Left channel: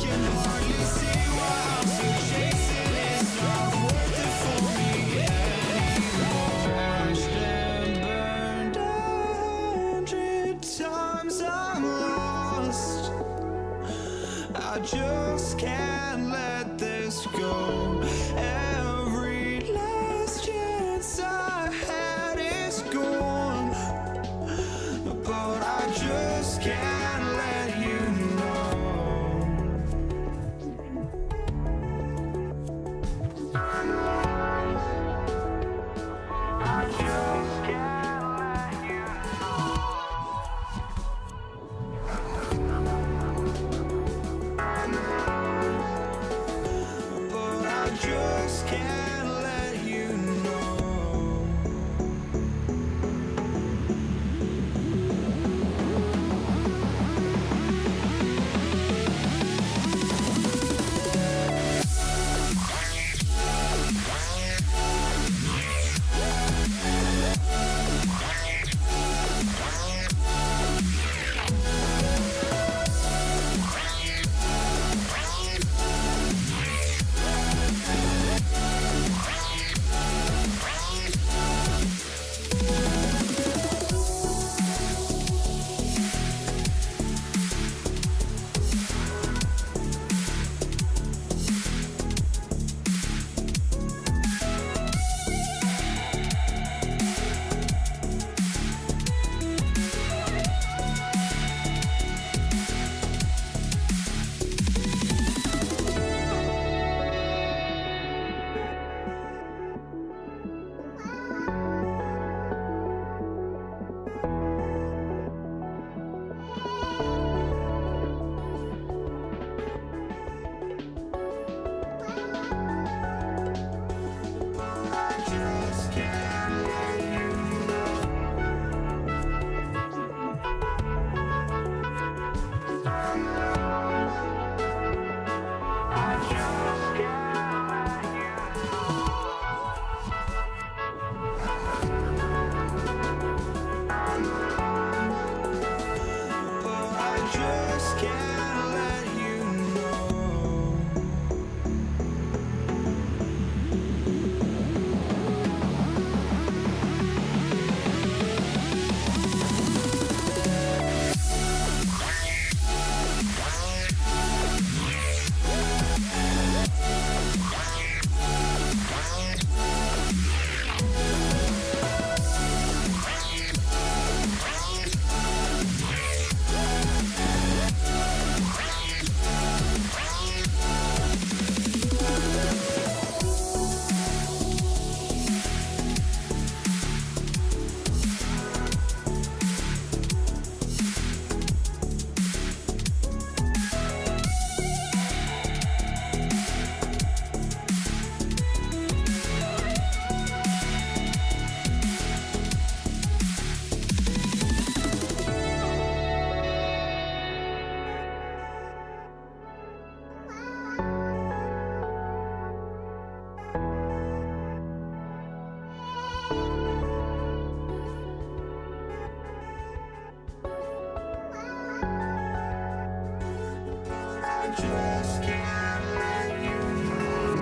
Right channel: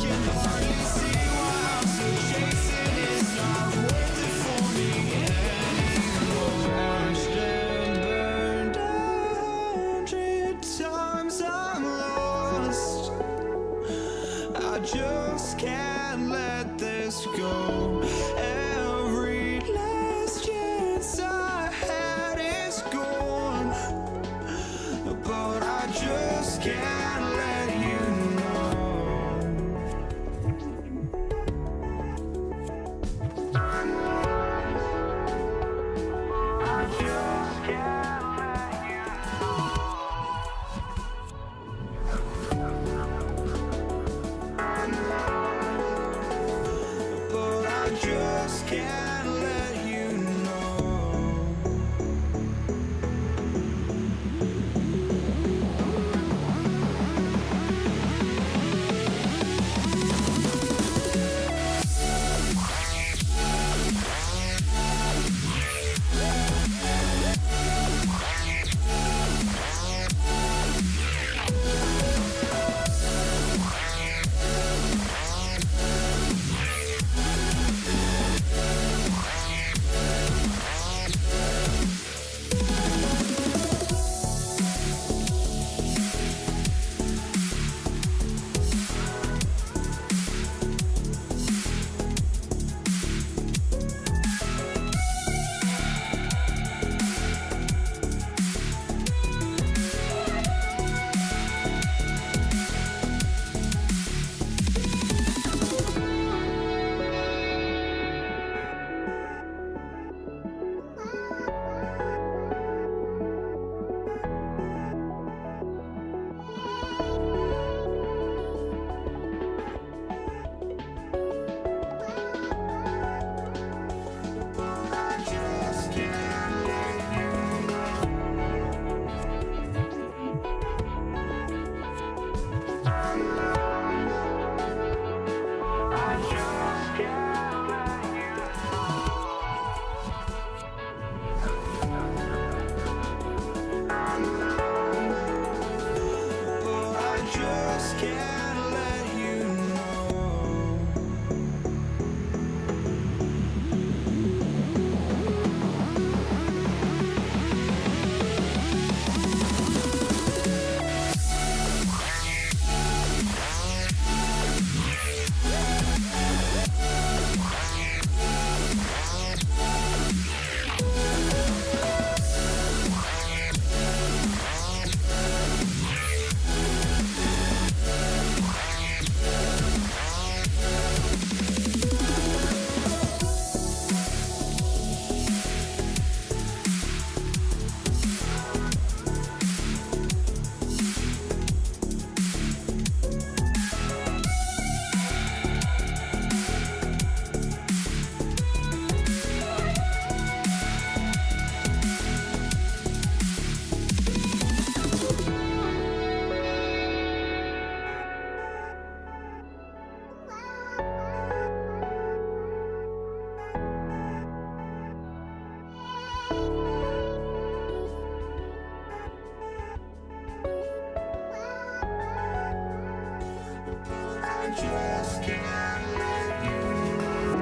can hardly see why I'm still chasing. It's not worth it for me anymore. Crashed and burned 100 times, I'm lost. I just can't let this go. Every last chance I had is gone, but I just can't let you know. I just can't let you know. But I just can't let you know. just can't let you know.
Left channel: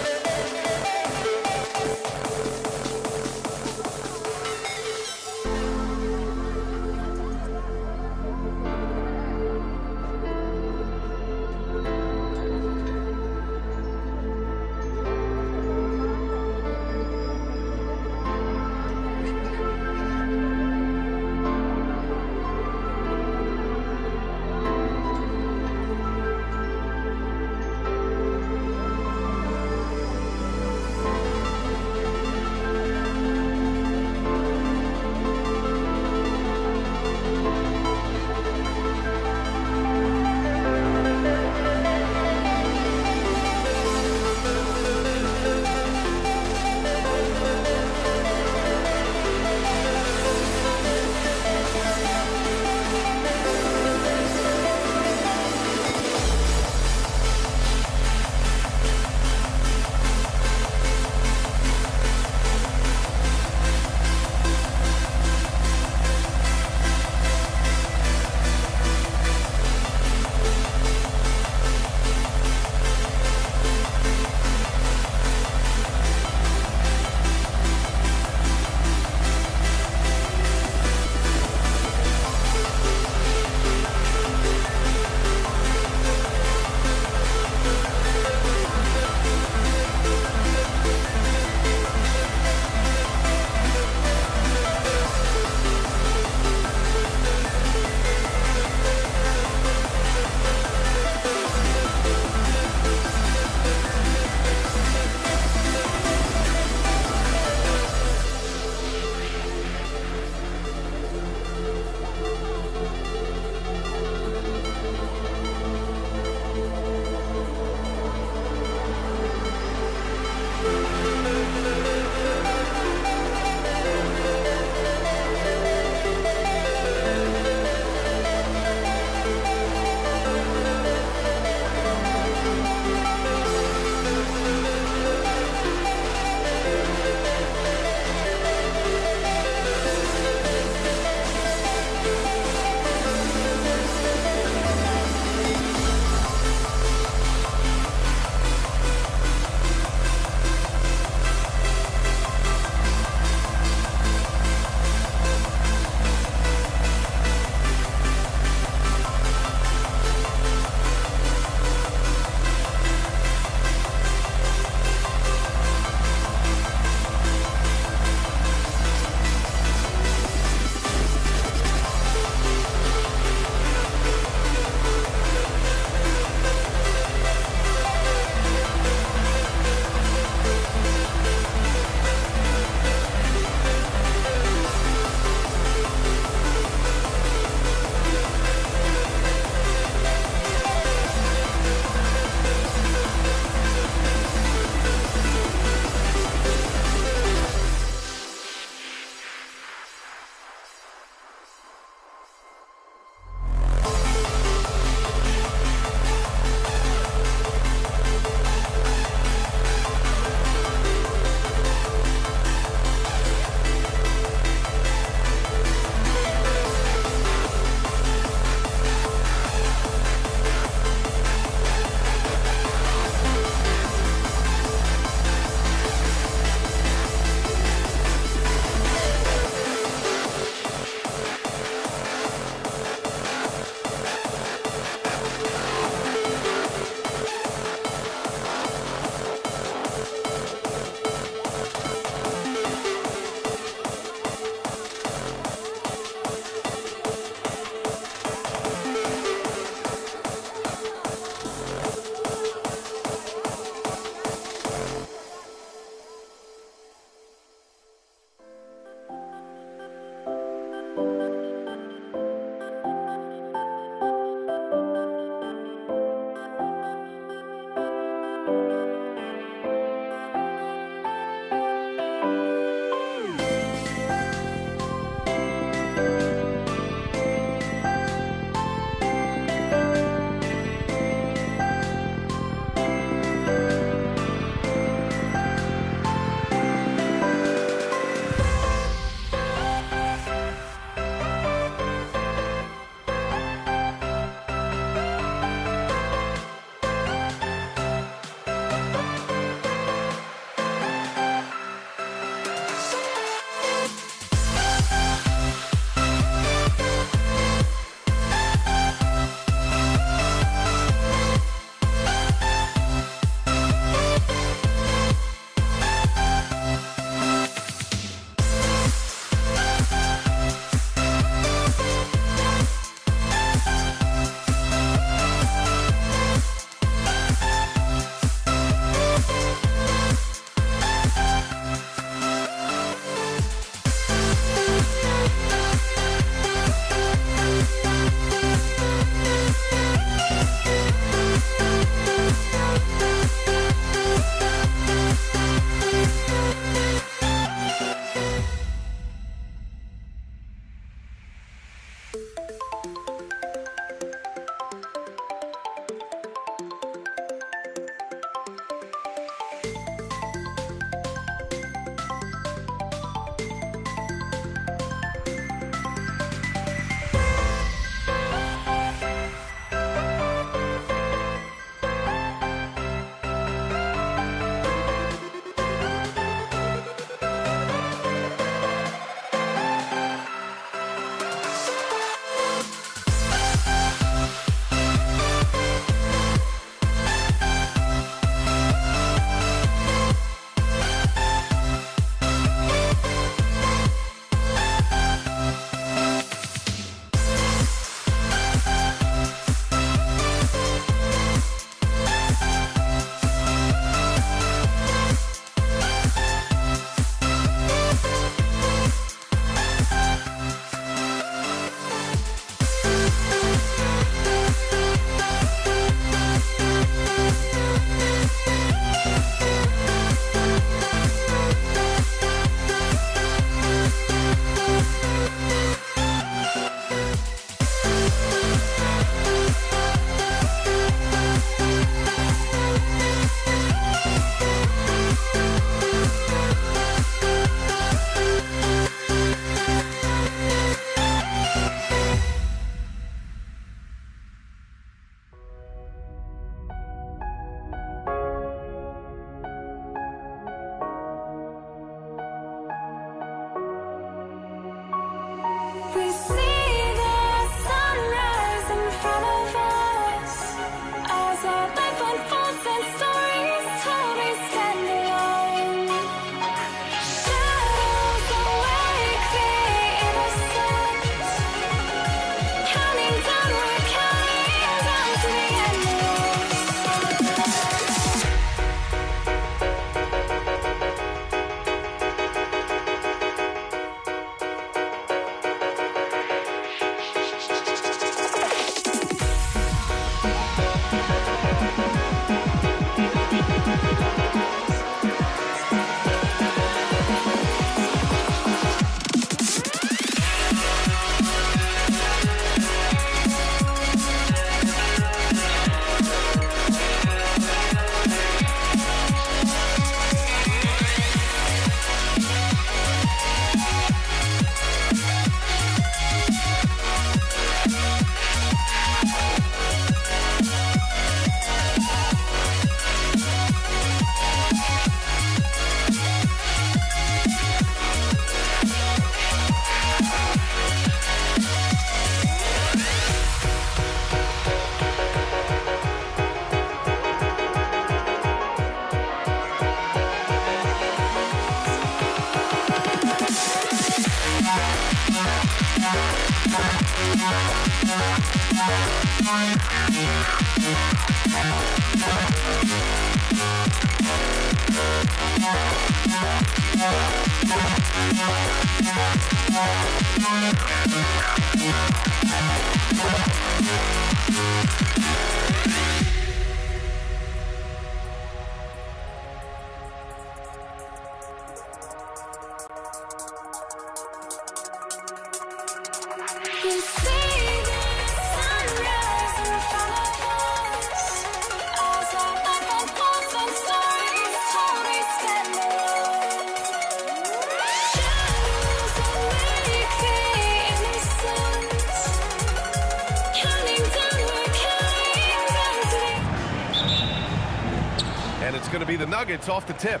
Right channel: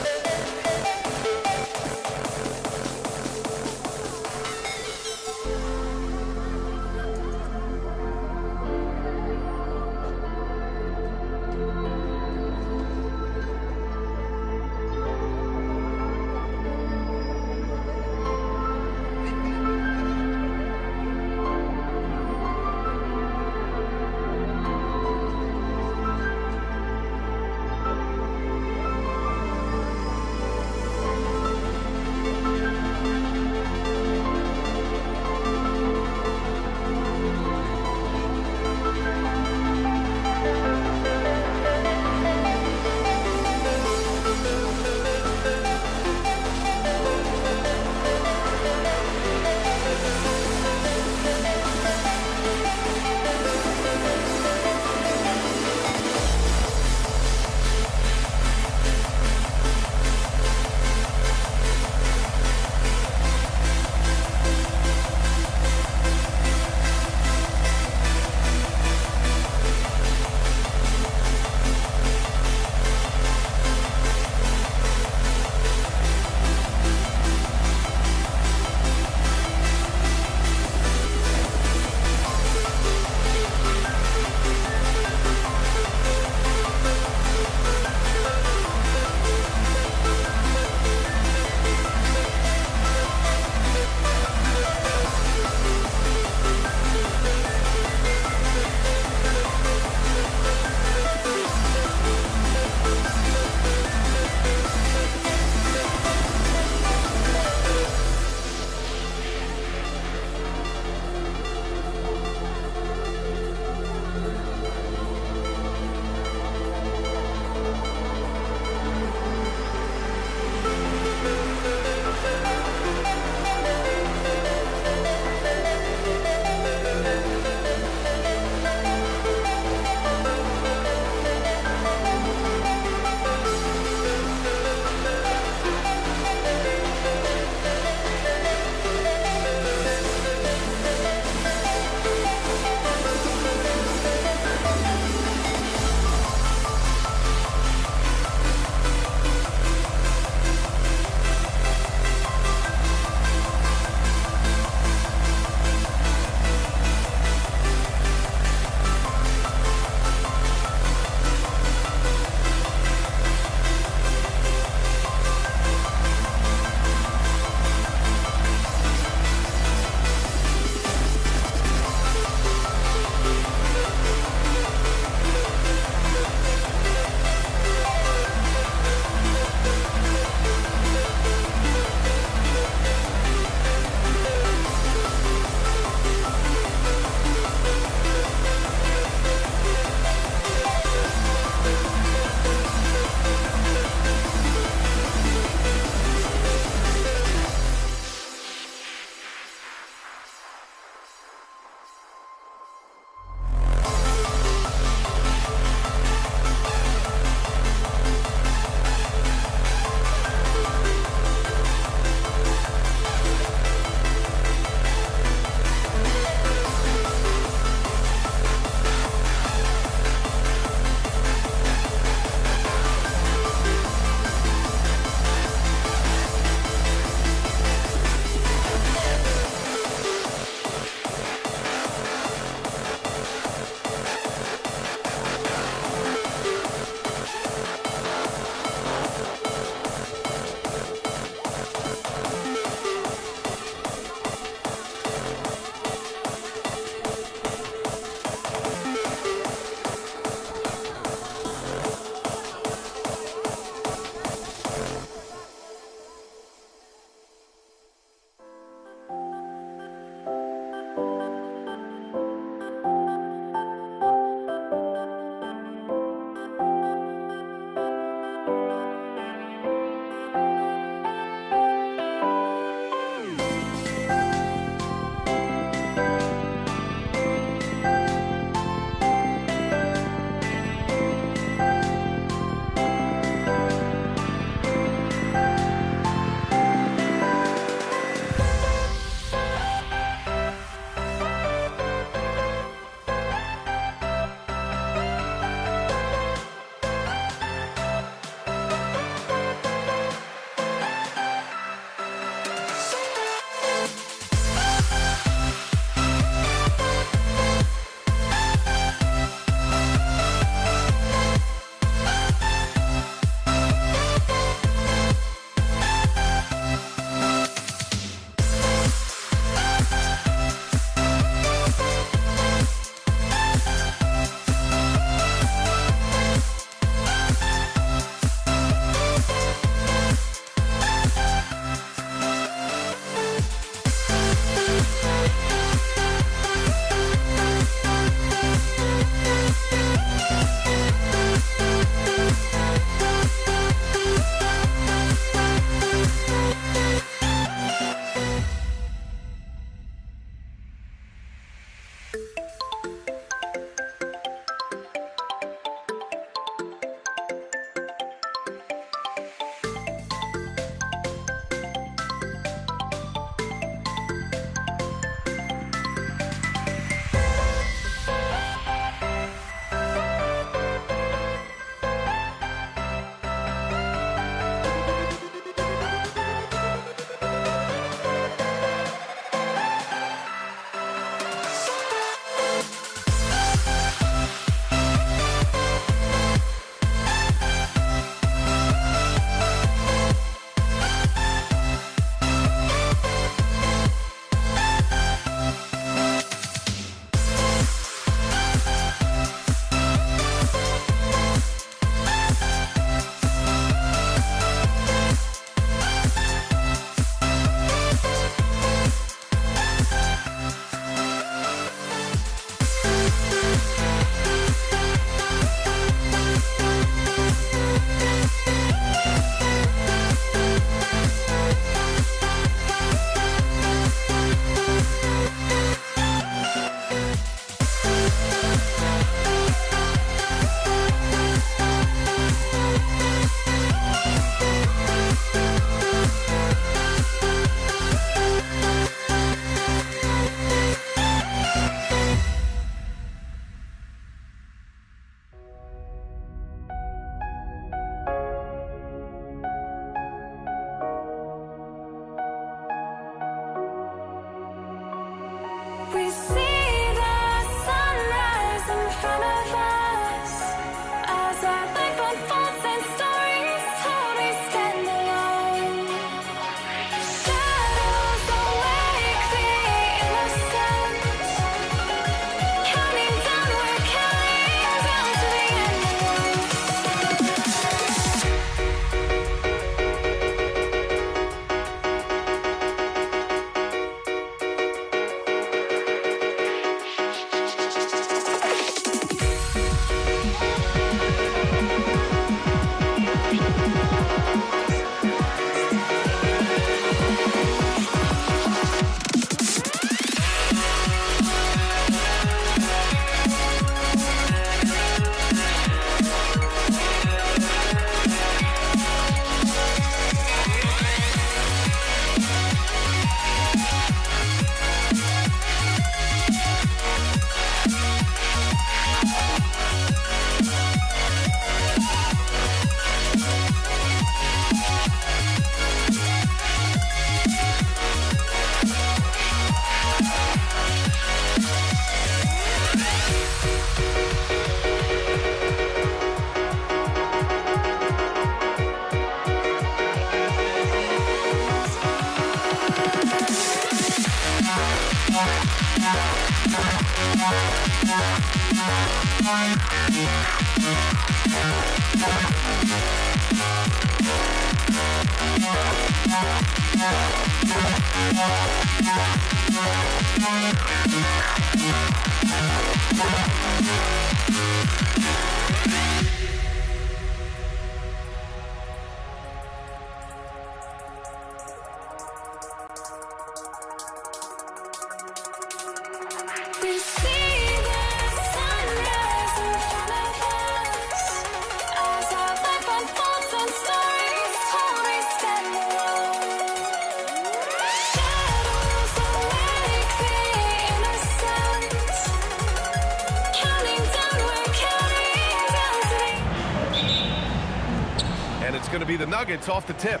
And it's going to be the Nuggets off the tip.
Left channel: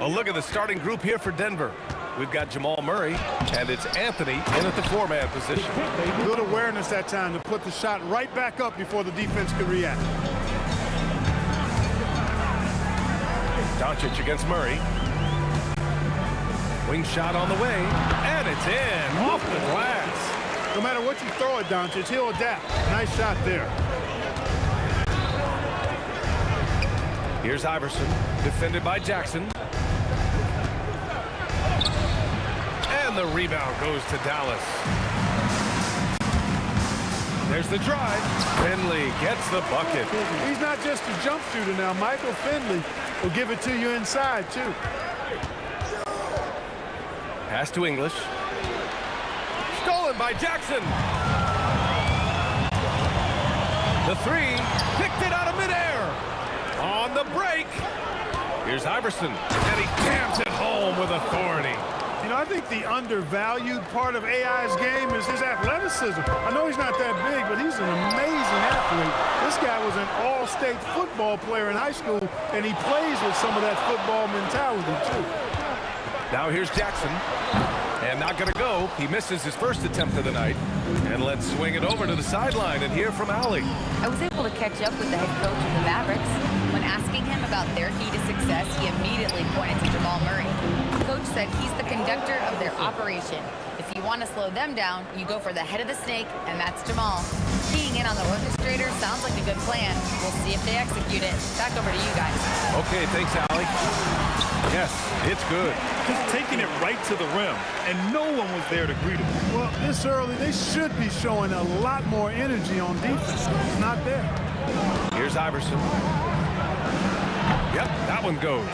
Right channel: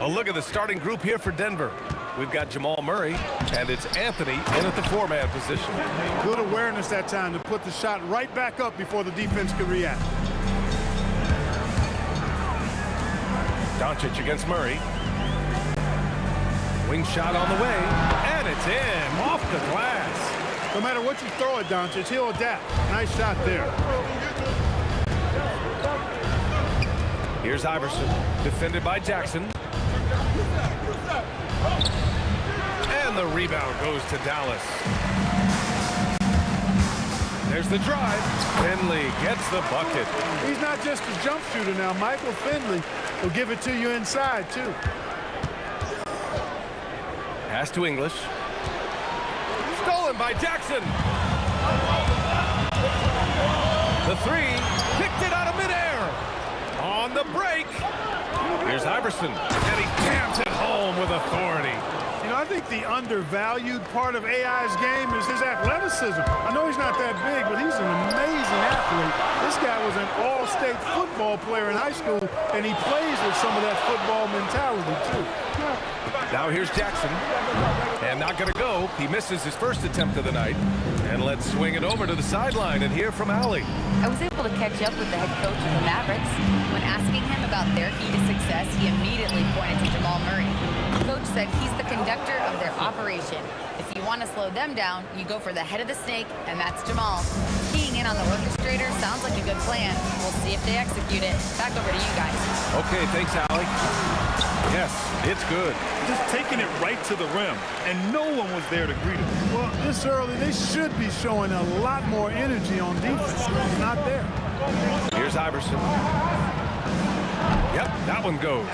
A look at the starting group here for Denver. We've got Jamal Murray, and it's Anthony in at the four-man position. Good awareness that time to put the shot right back up before the defense could react. Doncic against Murray. Wing shot on the way, and it's in, off the glass. No matter what you throw at Doncic, he'll adapt. Nice shot there. Here's Iverson, defended by Jackson. And the rebound goes to Dallas. There's the drive. Finley gets the bucket. He's not just a jump shooter now. Michael Finley will give it to you inside, too. Pass to English. Stolen by Jackson. The three, picked it out of midair. On the break, here's Iverson, and he jams it home with authority. You know, I think the undervalued part of AI's game is his athleticism. I know he's not that big, but he's an amazing athlete. This guy was an all-state football player in high school, and he plays with some of that football mentality, too. Now here's Jackson, and not going to go. He misses his first attempt of the night. And let's swing it over to the sideline and hear from Allie. I was able to catch up with the head coach of the Mavericks. When asking him about their key to success, he immediately pointed to Jamal Murray. Coach said he's the conductor of their operation. If you want to slow them down, you go for the head of the snake, and that's Jamal. Keying in on the orchestrator sounds like a good plan. We'll see if they execute it. Back over to you guys. Okay, thanks, Allie. Yes, it's good. Just taking it right to the rim, and no one was there to greet him. Well, this early, they should be showing a lot more energy on defense. It's not there. Here's Iverson. Yep, that one goes.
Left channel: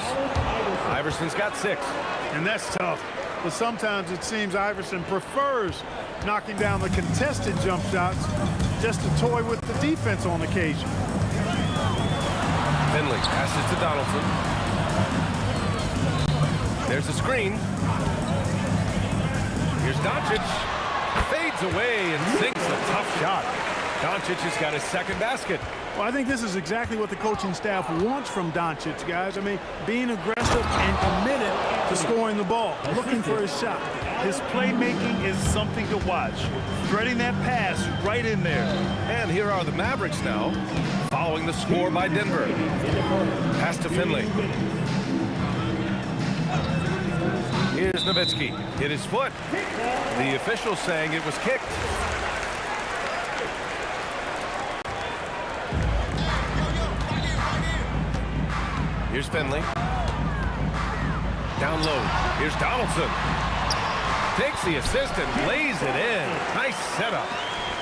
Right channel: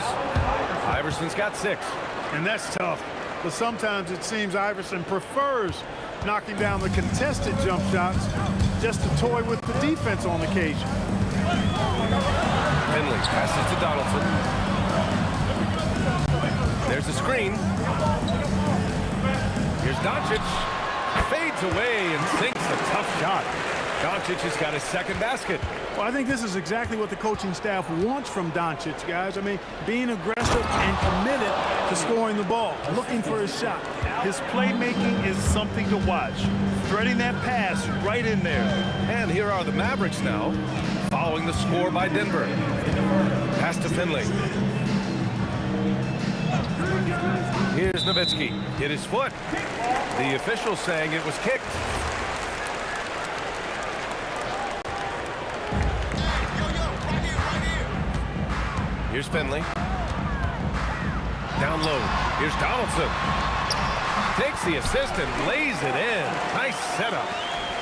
Iverson's got 6. And that's tough. But sometimes it seems Iverson prefers knocking down the contested jump shots just to toy with the defense on occasion. Finley passes to Donaldson. There's a screen. Here's Doncic. Fades away and sinks a tough shot. Doncic has got his second basket. Well, I think this is exactly what the coaching staff wants from Doncic, guys. I mean, being aggressive and committed to scoring the ball, looking for his shot. His playmaking is something to watch. Threading that pass right in there. And here are the Mavericks now, following the score by Denver. Pass to Finley. Here's Nowitzki. Hit his foot. The official saying it was kicked. Here's Finley. Down low. Here's Donaldson. Takes the assist and lays it in. Nice setup.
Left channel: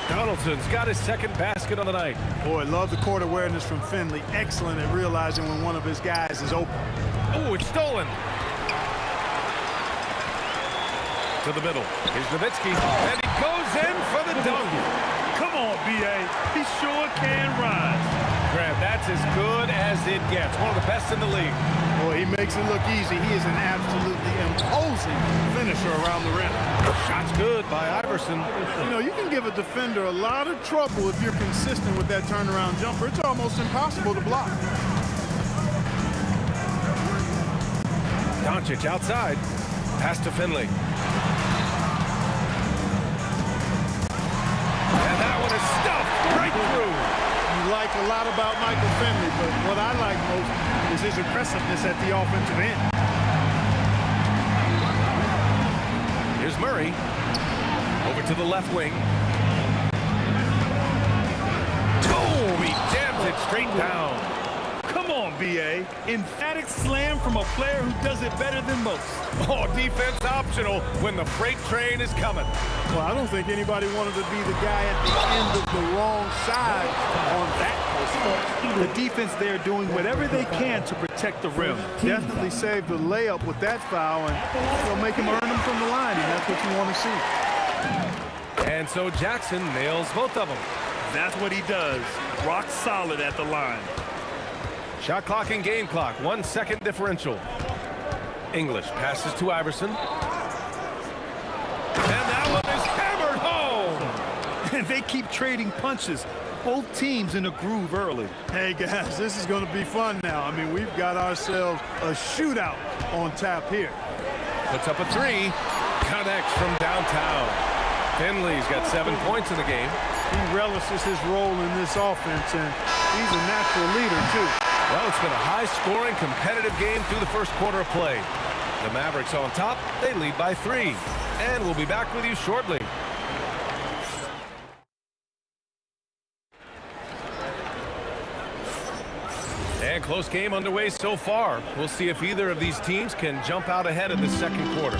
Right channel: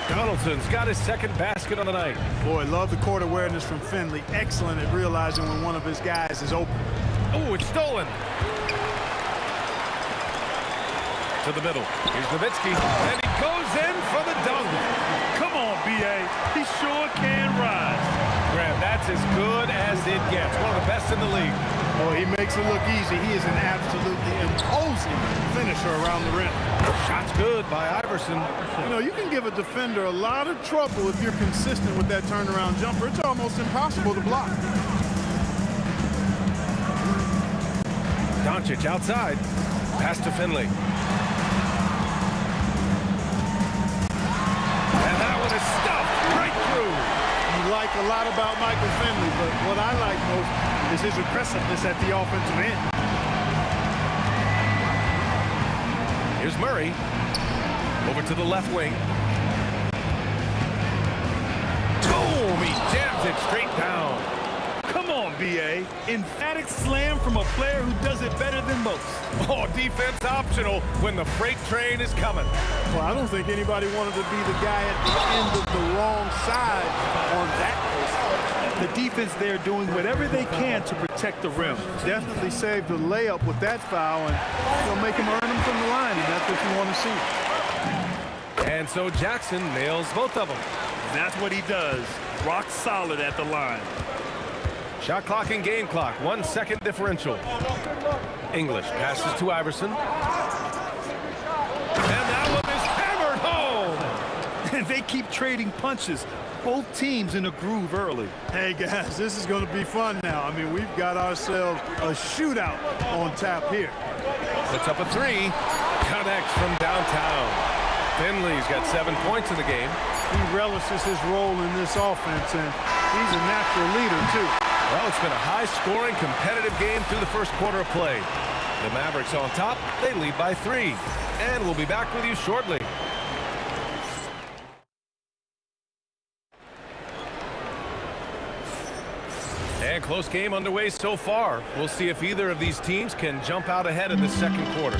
Donaldson's got his second basket on the night. Boy, love the court awareness from Finley. Excellent at realizing when one of his guys is open. Oh, it's stolen. To the middle. Here's Nowitzki. And he goes in for the dunk. Come on, B.A. He sure can rise. Graham, that's as good as it gets. One of the best in the league. Boy, he makes it look easy. He is an absolutely imposing finisher around the rim. Shot's good by Iverson. You know, you can give a defender a lot of trouble if you're consistent with that turnaround jumper. It's almost impossible to block. Doncic outside. Pass to Finley. And that one is stuffed right through. You like a lot about Michael Finley, but what I like most is his aggressiveness at the offensive end. Here's Murray. Over to the left wing. Boom! He jams it straight down. Come on, B.A. Emphatic slam from a player who does it better than most. Oh, defense optional when the freight train is coming. Well, I don't think anybody wanted to be the guy at the end of the wrong side on that post. The defense there doing whatever they can to protect the rim. Definitely saved the layup with that foul, and you'll make him earn them from the line, and that's what you want to see. And so Jackson nails both of them. That's what he does. Rock solid at the line. Shot clock and game clock, 1 second differential. English passes to Iverson. And that one is hammered home. And they keep trading punches. Both teams in a groove early. Hey, guys, this is going to be fun now. I mean, we've got ourselves a shootout on tap here. Puts up a three. Connects from downtown. Finley's got 7 points in the game. He relishes his role in this offense, and he's a natural leader, too. Well, it's been a high-scoring, competitive game through the first quarter of play. The Mavericks on top. They lead by 3. And we'll be back with you shortly. And close game underway so far. We'll see if either of these teams can jump out ahead in the second quarter.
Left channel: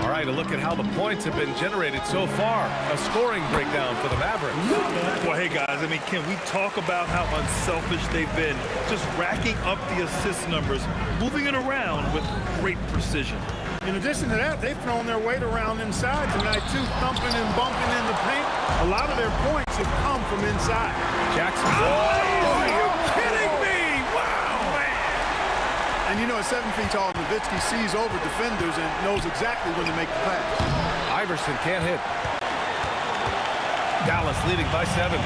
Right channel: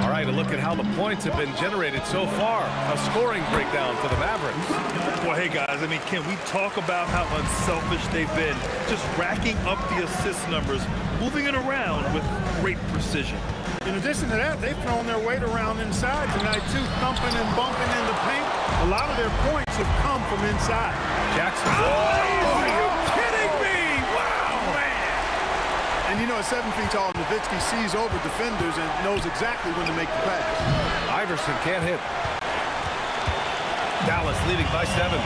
All right, a look at how the points have been generated so far. A scoring breakdown for the Mavericks. Well, hey, guys, I mean, can we talk about how unselfish they've been? Just racking up the assist numbers, moving it around with great precision. In addition to that, they've thrown their weight around inside tonight, too, thumping and bumping in the paint. A lot of their points have come from inside. Jackson. Oh, are you kidding me? Wow, man. And you know, at 7 feet tall, Nowitzki sees over defenders and knows exactly when to make the pass. Iverson can't hit. Dallas leading by 7.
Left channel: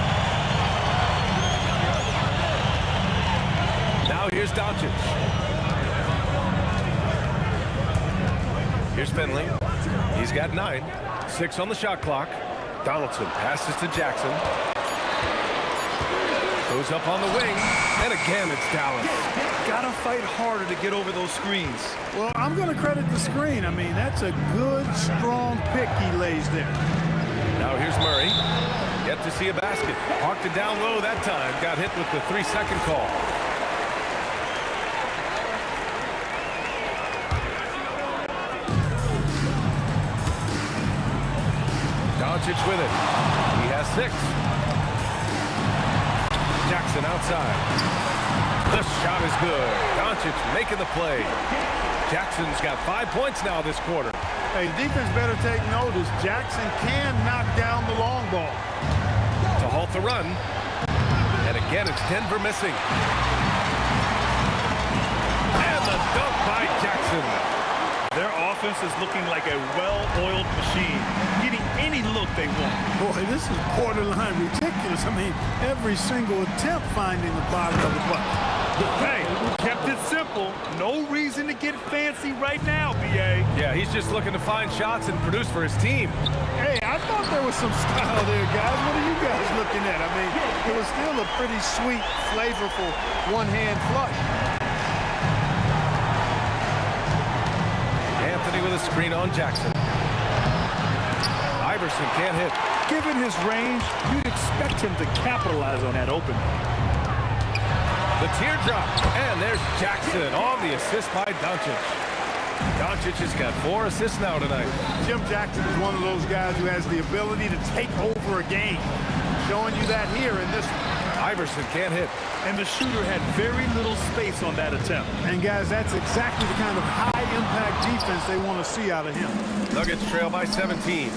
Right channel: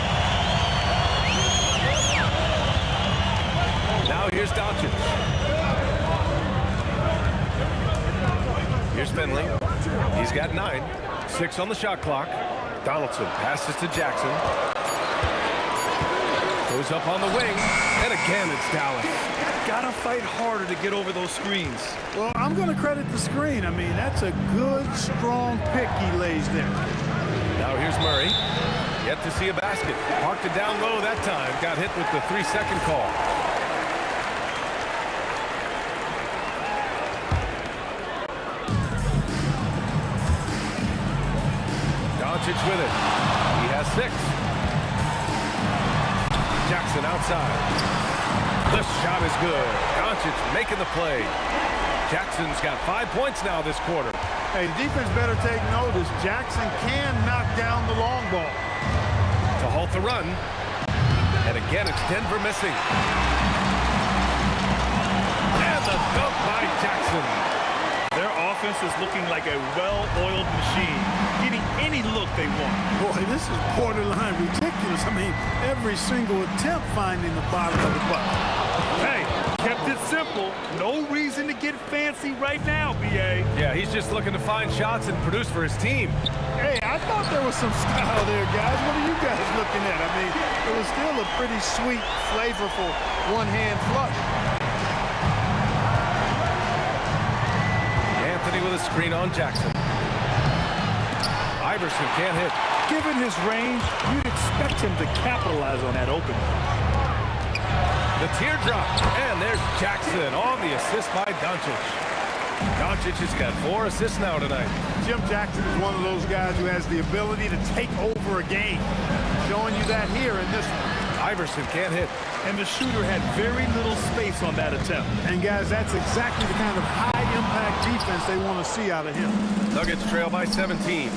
Now here's Doncic. Here's Finley. He's got 9. 6 on the shot clock. Donaldson passes to Jackson. Goes up on the wing. And again, it's Dallas. Gotta fight harder to get over those screens. Well, I'm going to credit the screen. I mean, that's a good, strong pick he lays there. Now here's Murray. Yet to see a basket. Parked it down low that time. Got hit with the 3-second call. Doncic with it. He has 6. Jackson outside. The shot is good. Doncic making the play. Jackson's got 5 points now this quarter. Hey, the defense better take notice. Jackson can knock down the long ball. To halt the run. And again, it's Denver missing. And the dunk by Jackson. Their offense is looking like a well-oiled machine, getting any look they want. Boy, this is borderline ridiculous. I mean, every single attempt finding the bottom of the bucket. Hey, kept it simple. No reason to get fancy right now, B.A. Yeah, he's just looking to find shots and produce for his team. Hey, I thought there was some style there, guys. What are you guys looking at? I mean, it was still a pretty sweet, flavorful one-hand flush. Anthony with a screen on Jackson. Iverson can't hit. Given his range, you'd expect him to capitalize on that opening. The teardrop. And there's Jackson on the assist by Doncic. Doncic has got 4 assists now tonight. Jim Jackson is one of those guys who has the ability to take over a game. Showing you that here in this one. Iverson can't hit. And the shooter had very little space on that attempt. And guys, that's exactly the kind of high-impact defense they want to see out of him. Nuggets trail by 17.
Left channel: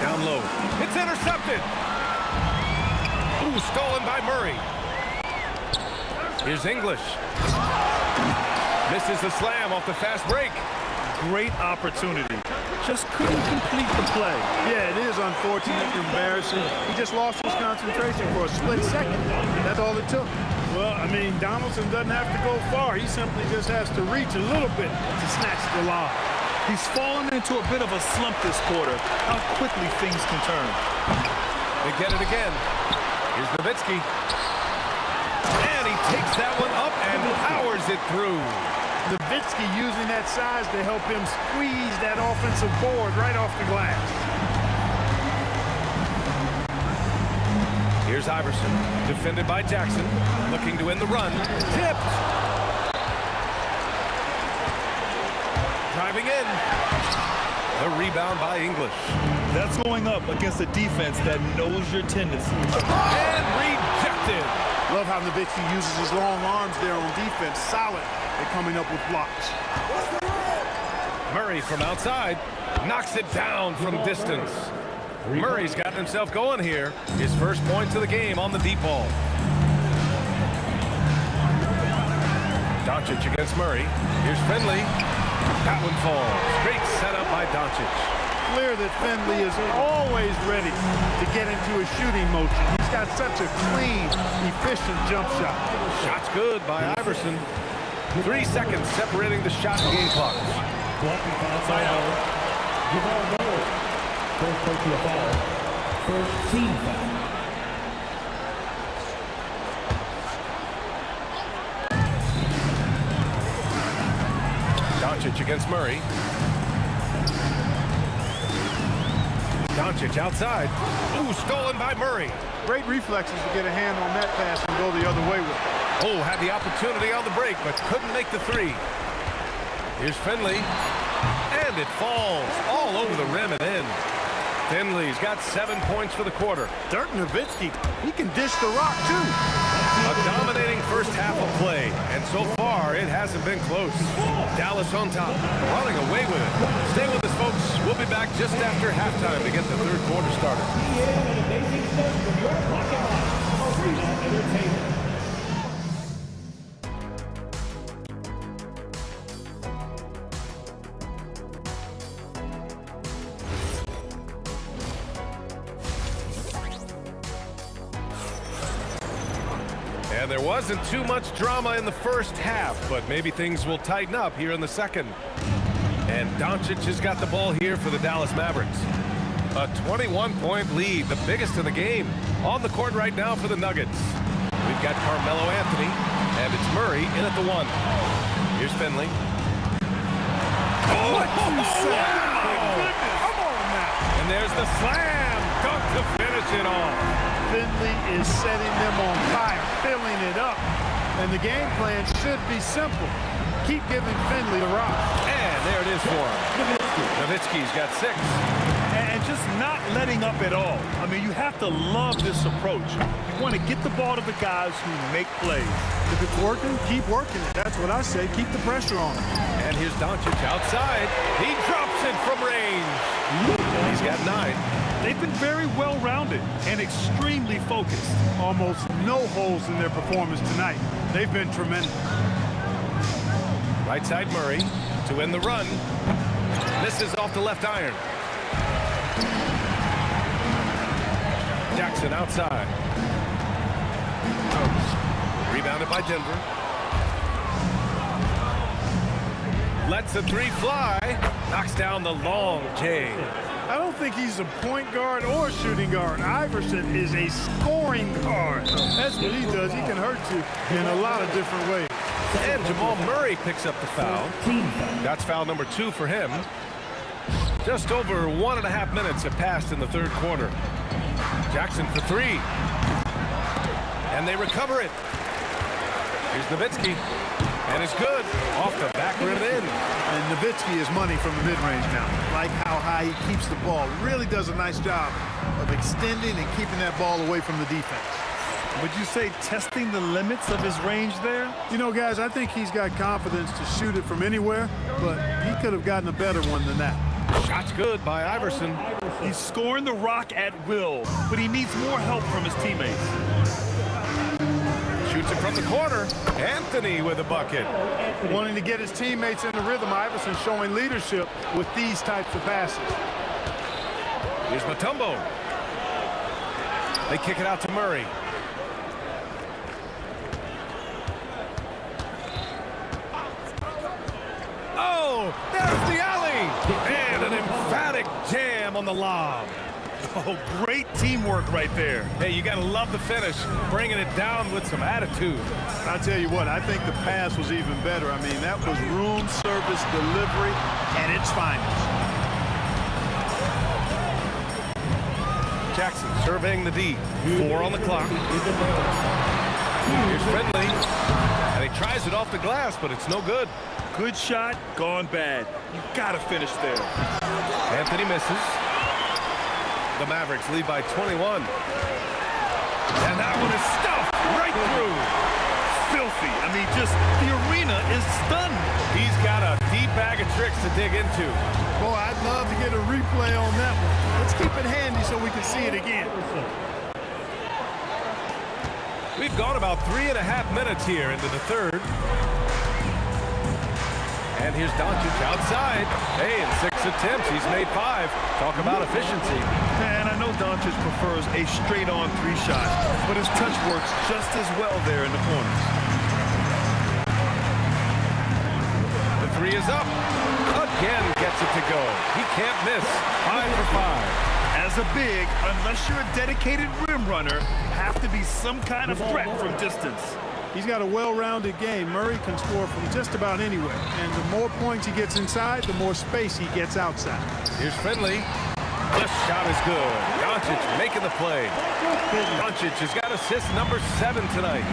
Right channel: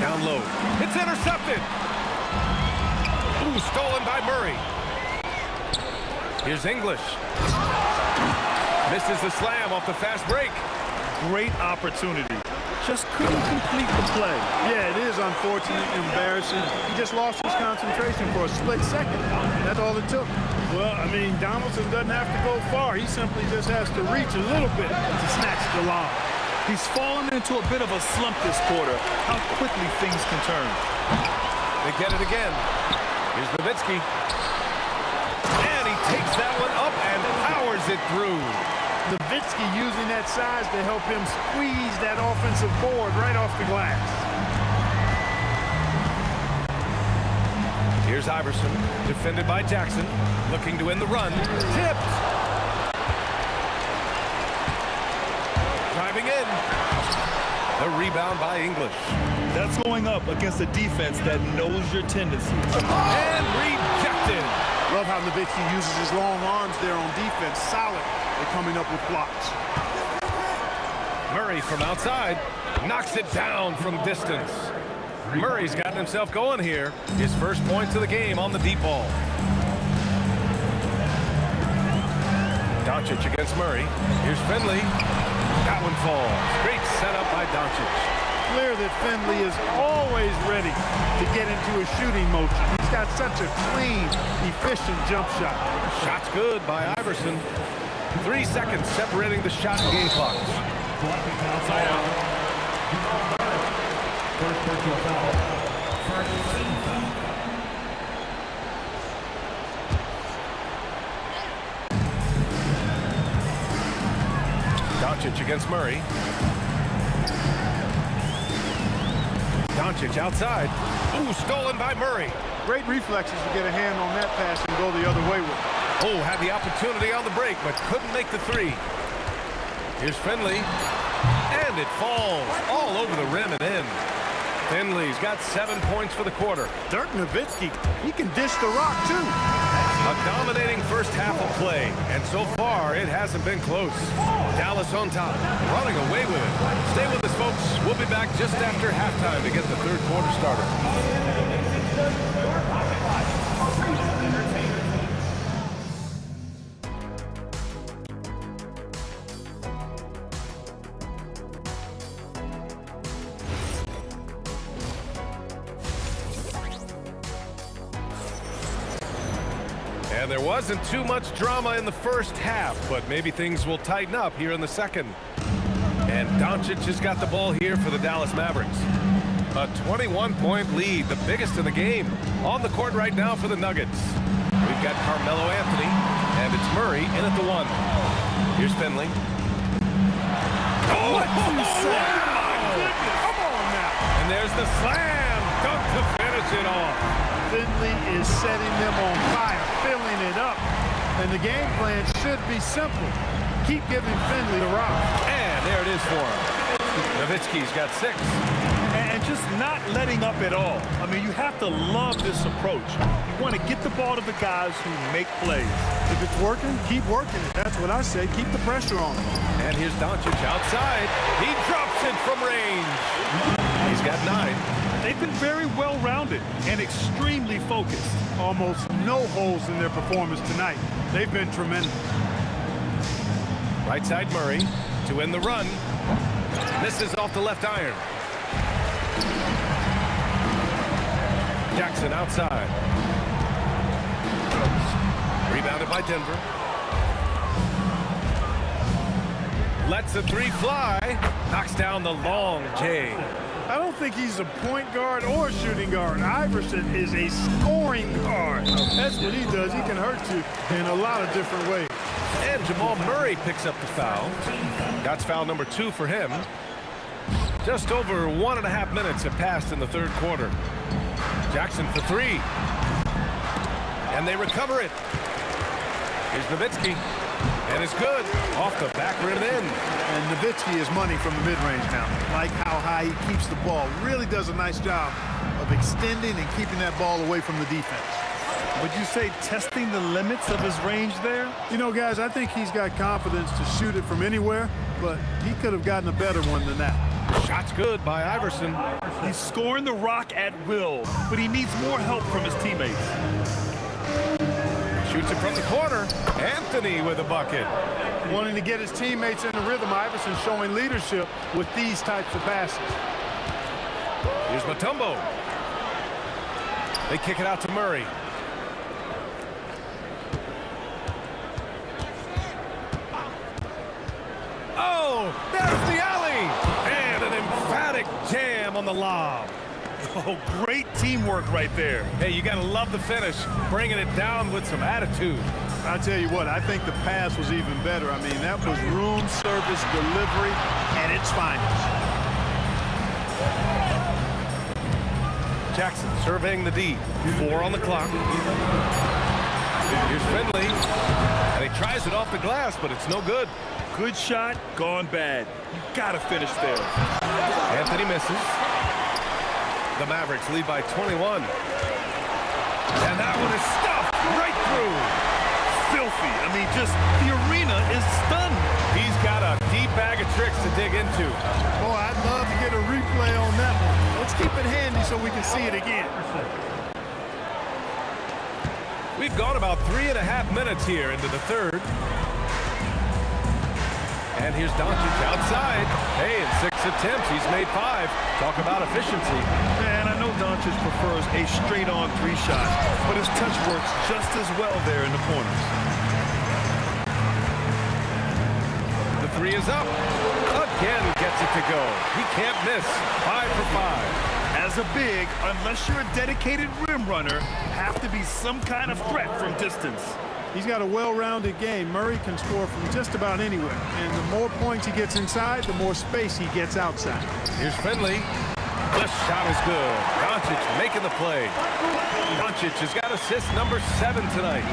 Down low. It's intercepted. Ooh, stolen by Murray. Here's English. Misses the slam off the fast break. Great opportunity. Just couldn't complete the play. Yeah, it is unfortunate and embarrassing. He just lost his concentration for a split second. That's all it took. Well, I mean, Donaldson doesn't have to go far. He simply just has to reach a little bit to snatch the lob. He's fallen into a bit of a slump this quarter. How quickly things can turn. They get it again. Here's Nowitzki. And he takes that one up and powers it through. Nowitzki using that size to help him squeeze that offensive board right off the glass. Here's Iverson, defended by Jackson, looking to win the run. Tipped. Driving in. The rebound by English. That's going up against a defense that knows your tendencies. And rejected. Love how Nowitzki uses his long arms there on defense. Solid at coming up with blocks. Murray from outside knocks it down from distance. Murray's gotten himself going here. His first points of the game on the deep ball. Doncic against Murray. Here's Finley. That one falls. Great setup by Doncic. Clear that Finley is always ready to get into a shooting motion. He's got such a clean, efficient jump shot. Shot's good by Iverson. 3 seconds separating the shot and game clock. Side out. First personal foul. First team foul. Doncic against Murray. Doncic outside. Ooh, stolen by Murray. Great reflexes to get a hand on that pass and go the other way with it. Oh, had the opportunity on the break, but couldn't make the three. Here's Finley. And it falls all over the rim and in. Finley's got 7 points for the quarter. Dirk Nowitzki, he can dish the rock too. A dominating first half of play, and so far it hasn't been close. Dallas on top, running away with it. Stay with us, folks. We'll be back just after halftime to get the third quarter started. And there wasn't too much drama in the first half, but maybe things will tighten up here in the second. And Doncic has got the ball here for the Dallas Mavericks. A 21-point lead, the biggest in the game. On the court right now for the Nuggets. We've got Carmelo Anthony, and it's Murray in at the one. Here's Finley. What you say? Oh, my goodness. Come on now. And there's the slam dunk to finish it off. Finley is setting them on fire, filling it up. And the game plan should be simple. Keep giving Finley the rock. And there it is for him. Nowitzki's got 6. And just not letting up at all. I mean, you have to love this approach. You want to get the ball to the guys who make plays. If it's working, keep working it. That's what I say. Keep the pressure on him. And here's Doncic outside. He drops it from range. He's got 9. They've been very well-rounded and extremely focused. Almost no holes in their performance tonight. They've been tremendous. Right side Murray to win the run. Misses off the left iron. Jackson outside. Rebounded by Denver. Lets the three fly. Knocks down the long J. I don't think he's a point guard or a shooting guard. Iverson is a scoring guard. That's what he does. He can hurt you in a lot of different ways. And Jamal Murray picks up the foul. That's foul number 2 for him. Just over 1.5 minutes have passed in the third quarter. Jackson for 3. And they recover it. Here's Nowitzki. And it's good. Off the back rim and in. And Nowitzki is money from the mid-range now. Like how high he keeps the ball. Really does a nice job of extending and keeping that ball away from the defense. Would you say testing the limits of his range there? You know, guys, I think he's got confidence to shoot it from anywhere, but he could have gotten a better one than that. Shot's good by Iverson. He's scoring the rock at will, but he needs more help from his teammates. Shoots it from the corner. Anthony with a bucket. Wanting to get his teammates in the rhythm, Iverson showing leadership with these types of passes. Here's Mutombo. They kick it out to Murray. Oh, there's the alley. And an emphatic jam on the lob. Oh, great teamwork right there. Hey, you got to love the finish. Bringing it down with some attitude. I'll tell you what, I think the pass was even better. I mean, that was room service delivery at its finest. Jackson surveying the D. 4 on the clock. Here's Finley. And he tries it off the glass, but it's no good. Good shot, gone bad. You got to finish there. Anthony misses. The Mavericks lead by 21. And that one is stuffed right through. Filthy. I mean, just the arena is stunned. He's got a deep bag of tricks to dig into. Boy, I'd love to get a replay on that one. Let's keep it handy so we can see it again. We've gone about 3.5 minutes here into the third. And here's Doncic outside. Hey, in 6 attempts, he's made 5. Talk about efficiency. And I know Doncic prefers a straight-on 3 shot, but his touch works just as well there in the corners. The 3 is up. Again gets it to go. He can't miss. 5 for 5. As a big, unless you're a dedicated rim runner, have to be some kind of threat from distance. He's got a well-rounded game. Murray can score from just about anywhere. And the more points he gets inside, the more space he gets outside. Here's Finley. This shot is good. Doncic making the play. Doncic has got assist number 7 tonight.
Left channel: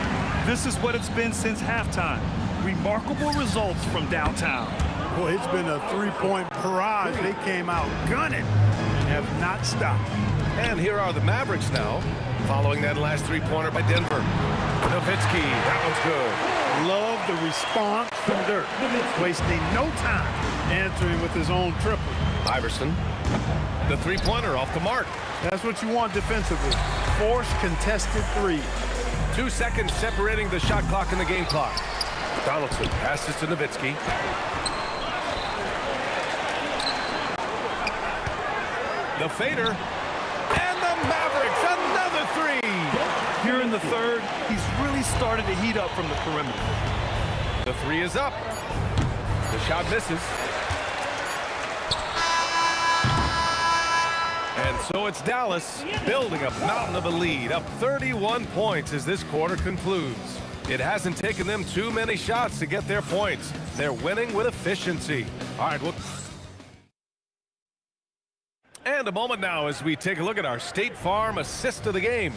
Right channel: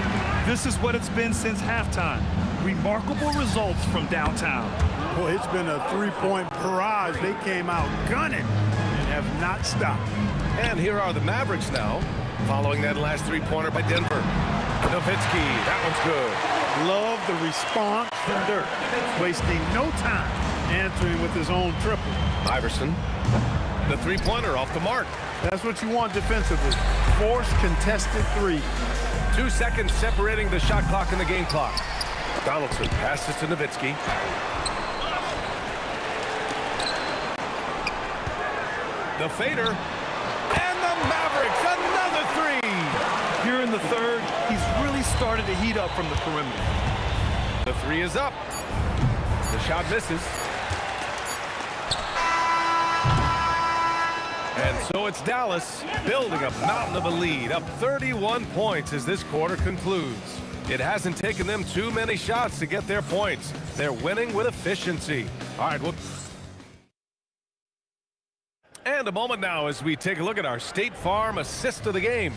This is what it's been since halftime. Remarkable results from downtown. Boy, it's been a 3-point barrage. They came out gunning and have not stopped. And here are the Mavericks now, following that last 3-pointer by Denver. Nowitzki, that one's good. Love the response from Dirk. Wasting no time answering with his own triple. Iverson, the 3-pointer off the mark. That's what you want defensively. Force contested 3. 2 seconds separating the shot clock and the game clock. Donaldson passes to Nowitzki. The fader. And the Mavericks, another 3. Here in the third, he's really started to heat up from the perimeter. The 3 is up. The shot misses. And so it's Dallas building a mountain of a lead, up 31 points as this quarter concludes. It hasn't taken them too many shots to get their points. They're winning with efficiency. All right, and a moment now as we take a look at our State Farm assist of the game.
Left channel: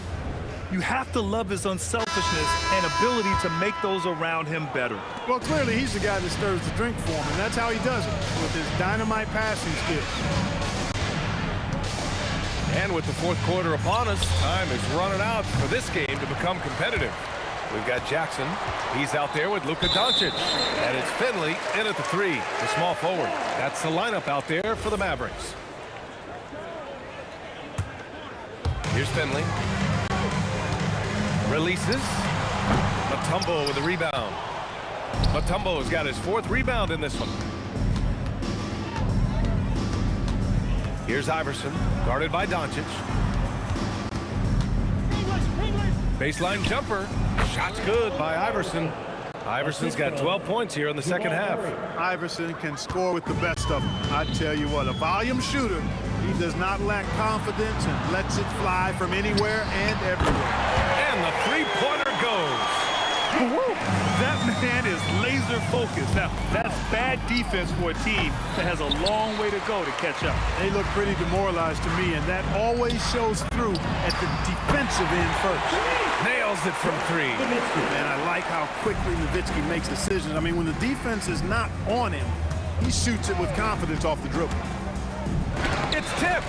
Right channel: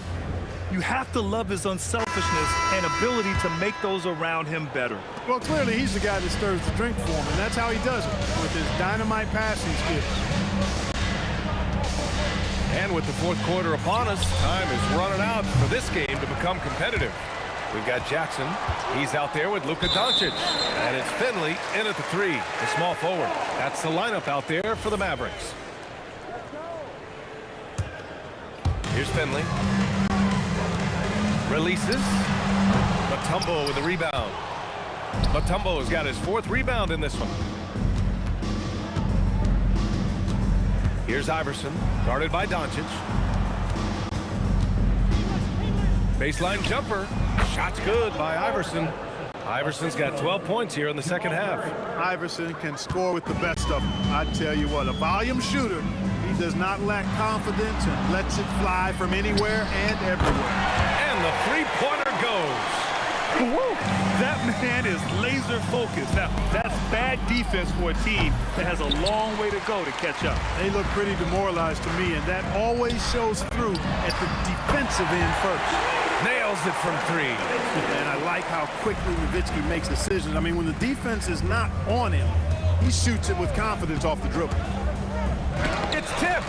You have to love his unselfishness and ability to make those around him better. Well, clearly he's the guy that stirs the drink for him, and that's how he does it, with his dynamite passing skills. And with the fourth quarter upon us, time is running out for this game to become competitive. We've got Jackson. He's out there with Luka Doncic. And it's Finley in at the 3, the small forward. That's the lineup out there for the Mavericks. Here's Finley. Releases. Mutombo with the rebound. Mutombo's got his 4th rebound in this one. Here's Iverson, guarded by Doncic. Baseline jumper. Shot's good by Iverson. Iverson's got 12 points here in the second half. Iverson can score with the best of them. I tell you what, a volume shooter. He does not lack confidence and lets it fly from anywhere and everywhere. And the 3-pointer goes. Woo! That man is laser focused. Now, that's bad defense for a team that has a long way to go to catch up. They look pretty demoralized to me, and that always shows through at the defensive end first. Nails it from 3. And I like how quickly Nowitzki makes decisions. I mean, when the defense is not on him, he shoots it with confidence off the dribble. It's tipped.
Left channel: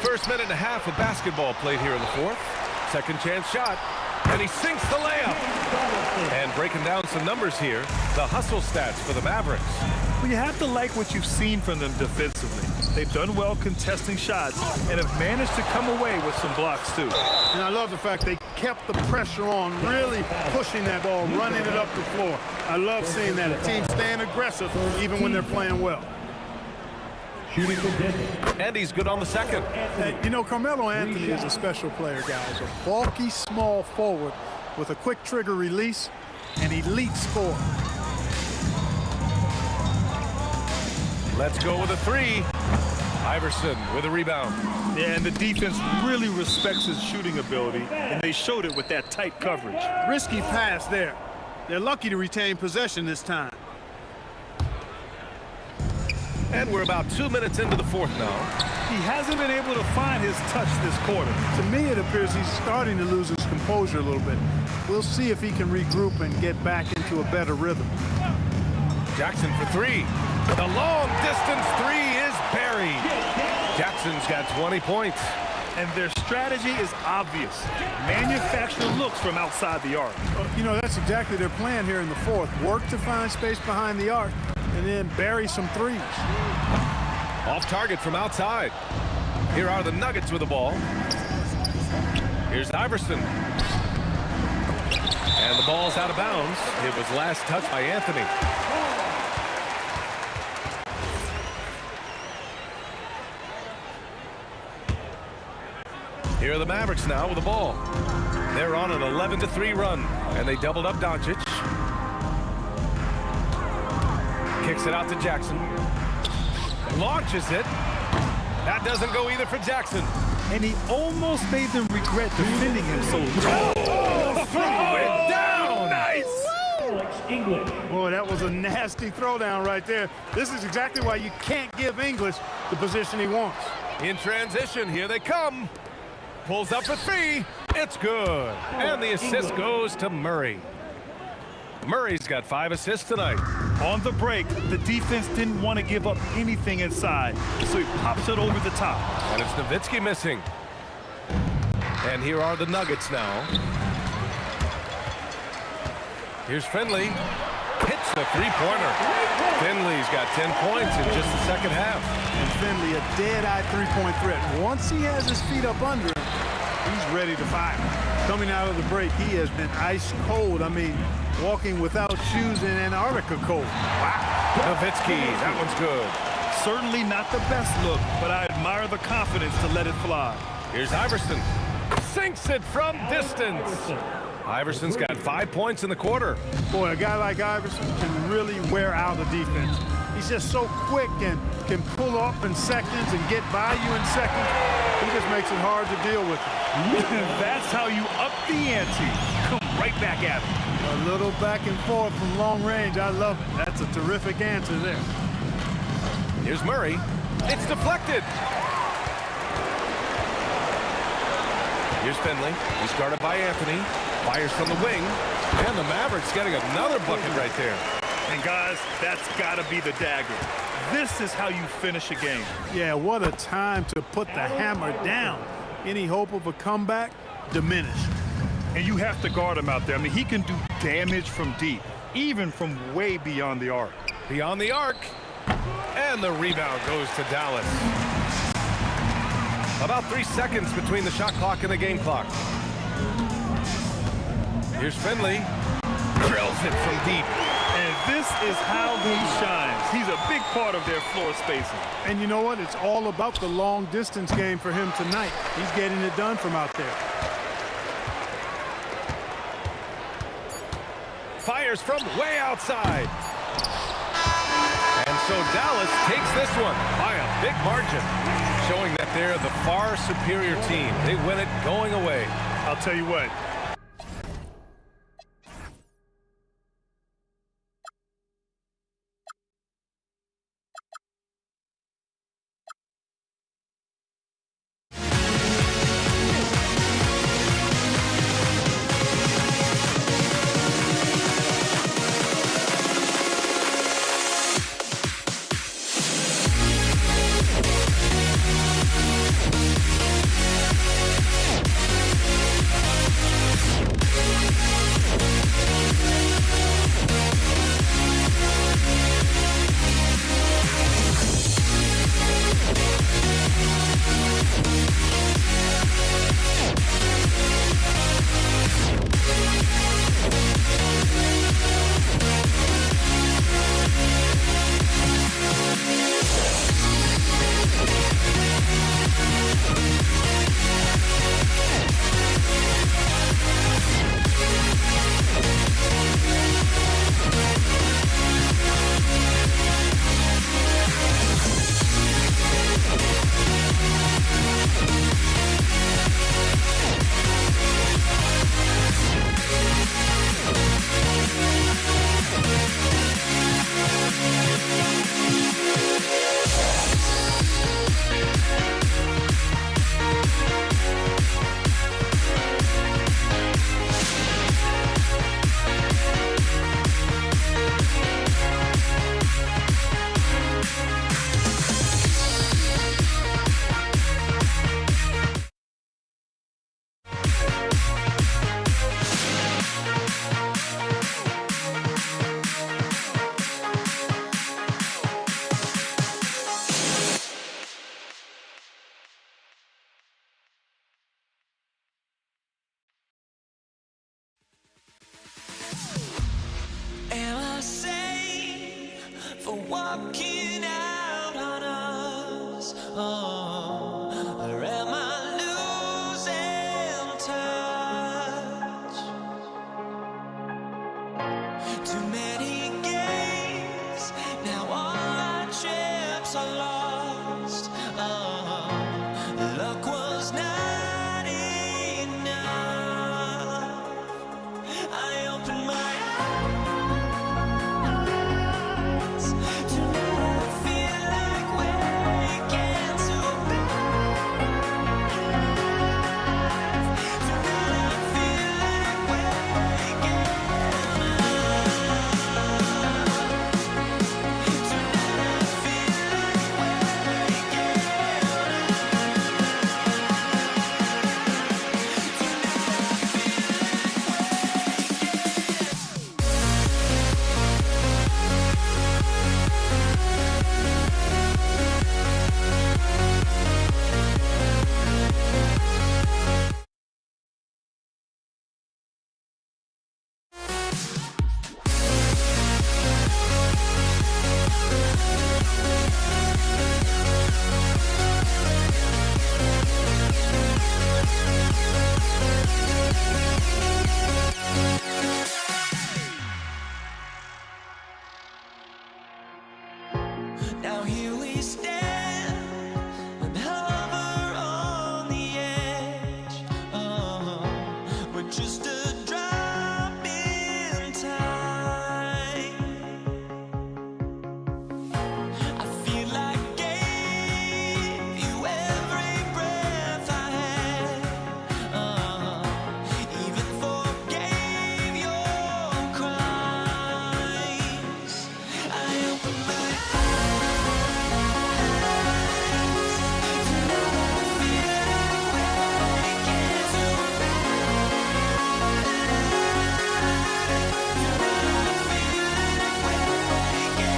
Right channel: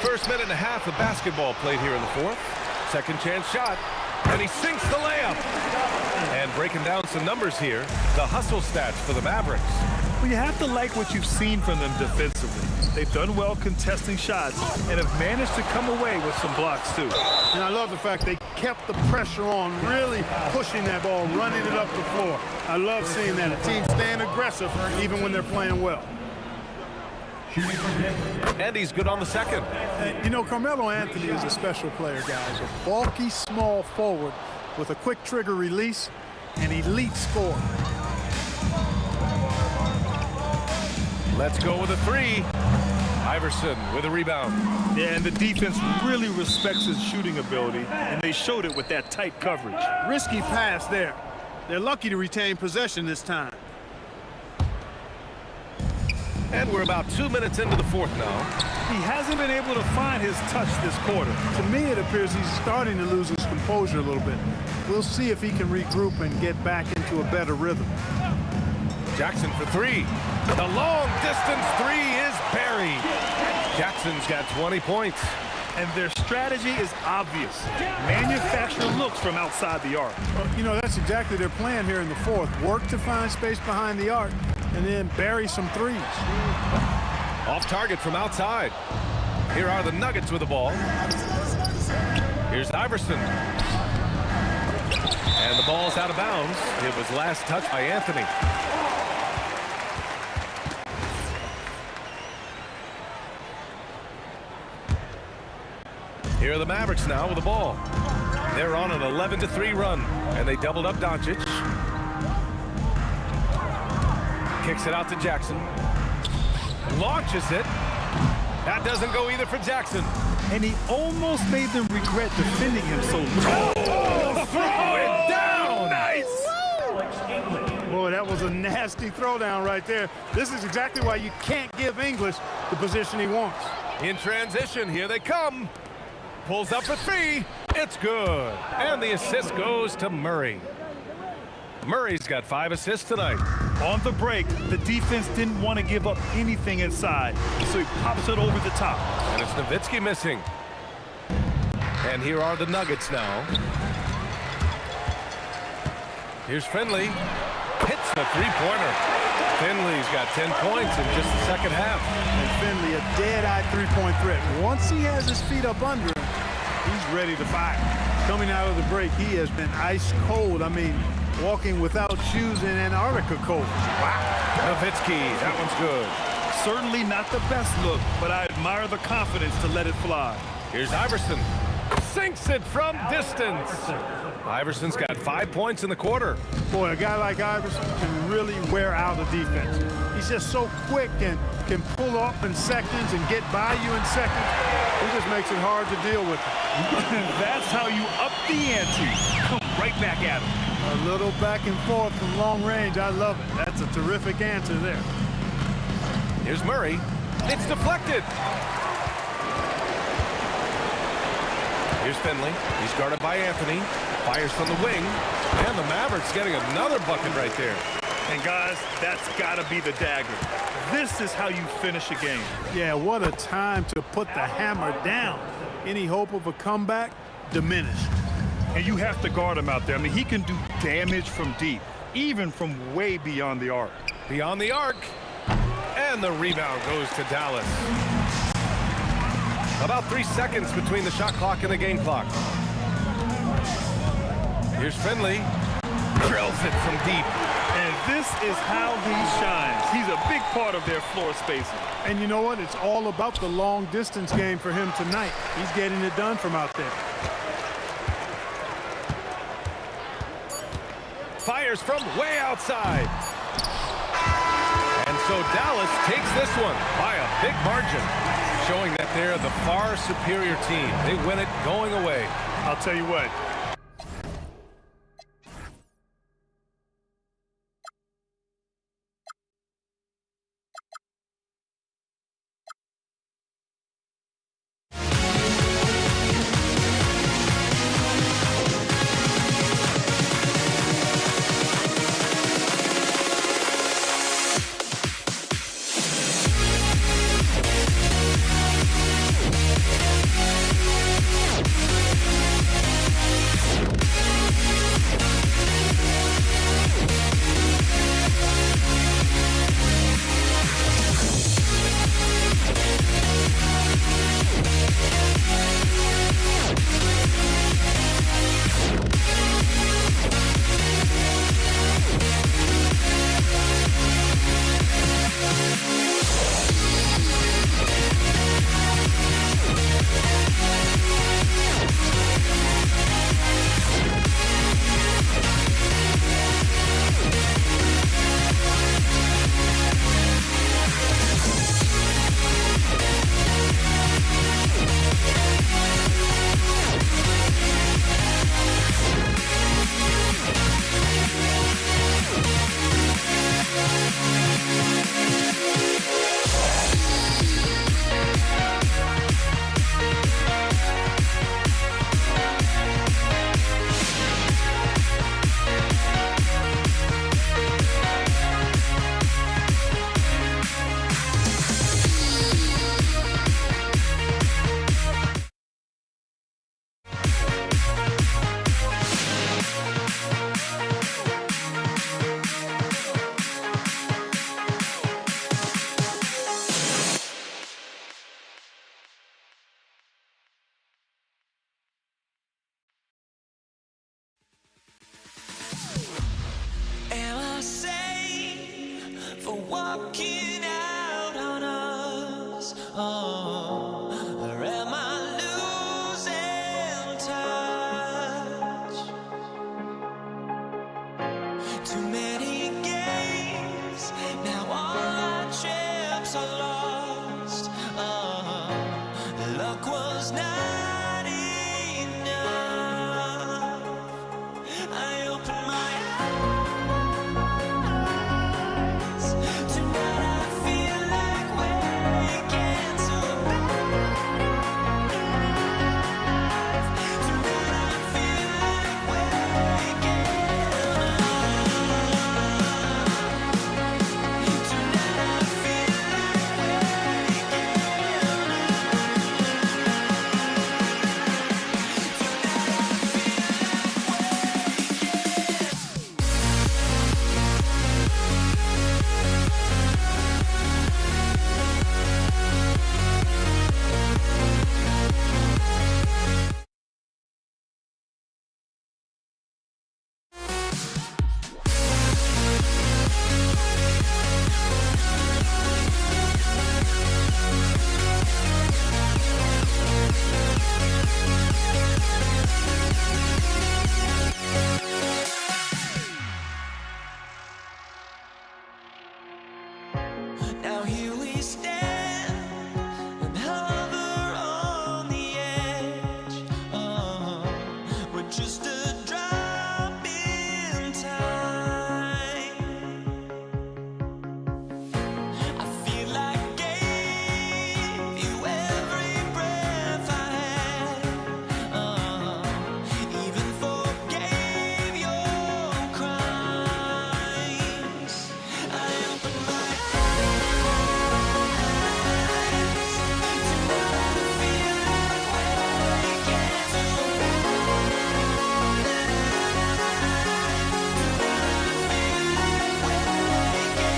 First minute and a half of basketball played here in the fourth. Second chance shot, and he sinks the layup. And breaking down some numbers here, the hustle stats for the Mavericks. Well, you have to like what you've seen from them defensively. They've done well contesting shots and have managed to come away with some blocks, too. And I love the fact they kept the pressure on, really pushing that ball, running it up the floor. I love seeing that. A team staying aggressive even when they're playing well. And he's good on the second. You know, Carmelo Anthony is a special player, guys. A bulky, small forward with a quick trigger release and elite score. Let's go with a 3. Iverson with a rebound. Yeah, and the defense really respects his shooting ability, and they showed it with that tight coverage. Risky pass there. They're lucky to retain possession this time. And we're about 2 minutes into the fourth now. He hasn't been able to find his touch this quarter. To me, it appears he's starting to lose his composure a little bit. We'll see if he can regroup and get back into a better rhythm. Jackson for three. The long distance three is buried. Jackson's got 20 points. And their strategy is obvious. Manufacture looks from outside the arc. You know, that's exactly their plan here in the fourth. Work to find space behind the arc and then bury some threes. Off target from outside. Here are the Nuggets with the ball. Here's Iverson. And the ball's out of bounds. It was last touched by Anthony. Here are the Mavericks now with the ball. They're on an 11-3 run, and they doubled up Doncic. Kicks it out to Jackson. Launches it. That doesn't go either for Jackson. And he almost made them regret defending him so long. Oh, throw it down! Nice! Alex English. Boy, that was a nasty throwdown right there. This is exactly why you can't give English the position he wants. In transition, here they come. Pulls up for three. It's good. And the assist goes to Murray. Murray's got 5 assists tonight. On the break, the defense didn't want to give up anything inside, so he pops it over the top. And it's Nowitzki missing. And here are the Nuggets now. Here's Finley. Hits a three-pointer. Finley's got 10 points in just the second half. And Finley, a dead-eye three-point threat. Once he has his feet up under him, he's ready to fire. Coming out of the break, he has been ice cold. I mean, walking without shoes in Antarctica cold. Wow. Nowitzki, that one's good. Certainly not the best look, but I admire the confidence to let it fly. Here's Iverson. Sinks it from distance. Iverson's got 5 points in the quarter. Boy, a guy like Iverson can really wear out a defense. He's just so quick and can pull up in seconds and get by you in seconds. He just makes it hard to deal with him. That's how you up the ante. Come right back at him. A little back and forth from long range. I love it. That's a terrific answer there. Here's Murray. It's deflected. Here's Finley. He's guarded by Anthony. Fires from the wing. And the Mavericks getting another bucket right there. And guys, that's got to be the dagger. This is how you finish a game. Yeah, what a time to put the hammer down. Any hope of a comeback? Diminished. And you have to guard him out there. I mean, he can do damage from deep, even from way beyond the arc. Beyond the arc. And the rebound goes to Dallas. About 3 seconds between the shot clock and the game clock. Here's Finley. Drills it from deep. And this is how he shines. He's a big part of their floor spacing. And you know what? It's all about the long distance game for him tonight. He's getting it done from out there. Fires from way outside. And so Dallas takes this one by a big margin, showing that they're the far superior team. They win it going away. I'll tell you what. Or am I losing touch? Too many games, now all our chips are lost. Luck was not enough. I opened my eyes. Tonight I feel like waking to life. Tonight I feel like waking up. Tonight I feel like waking Now here we stand and hover on the edge. We're just a drop in time. I feel like I gave you every breath I had. Even forgave your crimes. I opened my eyes. Tonight I feel like waking to life. Tonight I feel like waking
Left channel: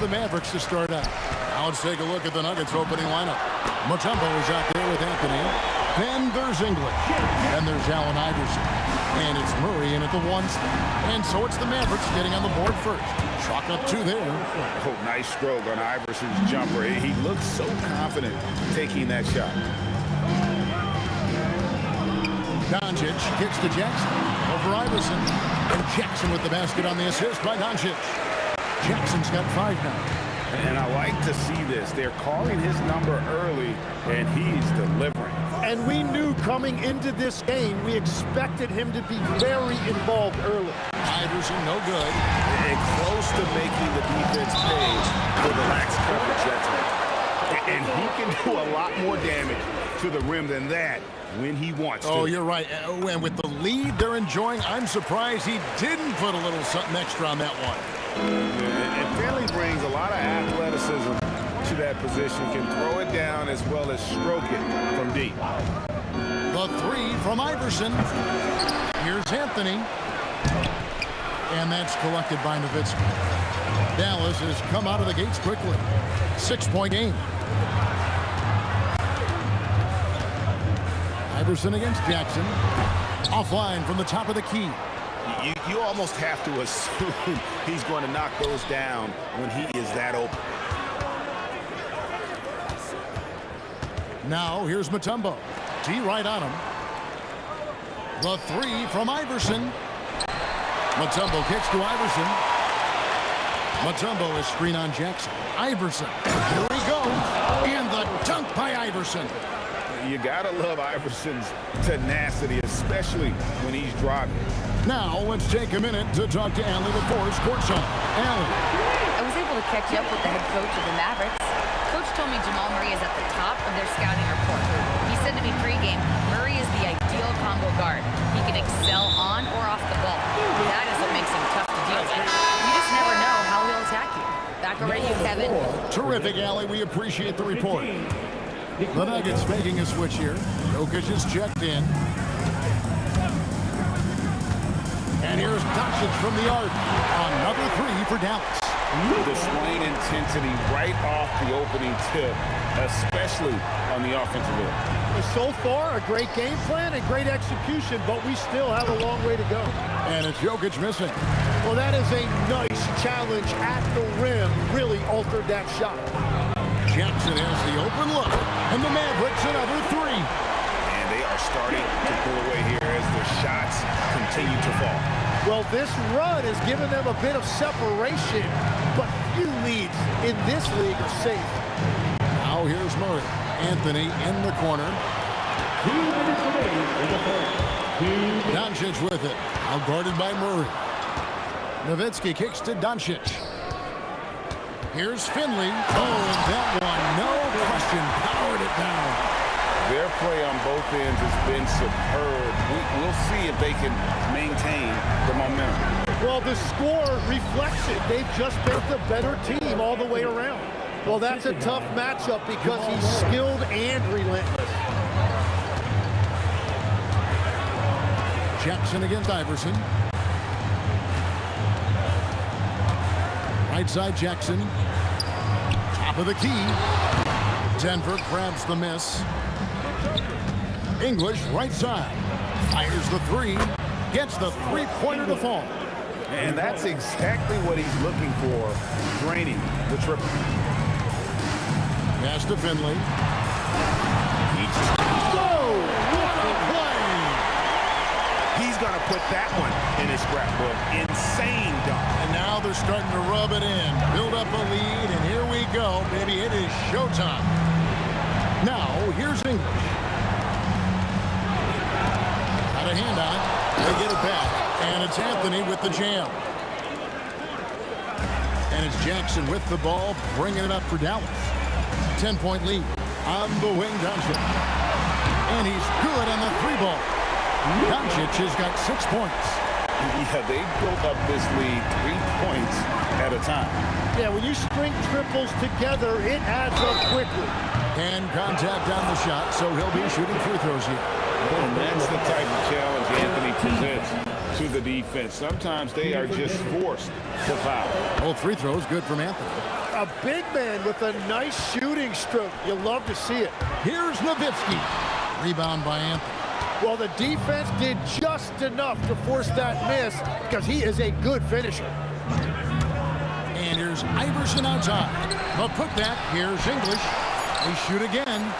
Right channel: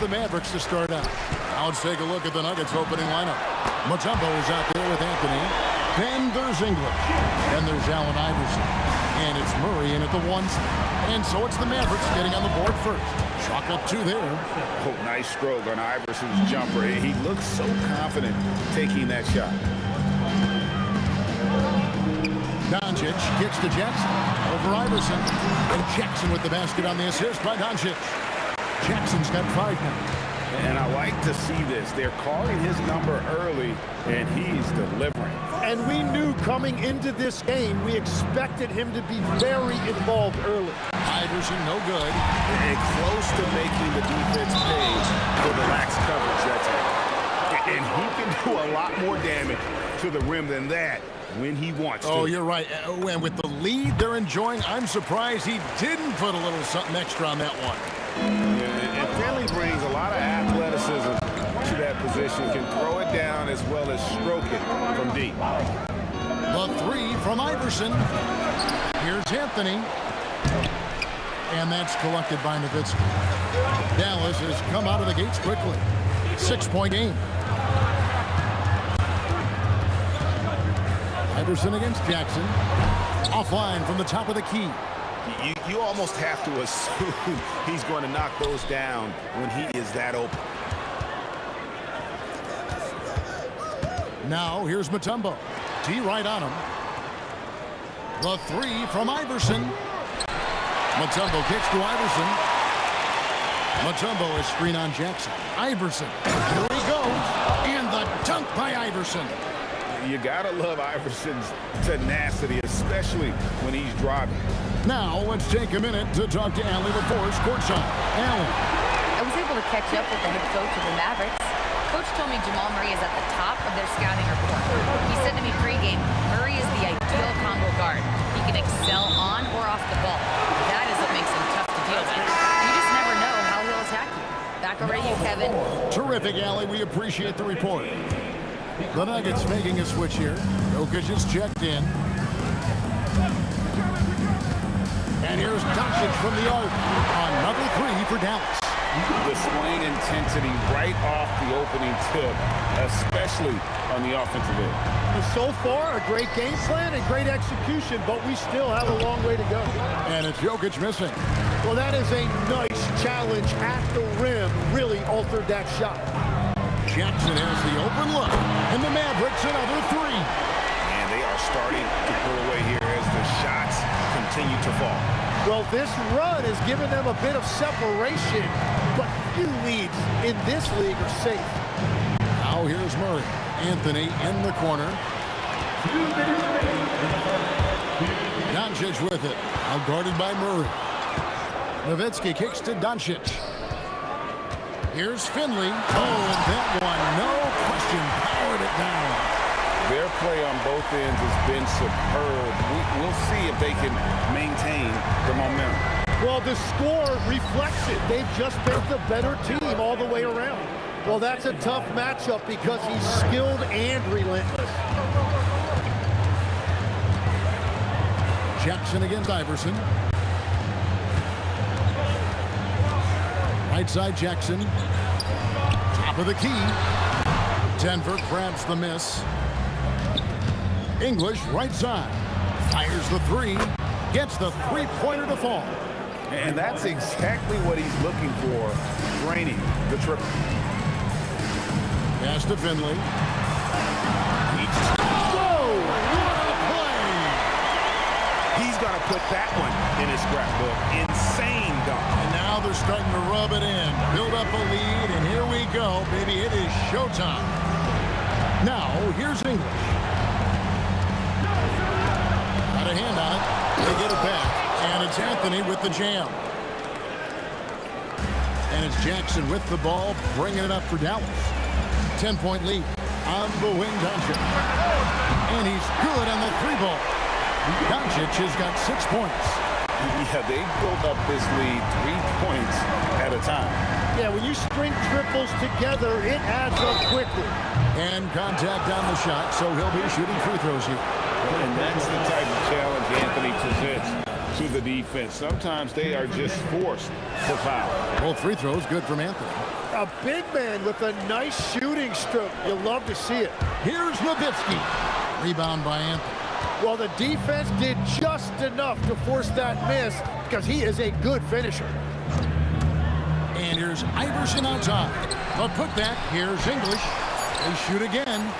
the Mavericks to start out. Now let's take a look at the Nuggets opening lineup. Mutombo is out there with Anthony. Then there's English. Then there's Allen Iverson. And it's Murray in at the 1 spot. And so it's the Mavericks getting on the board first. Chalk up 2 there. Oh, nice stroke on Iverson's jumper. He looks so confident taking that shot. Doncic kicks to Jackson over Iverson. And Jackson with the basket on the assist by Doncic. Jackson's got 5 now. And I like to see this. They're calling his number early, and he's delivering. And we knew coming into this game, we expected him to be very involved early. Iverson, no good. And close to making the defense pay for the lax coverage that time. And he can do a lot more damage to the rim than that when he wants to. Oh, you're right. And with the lead they're enjoying, I'm surprised he didn't put a little something extra on that one. Yeah, and Finley brings a lot of athleticism to that position, can throw it down as well as stroke it from deep. The 3 from Iverson. Here's Anthony. And that's collected by Nowitzki. Dallas has come out of the gates quickly. 6-point game. Iverson against Jackson. Offline from the top of the key. You almost have to assume he's going to knock those down when he is that open. Now here's Mutombo. T right on him. The 3 from Iverson. Mutombo kicks to Iverson. Mutombo is screen on Jackson. Iverson. Here he goes. And the dunk by Iverson. You gotta love Iverson's tenacity, especially when he's driving. Now let's take a minute to talk to Allie LaForce courtside. Allie. I was able to catch up with the head coach of the Mavericks. Coach told me Jamal Murray is at the top of their scouting report. He said to me pregame, Murray is the ideal combo guard. He can excel on or off the ball. That is what makes him tough to deal with. You just never know how he'll attack you. Back over to you, Kevin. Terrific, Allie. We appreciate the report. The Nuggets making a switch here. Jokic is checked in. And here's Doncic from the arc. Another 3 for Dallas. Displaying intensity right off the opening tip, especially on the offensive end. So far, a great game plan and great execution, but we still have a long way to go. And it's Jokic missing. Well, that is a nice challenge at the rim. Really altered that shot. Jackson has the open look. And the Mavericks another 3. And they are starting to pull away here as the shots continue to fall. Well, this run has given them a bit of separation, but few leads in this league are safe. Now here's Murray. Anthony in the corner. 2 minutes remaining in the fourth. Doncic with it. Now guarded by Murray. Nowitzki kicks to Doncic. Here's Finley. Oh, and that one, no question, powered it down. Their play on both ends has been superb. We'll see if they can maintain the momentum. Well, the score reflects it. They've just been the better team all the way around. Well, that's a tough matchup because he's skilled and relentless. Jackson against Iverson. Right side Jackson. Top of the key. Denver grabs the miss. English right side. Fires the 3. Gets the 3-pointer to fall. And that's exactly what he's looking for, draining the triple. Pass to Finley. Whoa! What a play! He's going to put that one in his scrapbook. Insane dunk. And now they're starting to rub it in. Build up a lead, and here we go, baby. It is showtime. Now, here's English. Got a hand on it. They get it back. And it's Anthony with the jam. And it's Jackson with the ball, bringing it up for Dallas. 10-point lead on the wing, Doncic. And he's good on the 3-ball. Doncic has got 6 points. Yeah, they built up this lead 3 points at a time. Yeah, when you string triples together, it adds up quickly. And contact on the shot, so he'll be shooting free throws here. And that's the type of challenge Anthony presents. to the defense. Sometimes they are just forced to foul. Both free throws good from Anthony. A big man with a nice shooting stroke. You love to see it. Here's Nowitzki. Rebound by Anthony. Well, the defense did just enough to force that miss because he is a good finisher. And here's Iverson outside. The putback. Here's English. They shoot again.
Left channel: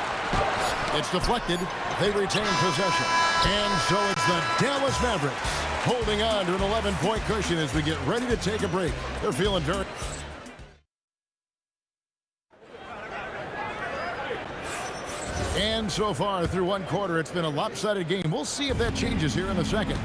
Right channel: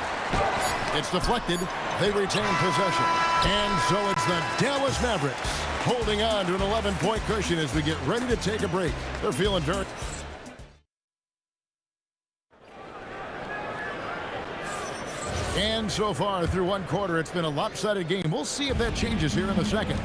It's deflected. They retain possession. And so it's the Dallas Mavericks holding on to an 11-point cushion as we get ready to take a break. They're feeling very... And so far through one quarter, it's been a lopsided game. We'll see if that changes here in the second.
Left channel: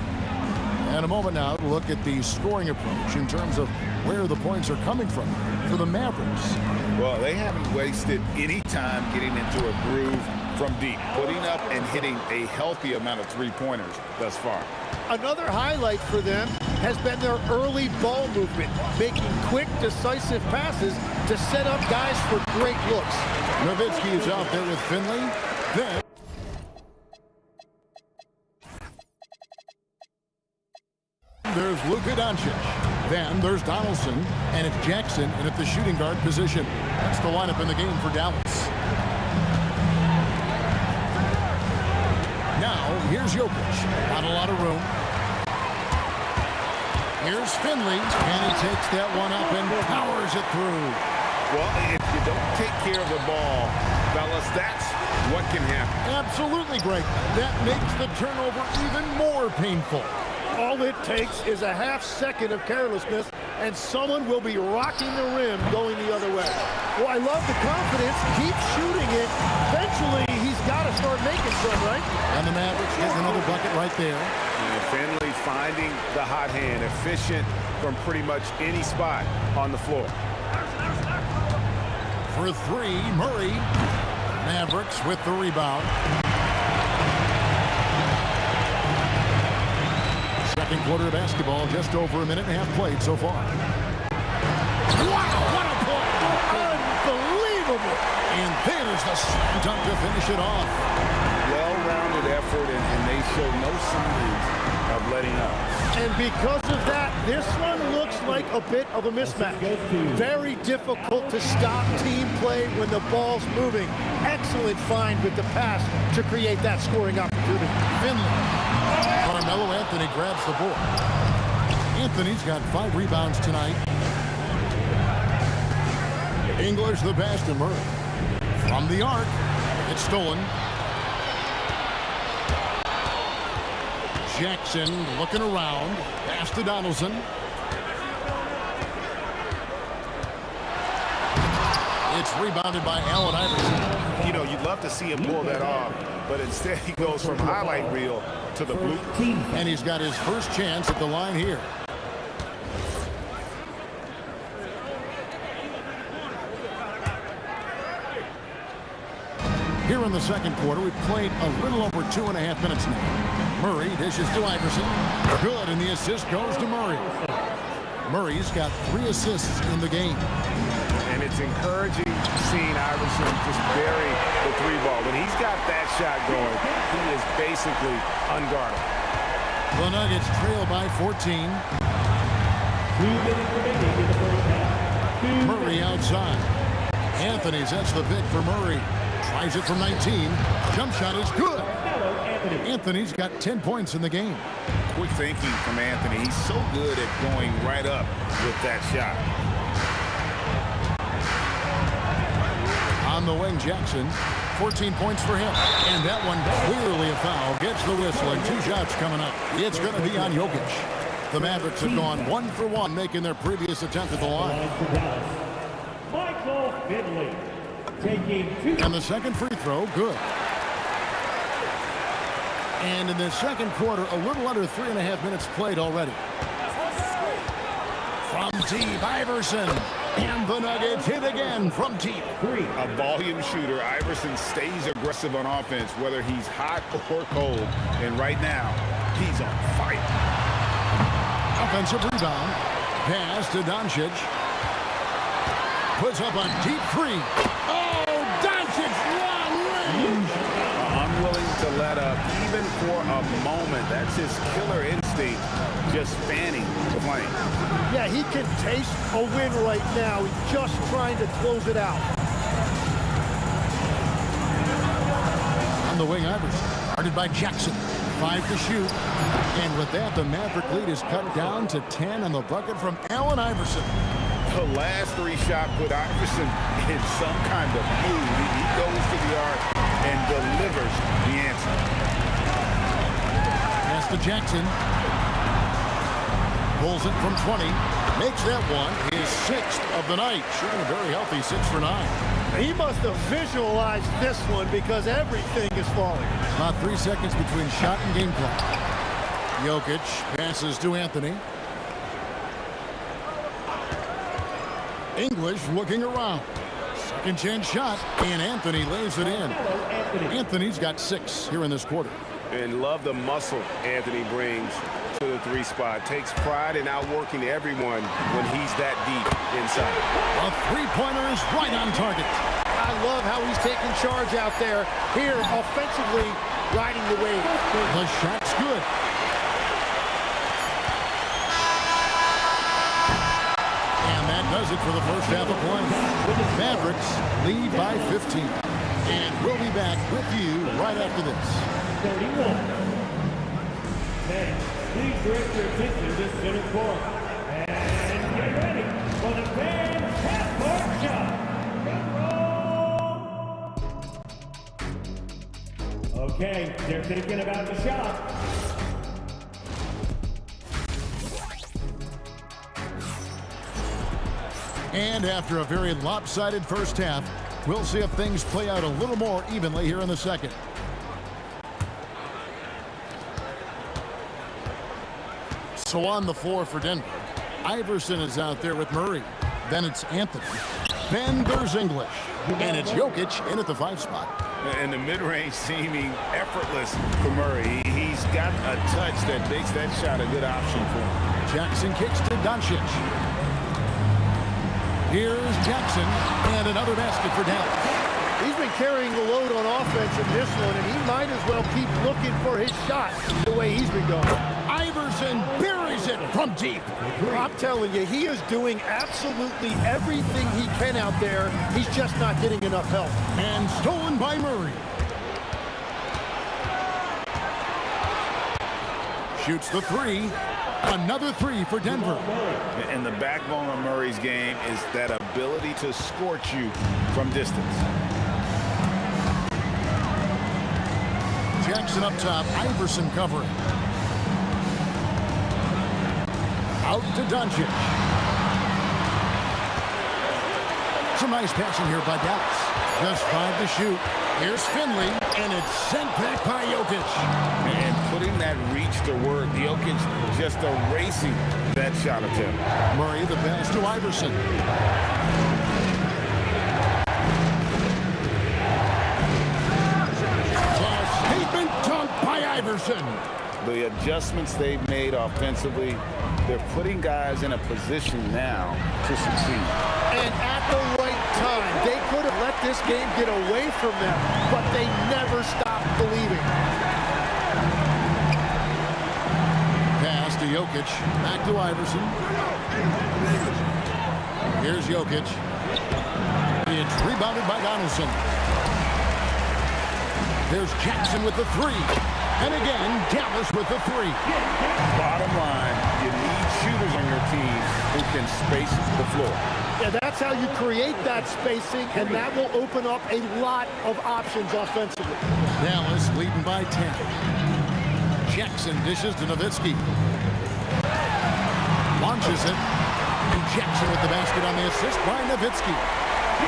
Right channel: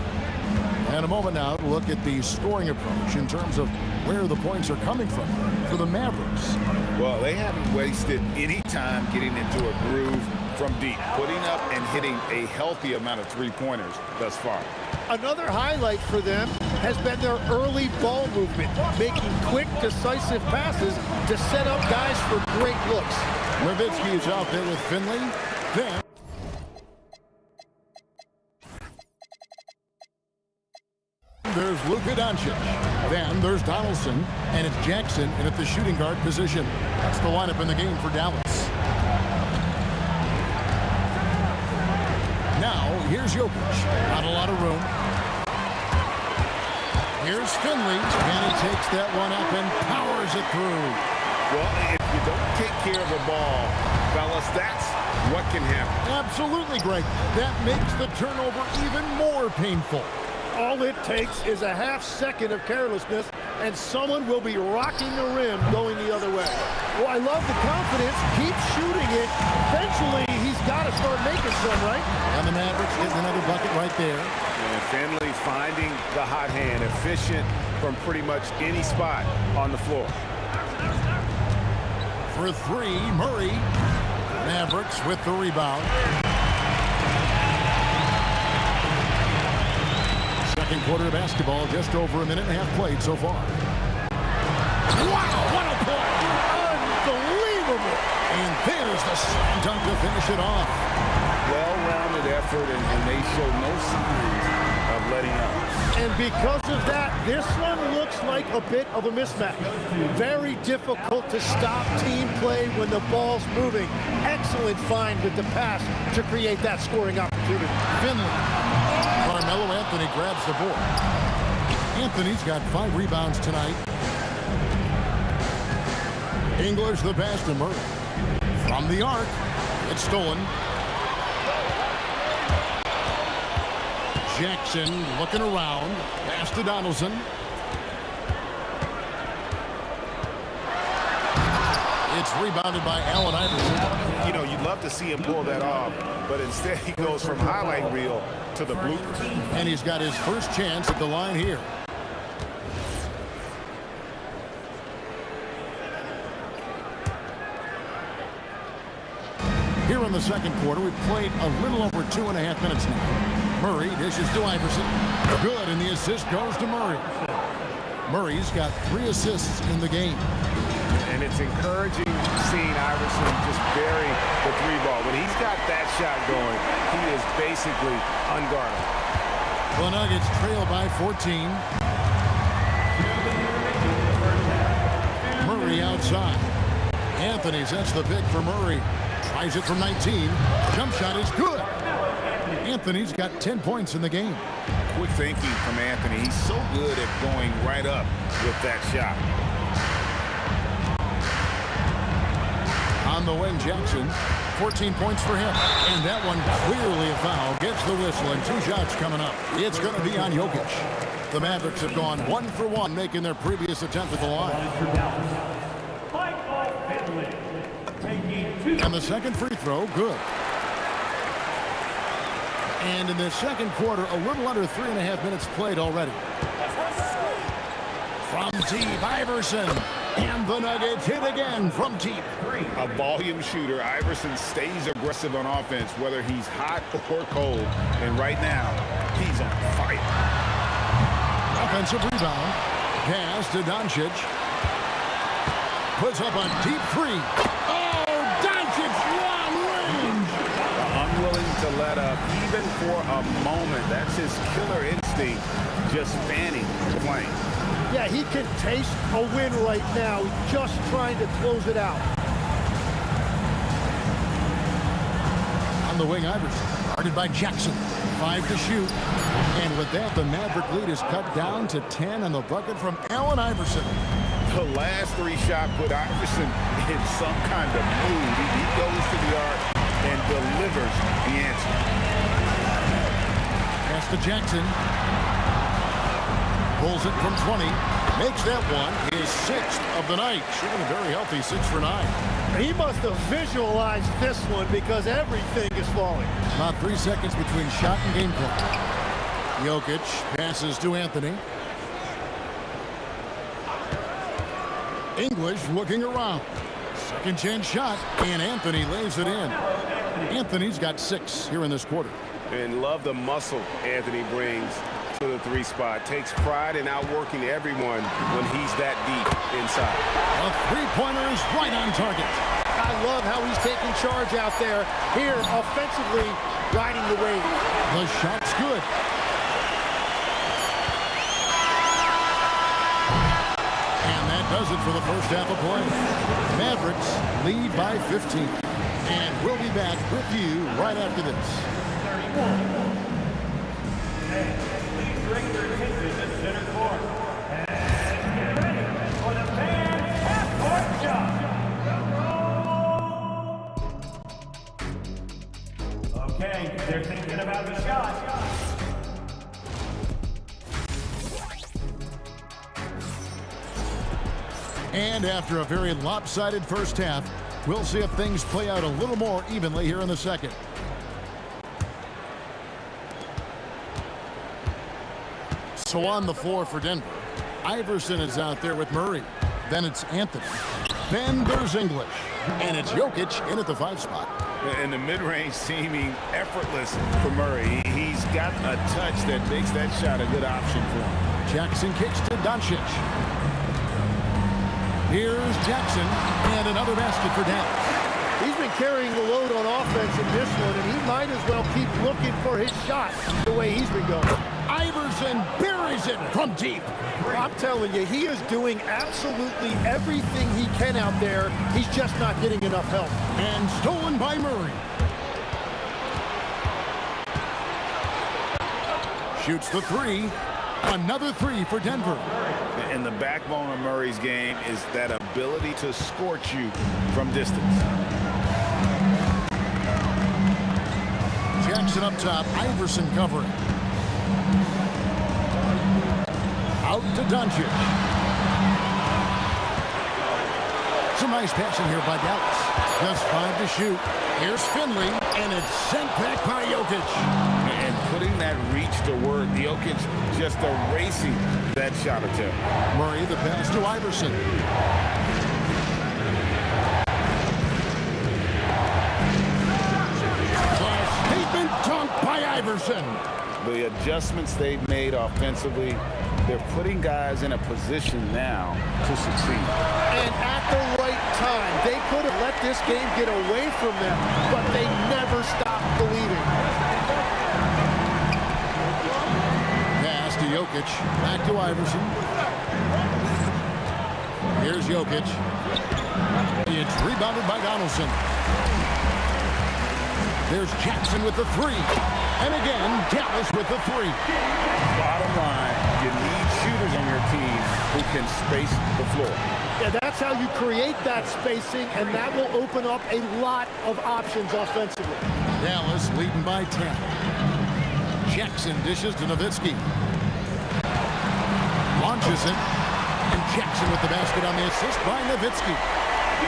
And a moment now to look at the scoring approach in terms of where the points are coming from for the Mavericks. Well, they haven't wasted any time getting into a groove from deep, putting up and hitting a healthy amount of three-pointers thus far. Another highlight for them has been their early ball movement, making quick, decisive passes to set up guys for great looks. Nowitzki is out there with Finley. Then there's Luka Doncic. Then there's Donaldson, and it's Jackson in at the shooting guard position. That's the lineup in the game for Dallas. Now, here's Jokic. Not a lot of room. Here's Finley, and he takes that one up and powers it through. Well, if you don't take care of the ball, fellas, that's what can happen. Absolutely, Greg. That makes the turnover even more painful. All it takes is a half second of carelessness, and someone will be rocking the rim going the other way. Well, I love the confidence. Keep shooting it. Eventually, he's got to start making some, right? And the Mavericks getting another bucket right there. And Finley finding the hot hand, efficient from pretty much any spot on the floor. For three, Murray. Mavericks with the rebound. Second quarter of basketball, just over a minute and a half played so far. Wow, what a play! Unbelievable! And there's the slam dunk to finish it off. Well-rounded effort, and they show no signs of letting up. And because of that, this one looks like a bit of a mismatch. Very difficult to stop team play when the ball's moving. Excellent find with the pass to create that scoring opportunity. Finley. Carmelo Anthony grabs the board. Anthony's got 5 rebounds tonight. English the pass to Murray. From the arc, it's stolen. Jackson looking around. Pass to Donaldson. It's rebounded by Allen Iverson. You know, you'd love to see him pull that off, but instead he goes from highlight reel to the bloopers. And he's got his first chance at the line here. Here in the second quarter, we've played a little over 2.5 minutes now. Murray dishes to Iverson. Good, and the assist goes to Murray. Murray's got 3 assists in the game. And it's encouraging seeing Iverson just bury the 3-ball. When he's got that shot going, he is basically unguardable. The Nuggets trail by 14. Murray outside. Anthony sets the pick for Murray. Tries it from 19. Jump shot is good. Anthony's got 10 points in the game. Quick thinking from Anthony. He's so good at going right up with that shot. On the wing, Jackson. 14 points for him. And that one clearly a foul. Gets the whistle, and 2 shots coming up. It's going to be on Jokic. The Mavericks have gone 1 for 1, making their previous attempt at the line. And the second free throw, good. And in the second quarter, a little under 3.5 minutes played already. From deep, Iverson. And the Nuggets hit again from deep. A volume shooter. Iverson stays aggressive on offense, whether he's hot or cold. And right now, he's on fire. Offensive rebound. Pass to Doncic. Puts up a deep 3. Oh, Doncic long range. unwilling to let up, even for a moment. That's his killer instinct, just fanning the flame. Yeah, he can taste a win right now. He's just trying to close it out. On the wing, Iverson, guarded by Jackson. 5 to shoot. And with that, the Maverick lead is cut down to 10 on the bucket from Allen Iverson. The last 3 shot put Iverson in some kind of mood. He goes to the arc and delivers the answer. Pass to Jackson. Pulls it from 20. Makes that one his 6th of the night. Shooting a very healthy 6 for 9. He must have visualized this one because everything is falling. About 3 seconds between shot and game clock. Jokic passes to Anthony. English looking around. Second chance shot, and Anthony lays it in. Anthony's got 6 here in this quarter. And love the muscle Anthony brings to the 3 spot. Takes pride in outworking everyone when he's that deep inside. The 3-pointer is right on target. I love how he's taking charge out there. Here, offensively, riding the wave. The shot's good. And that does it for the first half of play. Mavericks lead by 15. And we'll be back with you right after this. 31. Okay, please direct your attention to center court. And get ready for the fans' half-court shot. Okay, they're thinking about the shot. And after a very lopsided first half, we'll see if things play out a little more evenly here in the second. So on the floor for Denver, Iverson is out there with Murray. Then it's Anthony. Then there's English. And it's Jokic in at the 5 spot. And the mid-range seeming effortless for Murray. He's got a touch that makes that shot a good option for him. Jackson kicks to Doncic. Here's Jackson, and another basket for Dallas. He's been carrying the load on offense in this one, and he might as well keep looking for his shot the way he's been going. Iverson buries it from deep. I'm telling you, he is doing absolutely everything he can out there. He's just not getting enough help. And stolen by Murray. Shoots the 3. Another 3 for Denver. And the backbone of Murray's game is that ability to scorch you from distance. Jackson up top, Iverson covering. Out to Doncic. Some nice passing here by Dallas. Just 5 to shoot. Here's Finley, and it's sent back by Jokic. And putting that reach to work, Jokic just erasing that shot attempt. Murray, the pass to Iverson. The statement dunk by Iverson. The adjustments they've made offensively, they're putting guys in a position now to succeed. And at the right time, they could have let this game get away from them, but they never stopped believing. Pass to Jokic. Back to Iverson. Here's Jokic. It's rebounded by Donaldson. There's Jackson with the 3. And again, Dallas with the 3. Bottom line, you need shooters on your team who can space the floor. Yeah, that's how you create that spacing, and that will open up a lot of options offensively. Dallas leading by 10. Jackson dishes to Nowitzki. Launches it. And Jackson with the basket on the assist by Nowitzki.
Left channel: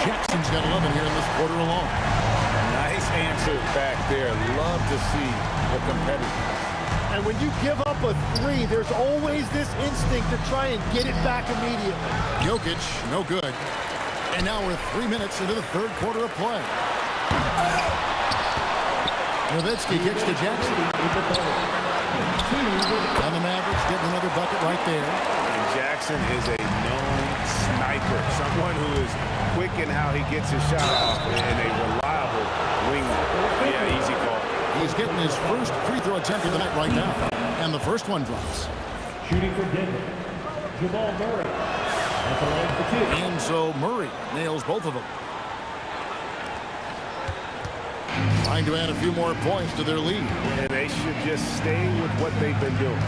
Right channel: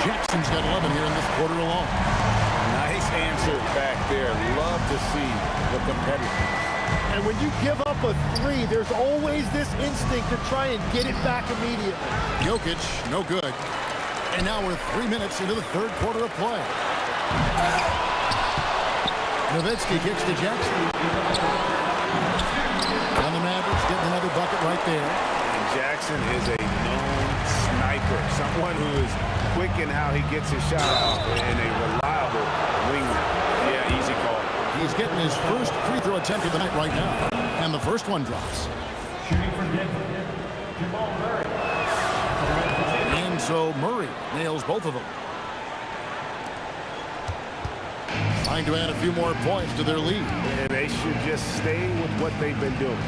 Jackson's got 11 here in this quarter alone. Nice answer back there. Love to see the competitiveness. And when you give up a 3, there's always this instinct to try and get it back immediately. Jokic, no good. And now we're 3 minutes into the third quarter of play. Nowitzki kicks to Jackson. And the Mavericks getting another bucket right there. And Jackson is a known sniper, someone who is quick in how he gets his shot off, and a reliable wingman. Yeah, easy call. He's getting his first free throw attempt of the night right now. And the first one drops. Shooting for Denver, Jamal Murray. At the line for 2. And so Murray nails both of them. Trying to add a few more points to their lead. And they should just stay with what they've been doing.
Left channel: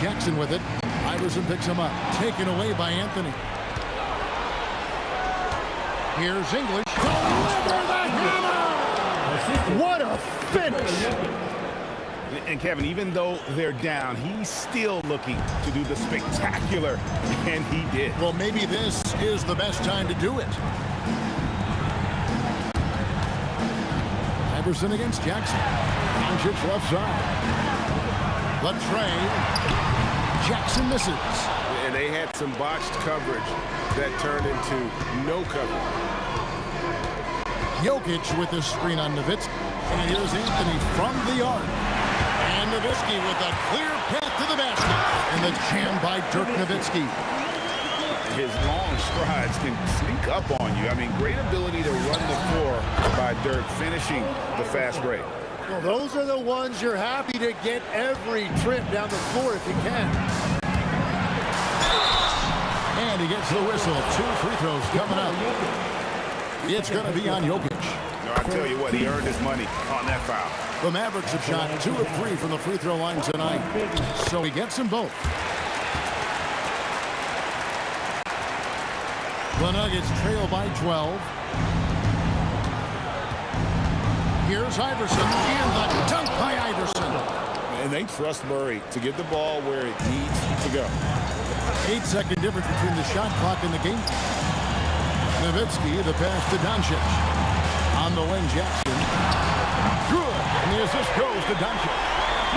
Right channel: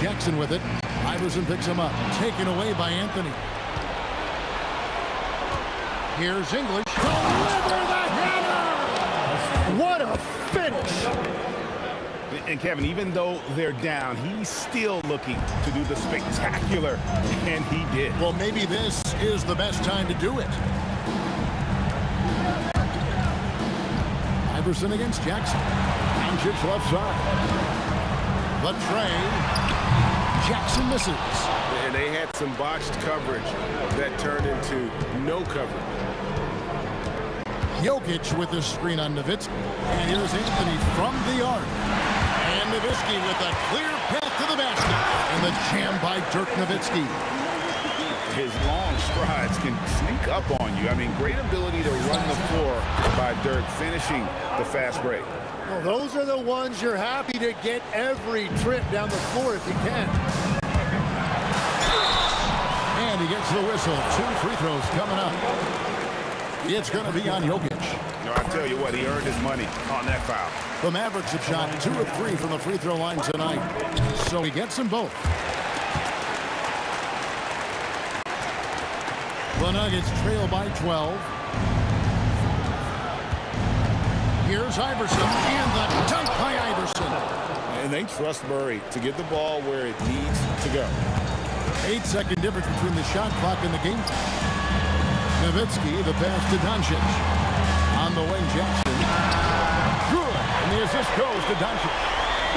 Jackson with it. Iverson picks him up. Taken away by Anthony. Here's English. Deliver the hammer! What a finish! And Kevin, even though they're down, he's still looking to do the spectacular, and he did. Well, maybe this is the best time to do it. Iverson against Jackson. Doncic left side. The tray. Jackson misses. And they had some botched coverage that turned into no coverage. Jokic with the screen on Nowitzki. And here's Anthony from the arc. And Nowitzki with a clear path to the basket. And the jam by Dirk Nowitzki. His long strides can sneak up on you. I mean, great ability to run the floor by Dirk, finishing the fast break. Well, those are the ones you're happy to get every trip down the floor if you can. And he gets the whistle. 2 free throws coming up. It's going to be on Jokic. No, I tell you what, he earned his money on that foul. The Mavericks have shot 2 of 3 from the free throw line tonight. So he gets them both. The Nuggets trail by 12. Here's Iverson, and the dunk by Iverson. And they trust Murray to get the ball where it needs to go. 8-second difference between the shot clock and the game. Nowitzki, the pass to Doncic. On the wing, Jackson. Good, and the assist goes to Doncic.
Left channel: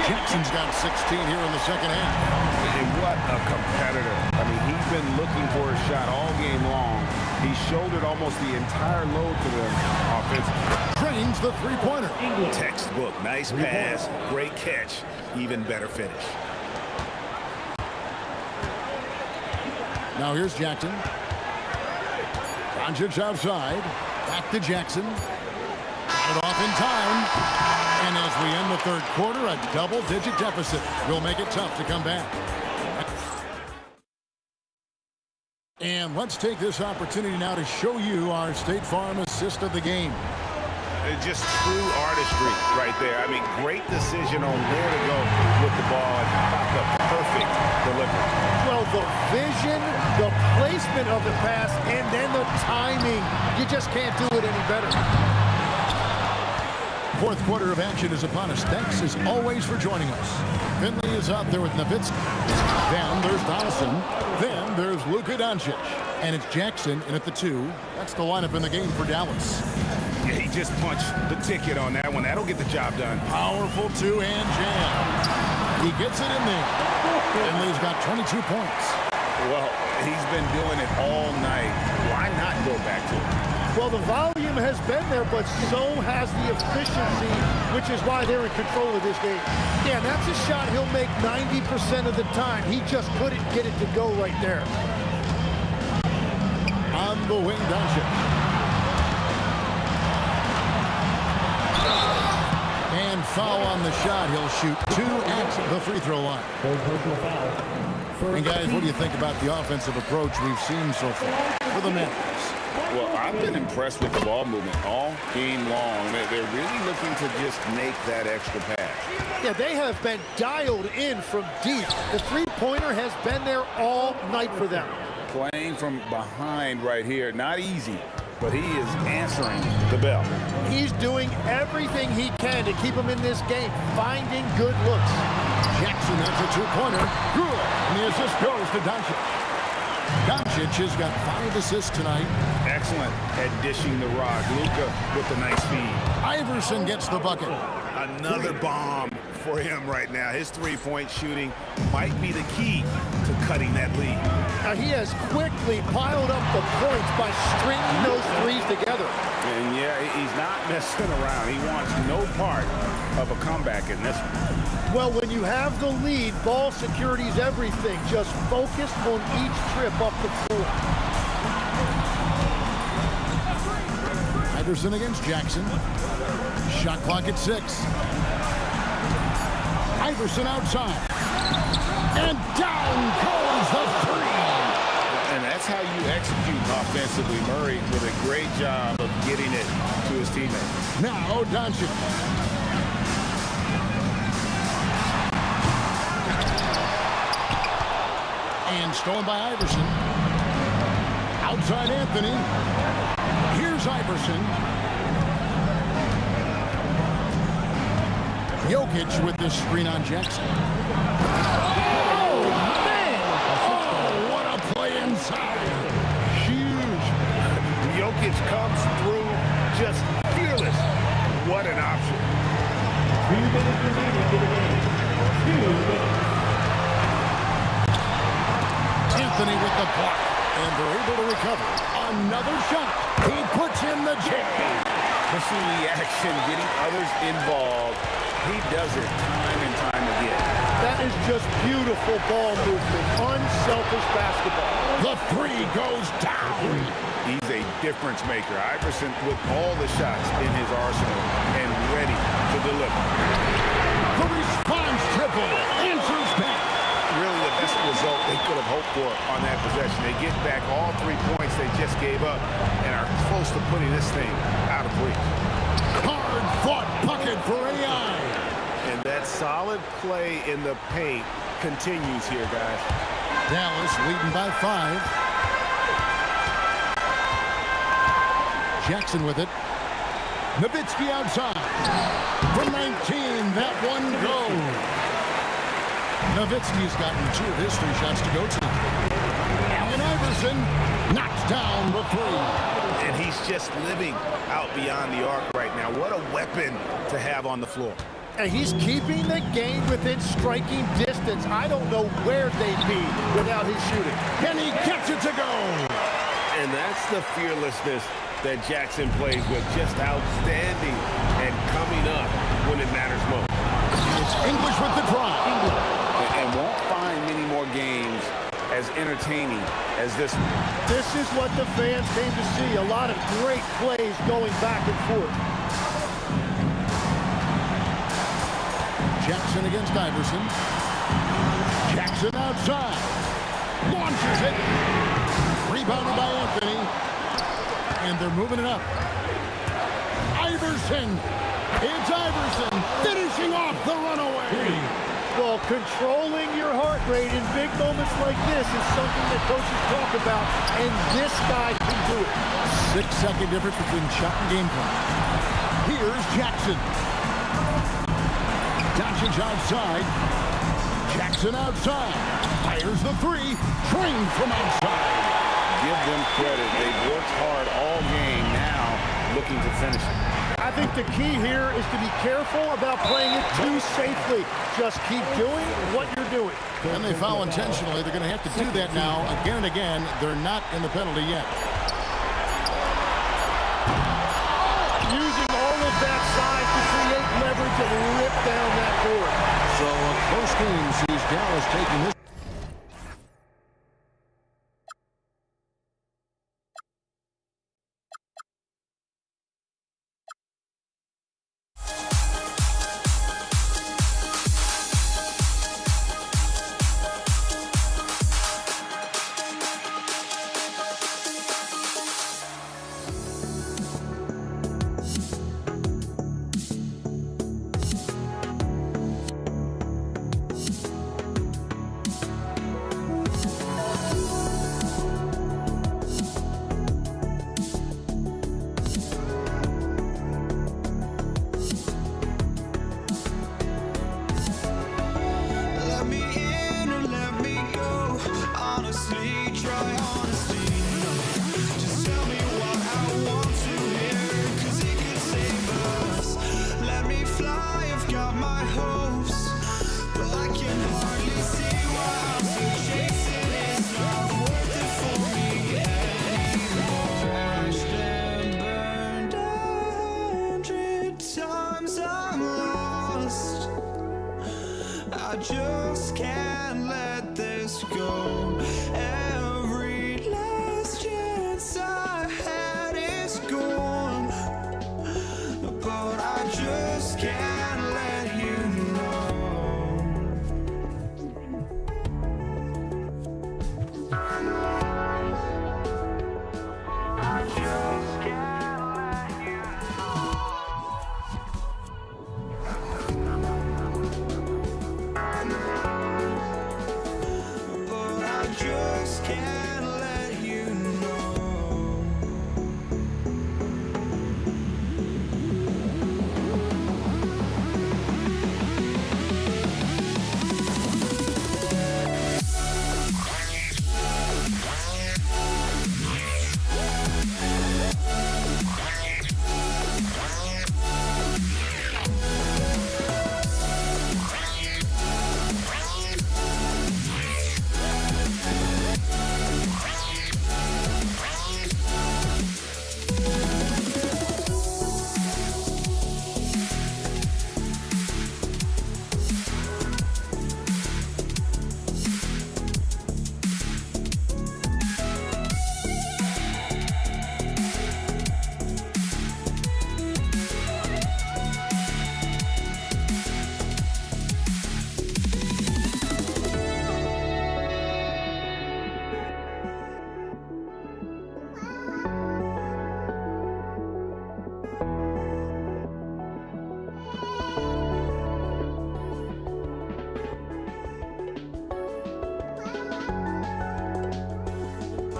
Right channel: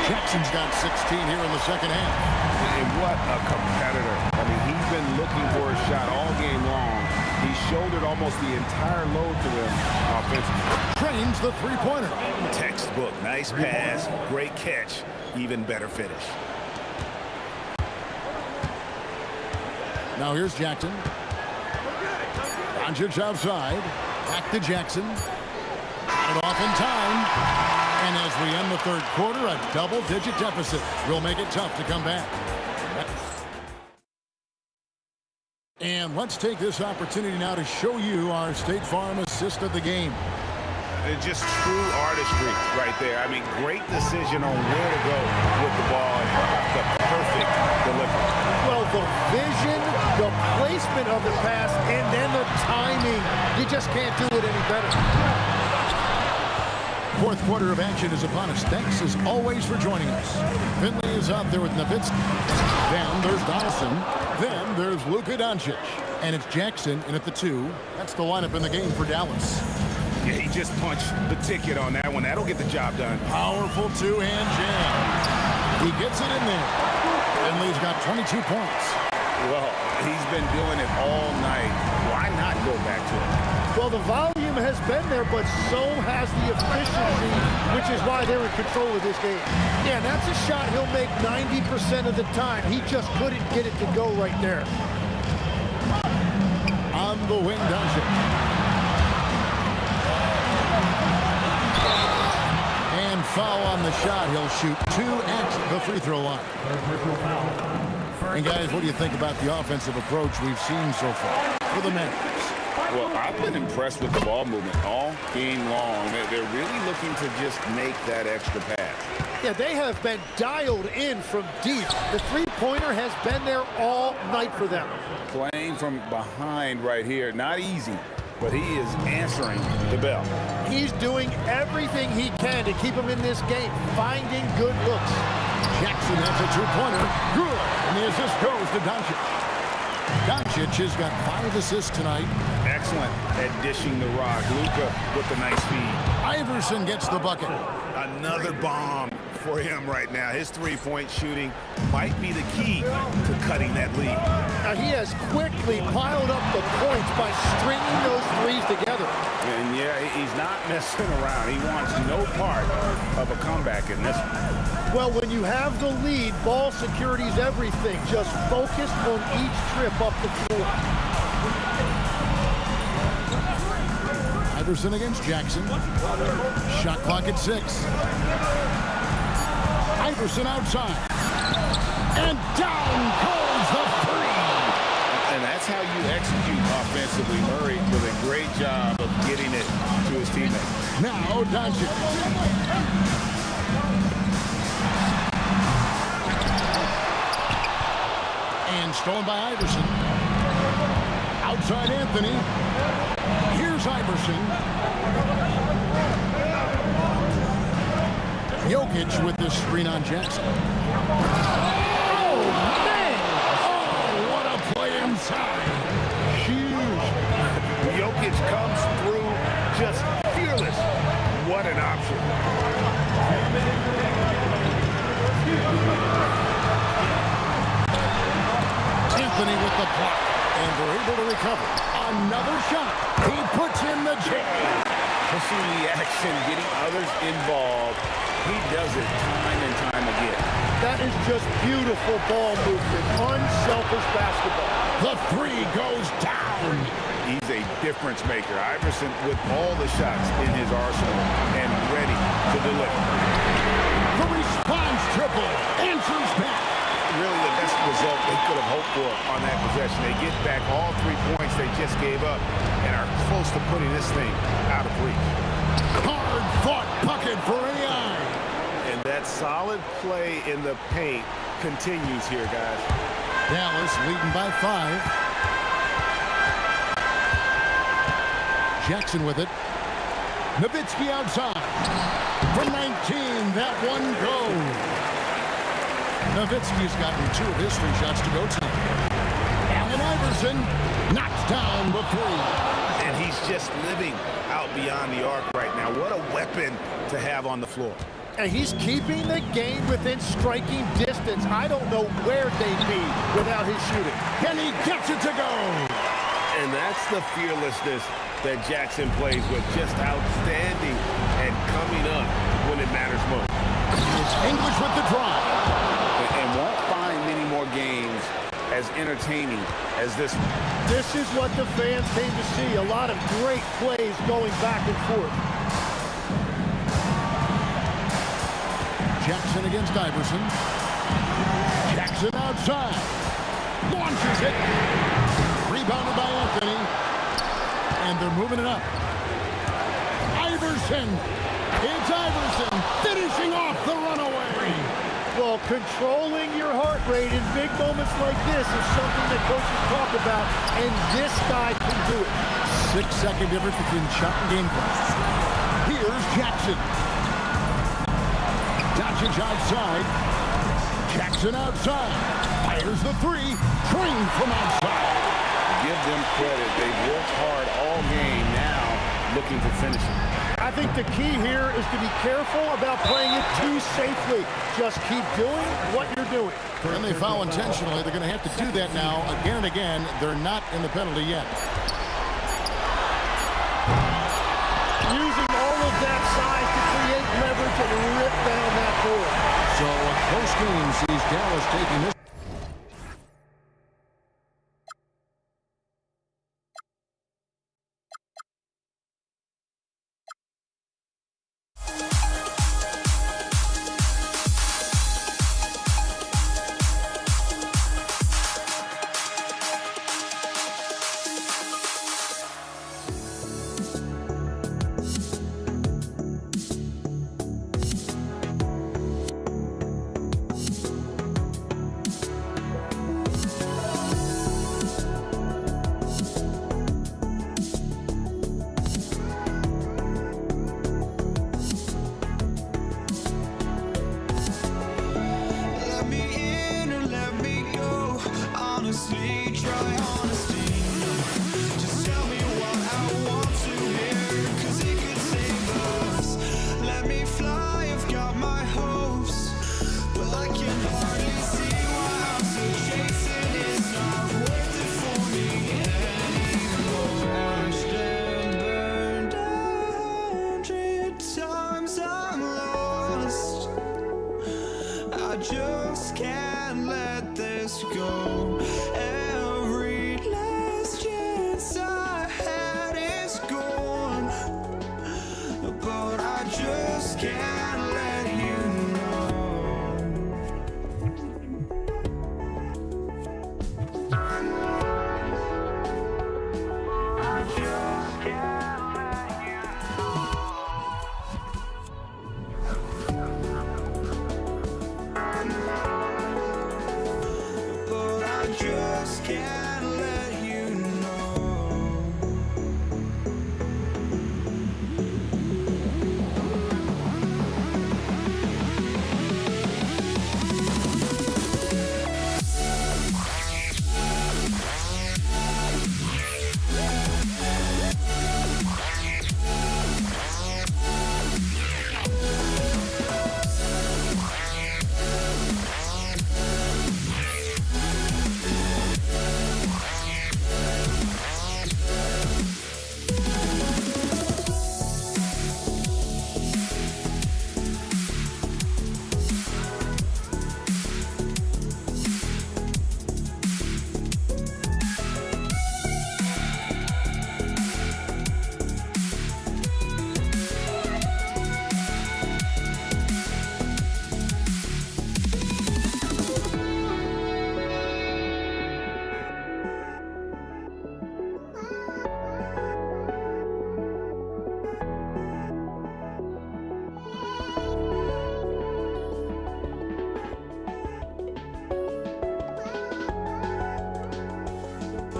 Jackson's got 16 here in the second half. And what a competitor. I mean, he's been looking for a shot all game long. He shouldered almost the entire load for them offensively. Trains the three-pointer. Textbook. Nice pass. Great catch. Even better finish. Now here's Jackson. Doncic outside. Back to Jackson. Got it off in time. And as we end the third quarter, a double-digit deficit will make it tough to come back. And let's take this opportunity now to show you our State Farm assist of the game. Just true artistry right there. I mean, great decision on where to go with the ball, and how about the perfect delivery? Well, the vision, the placement of the pass, and then the timing. You just can't do it any better. Fourth quarter of action is upon us. Thanks, as always, for joining us. Finley is out there with Nowitzki. Then there's Donaldson. Then there's Luka Doncic. And it's Jackson in at the 2. That's the lineup in the game for Dallas. Yeah, he just punched the ticket on that one. That'll get the job done. Powerful two-hand jam. He gets it in there. Finley's got 22 points. Well, he's been doing it all night. Why not go back to it? Well, the volume has been there, but so has the efficiency, which is why they're in control of this game. Yeah, and that's a shot he'll make 90% of the time. He just couldn't get it to go right there. On the wing, Doncic. And foul on the shot. He'll shoot 2 at the free throw line. Third personal foul. And guys, what do you think about the offensive approach we've seen so far for the Mavericks? Well, I've been impressed with the ball movement all game long. They're really looking to just make that extra pass. Yeah, they have been dialed in from deep. The three-pointer has been there all night for them. Playing from behind right here, not easy, but he is answering the bell. He's doing everything he can to keep him in this game, finding good looks. Jackson, that's a two-pointer. Good. And the assist goes to Doncic. Doncic has got 5 assists tonight. Excellent at dishing the rock. Luka with the nice feed. Iverson gets the bucket. Another bomb for him right now. His three-point shooting might be the key to cutting that lead. Now, he has quickly piled up the points by stringing those threes together. And yeah, he's not messing around. He wants no part of a comeback in this one. Well, when you have the lead, ball security is everything. Just focus on each trip up the floor. Iverson against Jackson. Shot clock at 6. Iverson outside. And down goes the three. And that's how you execute offensively. Murray with a great job of getting it to his teammate. Now Doncic. And stolen by Iverson. Outside Anthony. Here's Iverson. Jokic with this screen on Jackson. Oh, man! Oh, what a play inside. Huge. Jokic comes through just fearless. What an option. 2 minutes remaining. 2 minutes. Anthony with the block. And they're able to recover. Another shot. He puts in the J. Pushing the action, getting others involved. He does it time and time again. That is just beautiful ball movement. Unselfish basketball. The three goes down. He's a difference maker. Iverson with all the shots in his arsenal and ready to deliver. The response triple answers back. Really the best result they could have hoped for on that possession. They get back all 3 points they just gave up and are close to putting this thing out of reach. Hard-fought bucket for AI. And that solid play in the paint continues here, guys. Dallas leading by 5. Jackson with it. Nowitzki outside. From 19, that one goes. Nowitzki's gotten 2 of his 3 shots to go tonight. Allen Iverson knocks down the 3. And he's just living out beyond the arc right now. What a weapon to have on the floor. And he's keeping the game within striking distance. I don't know where they'd be without his shooting. And he gets it to go. And that's the fearlessness that Jackson plays with. Just outstanding and coming up when it matters most. It's English with the drive. And won't find many more games as entertaining as this one. This is what the fans came to see. A lot of great plays going back and forth. Jackson against Iverson. Jackson outside. Launches it. Rebounded by Anthony. And they're moving it up. Iverson. It's Iverson finishing off the runaway. Well, controlling your heart rate in big moments like this is something that coaches talk about, and this guy can do it. 6-second difference between shot and game plan. Here's Jackson. Doncic outside. Jackson outside. Fires the 3. Trained from outside. Give them credit. They've worked hard all game, now looking to finish it. I think the key here is to be careful about playing it too safely. Just keep doing what you're doing. And they foul intentionally. They're going to have to do that now again and again. They're not in the penalty yet. Using all of that size to create leverage and rip down that board. So a close game sees Dallas taking this. honestly, try honesty, no. Just tell me what I want to hear, 'cause it could save us. Let me fly, I've got my hopes, but I can hardly see why I'm still chasing. It's not worth it for me anymore. Crashed and burned 100 times, I'm lost. I just can't let this go. Every last chance I had is gone. but I just can't let you know. I just can't let you know. But I just can't let you know.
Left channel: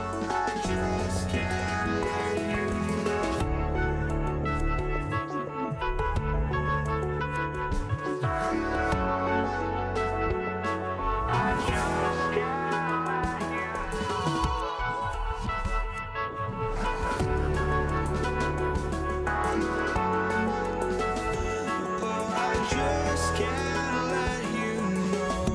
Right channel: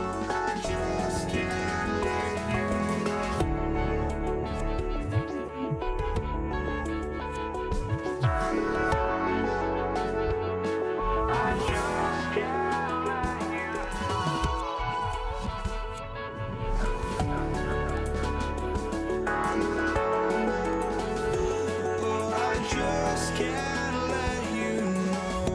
Just can't let you know.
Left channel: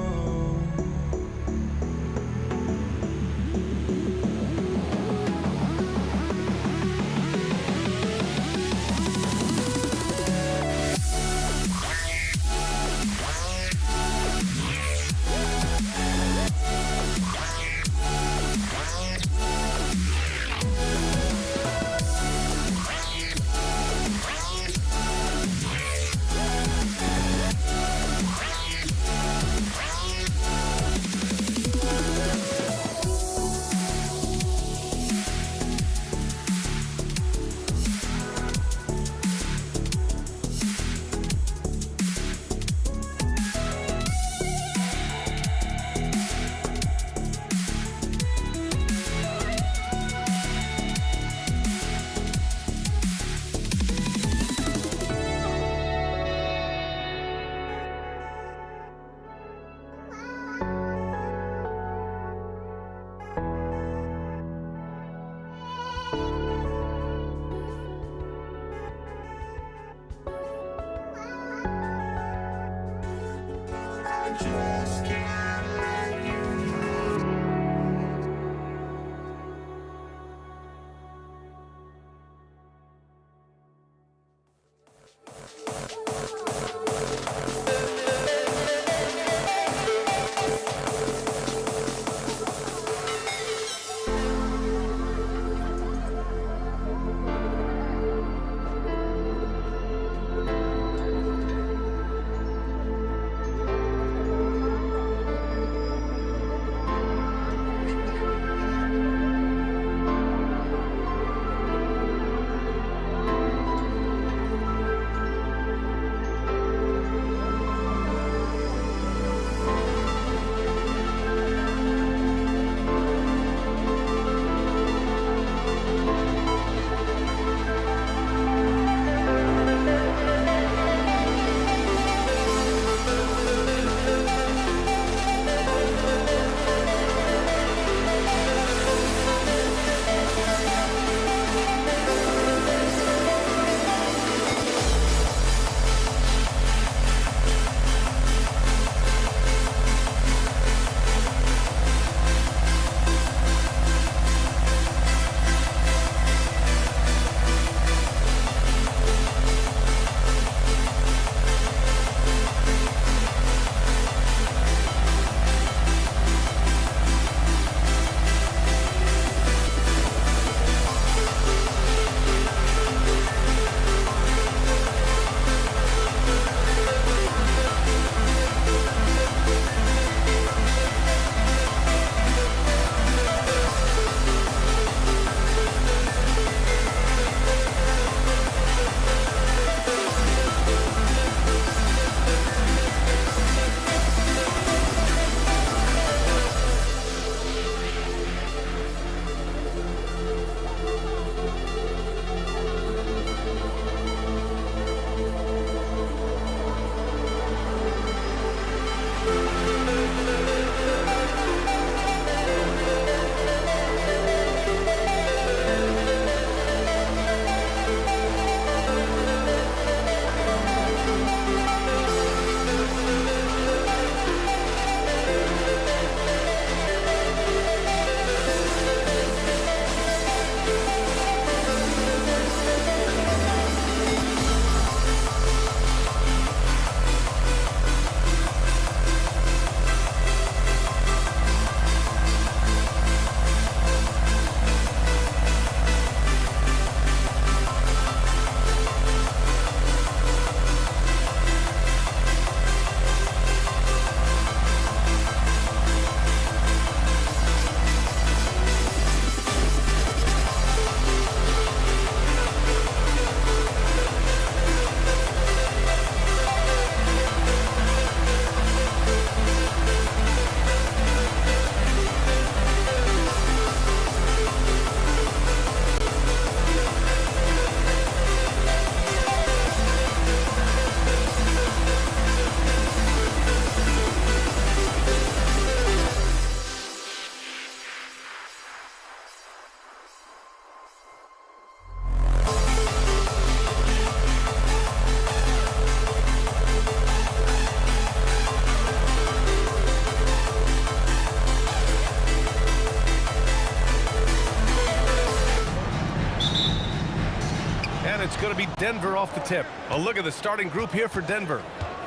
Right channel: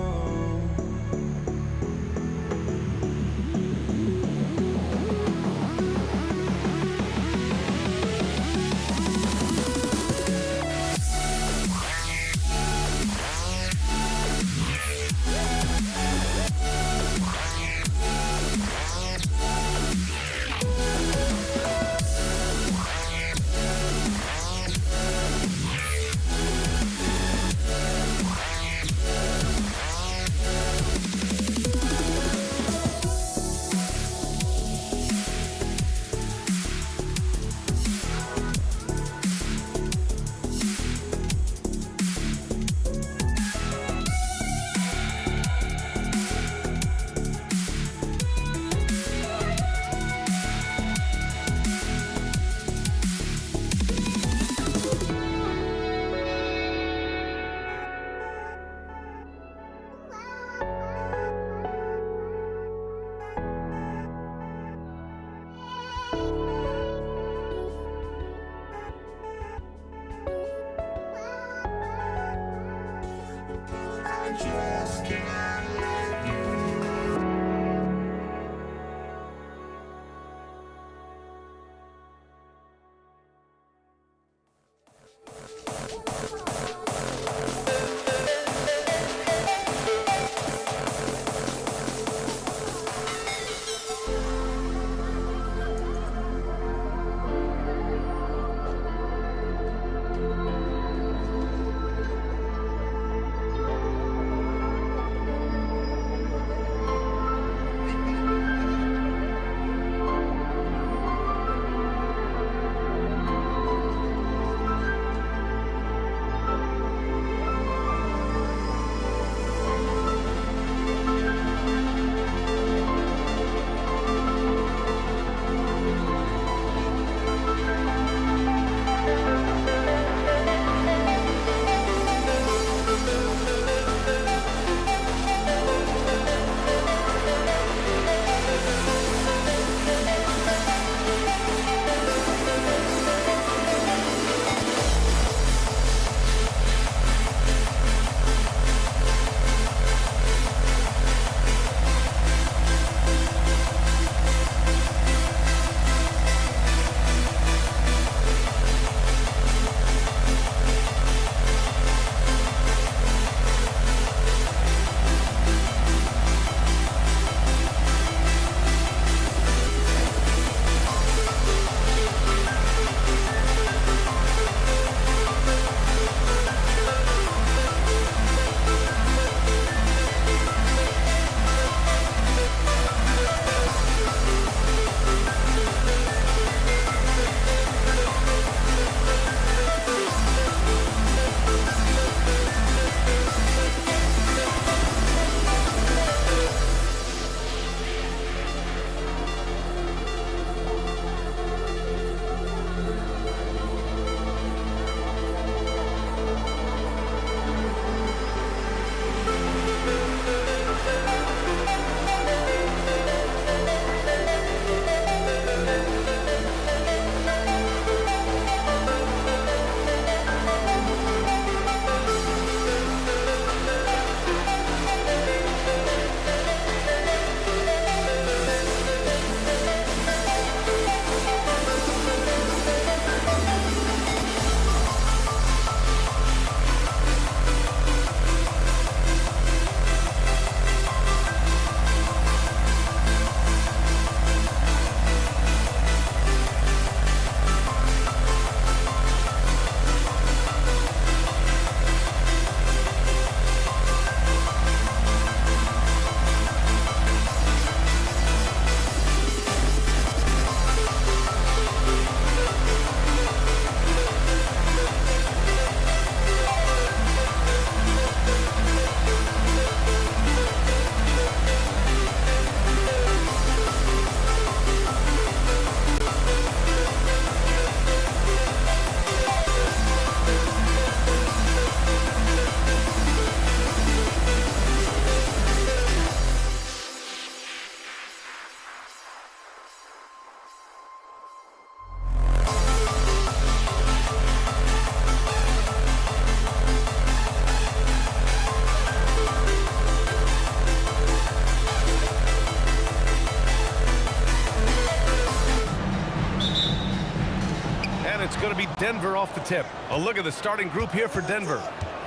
it's going to be Denver off the tip. A look at the starting group here for Denver.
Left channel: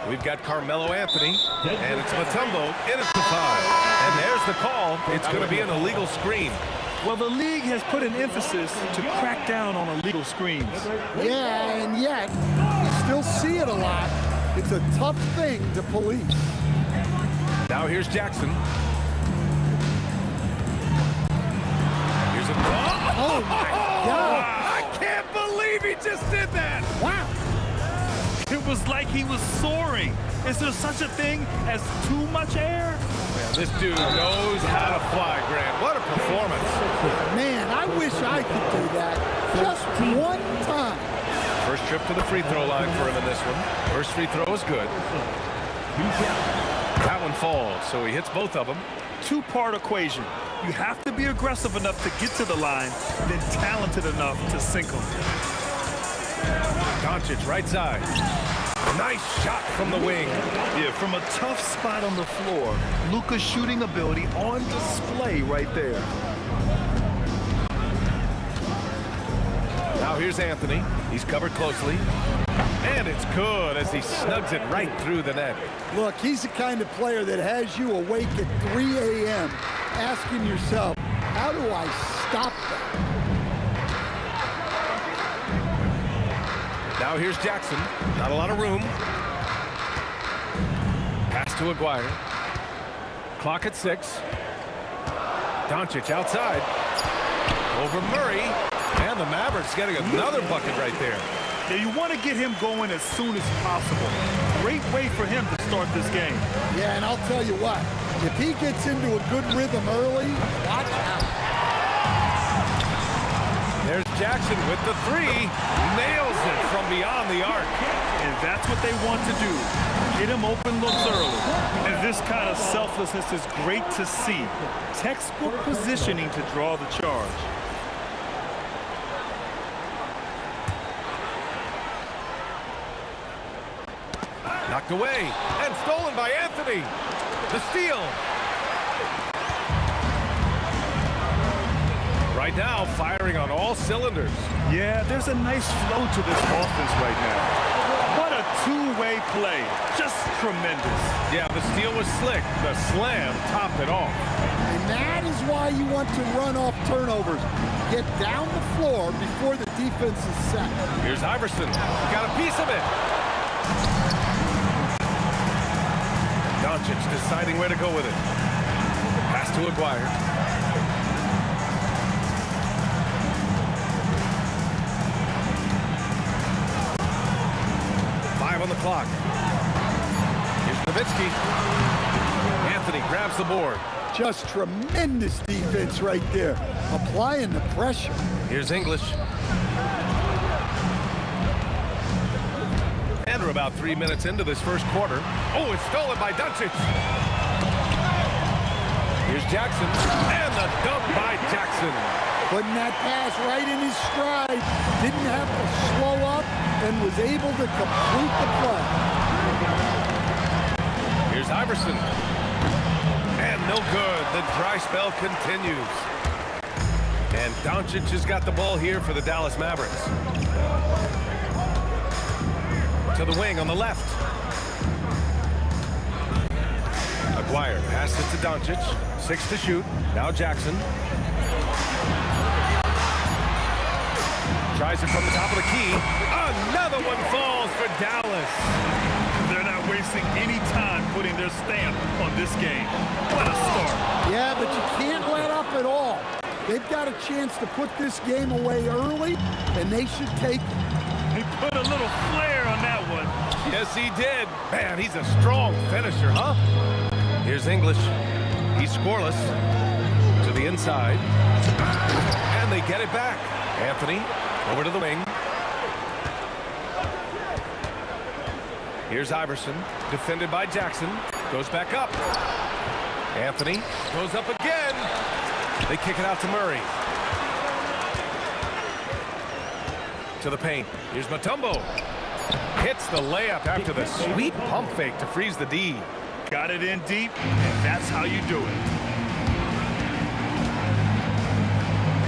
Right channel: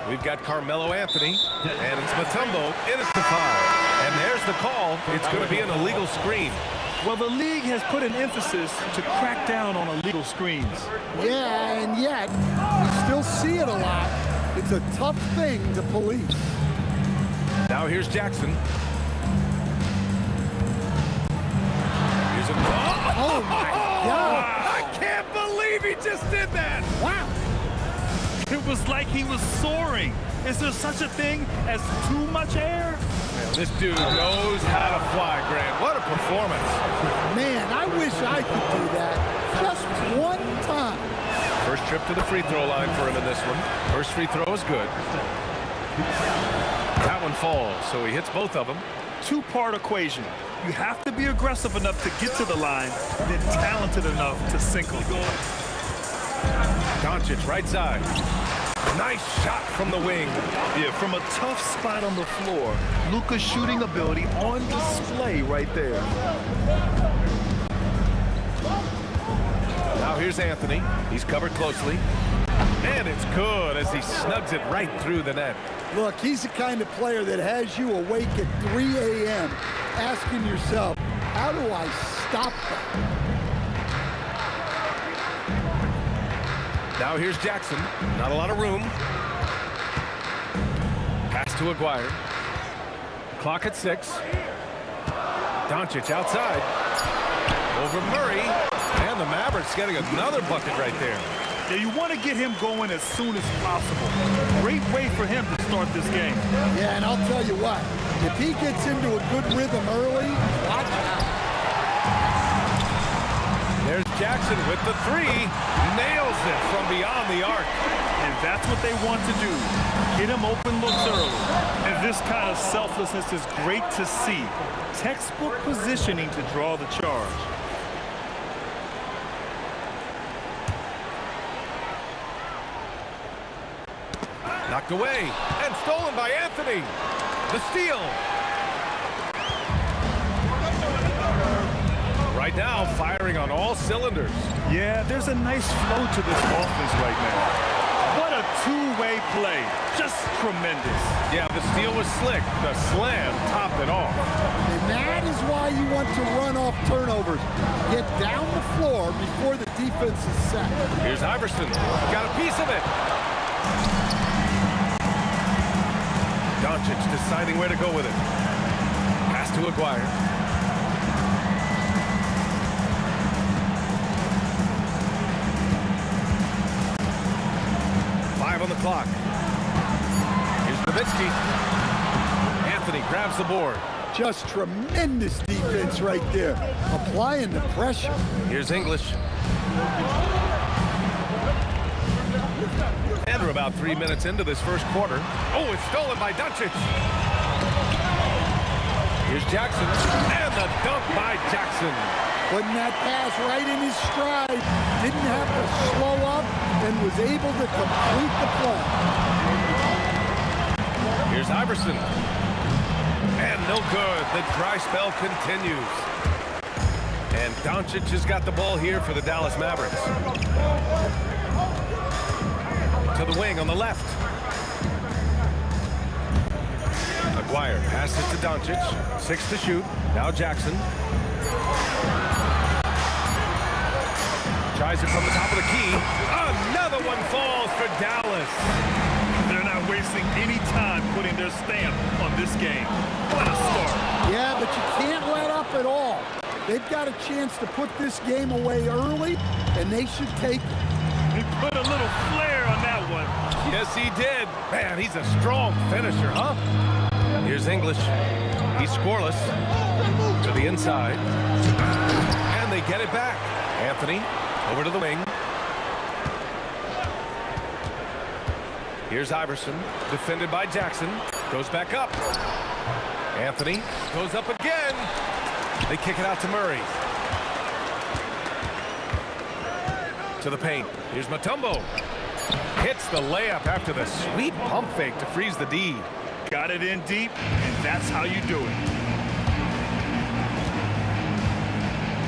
We've got Carmelo Anthony, and it's Mutombo in at the 5. And there's the call. It's going to be an illegal screen. Well, the league has put an emphasis to crack down on illegal screens. Yeah, and yet, we still see it a lot. It's a tough thing to police. Now here's Jackson. Here's a... Oh, my God. I can't believe he just did that. Wow. It was like he was soaring. Is there such a thing as too much air? Man, this dude knows how to fly, Grant. What a performance. Man, I wish I could do that just one time. First trip to the free throw line for him in this one. First free throw is good. That one falls, so he hits both of them. Two-part equation. You have to be aggressive enough to get to the line, then talented enough to sink them. Doncic, right side. Nice shot from the wing. Yeah, from a tough spot on the floor. Luka's shooting ability on display right there. Now here's Anthony. He's covered closely. And it's good as he snugs it right through the net. Look, he's the kind of player that has you awake at 3 a.m. asking yourself, how do I stop that? Now here's Jackson. Not a lot of room. Pass to Aguirre. Clock at 6. Doncic outside. Over Murray. And the Mavericks getting another bucket right there. Yeah, you want to get him going as soon as possible. Great way for him to start this game. Yeah, and I'll tell you what, if he gets into a good rhythm early, watch out. There's Jackson with the 3. Nails it from beyond the arc. And that's what they want to do. Get him open looks early. And this kind of selflessness is great to see. Textbook positioning to draw the charge. Knocked away and stolen by Anthony. The steal. Right now, firing on all cylinders. Yeah, there's a nice flow to this offense right now. What a two-way play. Just tremendous. Yeah, the steal was slick. The slam topped it off. And that is why you want to run off turnovers. Get down the floor before the defense is set. Here's Iverson. Got a piece of it. Doncic deciding where to go with it. Pass to Aguirre. Five on the clock. Here's Nowitzki. Anthony grabs the board. Just tremendous defense right there. Applying the pressure. Here's English. And we're about 3 minutes into this first quarter. Oh, it's stolen by Doncic. Here's Jackson. And the dunk by Jackson. Putting that pass right in his stride. Didn't have to slow up and was able to complete the play. Here's Iverson. And no good. The dry spell continues. And Doncic has got the ball here for the Dallas Mavericks. To the wing on the left. Aguirre passes to Doncic. 6 to shoot. Now Jackson. Tries it from the top of the key. Another one falls for Dallas. They're not wasting any time putting their stamp on this game. What a start. Yeah, but you can't let up at all. They've got a chance to put this game away early, and they should take it. He put a little flair on that one. Yes, he did. Man, he's a strong finisher, huh? Here's English. He's scoreless. To the inside. And they get it back. Anthony over to the wing. Here's Iverson. Defended by Jackson. Goes back up. Anthony goes up again. They kick it out to Murray. To the paint. Here's Mutombo. Hits the layup after the sweet pump fake to freeze the D. Got it in deep, and that's how you do it.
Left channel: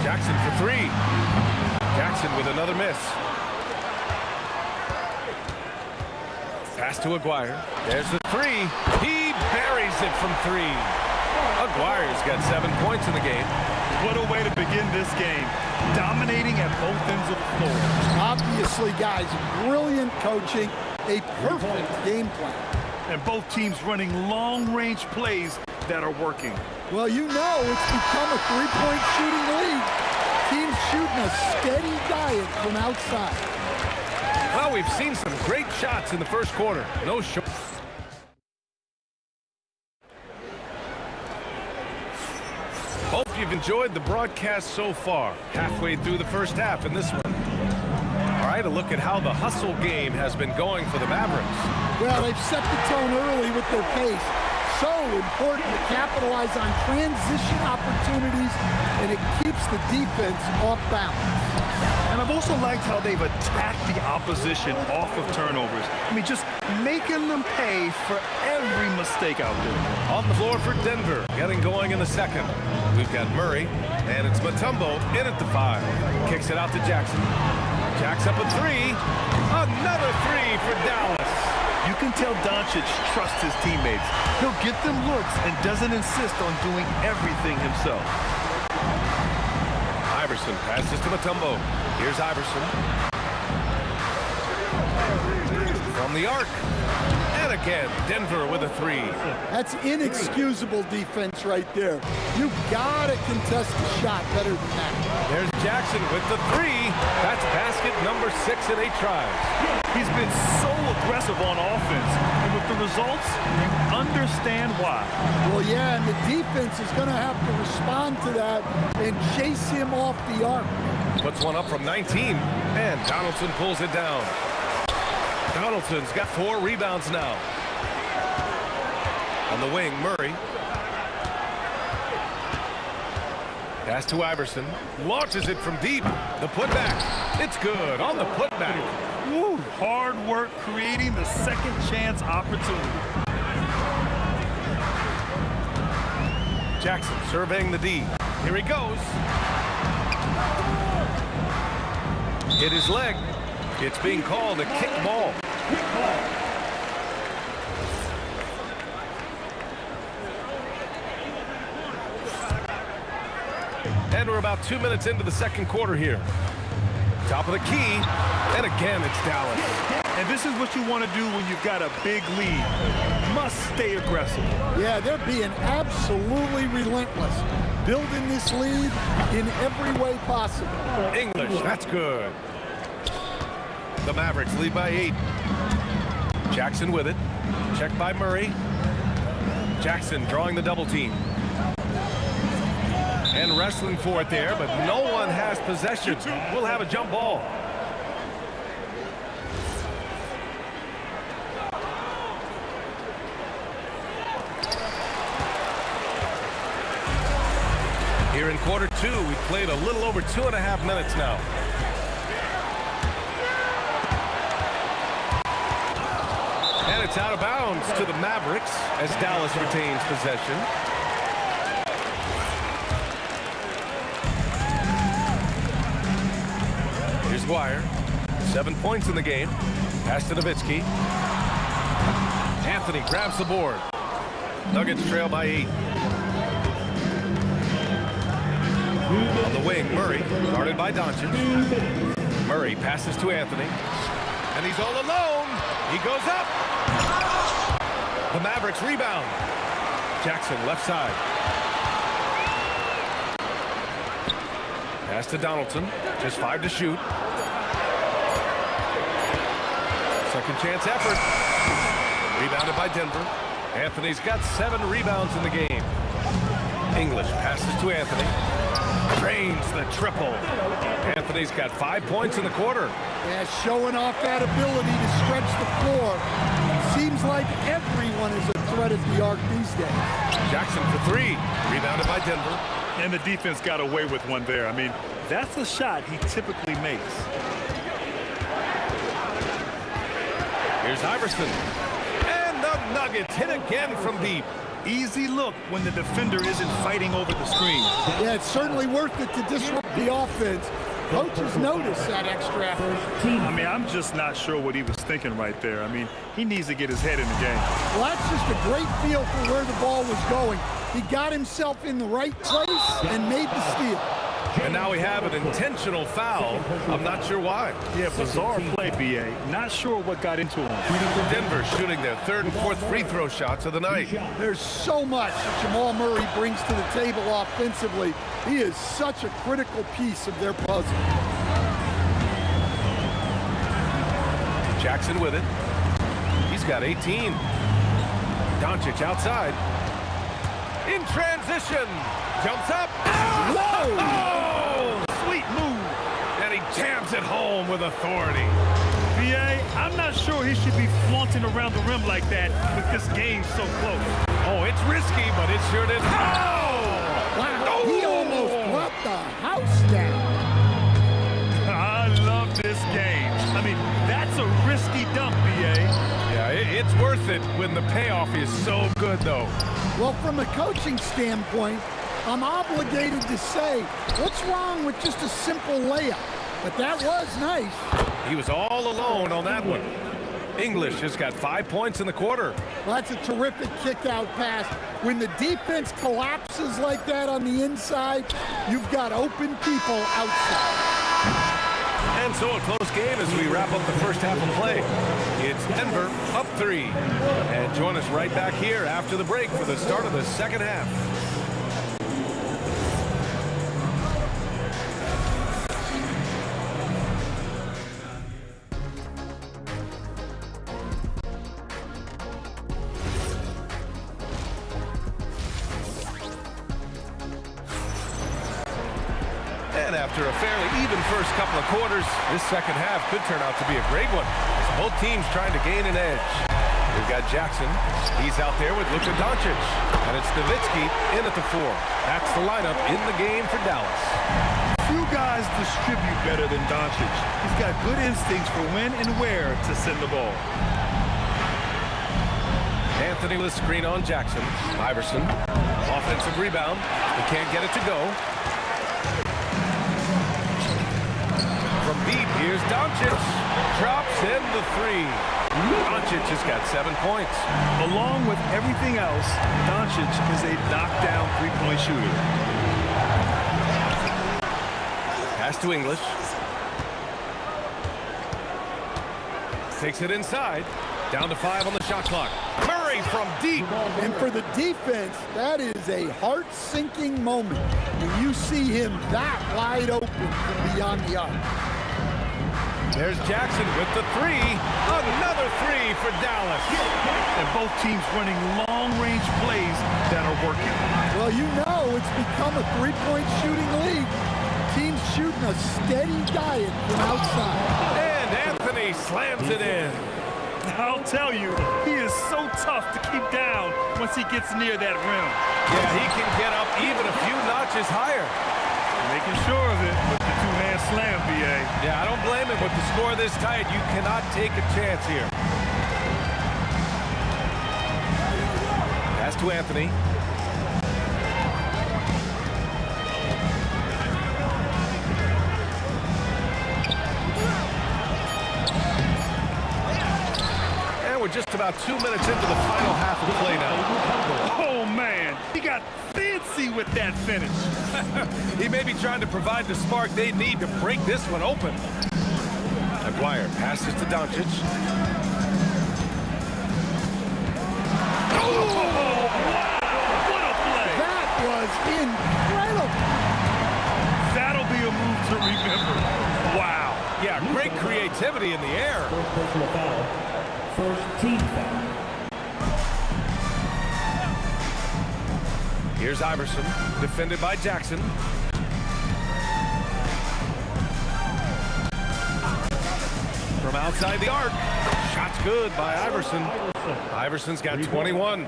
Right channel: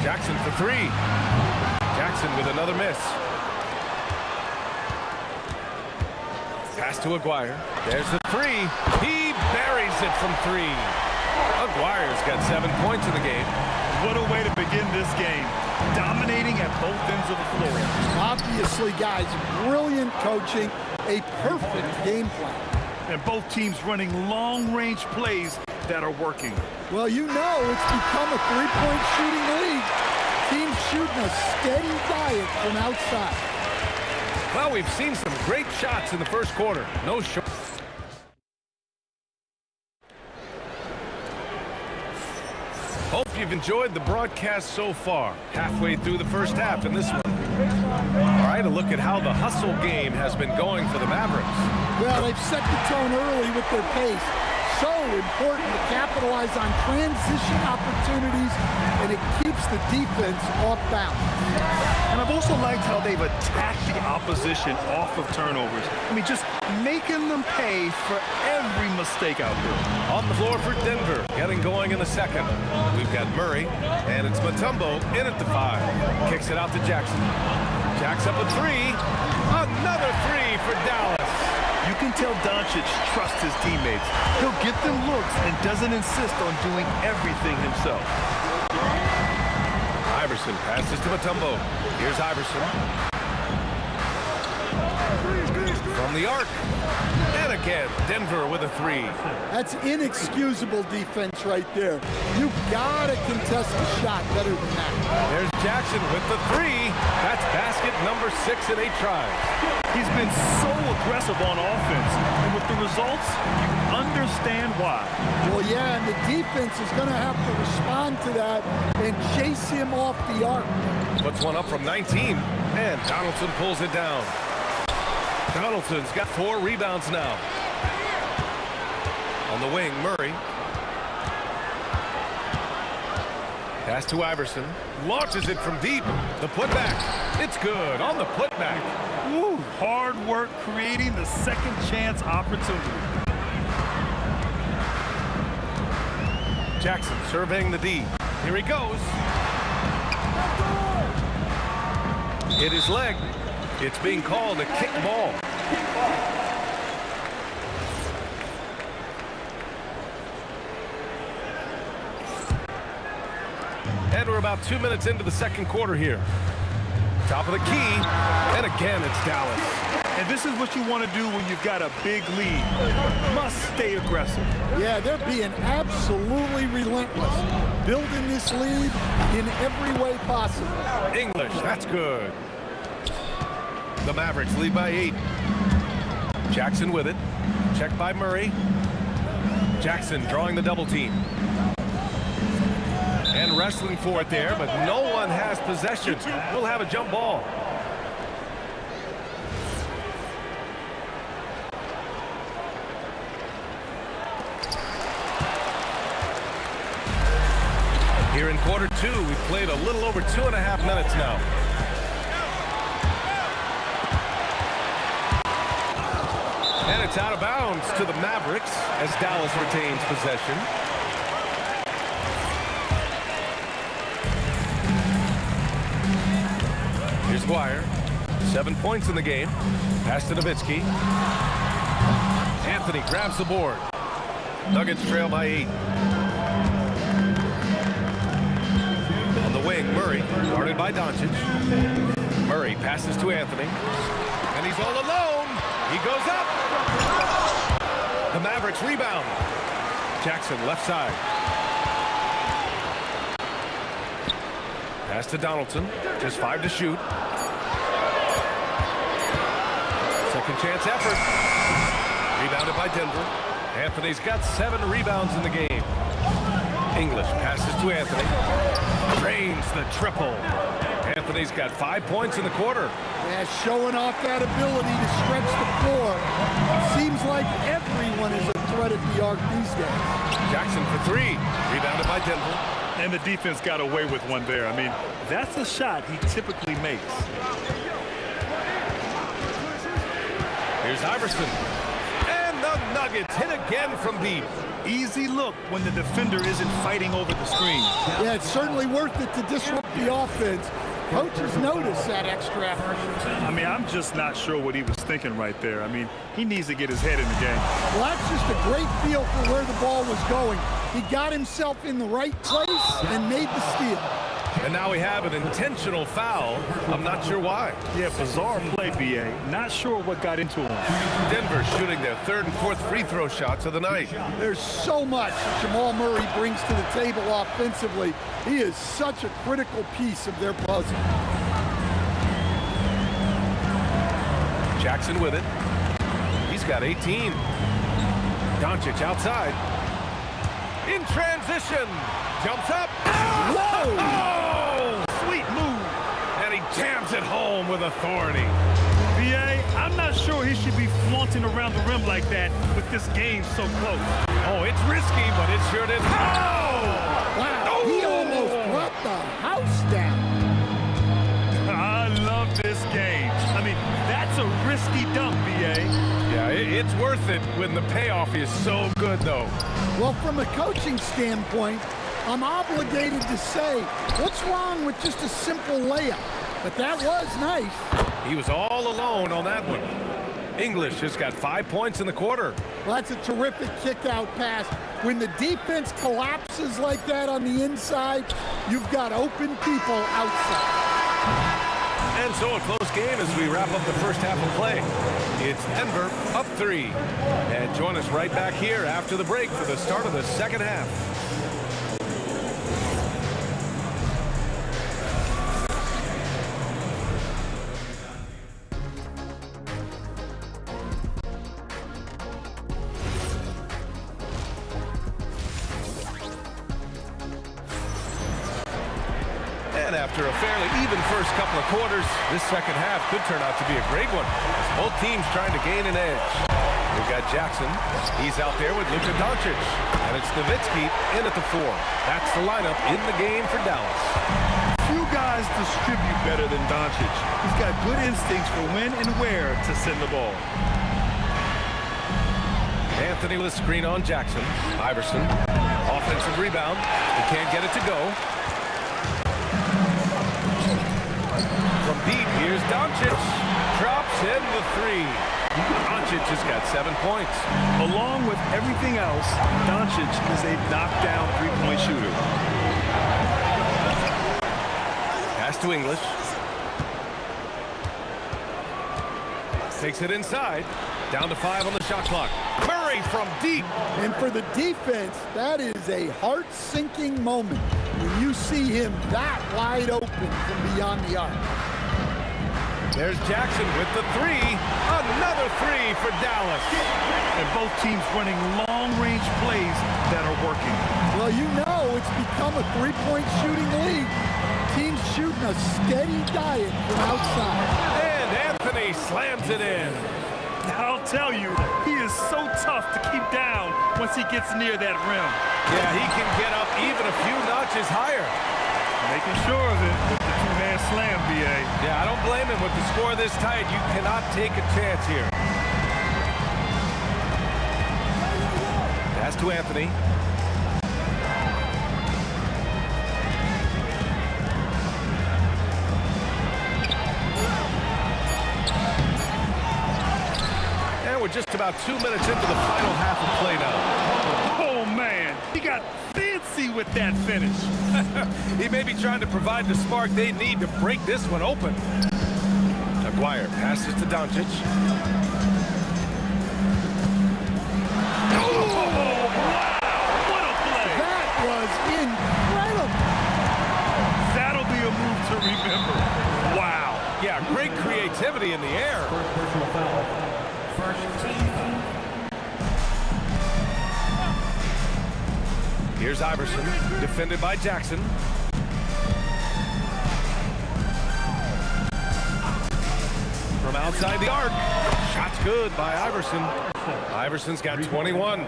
Jackson for 3. Jackson with another miss. Pass to Aguirre. There's the three. He buries it from three. Aguirre's got 7 points in the game. What a way to begin this game. Dominating at both ends of the floor. Obviously, guys, brilliant coaching, a perfect game plan. And both teams running long-range plays that are working. Well, you know it's become a three-point shooting league. Teams shooting a steady diet from outside. Well, we've seen some great shots in the first quarter. No short. Hope you've enjoyed the broadcast so far. Halfway through the first half in this one. All right, a look at how the hustle game has been going for the Mavericks. Well, they've set the tone early with their pace. So important to capitalize on transition opportunities, and it keeps the defense off balance. And I've also liked how they've attacked the opposition off of turnovers. I mean, just making them pay for every mistake out there. On the floor for Denver, getting going in the second. We've got Murray, and it's Mutombo in at the 5. Kicks it out to Jackson. Jacks up a 3. Another 3 for Dallas. You can tell Doncic trusts his teammates. He'll get them looks and doesn't insist on doing everything himself. Iverson passes to Mutombo. Here's Iverson. From the arc. And again, Denver with a 3. That's inexcusable defense right there. You gotta contest the shot better than that. There's Jackson with the 3. That's basket number 6 in 8 tries. He's been so aggressive on offense, and with the results, you understand why. Well, yeah, and the defense is gonna have to respond to that and chase him off the arc. Puts one up from 19, and Donaldson pulls it down. Donaldson's got 4 rebounds now. On the wing, Murray. Pass to Iverson. Launches it from deep. The putback. It's good on the putback. Woo, hard work creating the second chance opportunity. Jackson surveying the D. Here he goes. Hit his leg. It's being called a kick ball. And we're about 2 minutes into the second quarter here. Top of the key, and again it's Dallas. And this is what you want to do when you've got a big lead. Must stay aggressive. Yeah, they're being absolutely relentless, building this lead in every way possible. English, that's good. The Mavericks lead by 8. Jackson with it. Checked by Murray. Jackson drawing the double team. And wrestling for it there, but no one has possession. We'll have a jump ball. Here in quarter 2, we've played a little over 2.5 minutes now. And it's out of bounds to the Mavericks as Dallas retains possession. Here's Aguirre. 7 points in the game. Pass to Nowitzki. Anthony grabs the board. Nuggets trail by 8. On the wing, Murray, guarded by Doncic. Murray passes to Anthony. And he's all alone. He goes up. The Mavericks rebound. Jackson left side. Pass to Donaldson. Just 5 to shoot. Second chance effort. Rebounded by Denver. Anthony's got 7 rebounds in the game. English passes to Anthony. Drains the triple. Anthony's got 5 points in the quarter. Yeah, showing off that ability to stretch the floor. Seems like everyone is a threat at the arc these days. Jackson for 3. Rebounded by Denver. And the defense got away with one there. I mean, that's a shot he typically makes. Here's Iverson. And the Nuggets hit again from deep. Easy look when the defender isn't fighting over the screen. Yeah, it's certainly worth it to disrupt the offense. coaches notice that extra effort. I mean, I'm just not sure what he was thinking right there. I mean, he needs to get his head in the game. Well, that's just a great feel for where the ball was going. He got himself in the right place and made the steal. And now we have an intentional foul. I'm not sure why. Yeah, bizarre play, B.A. Not sure what got into him. Denver shooting their third and fourth free throw shots of the night. There's so much that Jamal Murray brings to the table offensively. He is such a critical piece of their puzzle. Jackson with it. He's got 18. Doncic outside. In transition. Jumps up. Whoa! Oh! Sweet move. And he jams it home with authority. B.A., I'm not sure he should be flaunting around the rim like that with this game so close. Oh, it's risky, but it sure did. Oh! Wow, he almost brought the house down. I love this game. I mean, that's a risky dunk, B.A. Yeah, it's worth it when the payoff is so good, though. Well, from a coaching standpoint, I'm obligated to say, what's wrong with just a simple layup? But that was nice. He was all alone on that one. English has got 5 points in the quarter. Well, that's a terrific kick-out pass. When the defense collapses like that on the inside, you've got open people outside. And so a close game as we wrap up the first half of play. It's Denver up 3. And join us right back here after the break for the start of the second half. And after a fairly even first couple of quarters, this second half could turn out to be a great one as both teams trying to gain an edge. We've got Jackson. He's out there with Luka Doncic. And it's Nowitzki in at the 4. That's the lineup in the game for Dallas. Few guys distribute better than Doncic. He's got good instincts for when and where to send the ball. Anthony with a screen on Jackson. Iverson. Offensive rebound. He can't get it to go. From deep, here's Doncic. Drops in the 3. Doncic has got 7 points. Along with everything else, Doncic is a knockdown three-point shooter. Pass to English. Takes it inside. Down to 5 on the shot clock. Murray from deep. And for the defense, that is a heart-sinking moment when you see him that wide open from beyond the arc. There's Jackson with the 3. Another 3 for Dallas. And both teams running long-range plays that are working. Well, you know it's become a three-point shooting league. Teams shooting a steady diet from outside. And Anthony slams it in. I'll tell you, he is so tough to keep down once he gets near that rim. Yeah, he can get up even a few notches higher. Making sure of it with the two-hand slam, B.A. Yeah, I don't blame him. With the score this tight, you cannot take a chance here. Pass to Anthony. And we're just about 2 minutes into the final half of play now. Oh, man. He got fancy with that finish. He may be trying to provide the spark they need to break this one open. Aguirre passes to Doncic. Oh, wow. What a play. That was incredible. That'll be a move to remember. Wow. Yeah, great creativity in the air. First personal foul. First team foul. Here's Iverson, defended by Jackson. From outside the arc. Shot's good by Iverson. Iverson's got 21.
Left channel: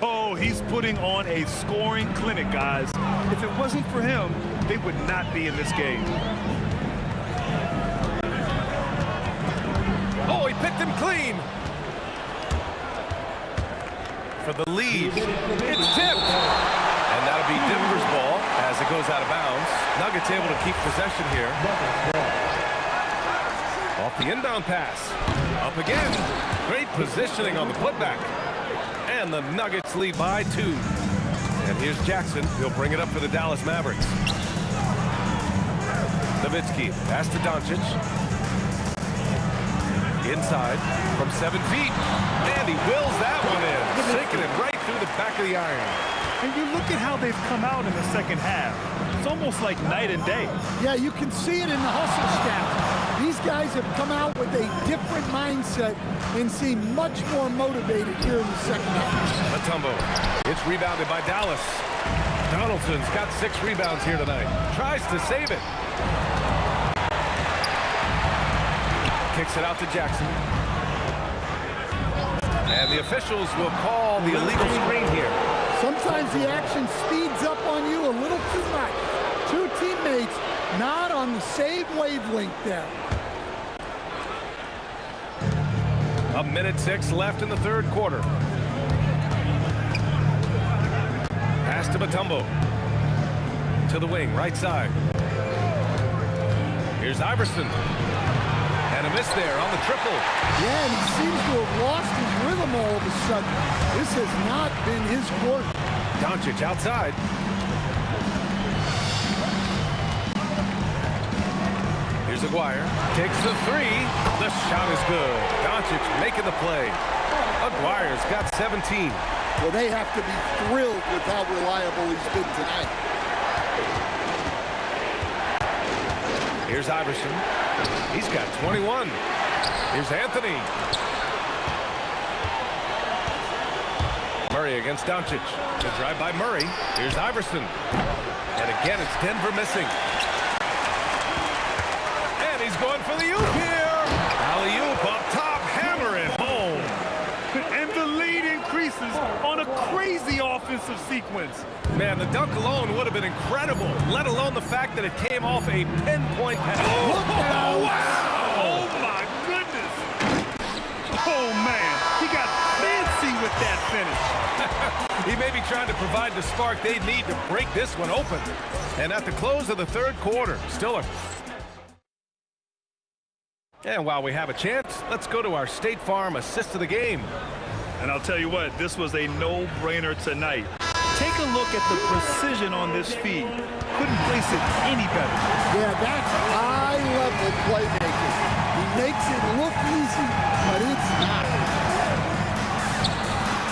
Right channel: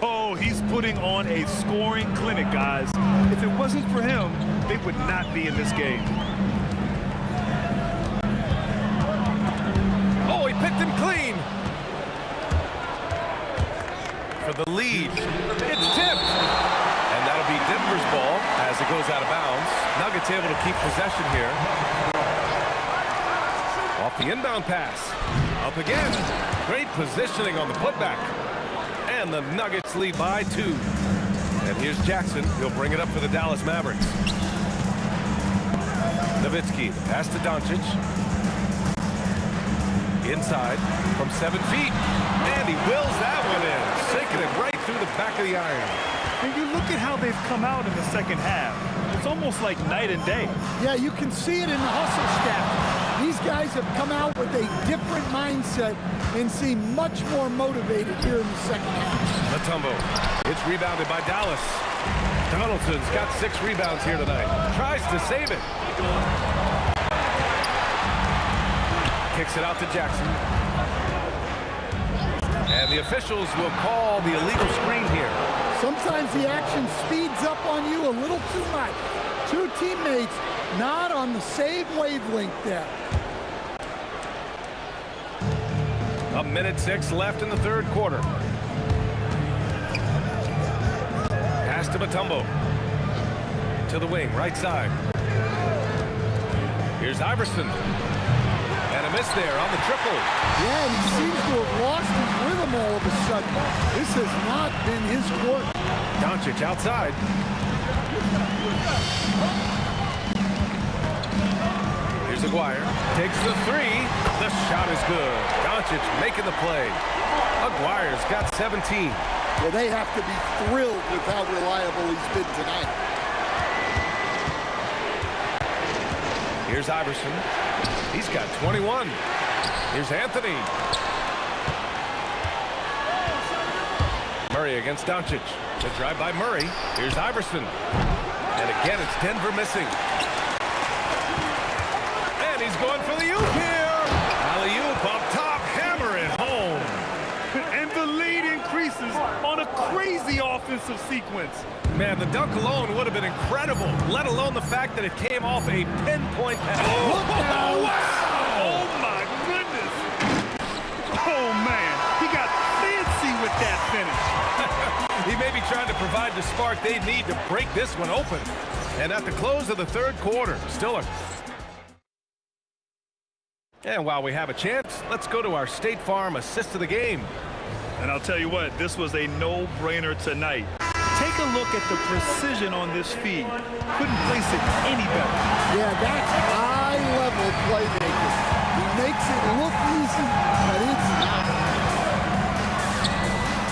Oh, he's putting on a scoring clinic, guys. If it wasn't for him, they would not be in this game. Oh, he picked him clean. For the lead. It's tipped. And that'll be Denver's ball as it goes out of bounds. Nuggets able to keep possession here. Off the inbound pass. Up again. Great positioning on the putback. And the Nuggets lead by 2. And here's Jackson. He'll bring it up for the Dallas Mavericks. Nowitzki, pass to Doncic. Inside from 7 feet. And he wills that one in. Sinking it right through the back of the iron. And you look at how they've come out in the second half. It's almost like night and day. Yeah, you can see it in the hustle stat. These guys have come out with a different mindset and seem much more motivated here in the second half. Mutombo. It's rebounded by Dallas. Donaldson's got 6 rebounds here tonight. Tries to save it. Kicks it out to Jackson. And the officials will call the illegal screen here. Sometimes the action speeds up on you a little too much. 2 teammates not on the same wavelength there. 1:06 left in the third quarter. Pass to Mutombo. To the wing, right side. Here's Iverson. And a miss there on the triple. Yeah, and he seems to have lost his rhythm all of a sudden. This has not been his court. Doncic outside. Here's Aguirre. Takes the 3. The shot is good. Doncic making the play. Aguirre's got 17. Well, they have to be thrilled with how reliable he's been tonight. Here's Iverson. He's got 21. Here's Anthony. Murray against Doncic. The drive by Murray. Here's Iverson. And again, it's Denver missing. And he's going for the oop here. Alley-oop up top. Hammer it home. And the lead increases on a crazy offensive sequence. Man, the dunk alone would have been incredible, let alone the fact that it came off a pinpoint pass. Oh, wow! Oh, my goodness! Oh, man, he got fancy with that finish. He may be trying to provide the spark they need to break this one open. And at the close of the third quarter, still a... And while we have a chance, let's go to our State Farm assist of the game. And I'll tell you what, this was a no-brainer tonight. Take a look at the precision on this feed. Couldn't place it any better. Yeah, that's high-level playmaking. He makes it look easy, but it's not.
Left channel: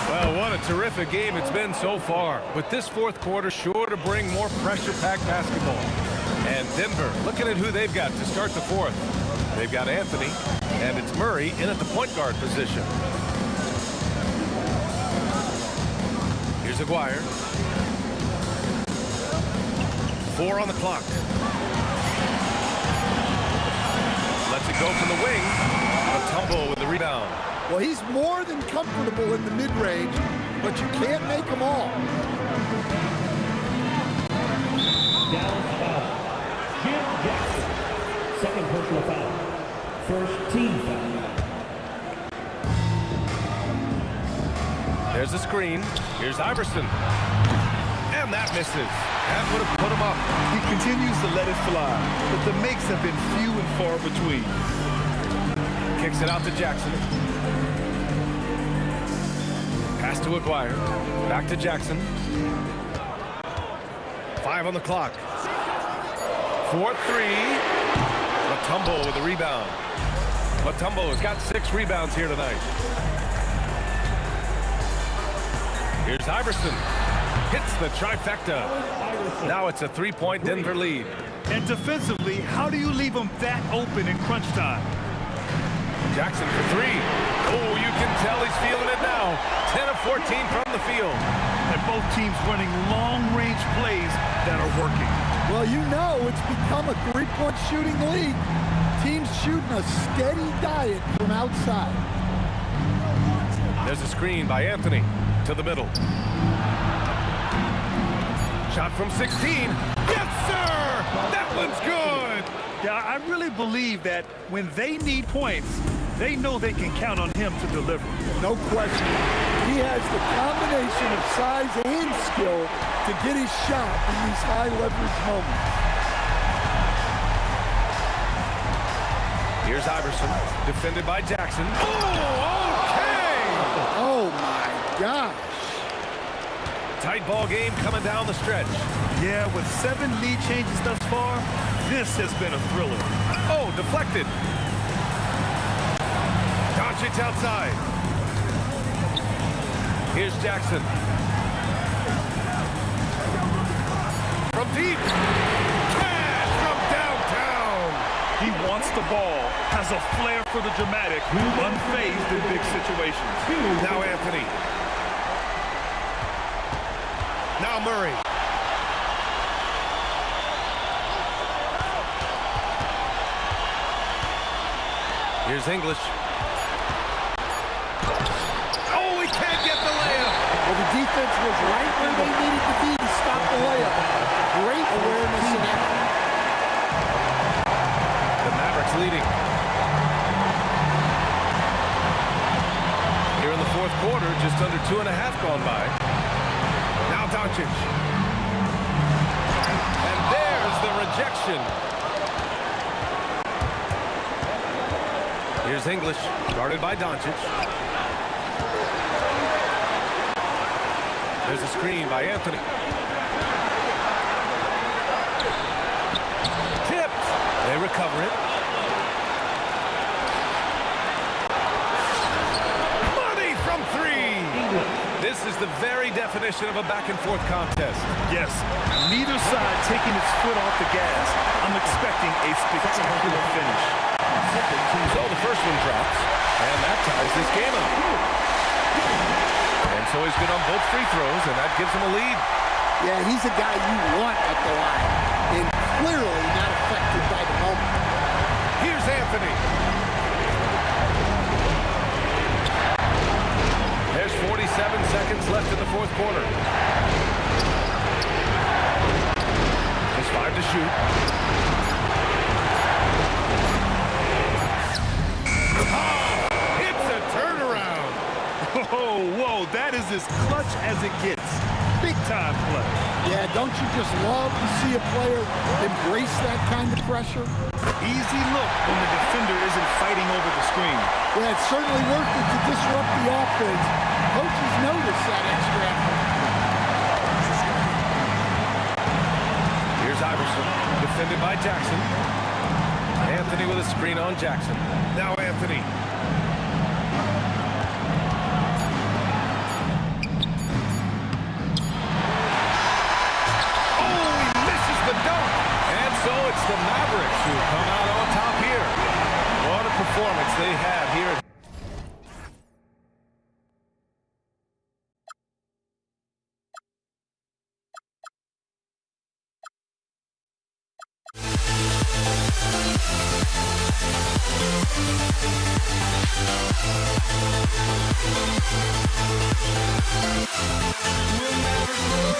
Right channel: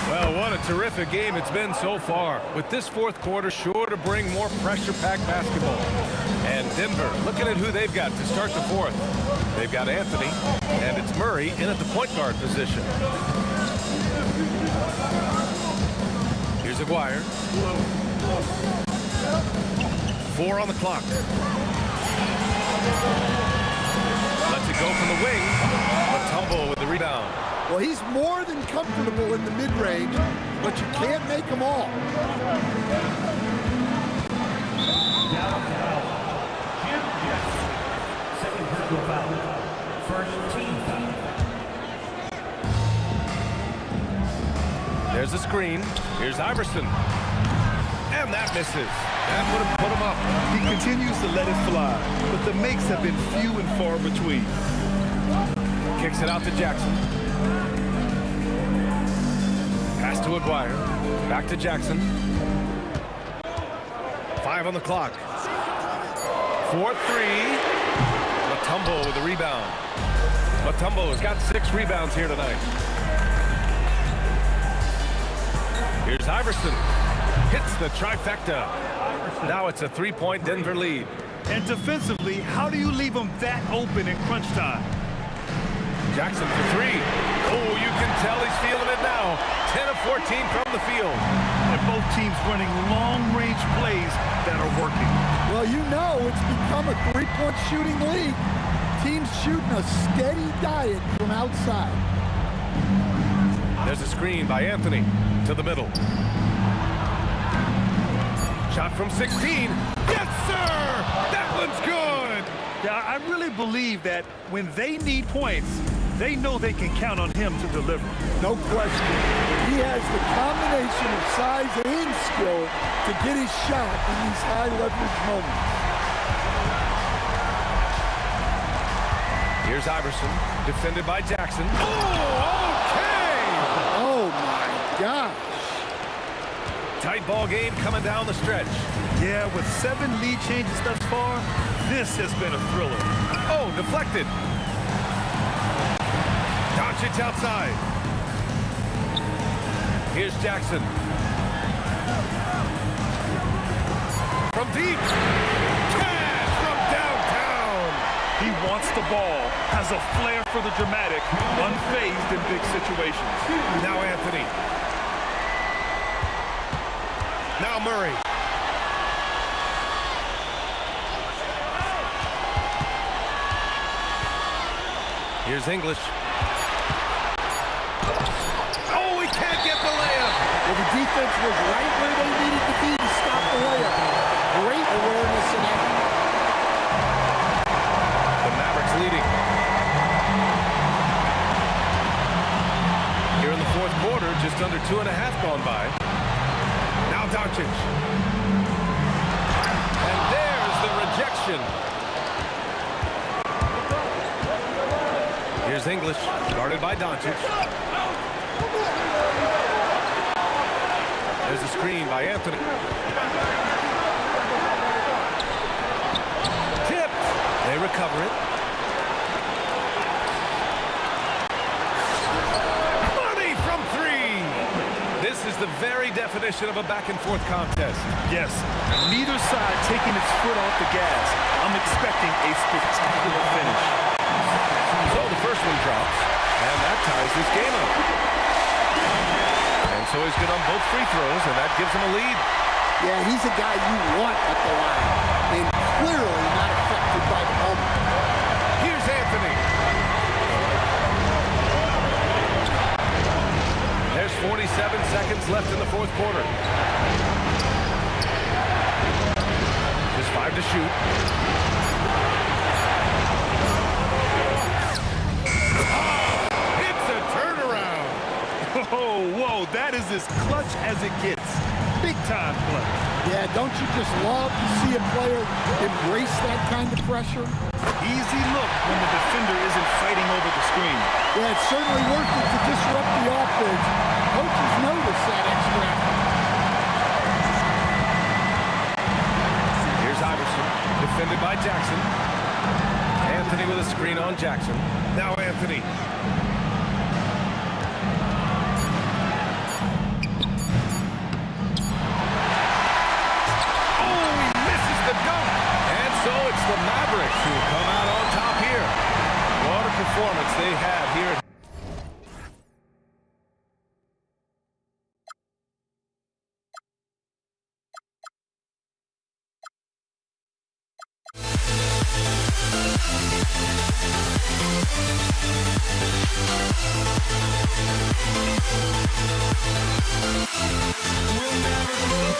Well, what a terrific game it's been so far. With this fourth quarter sure to bring more pressure-packed basketball. And Denver, looking at who they've got to start the fourth. They've got Anthony, and it's Murray in at the point guard position. Here's Aguirre. 4 on the clock. Lets it go from the wing. Mutombo with the rebound. Well, he's more than comfortable in the mid-range, but you can't make them all. Dallas foul. Jim Jackson. Second personal foul. First team foul. There's a screen. Here's Iverson. And that misses. That would have put him up. He continues to let it fly, but the makes have been few and far between. Kicks it out to Jackson. Pass to Aguirre. Back to Jackson. 5 on the clock. 4-3. Mutombo with the rebound. Mutombo has got 6 rebounds here tonight. Here's Iverson. Hits the trifecta. Now it's a 3-point Denver lead. And defensively, how do you leave them that open in crunch time? Jackson for 3. Oh, you can tell he's feeling it now. 10 of 14 from the field. And both teams running long-range plays that are working. Well, you know it's become a three-point shooting league. Teams shooting a steady diet from outside. There's a screen by Anthony to the middle. Shot from 16. Yes, sir! That one's good! Yeah, I really believe that when they need points, They know they can count on him to deliver. No question. He has the combination of size and skill to get his shot in these high leverage moments. Here's Iverson, defended by Jackson. Oh, okay! Oh, my gosh. Tight ball game coming down the stretch. Yeah, with 7 lead changes thus far, this has been a thriller. Oh, deflected. Doncic outside. Here's Jackson. From deep. Cash from downtown. He wants the ball, has a flair for the dramatic, unfazed in big situations. Now Anthony. Now Murray. Here's English. Oh, he can't get the layup. Well, the defense was right where they needed to be to stop the layup. Great awareness and effort. The Mavericks leading. Here in the fourth quarter, just under 2.5 gone by. Now Doncic. And there's the rejection. Here's English, guarded by Doncic. There's a screen by Anthony. Tipped. They recover it. Money from 3. This is the very definition of a back-and-forth contest. Yes, neither side taking its foot off the gas. I'm expecting a spectacular finish. So the first one drops, and that ties this game up. And so he's good on both free throws, and that gives him a lead. Yeah, he's a guy you want at the line, and clearly not affected by the moment. Here's Anthony. There's 47 seconds left in the fourth quarter. Just 5 to shoot. It's a turnaround. Oh, whoa, that is as clutch as it gets. Big time play. Yeah, don't you just love to see a player embrace that kind of pressure? Easy look when the defender isn't fighting over the screen. Yeah, it's certainly worth it to disrupt the offense. Coaches notice that extra effort. Here's Iverson, defended by Jackson. Anthony with a screen on Jackson. Now Anthony. Oh, he misses the dunk. And so it's the Mavericks who come out on top here. What a performance they had here. We'll never grow.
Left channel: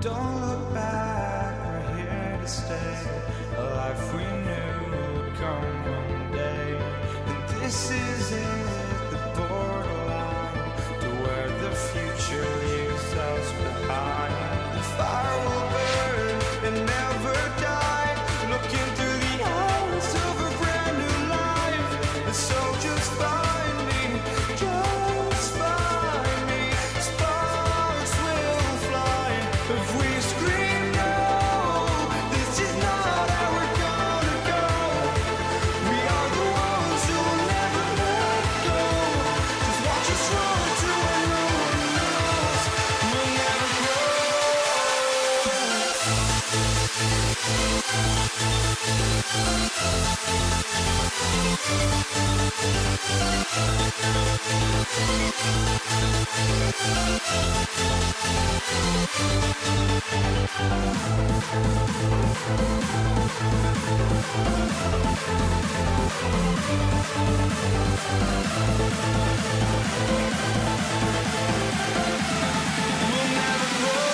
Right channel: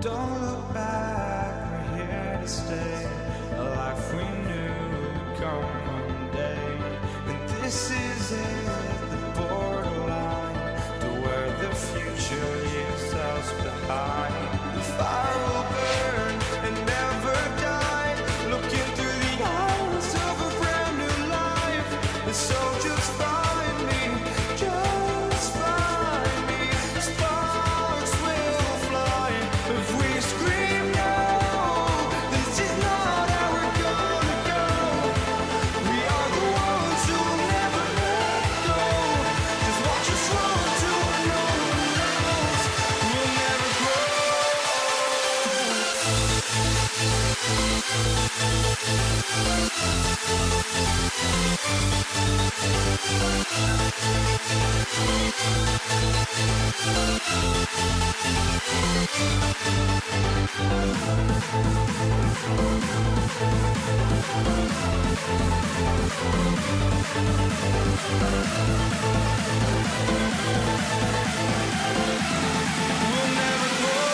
Don't look back, we're here to stay. A life we knew would come one day. And this is it, the borderline to where the future leaves us behind. The fire will burn and never die, looking through the eyes of a brand new life. And so just find me, just find me. Sparks will fly if we scream no. This is not how we're gonna go. We are the ones who will never let go. Just watch us run to where no one knows. We'll never grow. We'll never grow. We'll never grow.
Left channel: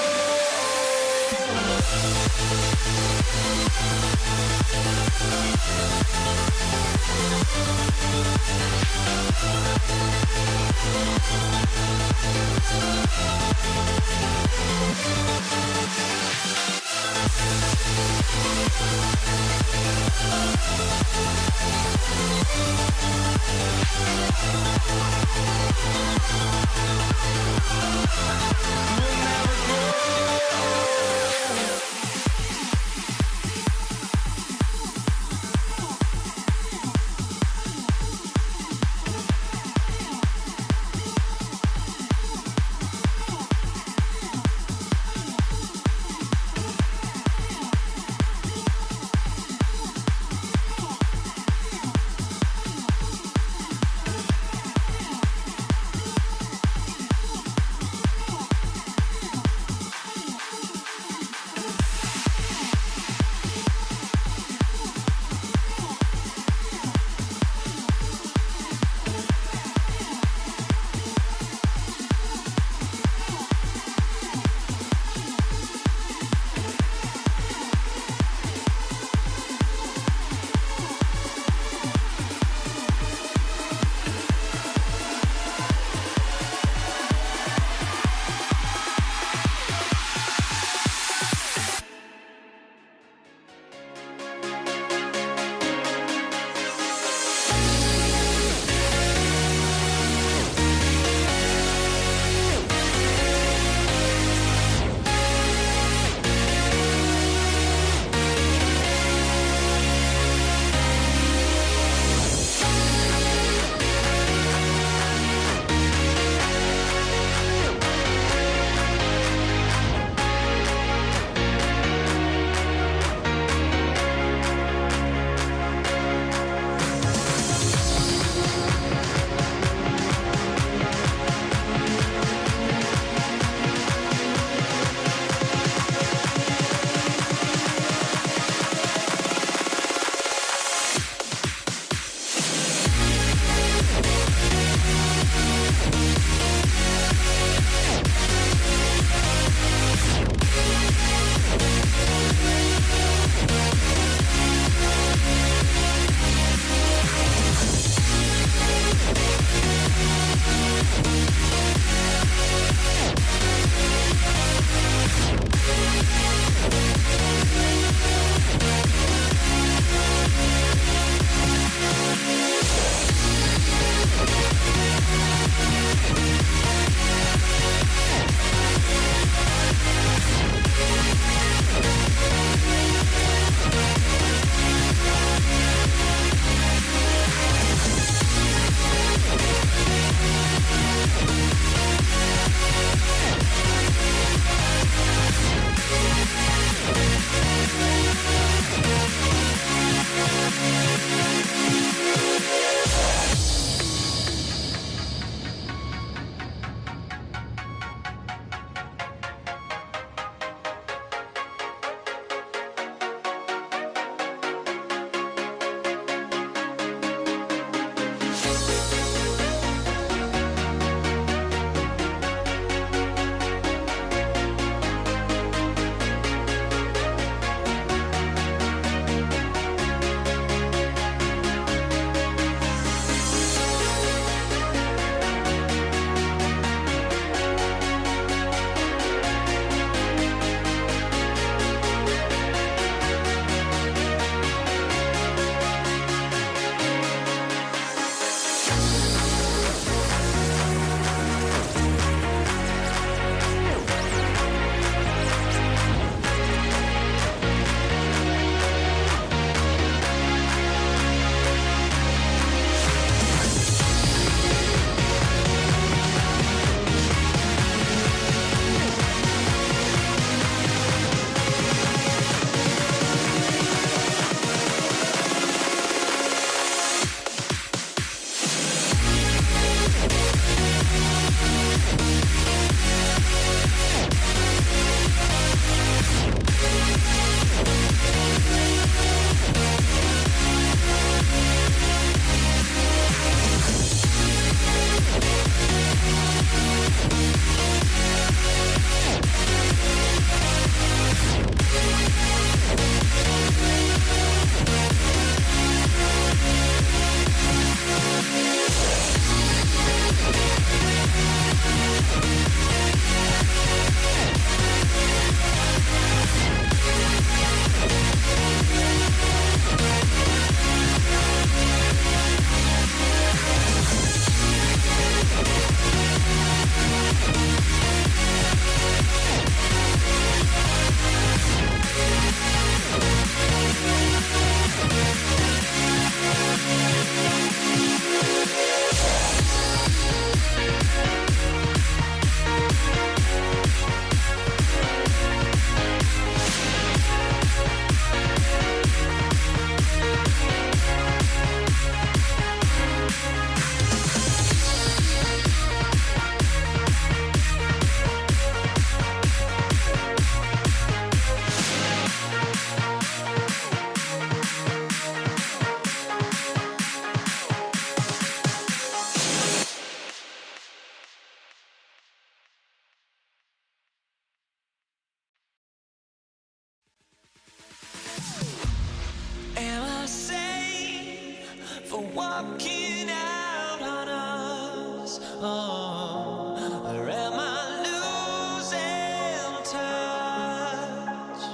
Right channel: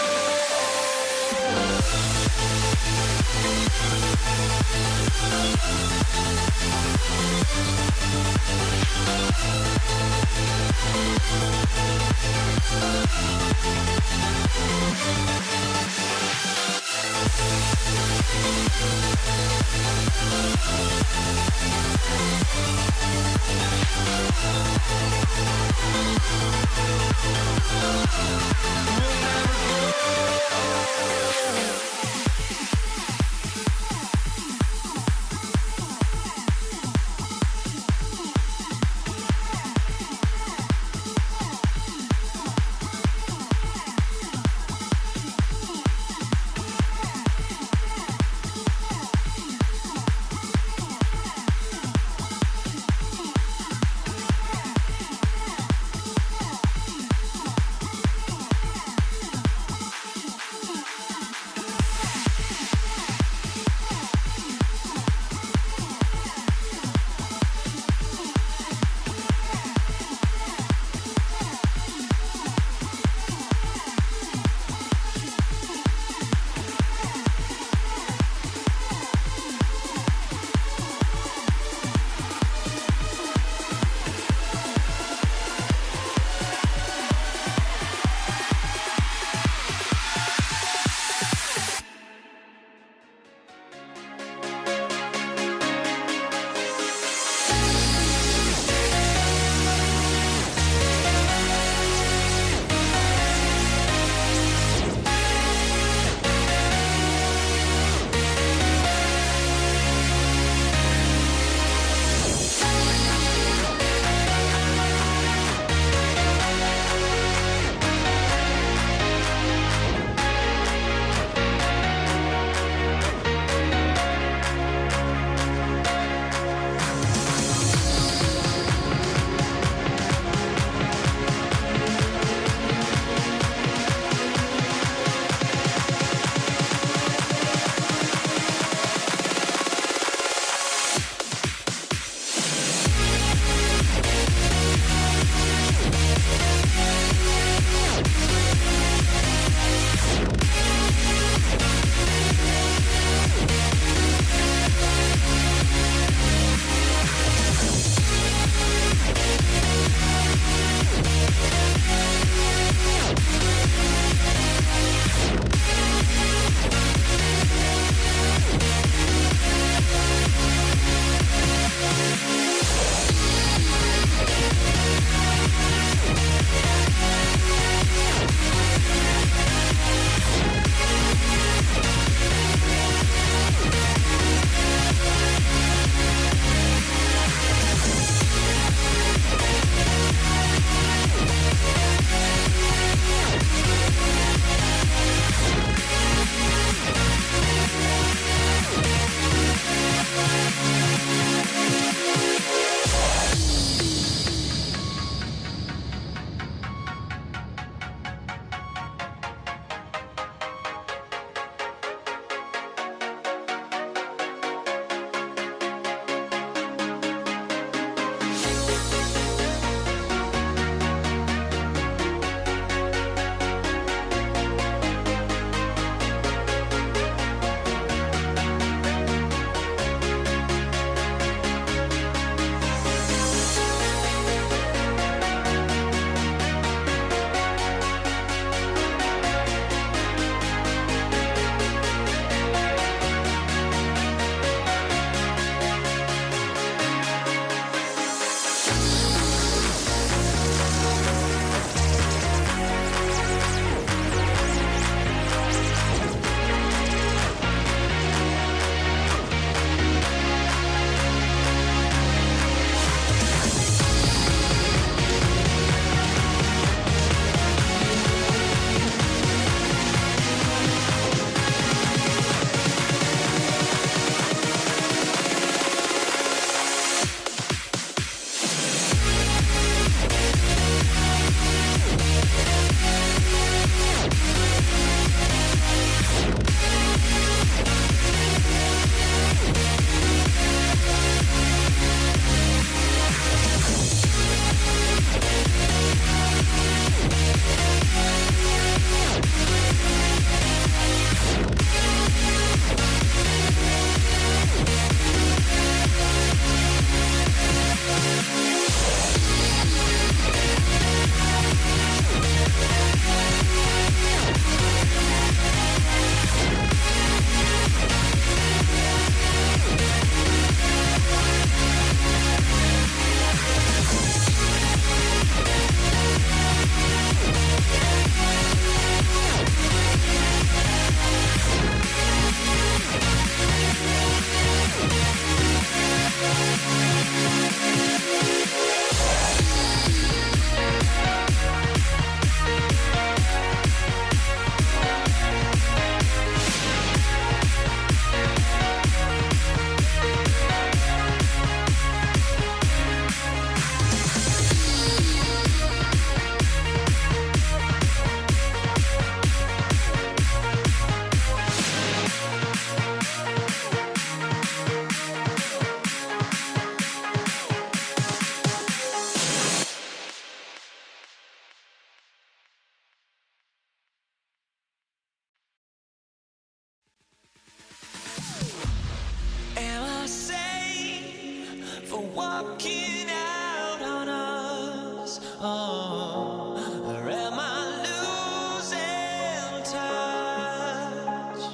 walking out on us? Oh, or am I losing touch?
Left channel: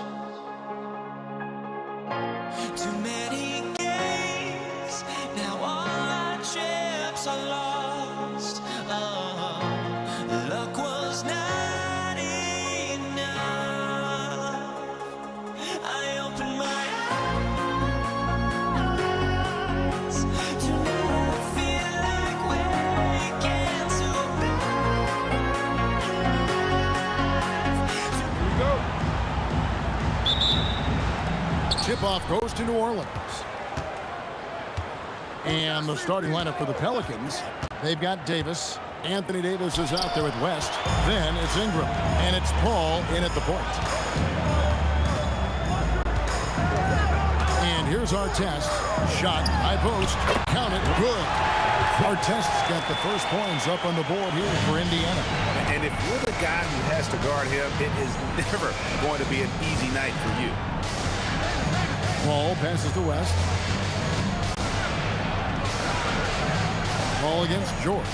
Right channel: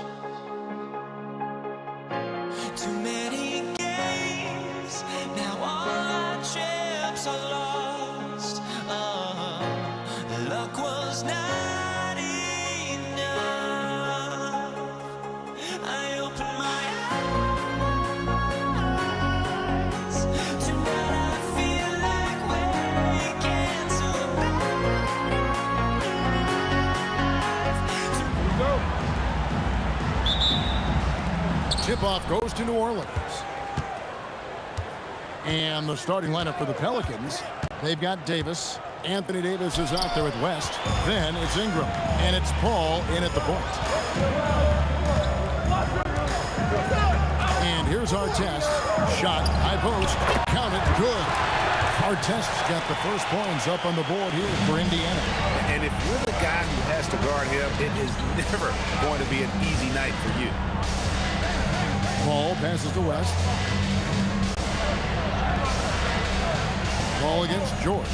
Too many games, now all our chips are lost. Oh, luck was not enough. I opened my eyes. Tonight I feel like waking to life. Tip-off goes to New Orleans. And the starting lineup for the Pelicans, they've got Davis. Anthony Davis is out there with West. Then it's Ingram. And it's Paul in at the point. And here's Artest. Shot, high post, count it, good. Artest's got the first points up on the board here for Indiana. And if you're the guy who has to guard him, it is never going to be an easy night for you. Paul passes to West. Ball against George.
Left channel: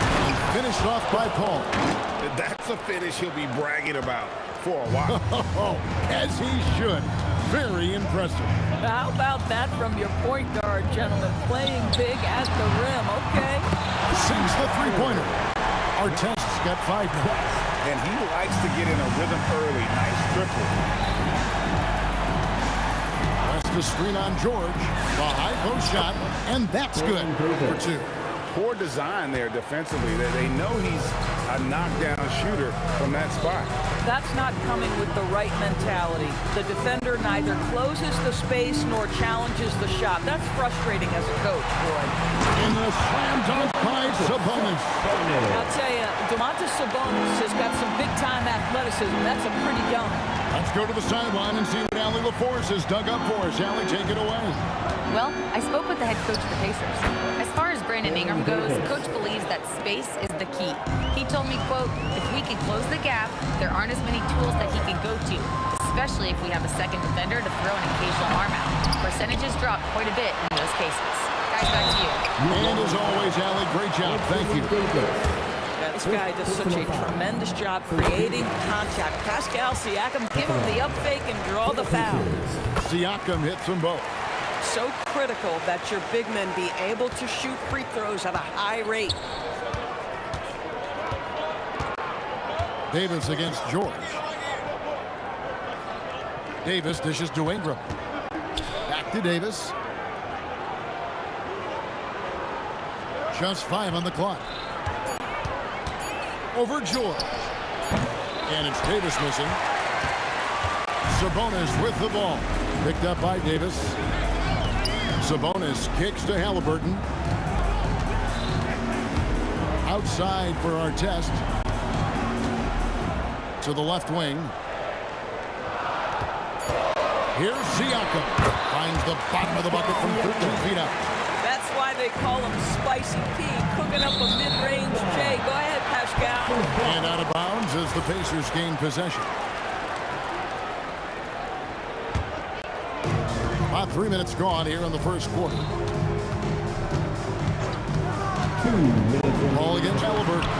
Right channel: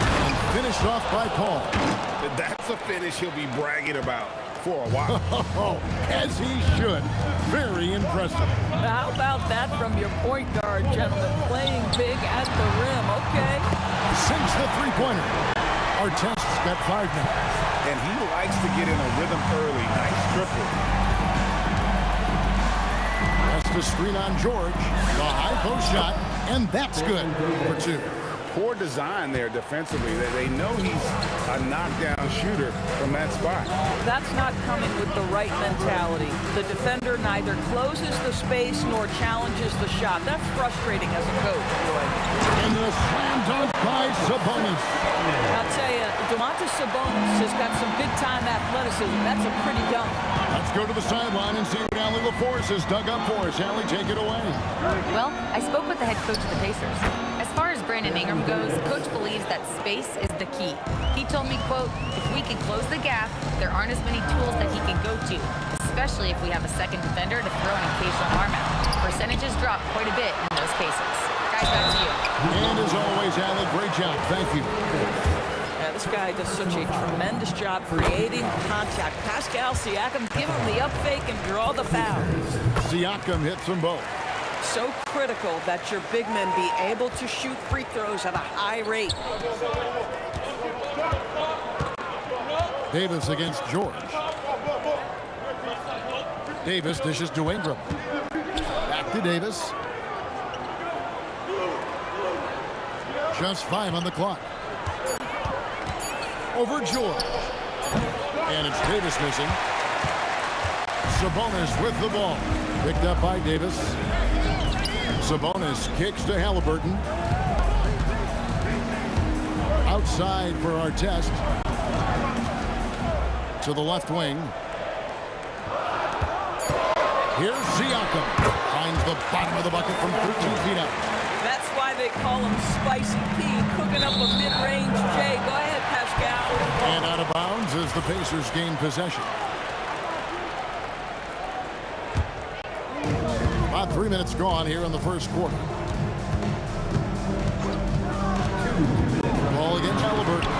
And finished off by Paul. That's a finish he'll be bragging about for a while. As he should. Very impressive. How about that from your point guard, gentlemen? Playing big at the rim, okay? Sinks the three-pointer. Artest's got 5 now. And he likes to get in a rhythm early. Nice triple. West to screen on George. The high post shot, and that's good for 2. Poor design there defensively. They know he's a knockdown shooter from that spot. That's not coming with the right mentality. The defender neither closes the space nor challenges the shot. That's frustrating as a coach, boy. And the slam dunk by Sabonis. I'll tell you, Domantas Sabonis has got some big-time athleticism. That's a pretty young. Let's go to the sideline and see what Allie LaForce has dug up for us. Allie, take it away. Well, I spoke with the head coach of the Pacers. As far as Brandon Ingram goes, coach believes that space is the key. He told me, quote, if we can close the gap, there aren't as many tools that he can go to, especially if we have a second defender to throw an occasional arm out. Percentages drop quite a bit in those cases. Guys, back to you. And as always, Allie, great job. Thank you. Yeah, this guy does such a tremendous job creating contact. Pascal Siakam, give him the up fake and draw the foul. Siakam hits them both. So critical that your big men be able to shoot free throws at a high rate. Davis against George. Davis dishes to Ingram. Back to Davis. Just 5 on the clock. Over George. And it's Davis missing. Sabonis with the ball. Picked up by Davis. Sabonis kicks to Halliburton. Outside for Artest. To the left wing. Here's Siakam. Finds the bottom of the bucket from 13 feet out. That's why they call him Spicy P, cooking up a mid-range J. Go ahead, Pascal. And out of bounds as the Pacers gain possession. About 3 minutes gone here in the first quarter. Ball against Halliburton.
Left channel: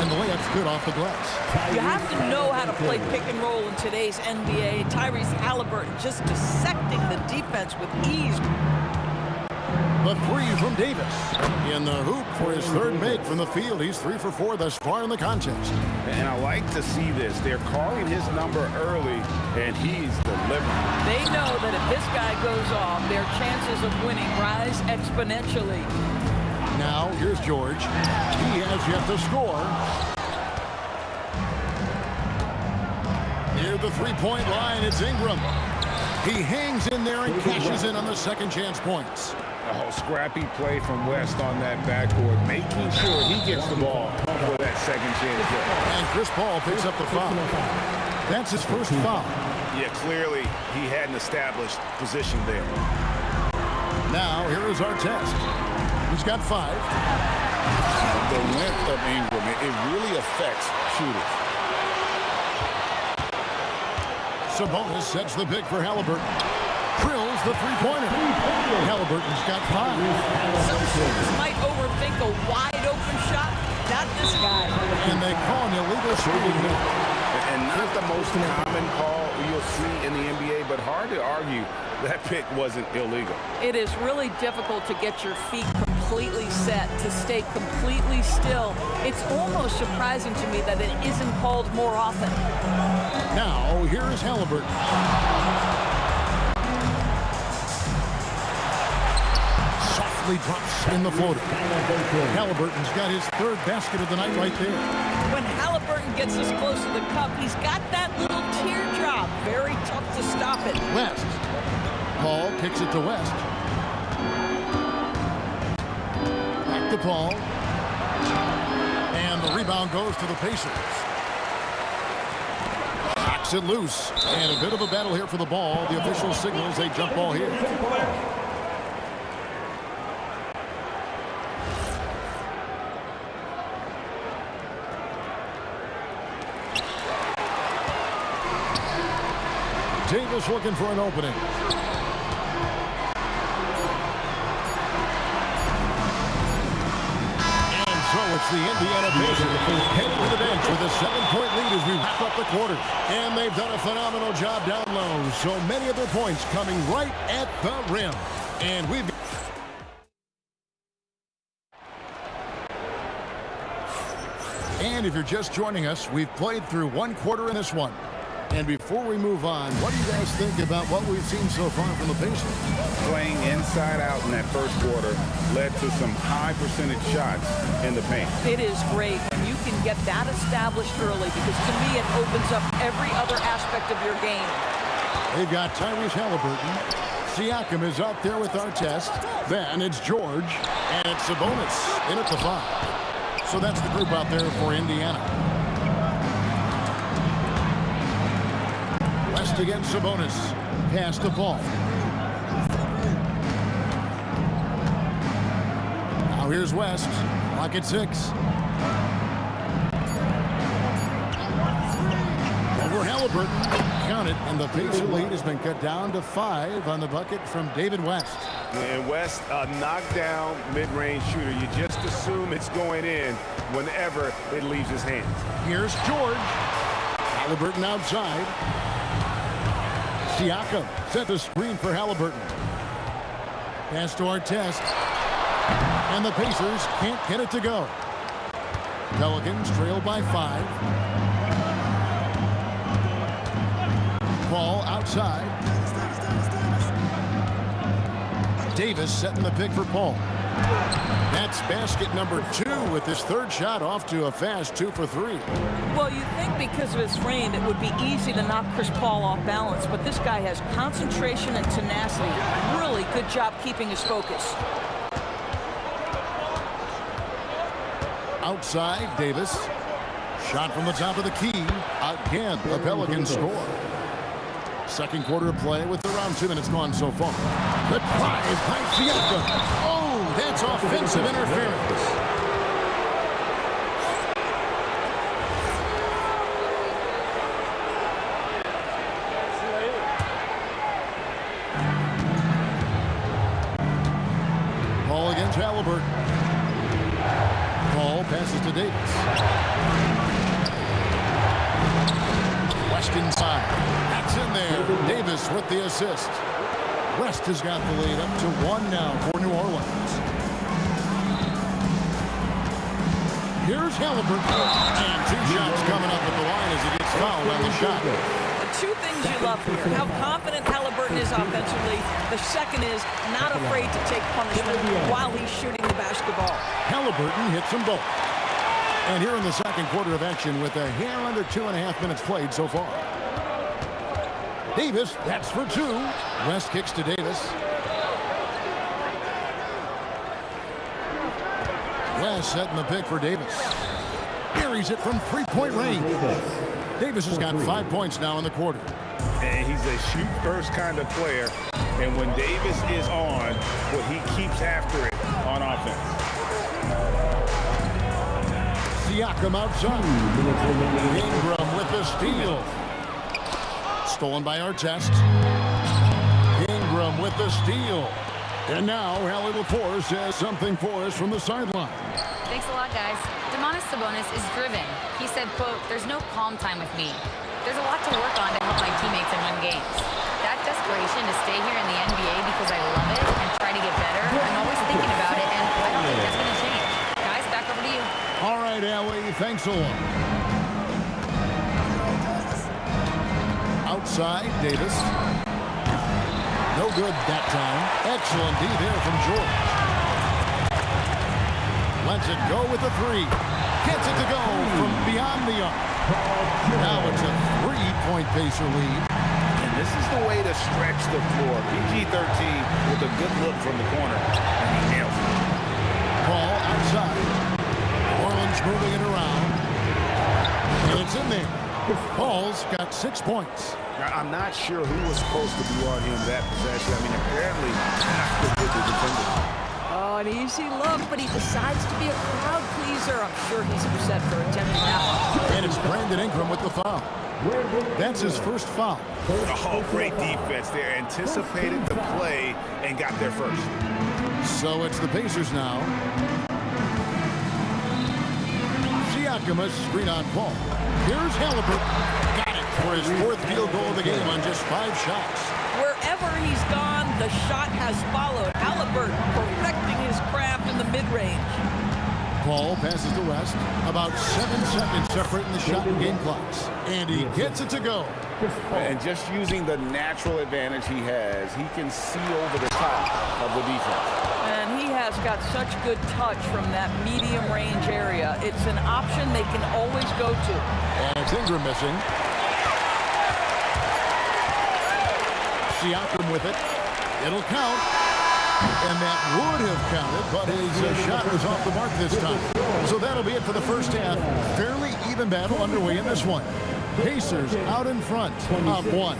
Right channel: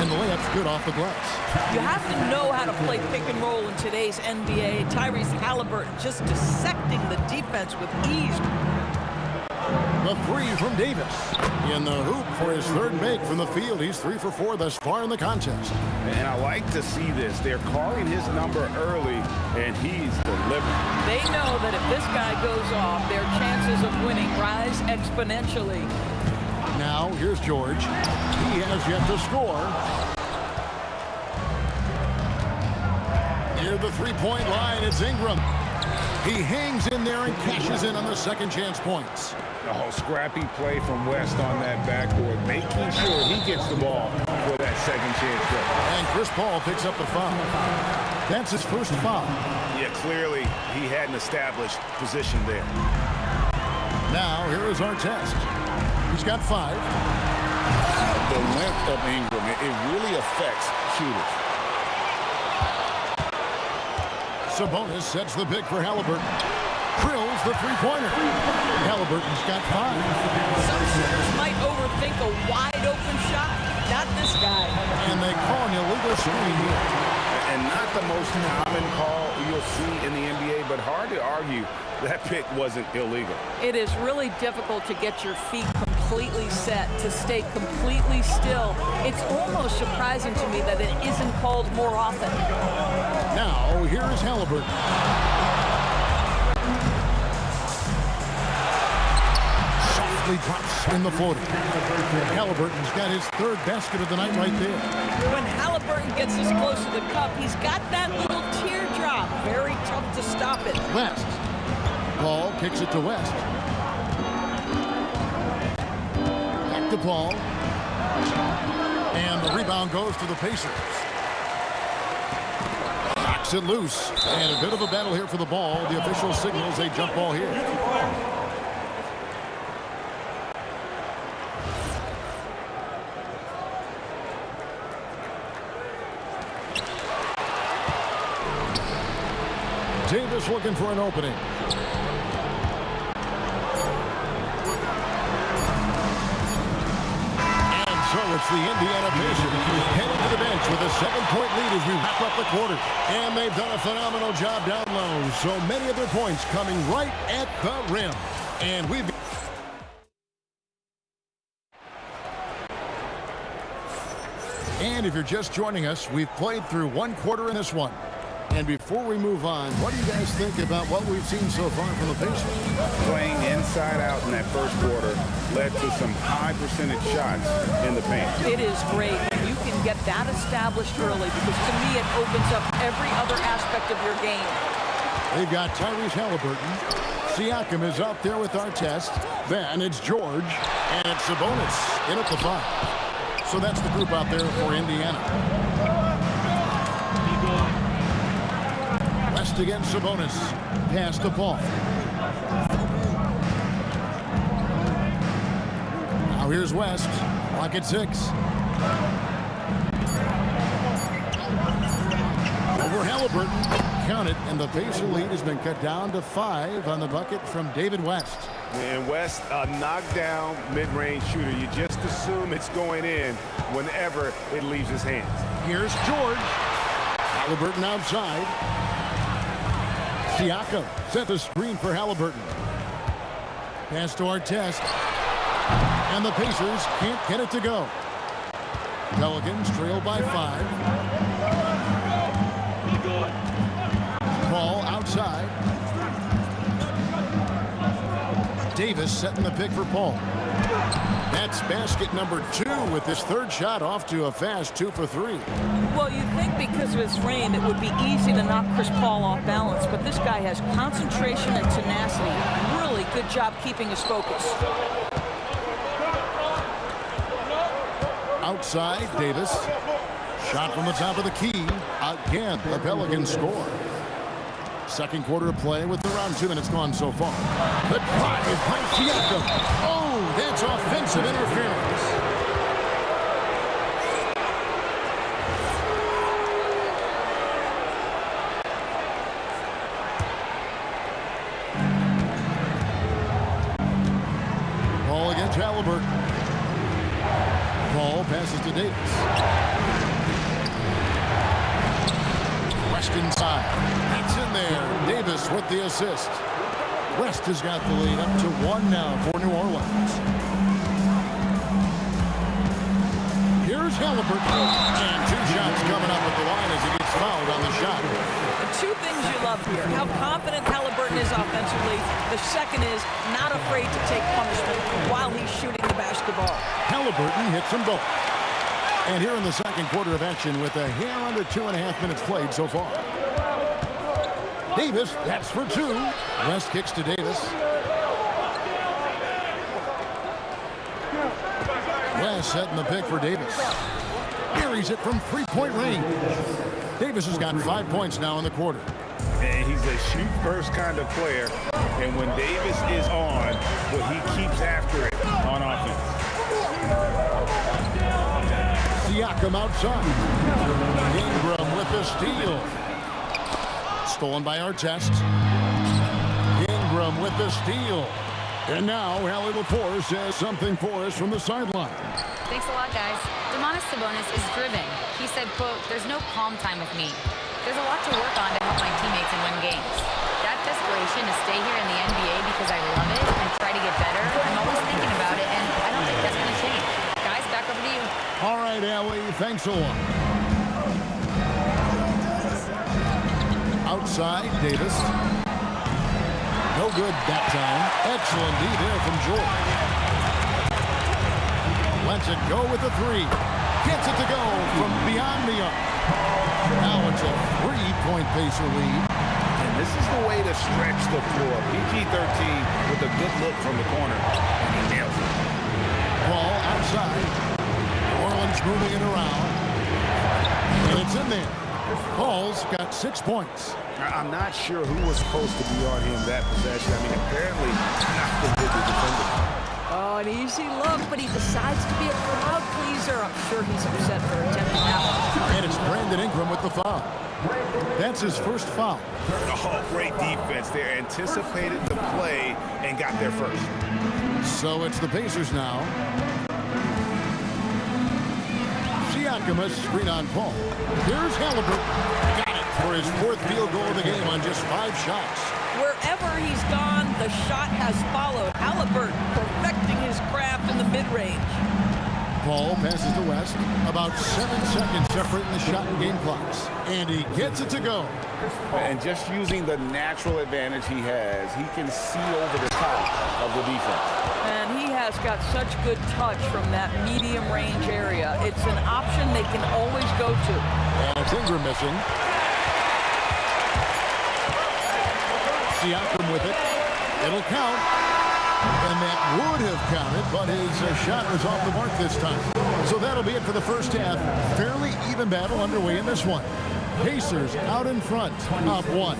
And the layup's good off the glass. You have to know how to play pick and roll in today's NBA. Tyrese Halliburton just dissecting the defense with ease. The 3 from Davis. In the hoop for his 3rd make from the field. He's 3 for 4 thus far in the contest. And I like to see this. They're calling his number early, and he's delivering. They know that if this guy goes off, their chances of winning rise exponentially. Now, here's George. He has yet to score. Near the 3-point line, it's Ingram. He hangs in there and cashes in on the second chance points. Oh, scrappy play from West on that backboard, making sure he gets the ball for that second chance play. And Chris Paul picks up the foul. That's his first foul. Yeah, clearly he had an established position there. Now, here is Artest. He's got 5. The length of Ingram, it really affects shooters. Sabonis sets the pick for Halliburton. drills the three-pointer. Halliburton's got 5. Some shooters might overthink a wide-open shot. Not this guy. And they call an illegal screen here. And not the most common call you'll see in the NBA, but hard to argue that pick wasn't illegal. It is really difficult to get your feet completely set, to stay completely still. It's almost surprising to me that it isn't called more often. Now, here is Halliburton. Softly drops in the floater. Halliburton's got his 3rd basket of the night right there. When Halliburton gets this close to the cup, he's got that little teardrop. Very tough to stop it. West. Paul kicks it to West. Back to Paul. And the rebound goes to the Pacers. Knocks it loose. And a bit of a battle here for the ball. The official signals a jump ball here. Davis looking for an opening. And so it's the Indiana Pacers heading to the bench with a 7-point lead as we wrap up the quarter. And they've done a phenomenal job down low. So many of their points coming right at the rim. And we've... And if you're just joining us, we've played through 1 quarter in this one. And before we move on, what do you guys think about what we've seen so far from the Pacers? Playing inside out in that first quarter led to some high percentage shots in the paint. It is great when you can get that established early, because to me it opens up every other aspect of your game. They've got Tyrese Halliburton. Siakam is out there with Artest. Then it's George. And it's Sabonis in at the 5. So that's the group out there for Indiana. West against Sabonis. Pass to Paul. Now here's West. Clock at 6. Over Halliburton. Count it, and the Pacer lead has been cut down to 5 on the bucket from David West. And West, a knockdown mid-range shooter. You just assume it's going in whenever it leaves his hands. Here's George. Halliburton outside. Siakam set the screen for Halliburton. Pass to Artest. And the Pacers can't get it to go. Pelicans trail by 5. Paul outside. Davis setting the pick for Paul. That's basket number 2 with his 3rd shot off to a fast 2 for 3. Well, you'd think because of his frame it would be easy to knock Chris Paul off balance, but this guy has concentration and tenacity. Really good job keeping his focus. Outside, Davis. Shot from the top of the key. Again, a Pelican score. Second quarter of play with around 2 minutes gone so far. The drive by Siakam. Oh, that's offensive interference. Paul against Halliburton. Paul passes to Davis. West inside. That's in there. Davis with the assist. West has got the lead up to 1 now for New Orleans. Here's Halliburton. And 2 shots coming up at the line as he gets fouled on the shot. The 2 things you love here: how confident Halliburton is offensively. The second is not afraid to take punishment while he's shooting the basketball. Halliburton hits them both. And here in the second quarter of action with a hair under 2.5 minutes played so far. Davis, that's for 2. West kicks to Davis. West setting the pick for Davis. Buries it from 3-point range. Davis has got 5 points now in the quarter. And he's a shoot-first kind of player. And when Davis is on, well, he keeps after it on offense. Siakam outside. Ingram with the steal. Stolen by Artest. Ingram with the steal. And now Allie LaForce has something for us from the sideline. Thanks a lot, guys. Domantas Sabonis is driven. He said, quote, "There's no calm time with me. There's a lot to work on to help my teammates and win games. That desperation to stay here in the NBA because I love it and try to get better, I'm always thinking about it, and I don't think that's going to change." Guys, back over to you. All right, Allie, thanks a lot. Outside, Davis. No good that time. Excellent D there from George. Lets it go with a three. Gets it to go from beyond the arc. Now it's a 3-point Pacer lead. And this is the way to stretch the floor. PG-13 with a good look from the corner, and he nails it. Ball outside. New Orleans moving it around. And it's in there. Paul's got 6 points. I'm not sure who was supposed to be on him that possession. I mean, apparently not the good defender. Oh, an easy look, but he decides to be a crowd pleaser. I'm sure he's upset for attempting that one. And it's Brandon Ingram with the foul. That's his first foul. Oh, great defense there. Anticipated the play and got there first. So it's the Pacers now. Siakam, a screen on Paul. Here's Halliburton. Got it for his 4th field goal of the game on just 5 shots. Wherever he's gone, the shot has followed. Halliburton perfecting his craft in the mid-range. Paul passes to West. About 7 seconds separating the shot and game clocks. And he gets it to go. And just using the natural advantage he has, he can see over the top of the defense. And he has got such good touch from that medium range area. It's an option they can always go to. And it's Ingram missing. Siakam with it. It'll count. And that would have counted, but his shot was off the mark this time. So that'll be it for the first half. Fairly even battle underway in this one. Pacers out in front, up 1.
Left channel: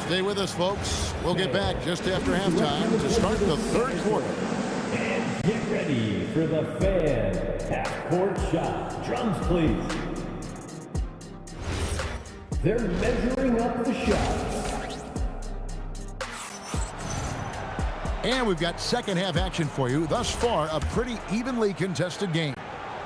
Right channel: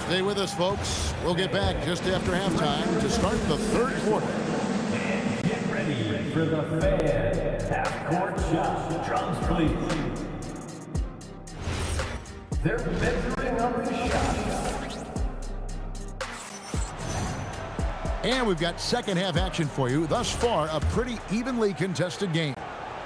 Stay with us, folks. We'll get back just after halftime to start the 3rd quarter. And get ready for the fan half-court shot. Drums, please. They're measuring up the shot. And we've got second half action for you. Thus far, a pretty evenly contested game.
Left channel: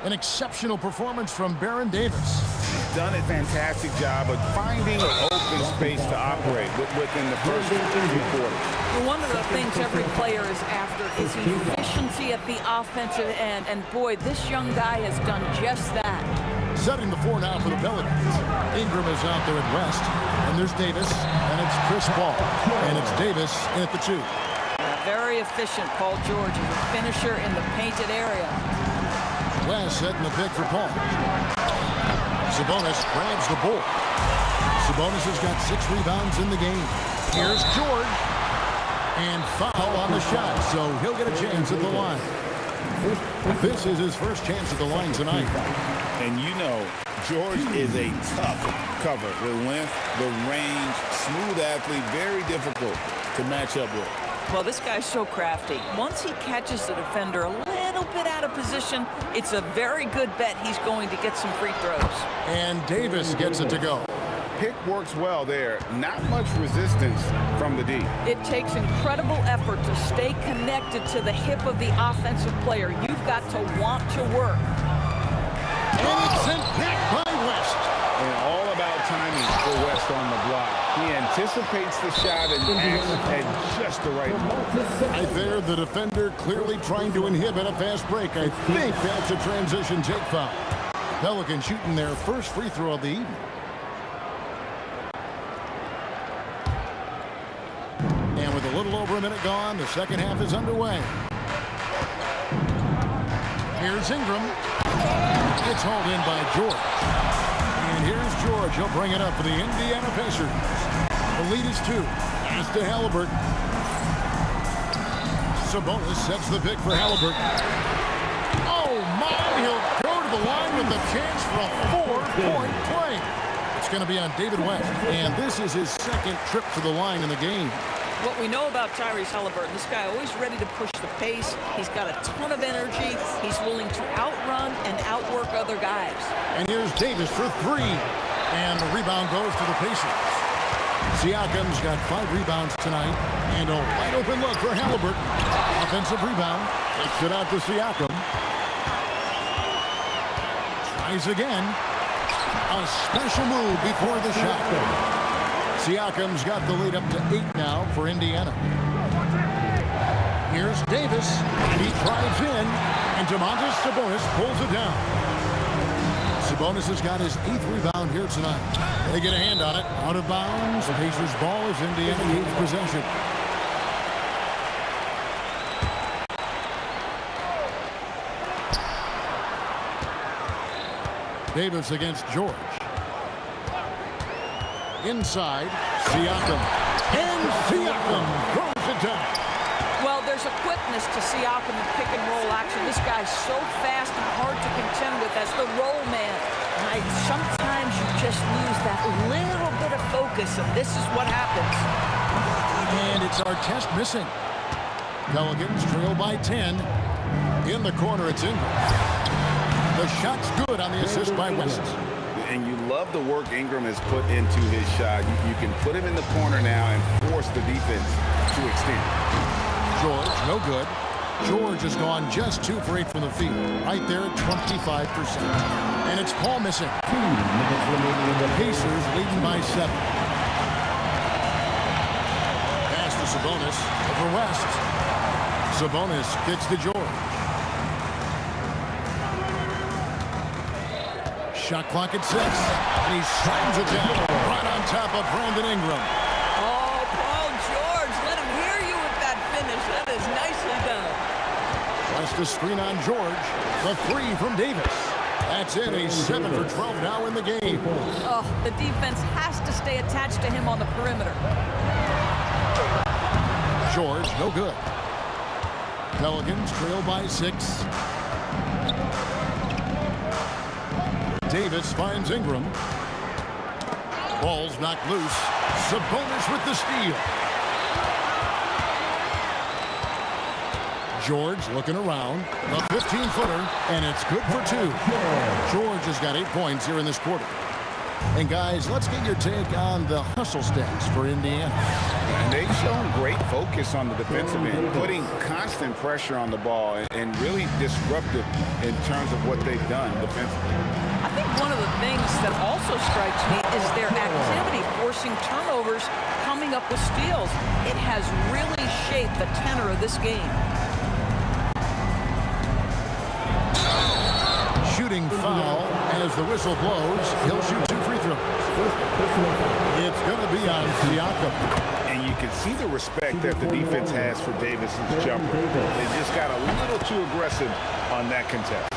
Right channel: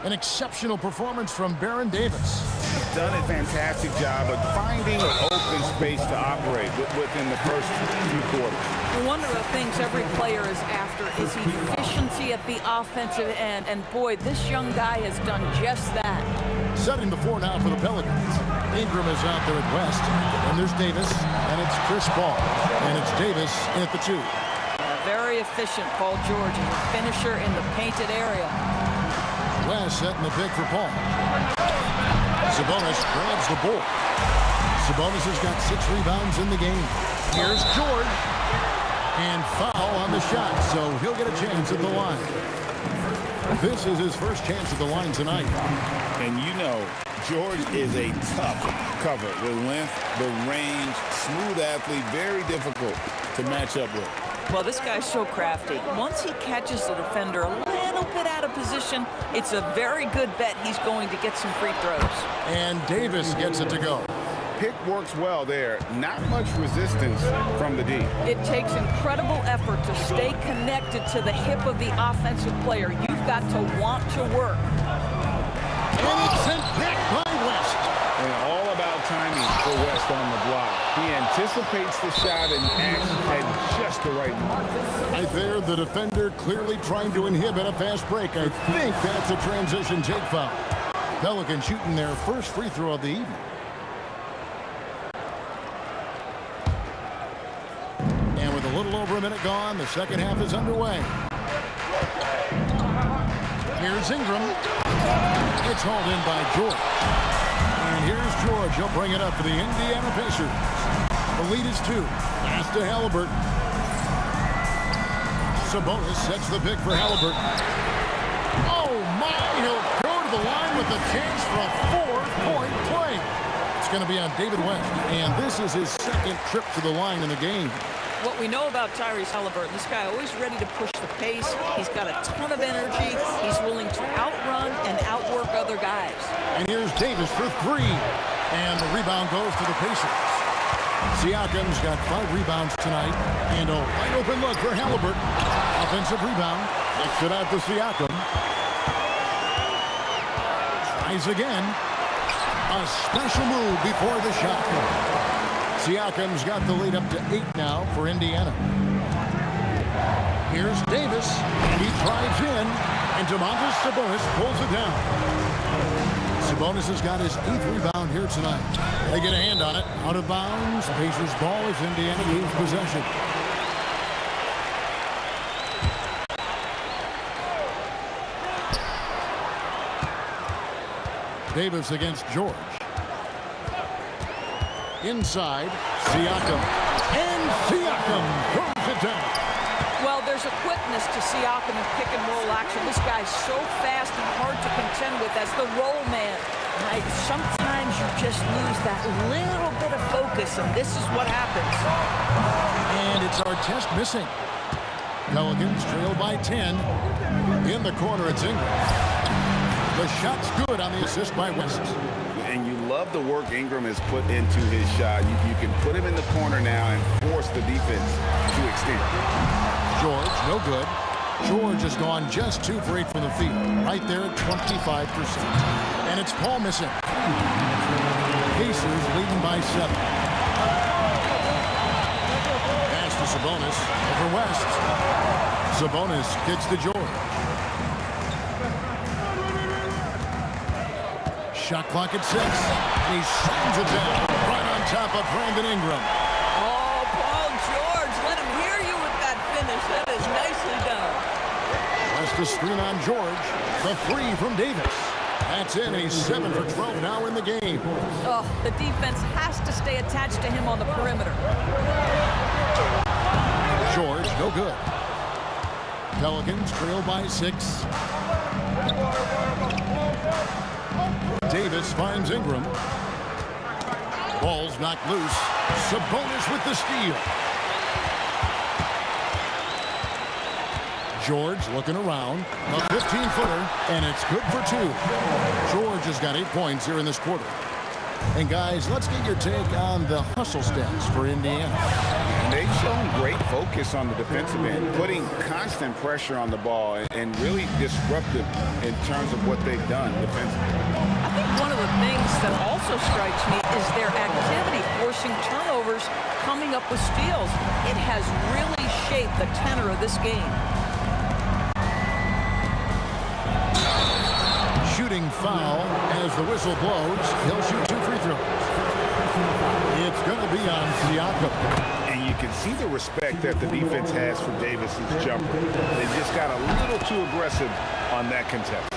An exceptional performance from Baron Davis. He's done a fantastic job of finding open space to operate within the first few quarters. One of the things every player is after is efficiency at the offensive end. And boy, this young guy has done just that. Setting the 4 now for the Pelicans. Ingram is out there at West. And there's Davis. And it's Chris Paul. And it's Davis in at the 2. Yeah, very efficient. Paul George is a finisher in the painted area. West setting the pick for Paul. Sabonis grabs the ball. Sabonis has got 6 rebounds in the game. Here's George. And foul on the shot, so he'll get a chance at the line. This is his first chance at the line tonight. And you know, George is a tough cover. The length, the range, smooth athlete, very difficult to match up with. Well, this guy's so crafty. Once he catches the defender a little bit out of position, it's a very good bet he's going to get some free throws. And Davis gets it to go. Pick works well there. Not much resistance from the D. It takes incredible effort to stay connected to the hip of the offensive player. You've got to want to work. And it's sent back by West. And all about timing for West on the block. He anticipates the shot and acts at just the right moment. Right there, the defender clearly trying to inhibit a fast break. I think that's a transition take foul. Pelicans shooting their first free throw of the evening. And with a little over a minute gone, the second half is underway. Here's Ingram. It's hauled in by George. And here's George. He'll bring it up for the Indiana Pacers. The lead is 2. Pass to Halliburton. Sabonis sets the pick for Halliburton. Oh, my. He'll go to the line with a chance for a 4-point play. It's going to be on David West. And this is his second trip to the line in the game. What we know about Tyrese Halliburton, this guy always ready to push the pace. He's got a ton of energy. He's willing to outrun and outwork other guys. And here's Davis for 3. And the rebound goes to the Pacers. Siakam's got 5 rebounds tonight, and a wide open look for Halliburton. Offensive rebound. Kicks it out to Siakam. Tries again. A special move before the shot. Siakam's got the lead up to 8 now for Indiana. Here's Davis, and he drives in, and Domantas Sabonis pulls it down. Sabonis has got his 8th rebound here tonight. They get a hand on it. Out of bounds. Pacers ball as Indiana keeps possession. Davis against George. Inside, Siakam. And Siakam throws it down. Well, there's a quickness to Siakam in pick-and-roll action. This guy's so fast and hard to contend with as the roll man. Sometimes you just lose that little bit of focus, and this is what happens. And it's Artest missing. Pelicans trail by 10. In the corner, it's Ingram. The shot's good on the assist by West. And you love the work Ingram has put into his shot. You can put him in the corner now and force the defense to extend. George, no good. George has gone just 2 for 8 from the field. Right there at 25%. And it's Paul missing. Pacers leading by 7. Pass to Sabonis over West. Sabonis kicks to George. Shot clock at 6. And he slams it down right on top of Brandon Ingram. Oh, Paul George, let him hear you with that finish. That is nicely done. West a screen on George. The 3 from Davis. That's in. He's 7 for 12 now in the game. Oh, the defense has to stay attached to him on the perimeter. George, no good. Pelicans trail by 6. Davis finds Ingram. Ball's knocked loose. Sabonis with the steal. George looking around. A 15-footer, and it's good for 2. George has got 8 points here in this quarter. And guys, let's get your take on the hustle stats for Indiana. And they've shown great focus on the defensive end, putting constant pressure on the ball and really disruptive in terms of what they've done defensively. I think one of the things that also strikes me is their activity forcing turnovers, coming up with steals. It has really shaped the tenor of this game. Shooting foul as the whistle blows. He'll shoot 2 free throws. It's going to be on Siakam. And you can see the respect that the defense has for Davis's jumper. They just got a little too aggressive on that contest.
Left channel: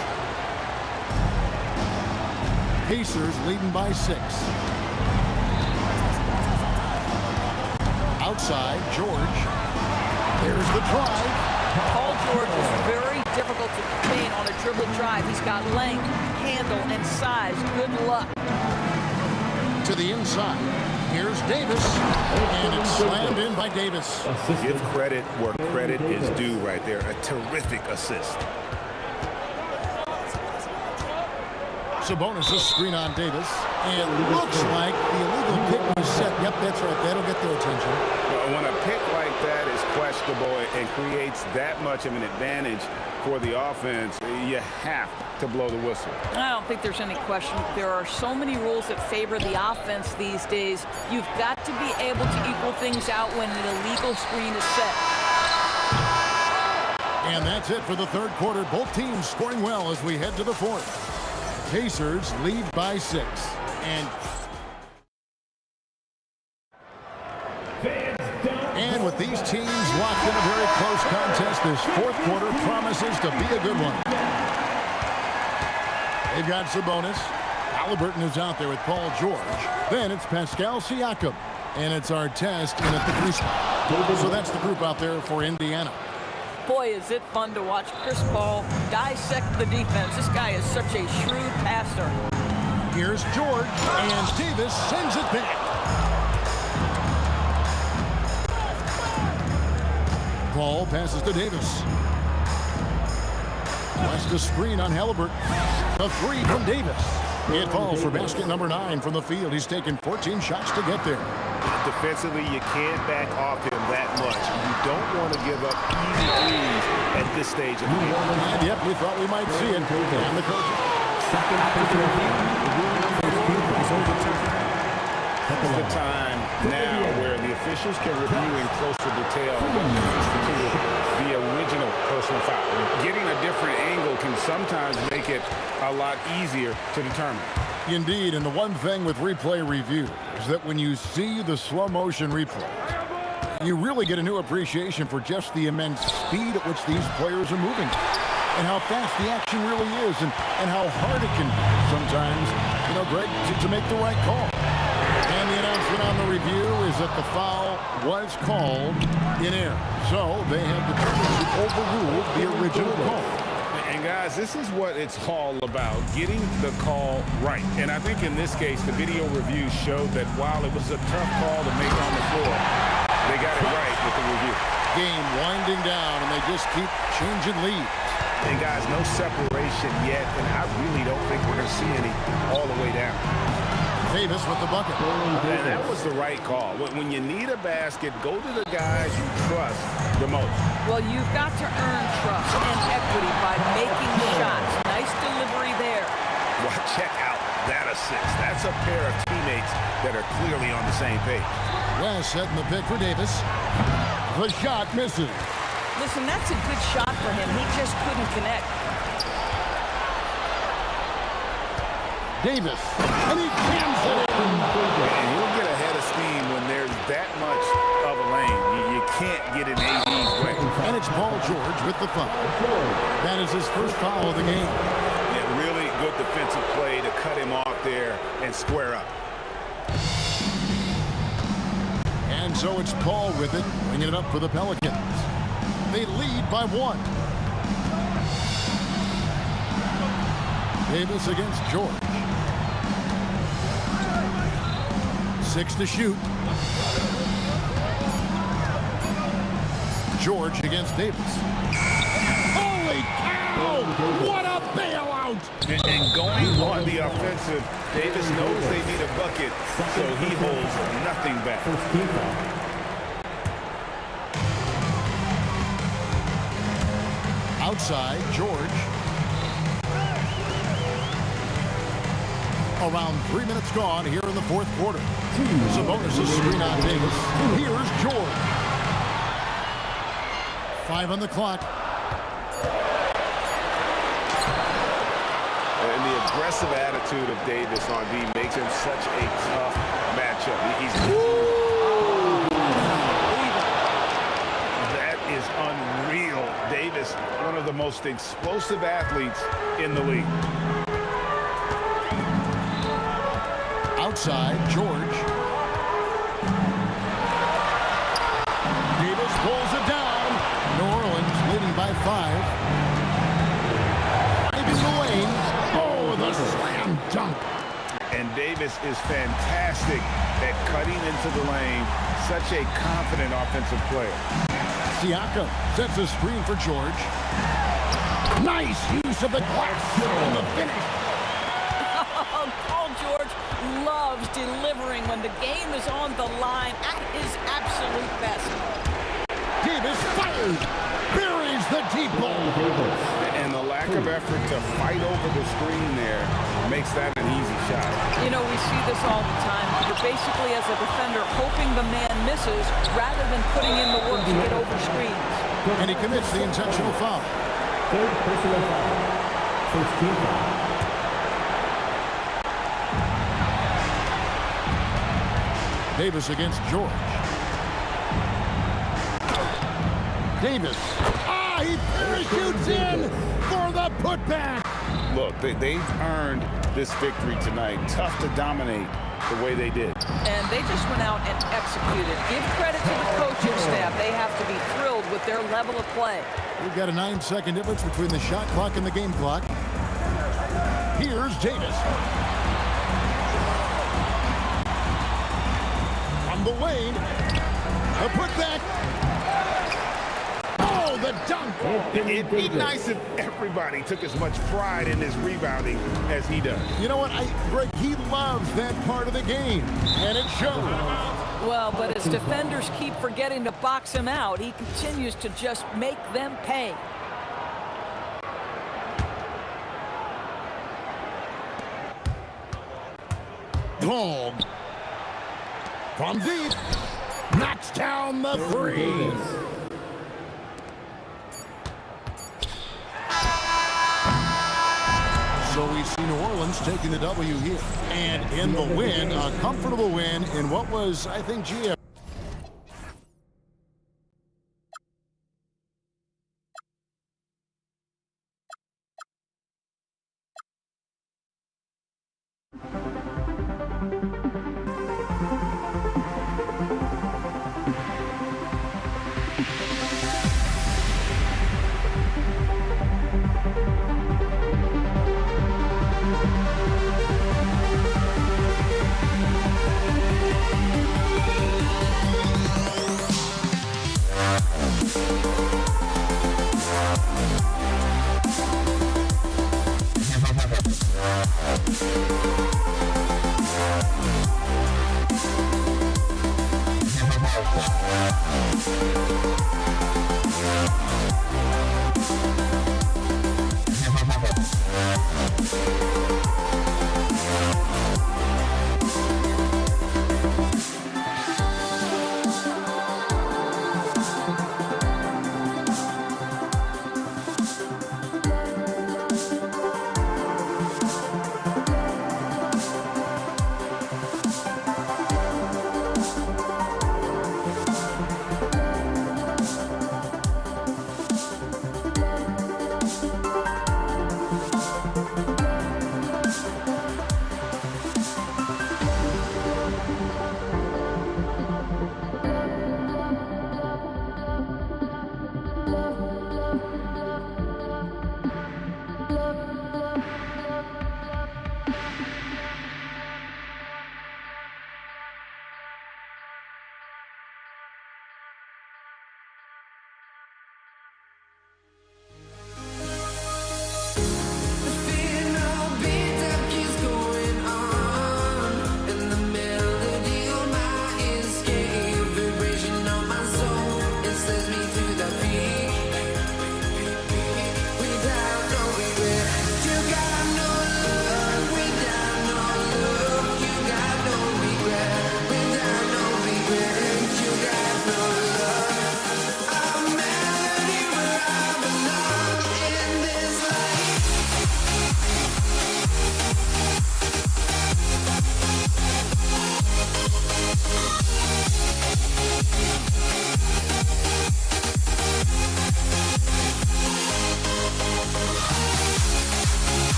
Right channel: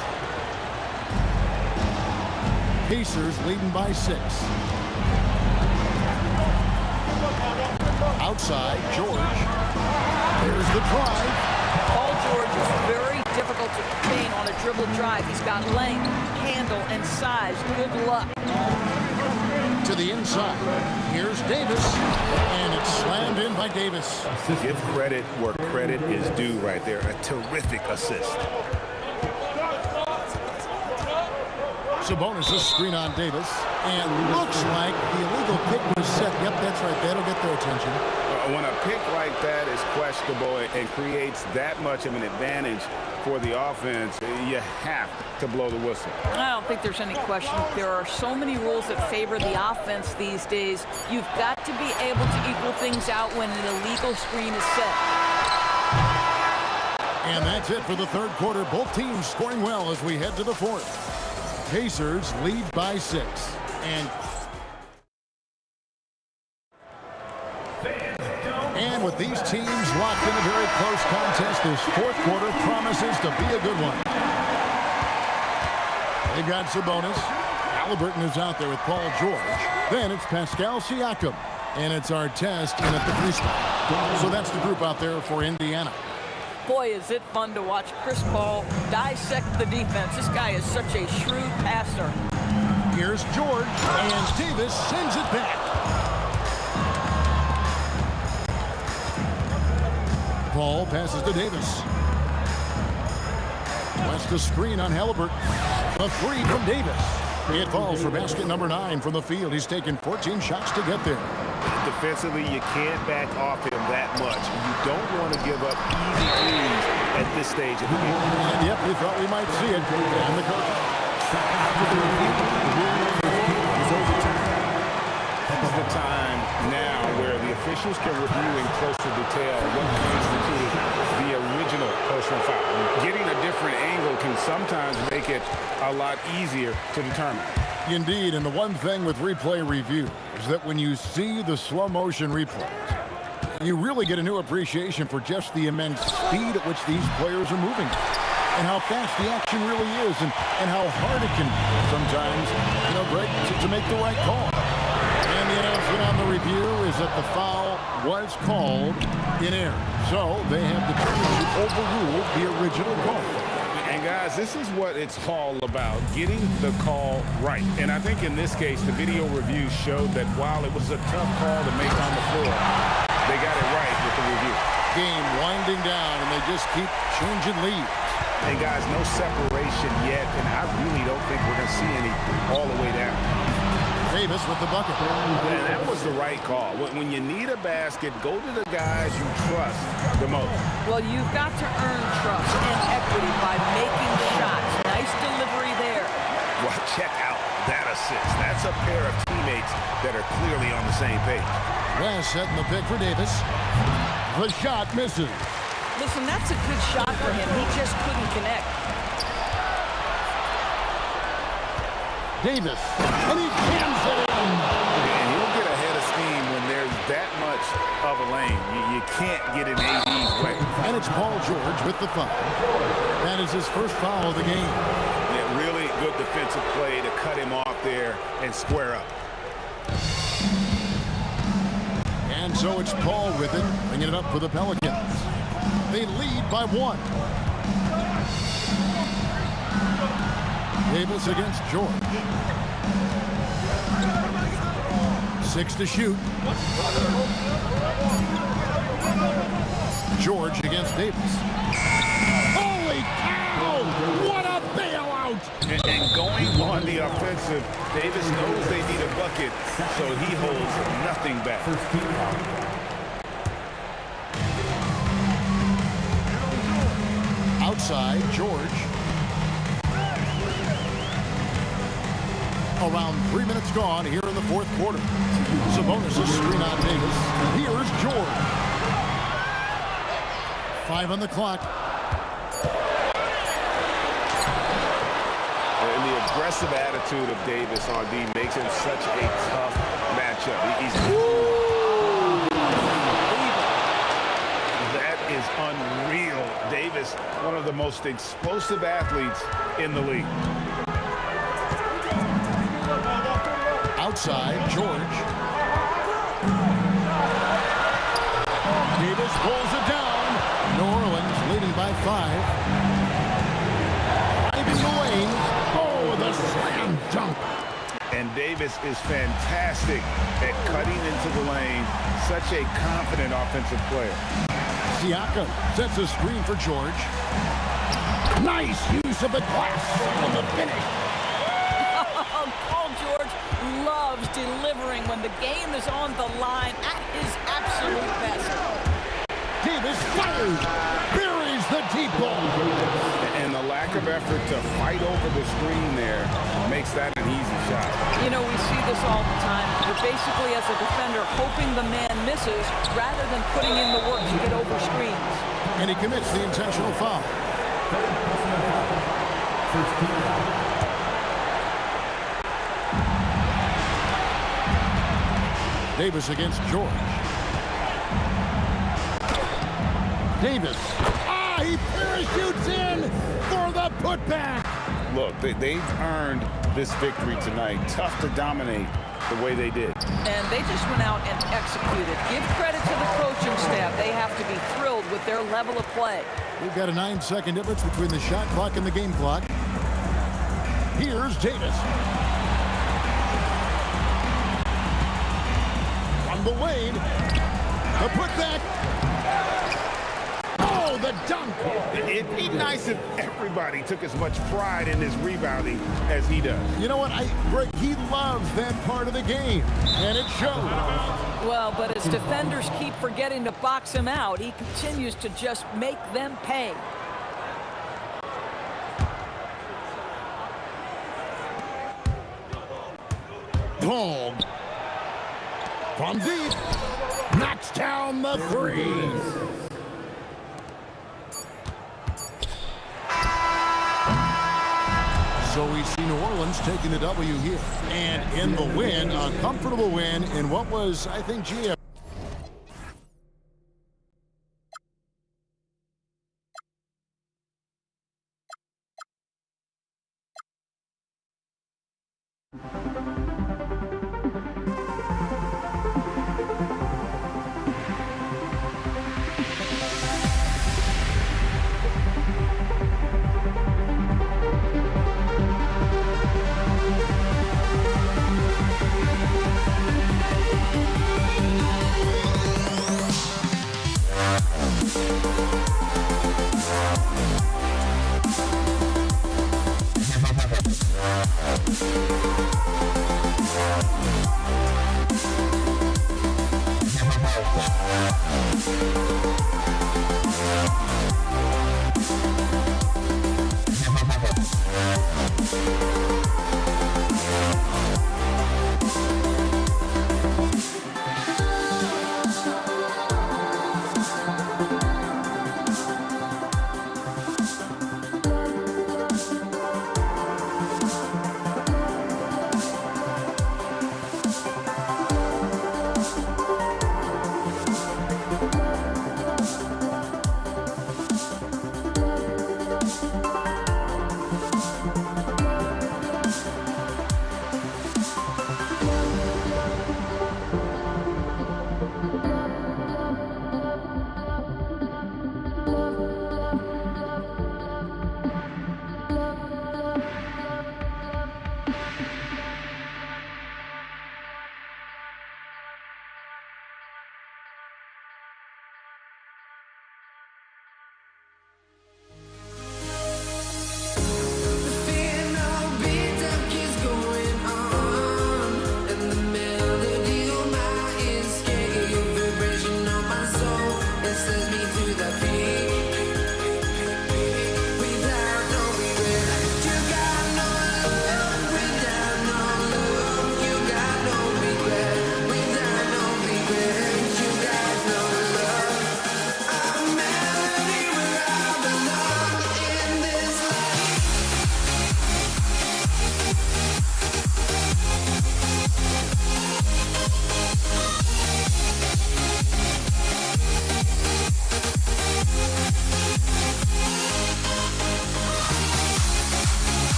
Pacers leading by 6. Outside, George. There's the drive. Paul George is very difficult to contain on a dribble drive. He's got length, handle, and size. Good luck. To the inside. Here's Davis, and it's slammed in by Davis. Give credit where credit is due right there. A terrific assist. Sabonis a screen on Davis, and looks like the illegal pick was set. Yep, that's right. That'll get their attention. When a pick like that is questionable and creates that much of an advantage for the offense, you have to blow the whistle. I don't think there's any question. There are so many rules that favor the offense these days. You've got to be able to equal things out when an illegal screen is set. And that's it for the 3rd quarter. Both teams scoring well as we head to the 4th. Pacers lead by 6. And with these teams locked in a very close contest, this 4th quarter promises to be a good one. They've got Sabonis. Halliburton is out there with Paul George. Then it's Pascal Siakam. And it's Artest in at the 3 spot. So that's the group out there for Indiana. Boy, is it fun to watch Chris Paul dissect the defense. This guy is such a shrewd passer. Here's George, and Davis sends it back. Paul passes to Davis. West a screen on Halliburton. The 3 from Davis. It falls for basket number 9 from the field. He's taken 14 shots to get there. Defensively, you can't back off him that much. You don't want to give up easy threes at this stage of the game. And yep, we thought we might see it. And the coaches. After the review, the ruling on the floor is overturned. This is the time now where the officials can review in closer detail what constituted the original personal foul. Getting a different angle can sometimes make it a lot easier to determine. Indeed, and the one thing with replay review is that when you see the slow motion replays, you really get a new appreciation for just the immense speed at which these players are moving and how fast the action really is and how hard it can be sometimes, Greg, to make the right call. And the announcement on the review is that the foul was called in error. So they have determined to overrule the original call. And guys, this is what it's all about, getting the call right. And I think in this case, the video review showed that while it was a tough call to make on the floor, they got it right with the review. Game winding down, and they just keep changing leads. And guys, no separation yet, and I really don't think we're going to see any all the way down. Davis with the bucket. And that was the right call. When you need a basket, go to the guys you trust the most. Well, you've got to earn trust and equity by making shots. Nice delivery there. Well, check out that assist. That's a pair of teammates that are clearly on the same page. West setting the pick for Davis. The shot misses. Listen, that's a good shot for him. He just couldn't connect. Davis, and he jams it in. And he'll get ahead of steam when there's that much of a lane. You can't get in AD's way. And it's Paul George with the foul. That is his first foul of the game. Yeah, really good defensive play to cut him off there and square up. And so it's Paul with it, bringing it up for the Pelicans. They lead by 1. Davis against George. 6 to shoot. George against Davis. Holy cow! What a bailout! And going on the offensive, Davis knows they need a bucket, so he holds nothing back. Outside, George. Around 3 minutes gone here in the fourth quarter. Sabonis' screen on Davis. Here's George. 5 on the clock. And the aggressive attitude of Davis on D makes him such a tough matchup. That is unreal. Davis, one of the most explosive athletes in the league. Outside, George. Davis pulls it down. New Orleans leading by 5. Driving the lane. Oh, the slam dunk. And Davis is fantastic at cutting into the lane. Such a confident offensive player. Siakam sets a screen for George. Nice use of the glass on the finish. Paul George loves delivering when the game is on the line at his absolute best. Davis fires, buries the deep ball. And the lack of effort to fight over the screen there makes that an easy shot. We see this all the time. You're basically, as a defender, hoping the man misses rather than putting in the work to get over screens. And he commits the intentional foul. Third personal foul. First team foul. Davis against George. Davis. He parachutes in for the putback. Look, they've earned this victory tonight. Tough to dominate the way they did. And they just went out and executed. Give credit to the coaching staff. They have to be thrilled with their level of play. We've got a 9-second difference between the shot clock and the game clock. Here's Davis. From the lane, the putback. Oh, the dunk. It'd be nice if everybody took as much pride in his rebounding as he does. You know what, Greg, he loves that part of the game, and it shows. Well, but as defenders keep forgetting to box him out, he continues to just make them pay. Long. From deep. Knocks down the three. So we see New Orleans taking the W here. And in the win, a comfortable win in what was, I think, GM.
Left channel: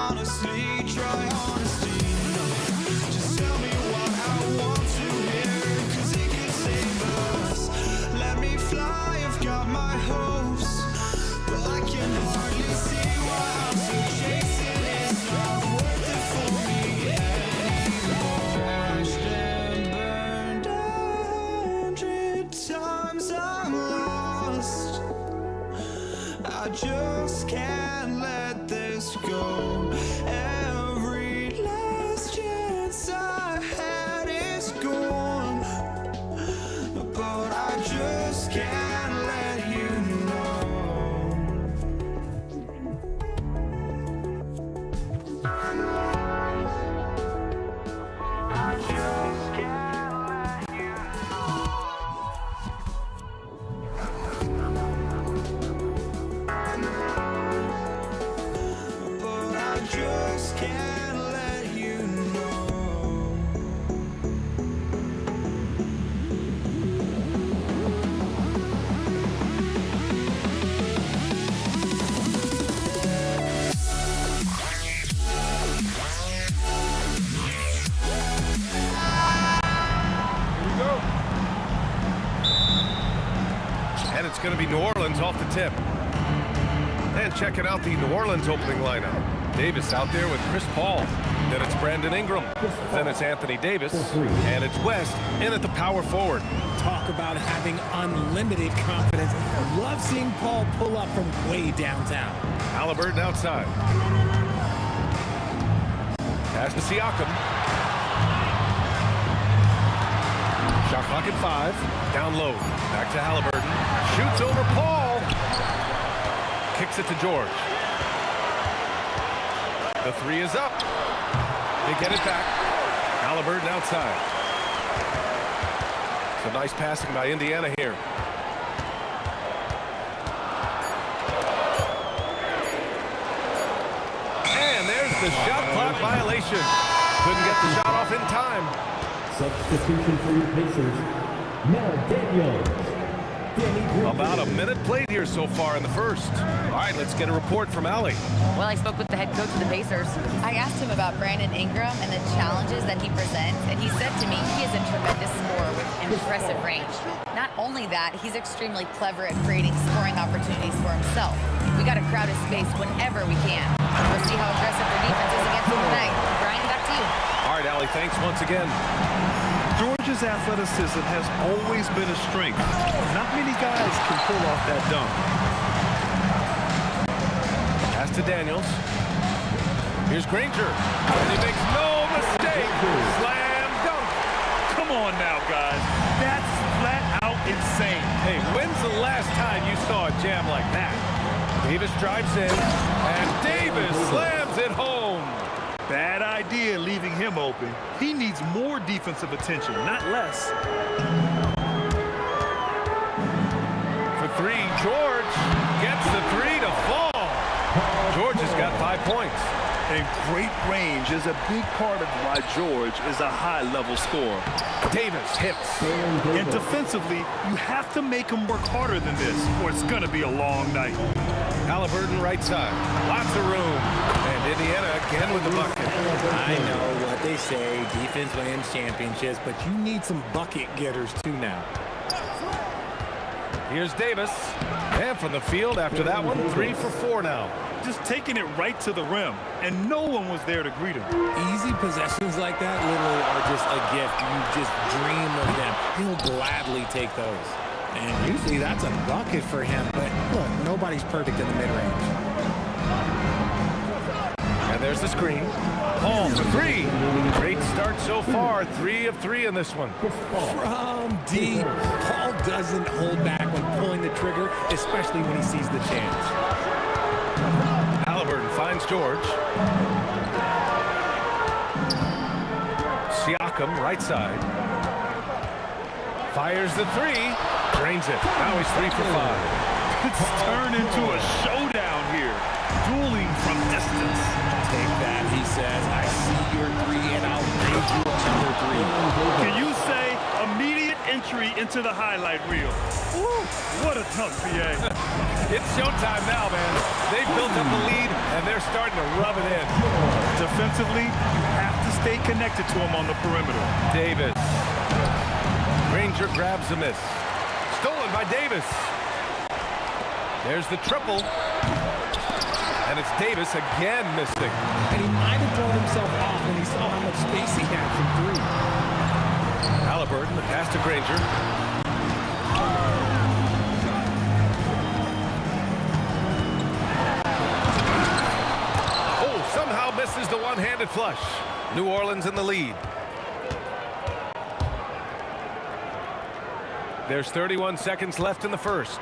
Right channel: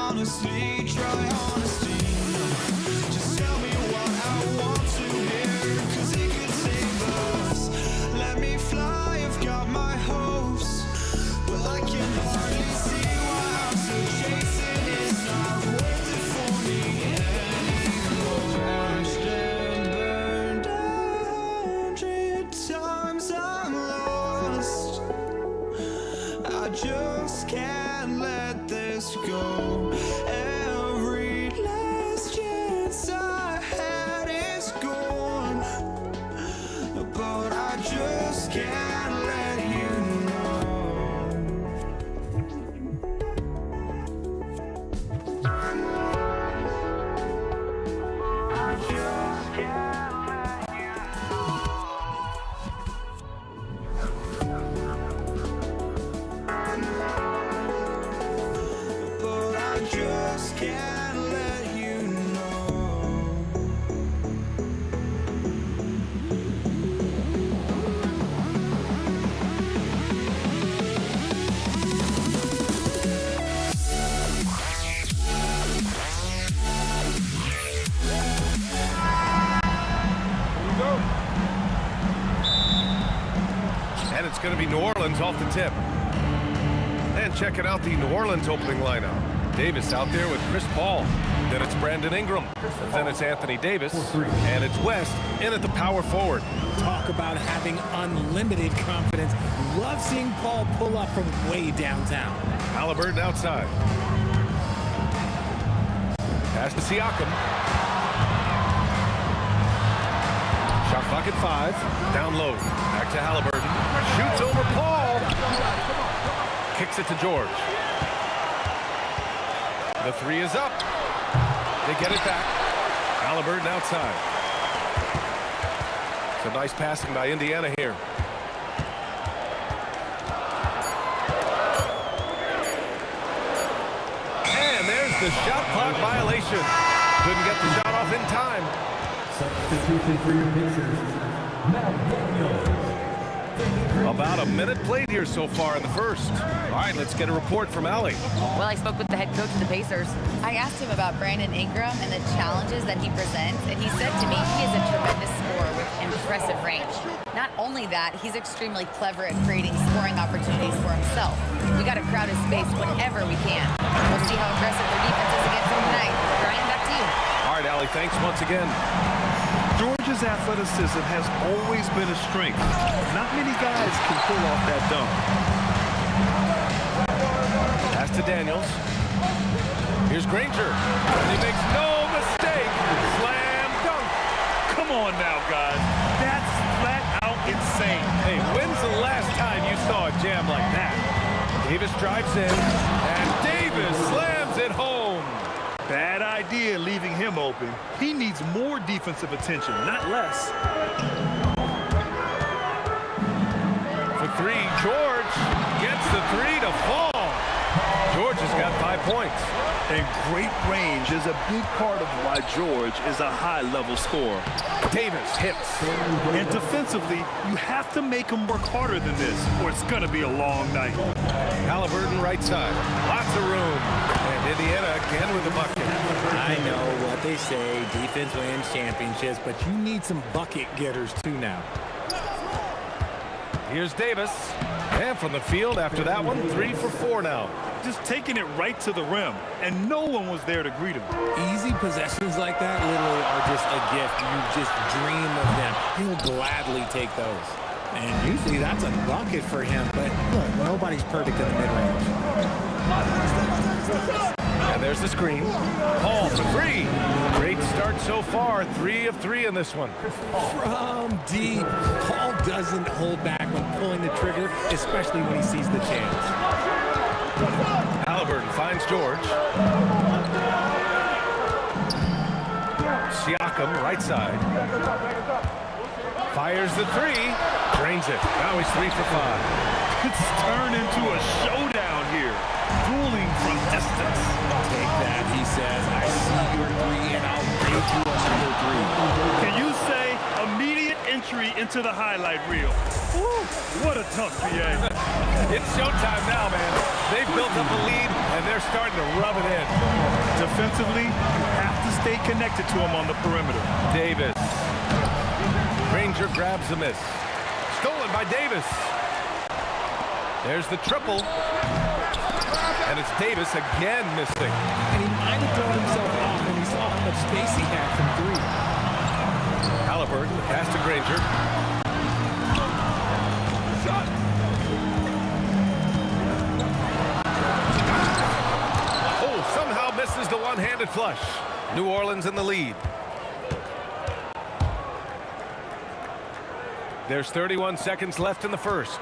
honestly, try honesty. No, just tell me what I want to hear, 'cause it could save us. Let me fly, I've got my hopes, but I can hardly see why I'm still chasing. It's not worth it for me anymore. Crashed and burned 100 times, I'm lost. I just can't let this go. Every last chance I had is gone, but I just can't let you know. I just can't let you know. But I just can't let you know. And it's going to be New Orleans off the tip. And checking out the New Orleans opening lineup. Davis out there with Chris Paul. Then it's Brandon Ingram. Then it's Anthony Davis. And it's West in at the power forward. Talk about having unlimited confidence. Love seeing Paul pull up from way downtown. Halliburton outside. Pass to Siakam. Shot clock at 5. Down low. Back to Halliburton. Shoots over Paul. Kicks it to George. The 3 is up. They get it back. Halliburton outside. Some nice passing by Indiana here. And there's the shot clock violation. Couldn't get the shot off in time. Substitution for your Pacers. Now Daniels. About a minute played here so far in the first. All right, let's get a report from Allie. Well, I spoke with the head coach of the Pacers. I asked him about Brandon Ingram and the challenges that he presents, and he said to me he is a tremendous scorer with impressive range. Not only that, he's extremely clever at creating scoring opportunities for himself. We got to crowd his space whenever we can. We'll see how aggressive their defense is against him tonight. Brian, back to you. All right, Allie, thanks once again. George's athleticism has always been a strength. Not many guys can pull off that dunk. Pass to Daniels. Here's Granger. And he makes no mistake. Slam dunk. Come on now, guys. That's flat out insane. Hey, when's the last time you saw a jam like that? Davis drives in, and Davis slams it home. Bad idea leaving him open. He needs more defensive attention, not less. For 3, George gets the 3 to fall. George has got 5 points. And great range is a big part of why George is a high-level scorer. Davis hits. And defensively, you have to make him work harder than this, or it's going to be a long night. Halliburton right side. Lots of room. And Indiana again with the bucket. I know what they say, defense wins championships, but you need some bucket getters too now. Here's Davis. And from the field after that one, 3 for 4 now. Just taking it right to the rim, and no one was there to greet him. Easy possessions like that literally are just a gift. You just dream of them. He'll gladly take those. And usually that's a bucket for him, but look, nobody's perfect in the mid-range. And there's the screen. Paul for 3. Great start so far. 3 of 3 in this one. From deep, Paul doesn't hold back when pulling the trigger, especially when he sees the chance. Halliburton finds George. Siakam, right side. Fires the 3. Drains it. Now he's 3 for 5. It's turned into a showdown here. Dueling from distance. Take that, he says, I see your three, and I'll give you another three. Can you say immediate entry into the highlight reel? Woo, what a dunk, PA. It's showtime now, man. They've built up a lead, and they're starting to rub it in. Defensively, you have to stay connected to him on the perimeter. Davis. Granger grabs the miss. Stolen by Davis. There's the triple. And it's Davis again missing. And he might have thrown himself off when he saw how much space he had from three. Halliburton, the pass to Granger. Oh, somehow misses the one-handed flush. New Orleans in the lead. There's 31 seconds left in the first.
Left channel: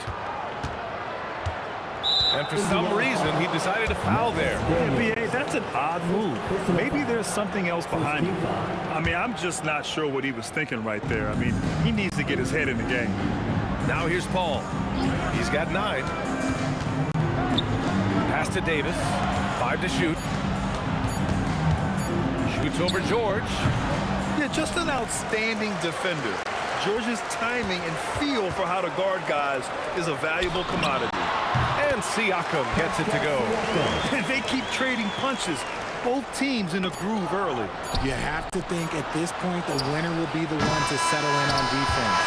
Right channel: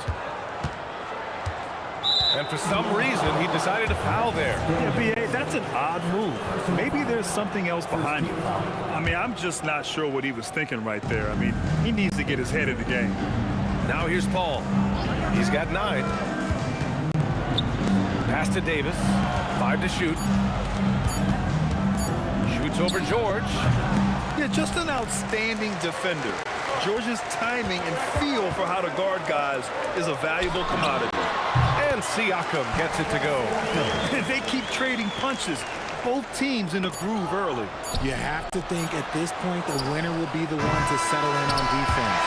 And for some reason, he decided to foul there. Yeah, B.A., that's an odd move. Maybe there's something else behind it. I mean, I'm just not sure what he was thinking right there. I mean, he needs to get his head in the game. Now here's Paul. He's got 9. Pass to Davis. 5 to shoot. Shoots over George. Yeah, just an outstanding defender. George's timing and feel for how to guard guys is a valuable commodity. And Siakam gets it to go. And they keep trading punches. Both teams in a groove early. You have to think at this point the winner will be the one to settle in on defense.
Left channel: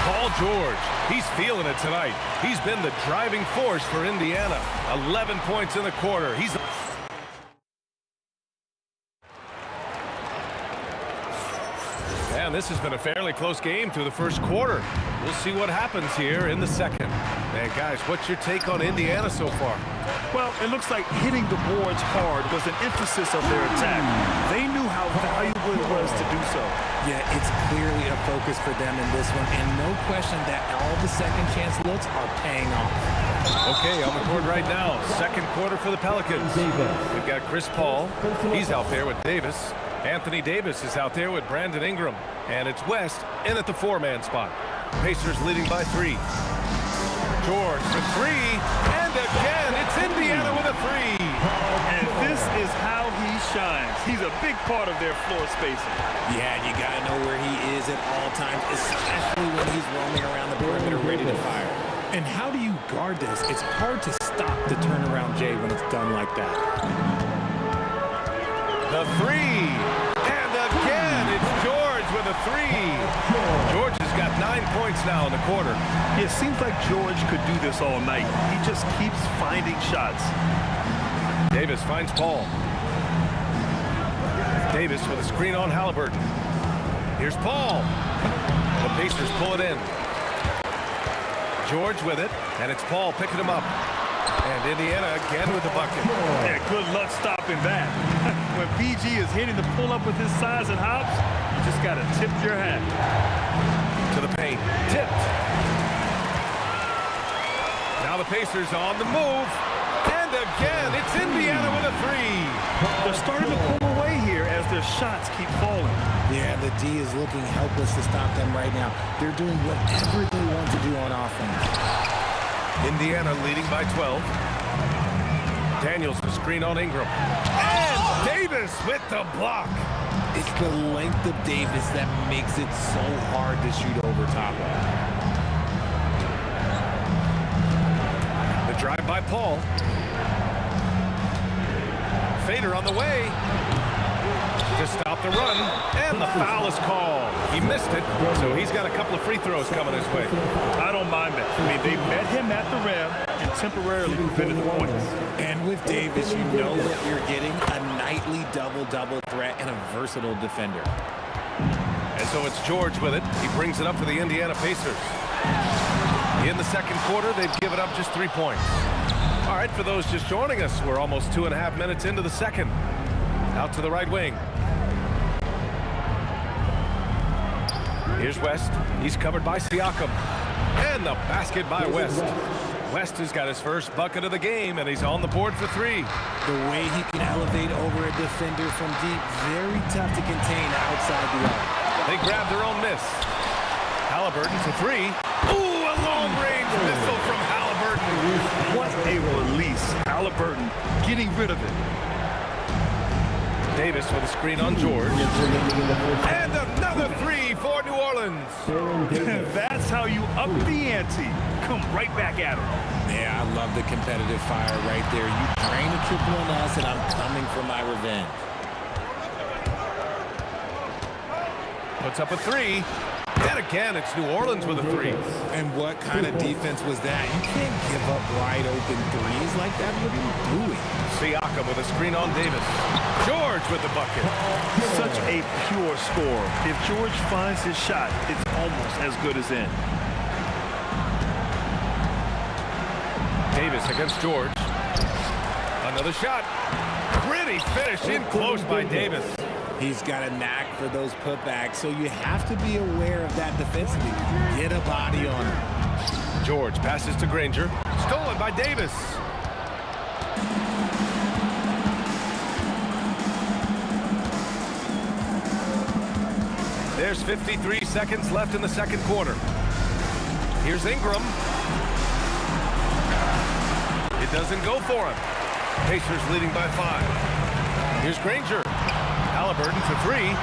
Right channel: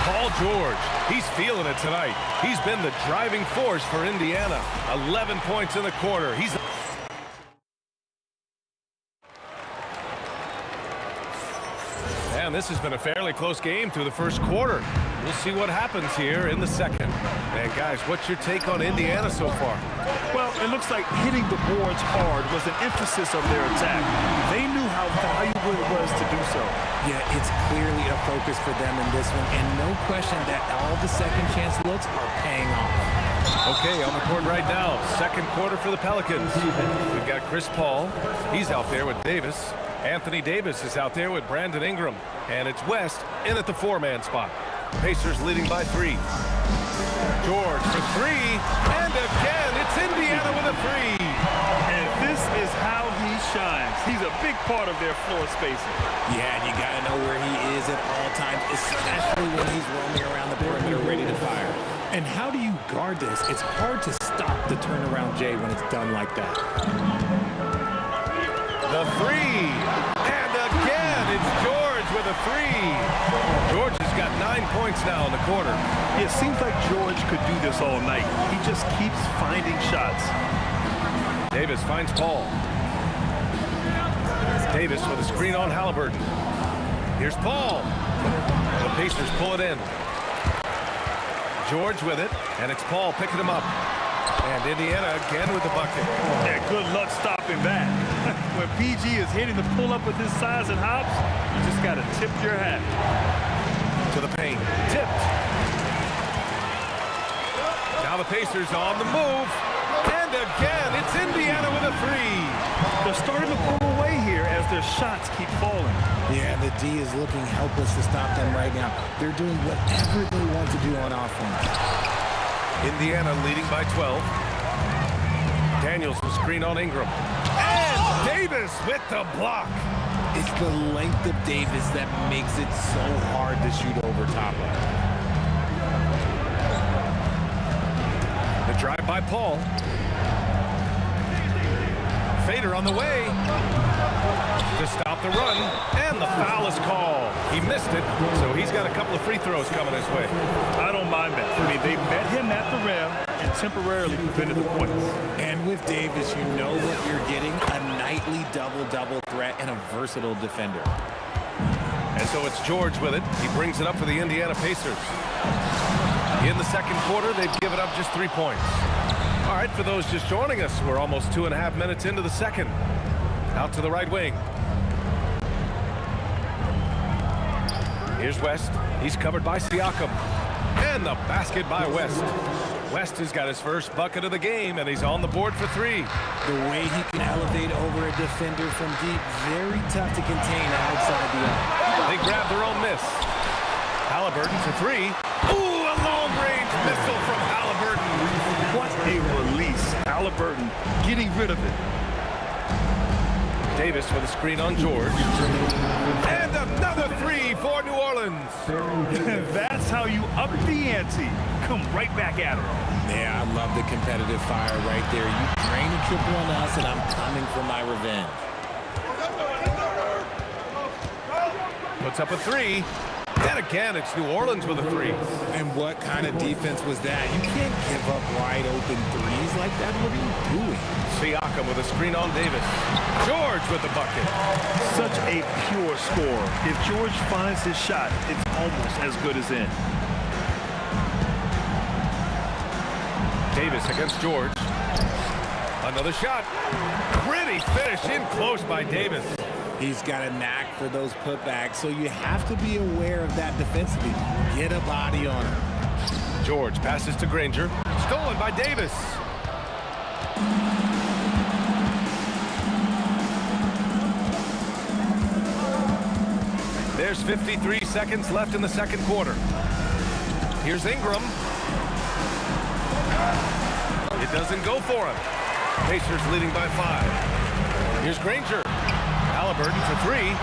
Paul George, he's feeling it tonight. He's been the driving force for Indiana. 11 points in the quarter. He's... And this has been a fairly close game through the first quarter. We'll see what happens here in the second. And guys, what's your take on Indiana so far? Well, it looks like hitting the boards hard was an emphasis of their attack. They knew how valuable it was to do so. Yeah, it's clearly a focus for them in this one, and no question that all the second chance looks are paying off. Okay, on the court right now, second quarter for the Pelicans. We've got Chris Paul. He's out there with Davis. Anthony Davis is out there with Brandon Ingram. And it's West in at the 4-man spot. Pacers leading by 3. George for 3. And again, it's Indiana with a 3. And this is how he shines. He's a big part of their floor spacing. Yeah, you got to know where he is at all times, especially when he's roaming around the perimeter ready to fire. And how do you guard this? It's hard to stop the turnaround J when it's done like that. The 3. And again, it's George with a 3. George has got 9 points now in the quarter. It seems like George could do this all night. He just keeps finding shots. Davis finds Paul. Davis with a screen on Halliburton. Here's Paul. The Pacers pull it in. George with it, and it's Paul picking him up. And Indiana again with the bucket. Yeah, good luck stopping that. When PG is hitting the pull-up with his size and hops, you just got to tip your hat. To the paint. Tipped. Now the Pacers on the move. And again, it's Indiana with a 3. They're starting to pull away here as their shots keep falling. Yeah, the D is looking helpless to stop them right now. They're doing whatever they want to do on offense. Indiana leading by 12. Daniels the screen on Ingram. And Davis with the block. It's the length of Davis that makes it so hard to shoot over top of. The drive by Paul. Fader on the way to stop the run, and the foul is called. He missed it, so he's got a couple of free throws coming his way. I don't mind that. I mean, they met him at the rim and temporarily prevented the points. And with Davis, you know what you're getting, a nightly double-double threat and a versatile defender. And so it's George with it. He brings it up for the Indiana Pacers. In the second quarter, they've given up just 3 points. All right, for those just joining us, we're almost 2.5 minutes into the second. Out to the right wing. Here's West. He's covered by Siakam. And the basket by West. West has got his first bucket of the game, and he's on the board for 3. The way he can elevate over a defender from deep, very tough to contain outside the arc. They grab their own miss. Halliburton for 3. Ooh, a long-range missile from Halliburton. What a release. Halliburton getting rid of it. Davis with a screen on George. And another three for New Orleans. That's how you up the ante. Come right back at him. Yeah, I love the competitive fire right there. You drain a triple on us, and I'm coming for my revenge. Puts up a three. And again, it's New Orleans with a three. And what kind of defense was that? You can't give up wide open threes like that. What are you doing? Siakam with a screen on Davis. George with the bucket. Such a pure scorer. If George finds his shot, it's almost as good as in. Davis against George. Another shot. Pretty finish in close by Davis. He's got a knack for those putbacks, so you have to be aware of that defensively. Get a body on him. George passes to Granger. Stolen by Davis. There's 53 seconds left in the second quarter. Here's Ingram. It doesn't go for him. Pacers leading by 5. Here's Granger. Halliburton for 3.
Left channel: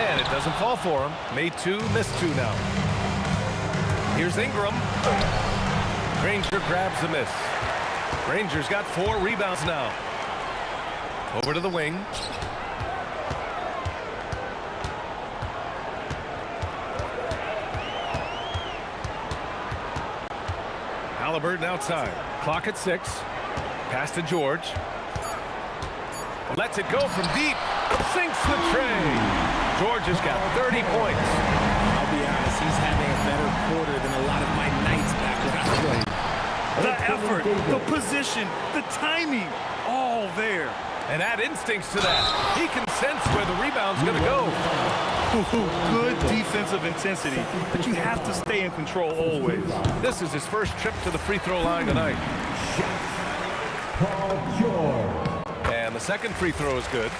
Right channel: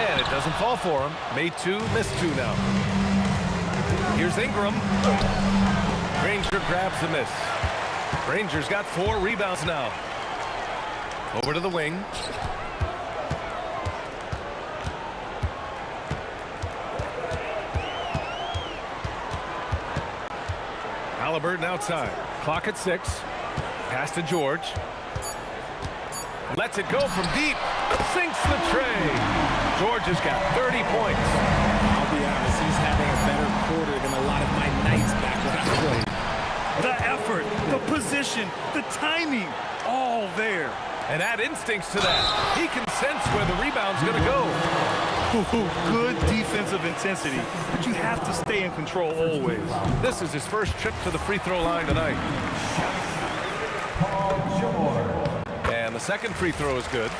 And it doesn't fall for him. Made 2, missed 2 now. Here's Ingram. Granger grabs the miss. Granger's got 4 rebounds now. Over to the wing. Halliburton outside. Clock at 6. Pass to George. Lets it go from deep. Sinks the tray. George has got 30 points. I'll be honest, he's having a better quarter than a lot of my nights back when I played. The effort, the position, the timing, all there. And add instincts to that. He can sense where the rebound's going to go. Good defensive intensity, but you have to stay in control always. This is his first trip to the free throw line tonight. Paul George. And the second free throw is good.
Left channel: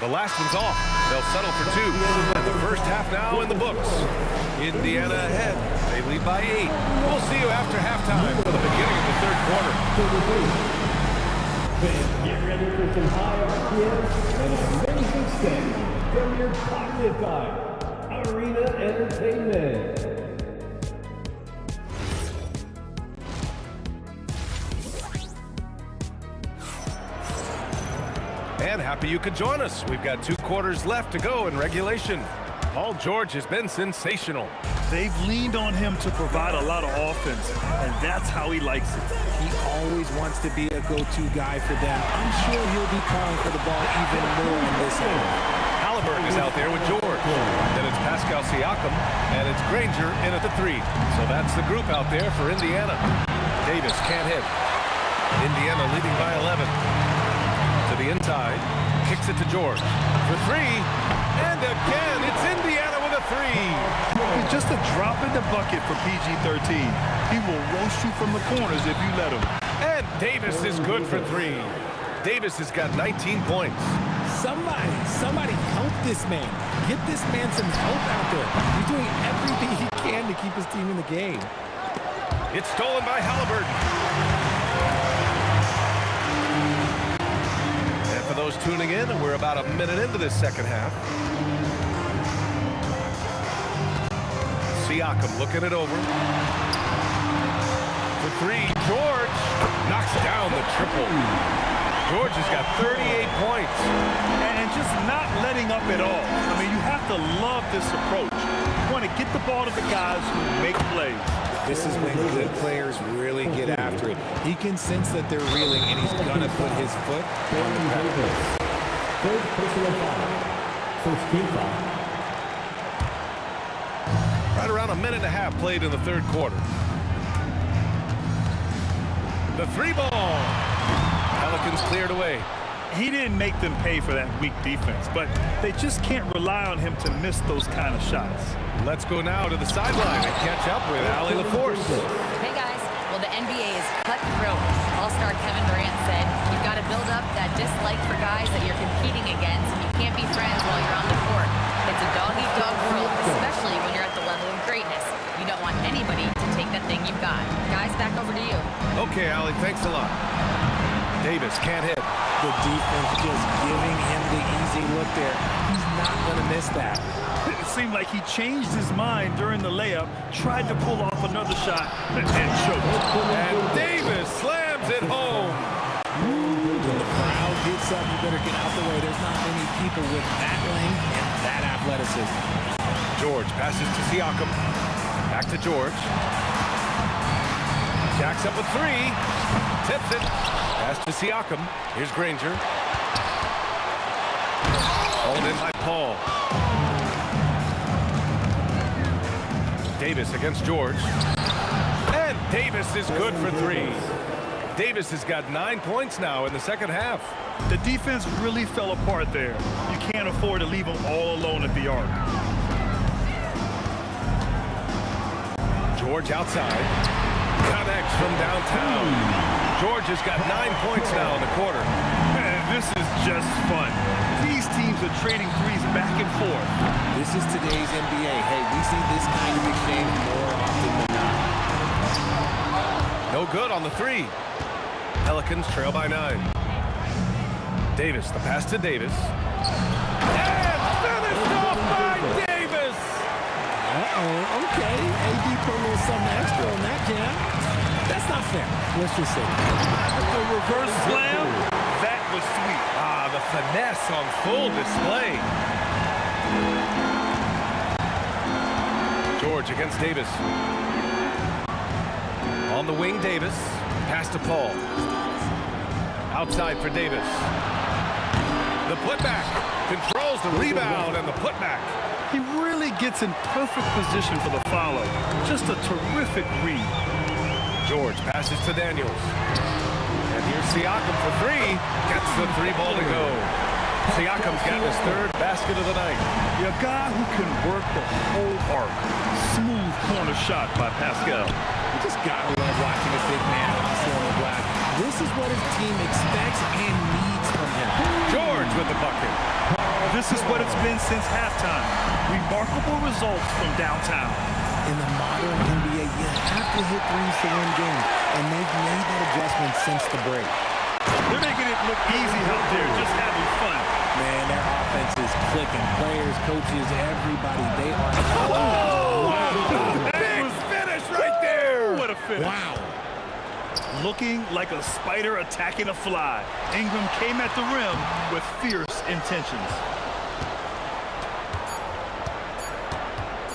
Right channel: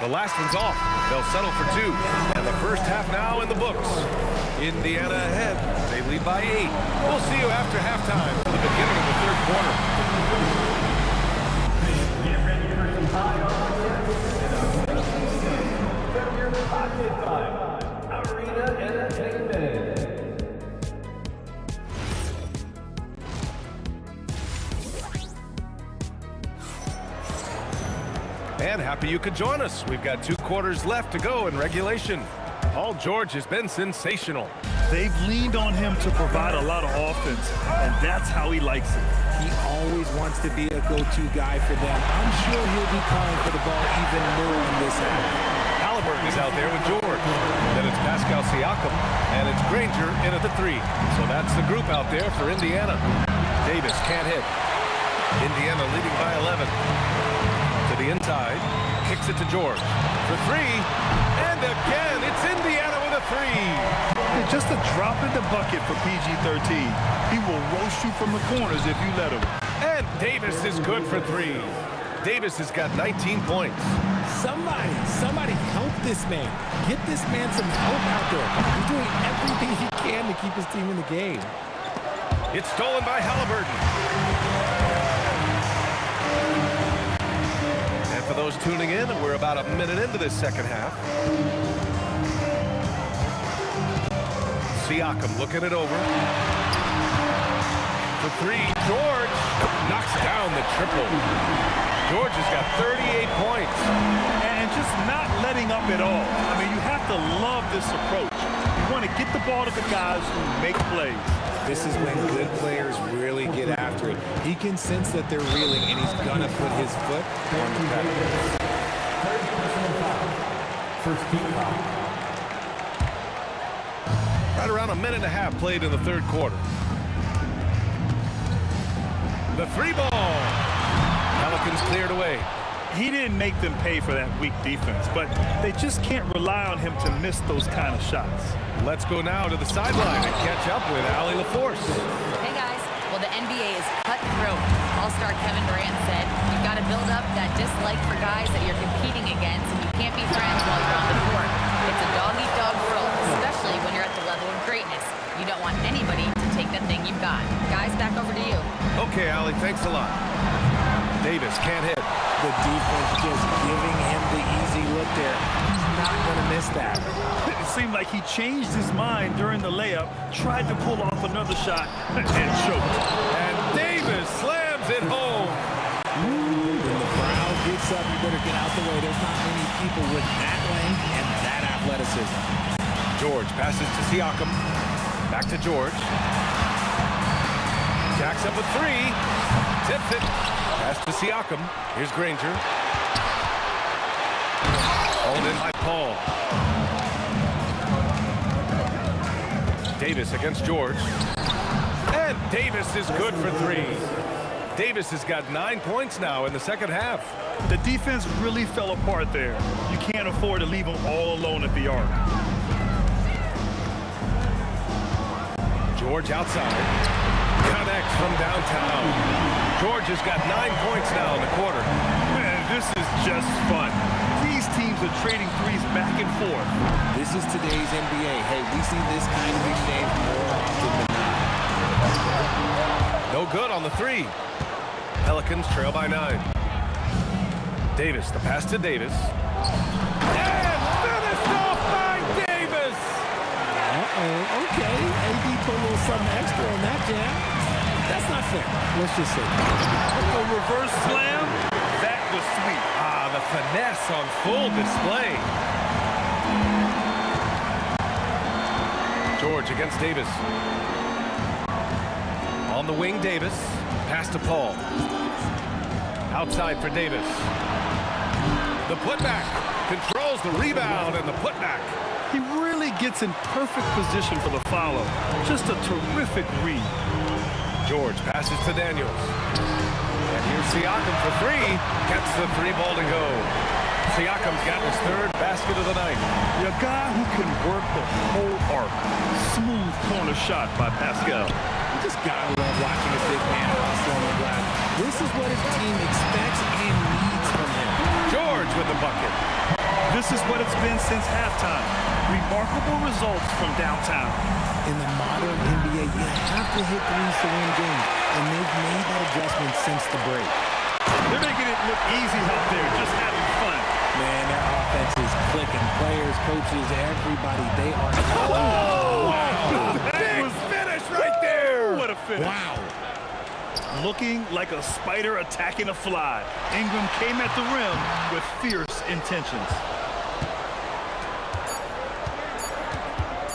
The last one's off. They'll settle for 2. And the first half now in the books. Indiana ahead. They lead by 8. We'll see you after halftime for the beginning of the third quarter. Get ready for some high RPM and amazing standing from your pocket time. Arena Entertainment. And happy you could join us. We've got 2 quarters left to go in regulation. Paul George has been sensational. They've leaned on him to provide a lot of offense, and that's how he likes it. He always wants to be a go-to guy for them. I'm sure he'll be calling for the ball even more in this half. Halliburton is out there with George. Then it's Pascal Siakam, and it's Granger in at the 3. So that's the group out there for Indiana. Davis can't hit. Indiana leading by 11. To the inside, kicks it to George for 3, and again, it's Indiana with a 3. Just a drop in the bucket for PG-13. He will roast you from the corners if you let him. And Davis is good for 3. Davis has got 19 points. Somebody help this man. Get this man some help out there. He's doing everything he can to keep his team in the game. It's stolen by Halliburton. And for those tuning in, we're about a minute into this second half. Siakam looking it over. For 3, George knocks down the triple. George has got 38 points. And just not letting up at all. I mean, you have to love this approach. You want to get the ball to the guys who make plays. This is when good players really get after it. He can sense that they're reeling, and he's going to put his foot on the pedal. Third personal foul. First team foul. Right around a minute and a half played in the third quarter. The 3 ball. Pelicans cleared away. He didn't make them pay for that weak defense, but they just can't rely on him to miss those kind of shots. Let's go now to the sideline and catch up with Allie LaForce. Hey guys, well the NBA is cutthroat. All-star Kevin Durant said, you've got to build up that dislike for guys that you're competing against, and you can't be friends while you're on the court. It's a dog-eat-dog world, especially when you're at the level of greatness. You don't want anybody to take that thing you've got. Guys, back over to you. Okay, Allie, thanks a lot. Davis can't hit. The defense just giving him the easy look there. He's not going to miss that. It seemed like he changed his mind during the layup, tried to pull off another shot, and choked. And Davis slams it home. When the crowd gets up, you better get out the way. There's not many people with that length and that athleticism. George passes to Siakam. Back to George. Jacks up a three. Tips it. Pass to Siakam. Here's Granger. Hold in by Paul. Davis against George. And Davis is good for three. Davis has got 9 points now in the second half. The defense really fell apart there. You can't afford to leave them all alone at the arc. George outside. Connects from downtown. George has got 9 points now in the quarter. Man, this is just fun. These teams are trading threes back and forth. This is today's NBA. Hey, we see this kind of exchange more often than not. No good on the three. Pelicans trail by 9. Davis, the pass to Davis. And finished off by Davis! Uh-oh, okay. AD put a little something extra on that jam. That's not fair. Let's just say The reverse slam, that was sweet. Ah, the finesse on full display. George against Davis. On the wing, Davis. Pass to Paul. Outside for Davis. The putback. Controls the rebound and the putback. He really gets in perfect position for the follow. Just a terrific read. George passes to Daniels. And here's Siakam for three. Gets the three ball to go. Siakam's got his third basket of the night. A guy who can work the whole arc. Smooth corner shot by Pascal. You just gotta love watching a big man hustle on the glass. This is what his team expects and needs from him. George with the bucket. This is what it's been since halftime. Remarkable results from downtown. In the modern NBA, you have to hit threes to win games, and they've made that adjustment since the break. They're making it look easy out there, just having fun. Man, their offense is clicking. Players, coaches, everybody, they are... Oh! Wow! Big finish right there! What a finish. Wow. Looking like a spider attacking a fly. Ingram came at the rim with fierce intentions.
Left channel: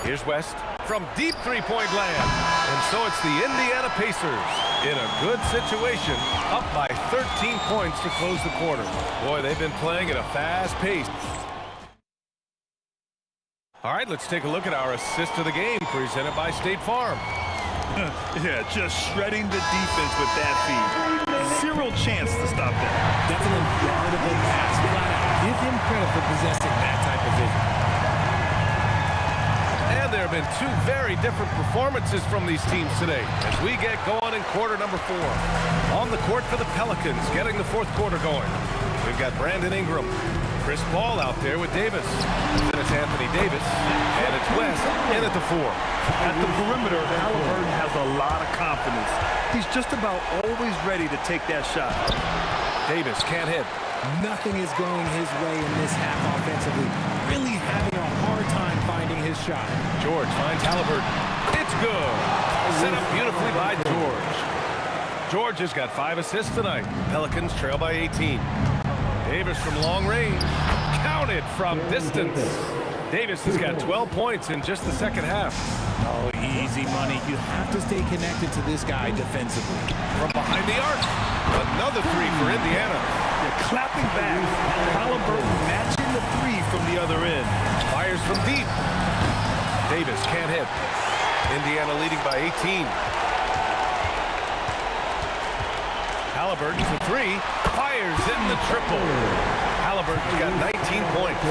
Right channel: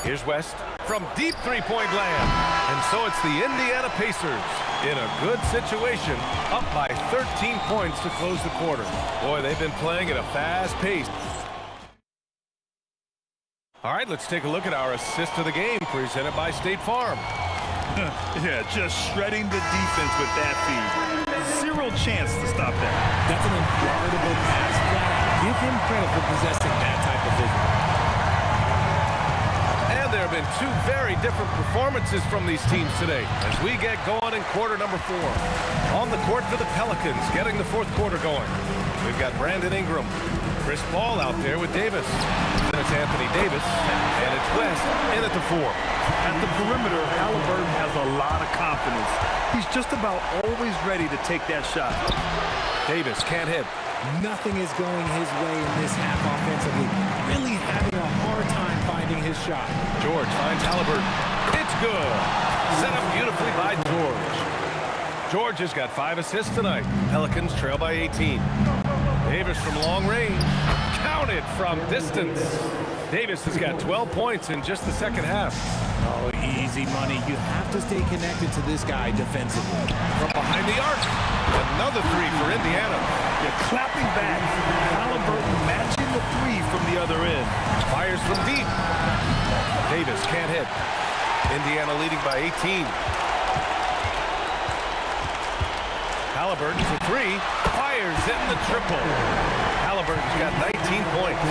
Here's West from deep three-point land. And so it's the Indiana Pacers in a good situation, up by 13 points to close the quarter. Boy, they've been playing at a fast pace. All right, let's take a look at our assist of the game presented by State Farm. Yeah, just shredding the defense with that feed. Zero chance to stop that. That's an unguardable pass, flat out. Give him credit for possessing that type of vision. And there have been two very different performances from these teams today as we get going in quarter number 4. On the court for the Pelicans, getting the fourth quarter going. We've got Brandon Ingram, Chris Paul out there with Davis. Then it's Anthony Davis, and it's West in at the 4. At the perimeter, Halliburton has a lot of confidence. He's just about always ready to take that shot. Davis can't hit. Nothing is going his way in this half offensively. Really having a hard time finding his shot. George finds Halliburton. It's good. Set up beautifully by George. George has got 5 assists tonight. Pelicans trail by 18. Davis from long range. Counted from distance. Davis has got 12 points in just the second half. Oh, easy money. You have to stay connected to this guy defensively. From behind the arc. Another 3 for Indiana. You're clapping back. Halliburton matching the 3 from the other end. Fires from deep. Davis can't hit. Indiana leading by 18. Halliburton for 3. Fires in the triple. Halliburton's got 19 points.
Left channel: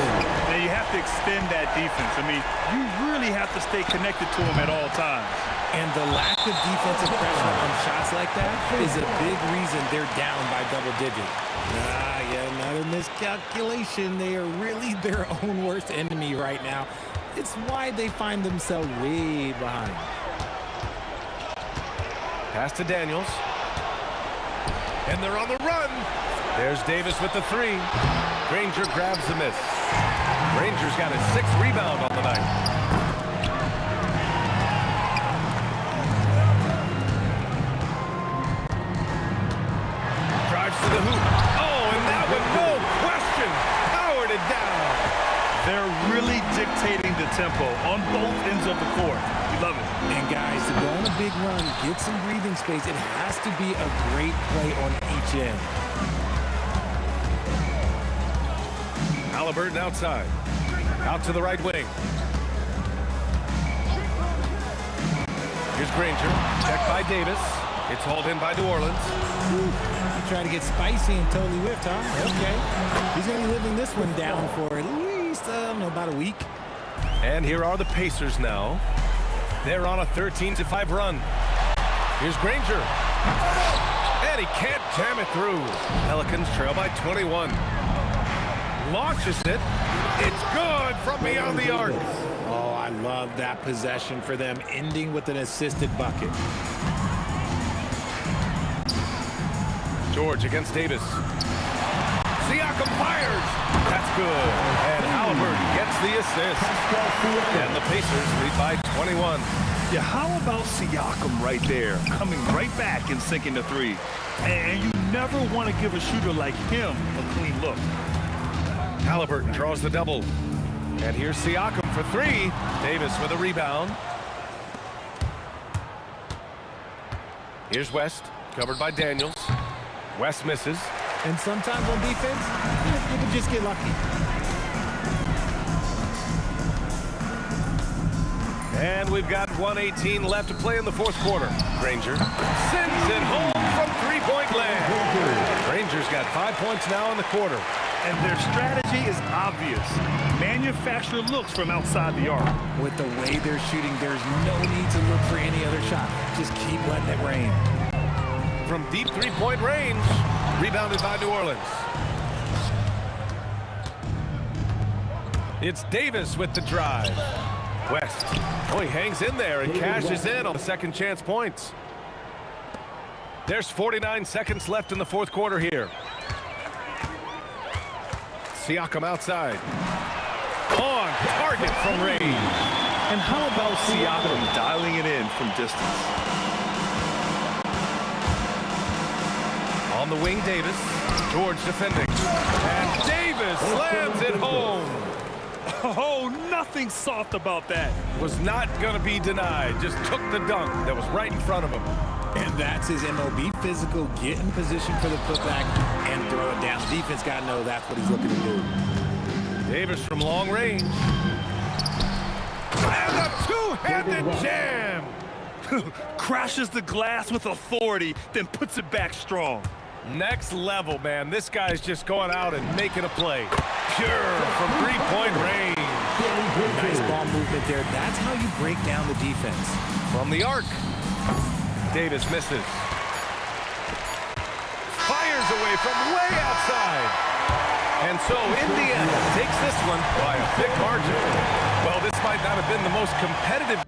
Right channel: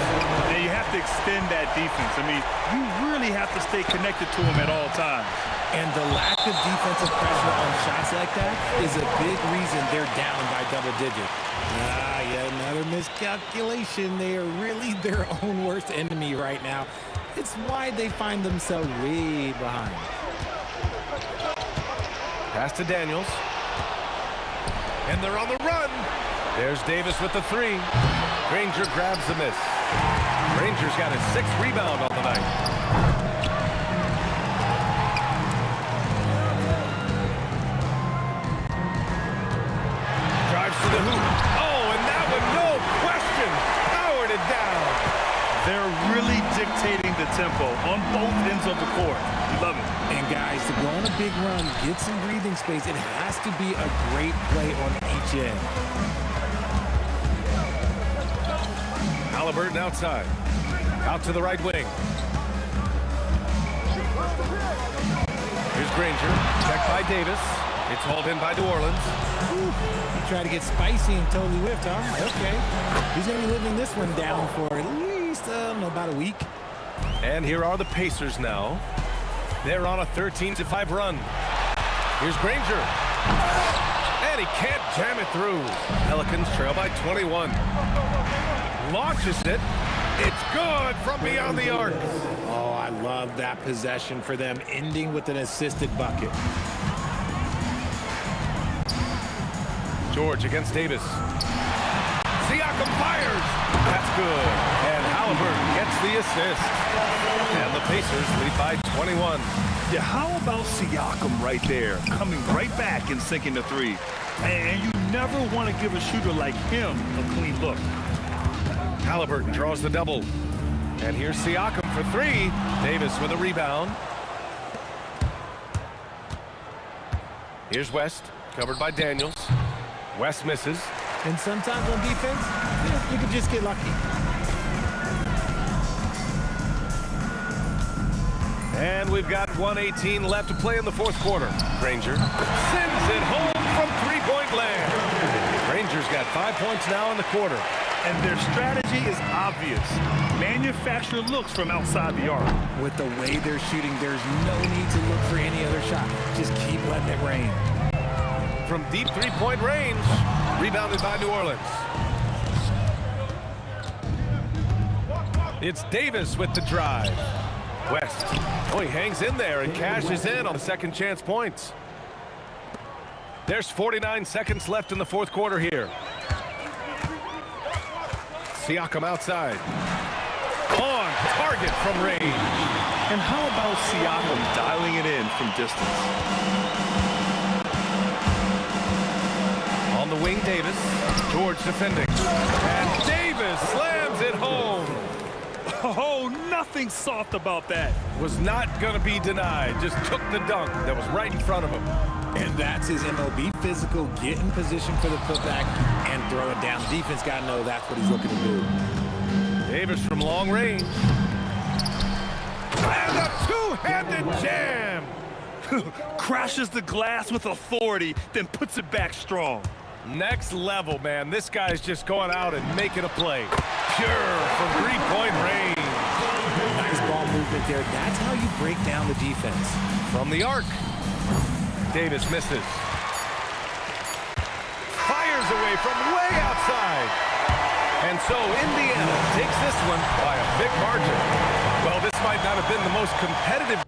Now you have to extend that defense. I mean, you really have to stay connected to him at all times. And the lack of defensive pressure on shots like that is a big reason they're down by double digits. Yet another miscalculation. They are really their own worst enemy right now. It's why they find themselves way behind. Pass to Daniels. And they're on the run. There's Davis with the 3. Granger grabs the miss. Granger's got his 6th rebound on the night. Drives to the hoop. Oh, and that one, no question, powered it down. They're really dictating the tempo on both ends of the court. You love it. And guys, to go on a big run, get some breathing space, it has to be a great play on each end. Halliburton outside. Out to the right wing. Here's Granger. Checked by Davis. It's hauled in by New Orleans. Whew. He tried to get spicy and totally whiffed, huh? Okay. He's going to be living this one down for at least, about a week. And here are the Pacers now. They're on a 13-5 run. Here's Granger. And he can't jam it through. Pelicans trail by 21. Launches it. It's good from beyond the arc. Oh, I love that possession for them, ending with an assisted bucket. George against Davis. Siakam fires. That's good. And Halliburton gets the assist. And the Pacers lead by 21. Yeah, how about Siakam right there, coming right back and sinking the 3? And you never want to give a shooter like him a clean look. Halliburton draws the double. And here's Siakam for 3. Davis with a rebound. Here's West, covered by Daniels. West misses. And sometimes on defense, you can just get lucky. And we've got 1:18 left to play in the 4th quarter. Granger sends it home from 3-point land. Granger's got 5 points now in the quarter. And their strategy is obvious. Manufacture looks from outside the arc. With the way they're shooting, there's no need to look for any other shot. Just keep letting it rain. From deep 3-point range, rebounded by New Orleans. It's Davis with the drive. West. Oh, he hangs in there and cashes in on the second chance points. There's 49 seconds left in the 4th quarter here. Siakam outside. On target from range. And how about Siakam dialing it in from distance? On the wing, Davis. George defending. And Davis slams it home. Oh, nothing soft about that. Was not going to be denied. Just took the dunk that was right in front of him. And that's his MOB, physical, get in position for the putback and throw it down. The defense got to know that's what he's looking to do. Davis from long range. And a two-handed jam. Crashes the glass with authority, then puts it back strong. Next level, man. This guy's just going out and making a play. Pure from 3-point range. Nice ball movement there. That's how you break down the defense. From the arc. Davis misses. Fires away from way outside. And so Indiana takes this one by a big margin. Well, this might not have been the most competitive.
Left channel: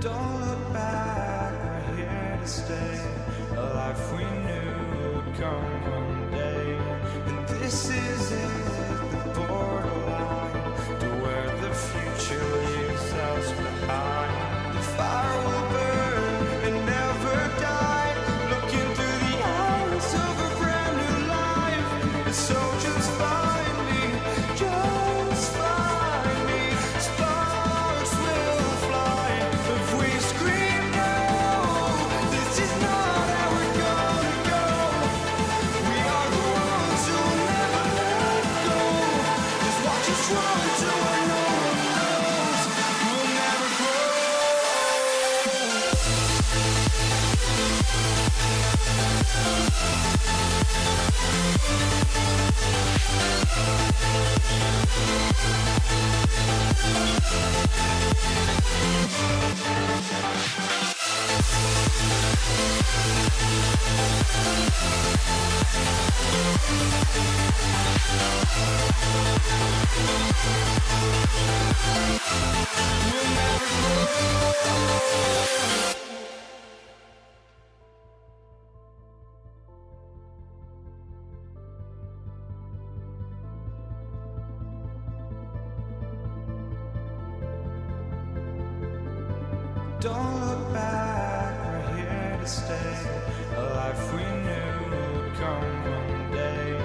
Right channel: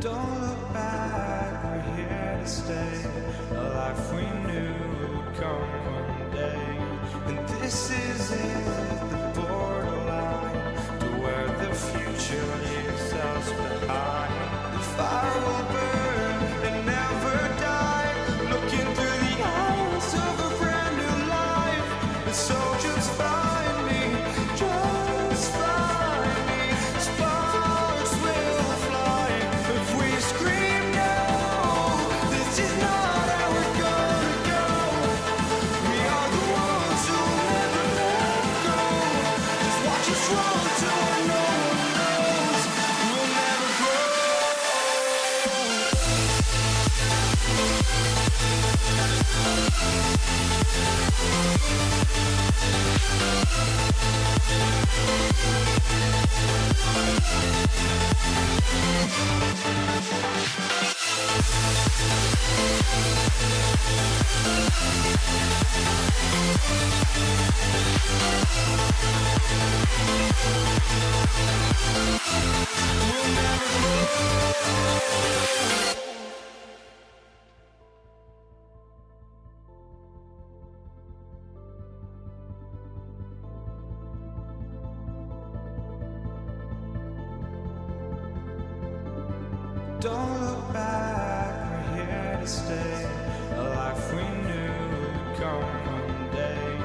Don't look back, we're here to stay. A life we knew would come one day. And this is it, the borderline to where the future leaves us behind. The fire will burn and never die, looking through the eyes of a brand new life. And so just find me, just find me. Sparks will fly if we scream no. This is not how to where no one knows. We'll never grow. We'll never grow. Don't look back, we're here to stay. A life we knew would come one day.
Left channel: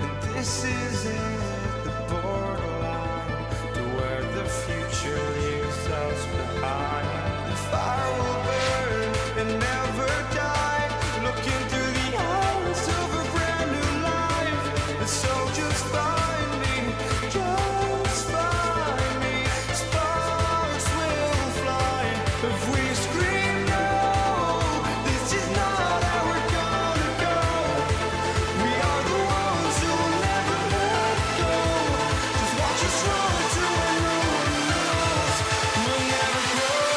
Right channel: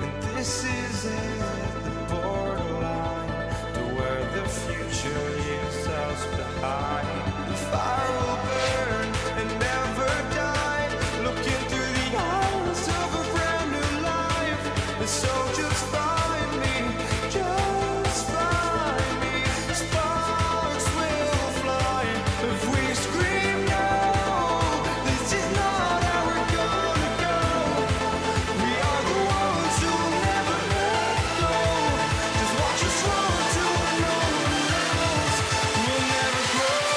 And this is it, the borderline to where the future leaves us behind. The fire will burn and never die, looking through the eyes of a brand new life. And so just find me, just find me. Sparks will fly if we scream no. This is not how we're gonna go. We are the ones who will never let go. Just watch us run to where no one knows. We'll never grow.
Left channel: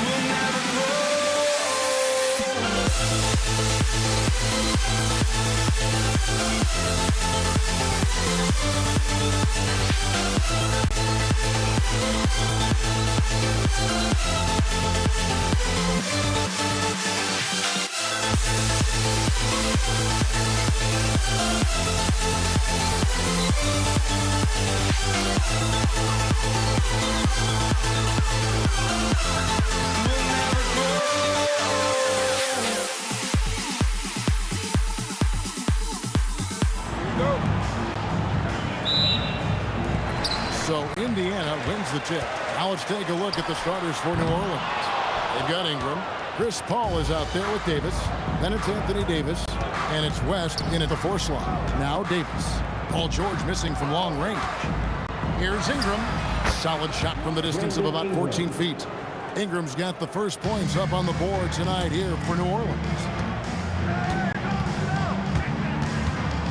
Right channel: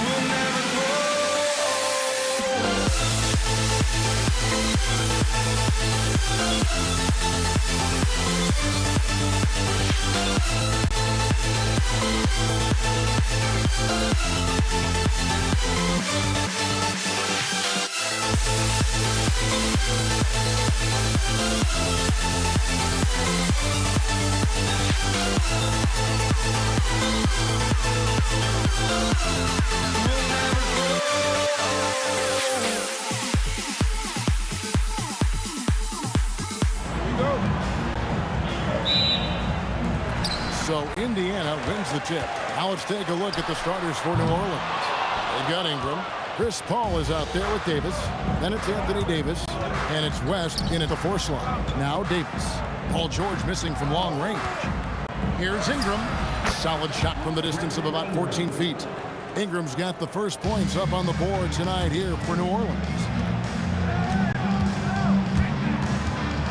We'll never grow. We'll never grow. So Indiana wins the tip. Now let's take a look at the starters for New Orleans. They've got Ingram. Chris Paul is out there with Davis. Then it's Anthony Davis. And it's West in at the 4 slot. Now Davis. Paul George missing from long range. Here's Ingram. Solid shot from the distance of about 14 feet. Ingram's got the first points up on the board tonight here for New Orleans.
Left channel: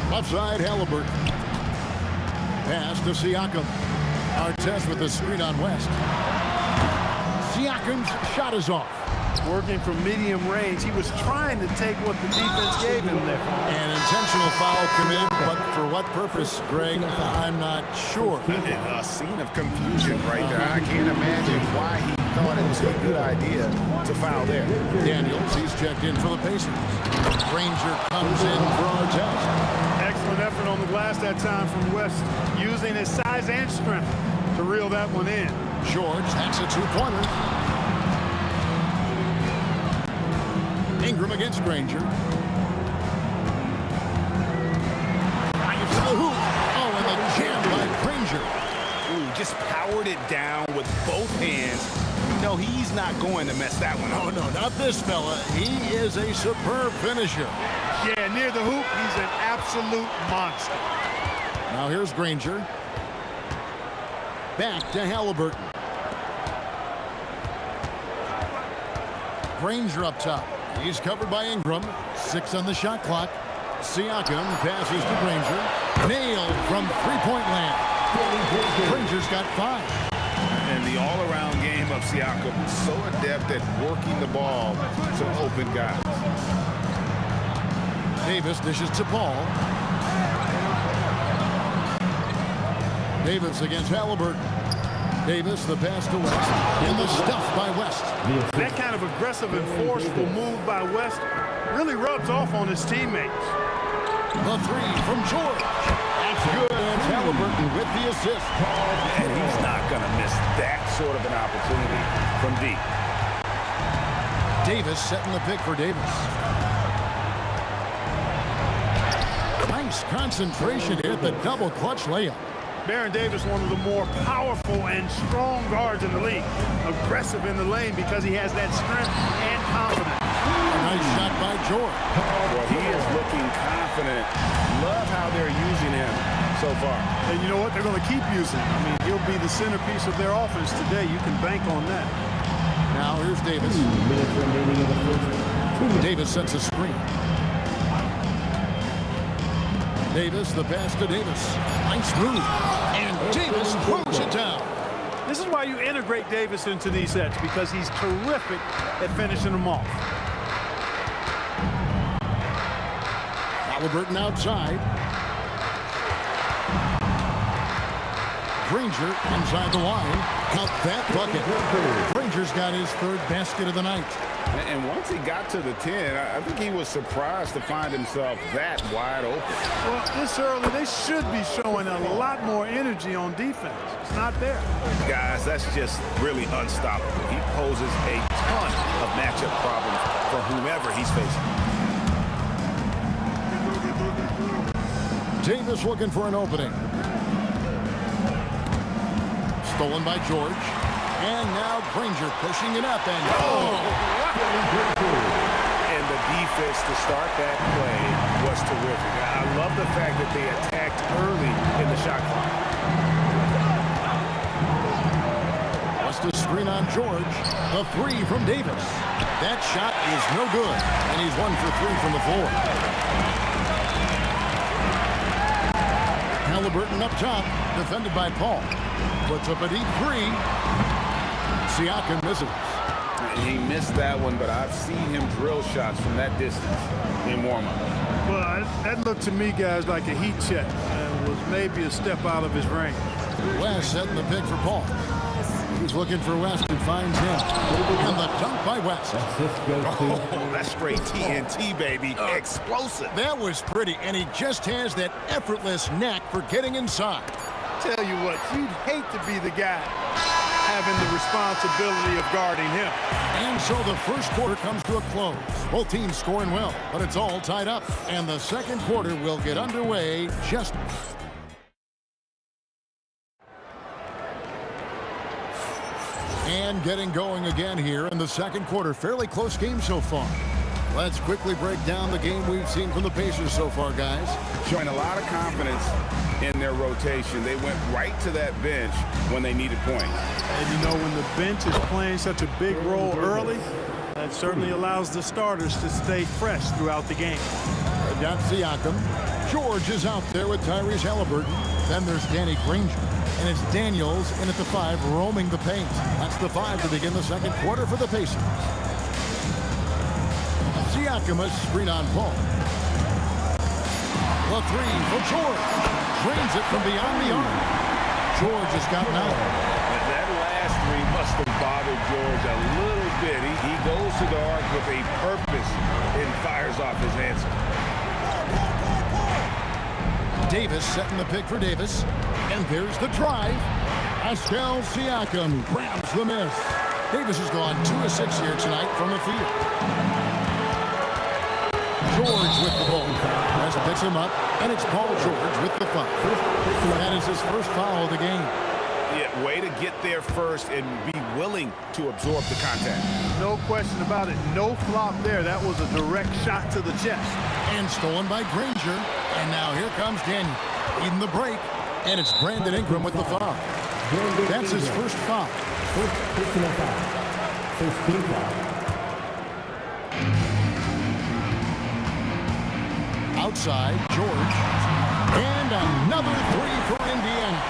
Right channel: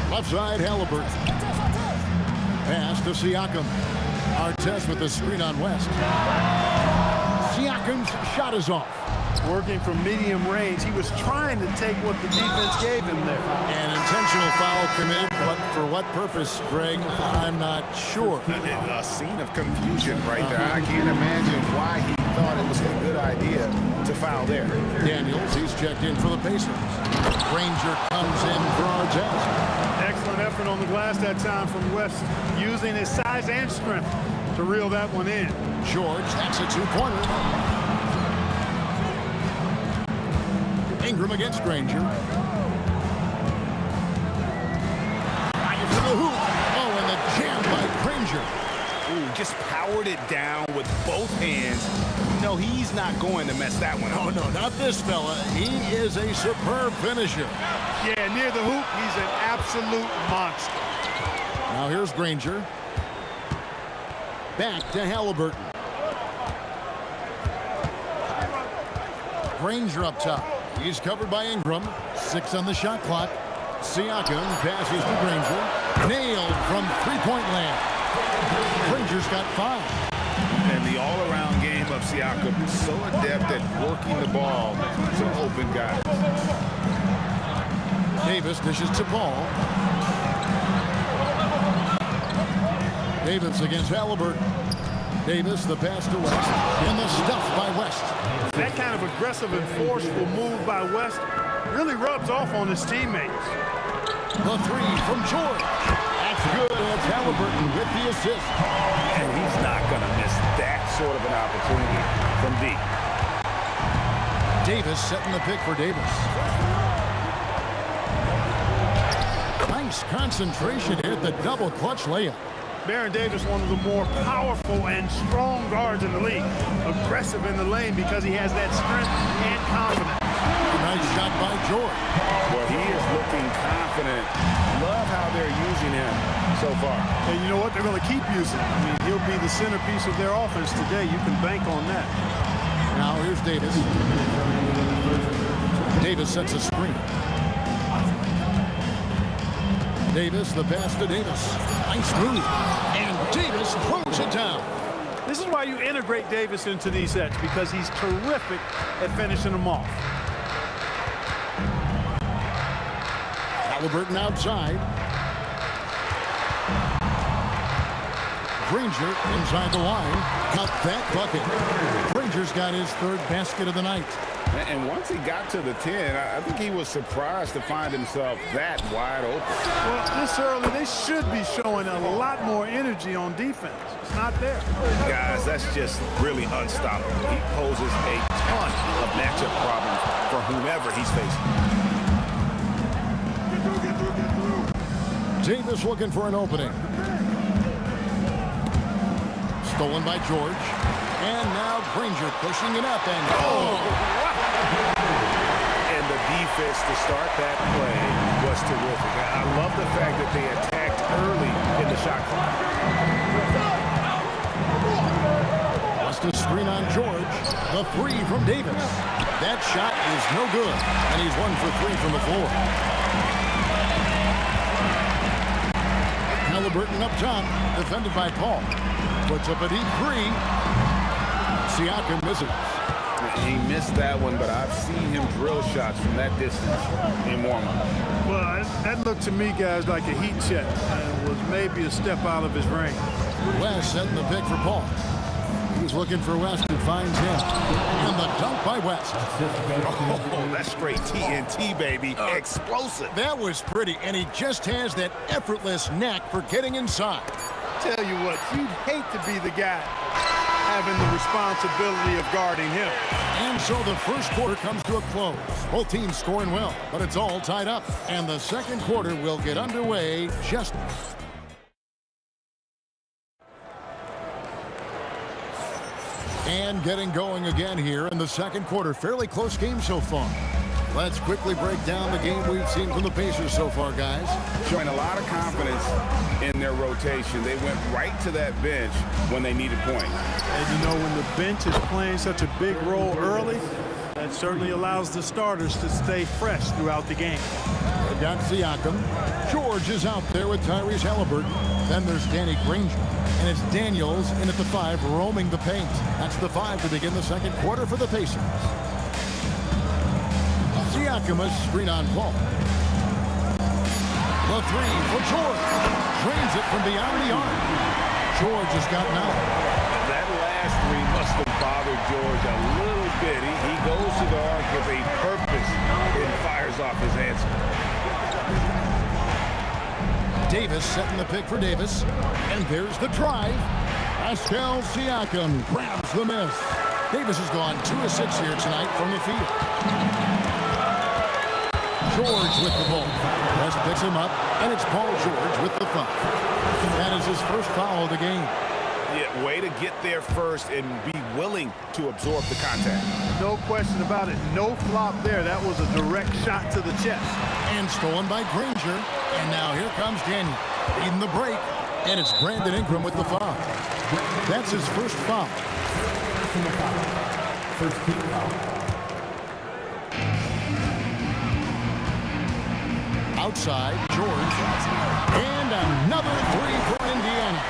Left side, Halliburton. Pass to Siakam. Artest with the screen on West. Siakam's shot is off. Working from medium range, he was trying to take what the defense gave him there. An intentional foul committed, but for what purpose, Greg, I'm not sure. A scene of confusion right there. I can't imagine why he thought it was a good idea to foul there. Daniels, he's checked in for the Pacers. Granger comes in for Artest. Excellent effort on the glass that time from West, using his size and strength to reel that one in. George, that's a 2-pointer. Ingram against Granger. Drive to the hoop. Oh, and the jam by Granger. Ooh, just powered it down with both hands. You know he's not going to mess that one up. Oh, no, not this fella. He is a superb finisher. Yeah, near the hoop, he's an absolute monster. Now here's Granger. Back to Halliburton. Granger up top. He's covered by Ingram. 6 on the shot clock. Siakam passes to Granger. Nailed from three-point land. Granger's got 5. And the all-around game of Siakam, so adept at working the ball to open guys. Davis dishes to Paul. Davis against Halliburton. Davis, the pass to West. And the stuff by West. That kind of aggressive and forceful move by West really rubs off on his teammates. The 3 from George. That's good. And Halliburton with the assist. And he's not going to miss that sort of an opportunity from deep. Davis setting the pick for Davis. Nice concentration here at the double clutch layup. Baron Davis, one of the more powerful and strong guards in the league. Aggressive in the lane because he has that strength and confidence. A nice shot by George. Boy, he is looking confident. Love how they're using him so far. And you know what? They're going to keep using him. I mean, he'll be the centerpiece of their offense today. You can bank on that. Now here's Davis. Davis sets a screen. Davis, the pass to Davis. Nice move. And Davis throws it down. This is why you integrate Davis into these sets, because he's terrific at finishing them off. Halliburton outside. Granger inside the line. Count that bucket. Granger's got his third basket of the night. And once he got to the 10, I think he was surprised to find himself that wide open. Well, this early, they should be showing a lot more energy on defense. It's not there. Guys, that's just really unstoppable. He poses a ton of matchup problems for whomever he's facing. Davis looking for an opening. Stolen by George. And now Granger pushing it up and And the defense to start that play was terrific. I love the fact that they attacked early in the shot clock. Wants to screen on George. The three from Davis. That shot is no good. And he's 1 for 3 from the floor. Halliburton up top. Defended by Paul. Puts up a deep three. Siakam misses. He missed that one, but I've seen him drill shots from that distance in warm-up. Well, that looked to me, guys, like a heat check and was maybe a step out of his range. West setting the pick for Paul. He's looking for West and finds him. And the dunk by West. Oh, that's straight TNT, baby. Explosive. That was pretty, and he just has that effortless knack for getting inside. Tell you what, you'd hate to be the guy having the responsibility of guarding him. And so the first quarter comes to a close. Both teams scoring well, but it's all tied up. And the second quarter will get underway just... And getting going again here in the second quarter. Fairly close game so far. Let's quickly break down the game we've seen from the Pacers so far, guys. Showing a lot of confidence in their rotation. They went right to that bench when they needed points. And you know, when the bench is playing such a big role early, that certainly allows the starters to stay fresh throughout the game. They've got Siakam. George is out there with Tyrese Halliburton. Then there's Danny Granger. And it's Daniels in at the 5 roaming the paint. That's the 5 to begin the second quarter for the Pacers. Siakam a screen on Paul. The 3 for George. Drains it from beyond the arc. George has got 9. That last 3 must have bothered George a little bit. He goes to the arc with a purpose and fires off his answer. Davis setting the pick for Davis. And there's the drive. Pascal Siakam grabs the miss. Davis has gone 2 of 6 here tonight from the field. George with the ball. West picks him up, and it's Paul George with the foul. That is his first foul of the game. Yeah, way to get there first and be willing to absorb the contact. No question about it. No flop there. That was a direct shot to the chest. And stolen by Granger. And now here comes Daniel. Leading the break. And it's Brandon Ingram with the foul. That's his first foul. First personal foul. First team foul. Outside, George. And another 3 for Indiana.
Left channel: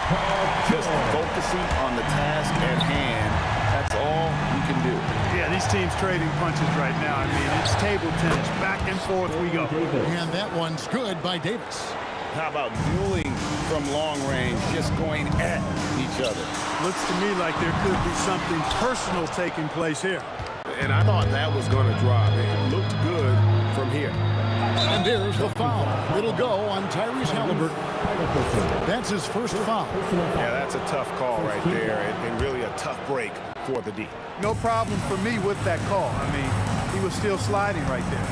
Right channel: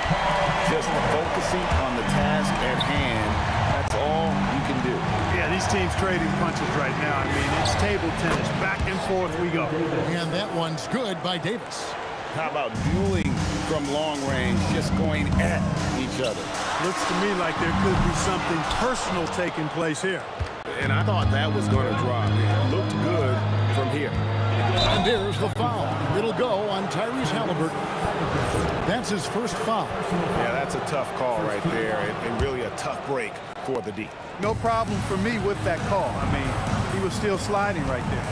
Just focusing on the task at hand. That's all you can do. Yeah, these teams trading punches right now. I mean, it's table tennis. Back and forth we go. And that one's good by Davis. How about dueling from long range, just going at each other? Looks to me like there could be something personal taking place here. And I thought that was going to drop. It looked good from here. And there's the foul. It'll go on Tyrese Halliburton. That's his first foul. Yeah, that's a tough call right there, and really a tough break for the D. No problem for me with that call. I mean, he was still sliding right there.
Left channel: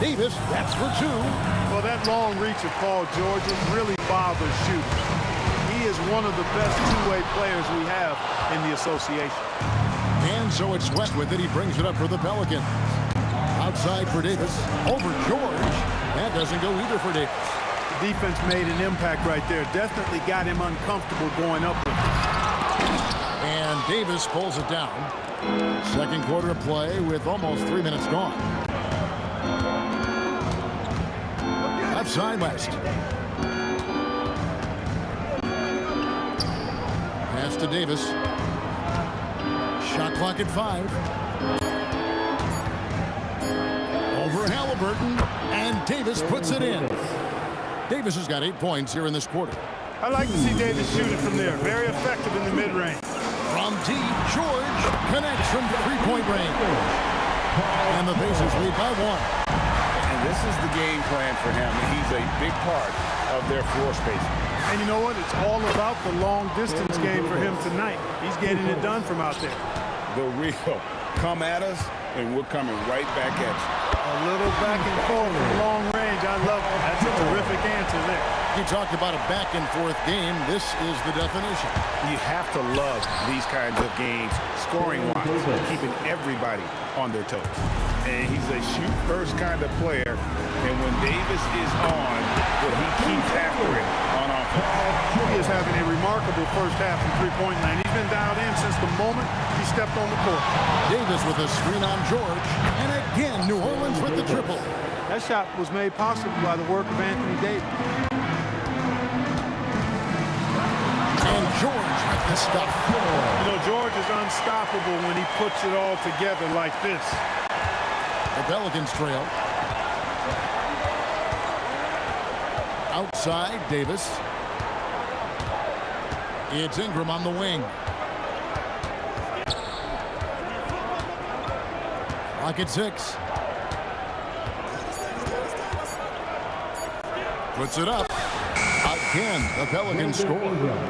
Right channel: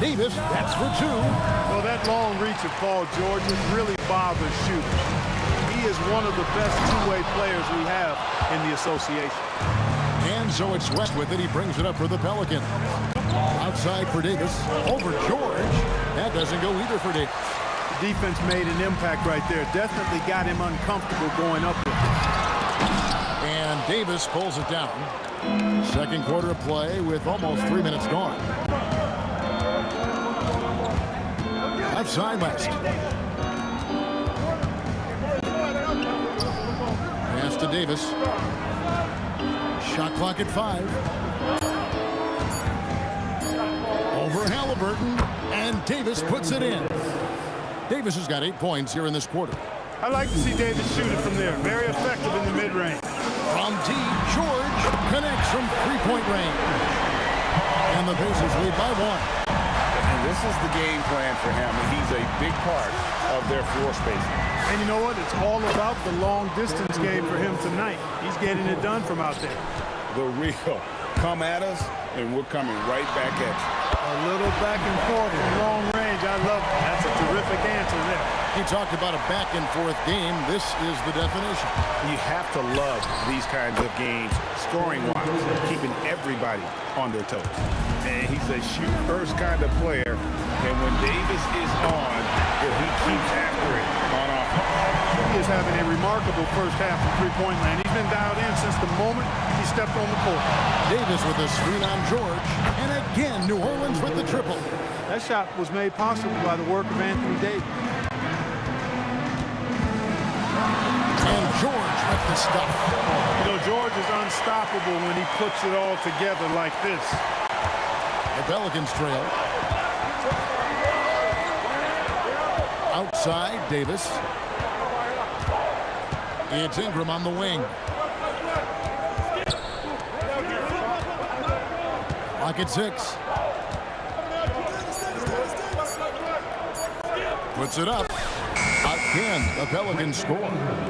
Davis, that's for two. Well, that long reach of Paul George's really bothers shooters. He is one of the best two-way players we have in the association. And so it's West with it. He brings it up for the Pelicans. Outside for Davis. Over George. That doesn't go either for Davis. The defense made an impact right there. Definitely got him uncomfortable going up with it. And Davis pulls it down. Second quarter of play with almost 3 minutes gone. Left side West. Pass to Davis. Shot clock at 5. Over Halliburton, and Davis puts it in. Davis has got 8 points here in this quarter. I like to see Davis shoot it from there. Very effective in the mid-range. From deep, George connects from three-point range. And the Pacers lead by 1. And this is the game plan for him. He's a big part of their floor spacing. And you know what? It's all about the long-distance game for him tonight. He's getting it done from out there. The real come at us, and we're coming right back at you. A little back and forth from long range. I love it. That's a terrific answer there. He talked about a back and forth game. This is the definition. You have to love these kinds of games, scoring-wise, keeping everybody on their toes. And he's a shoot-first kind of player. And when Davis is on, well, he keeps after it on offense. He is having a remarkable first half from three-point land. He's been dialed in since the moment he stepped on the court. Davis with a screen on George. And again, New Orleans with the triple. That shot was made possible by the work of Anthony Davis. And George with the stuff. You know, George is unstoppable when he puts it all together like this. The Pelicans trail. Outside, Davis. It's Ingram on the wing. Clock at 6. Puts it up. Again, the Pelicans score.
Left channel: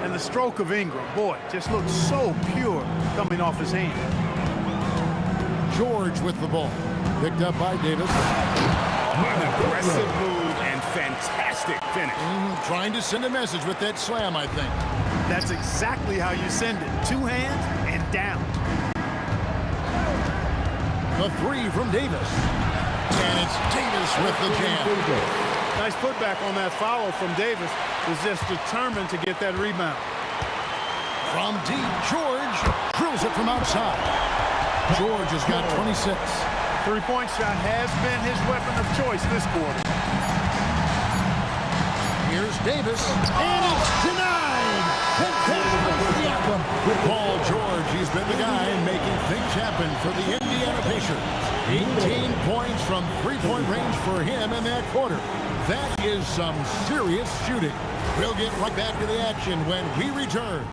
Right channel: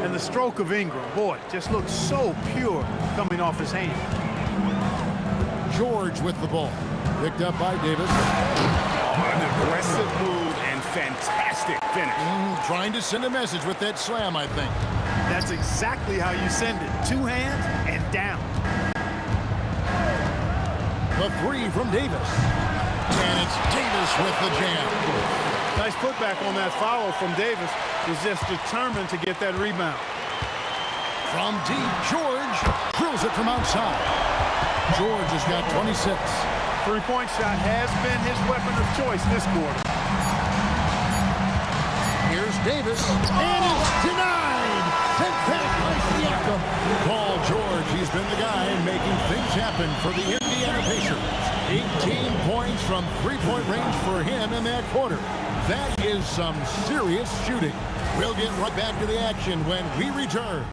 And the stroke of Ingram, boy, just looks so pure coming off his hand. George with the ball. Picked up by Davis. An aggressive move and fantastic finish. Trying to send a message with that slam, I think. That's exactly how you send it. 2 hands and down. The 3 from Davis. And it's Davis with the jam. Nice putback on that foul from Davis. Was just determined to get that rebound. From deep, George drills it from outside. George has got 26. Three-point shot has been his weapon of choice this quarter. Here's Davis, and it's denied. Sent back by Siakam. Paul George, he's been the guy making things happen for the Indiana Pacers. 18 points from three-point range for him in that quarter. That is some serious shooting. We'll get right back to the action when we return.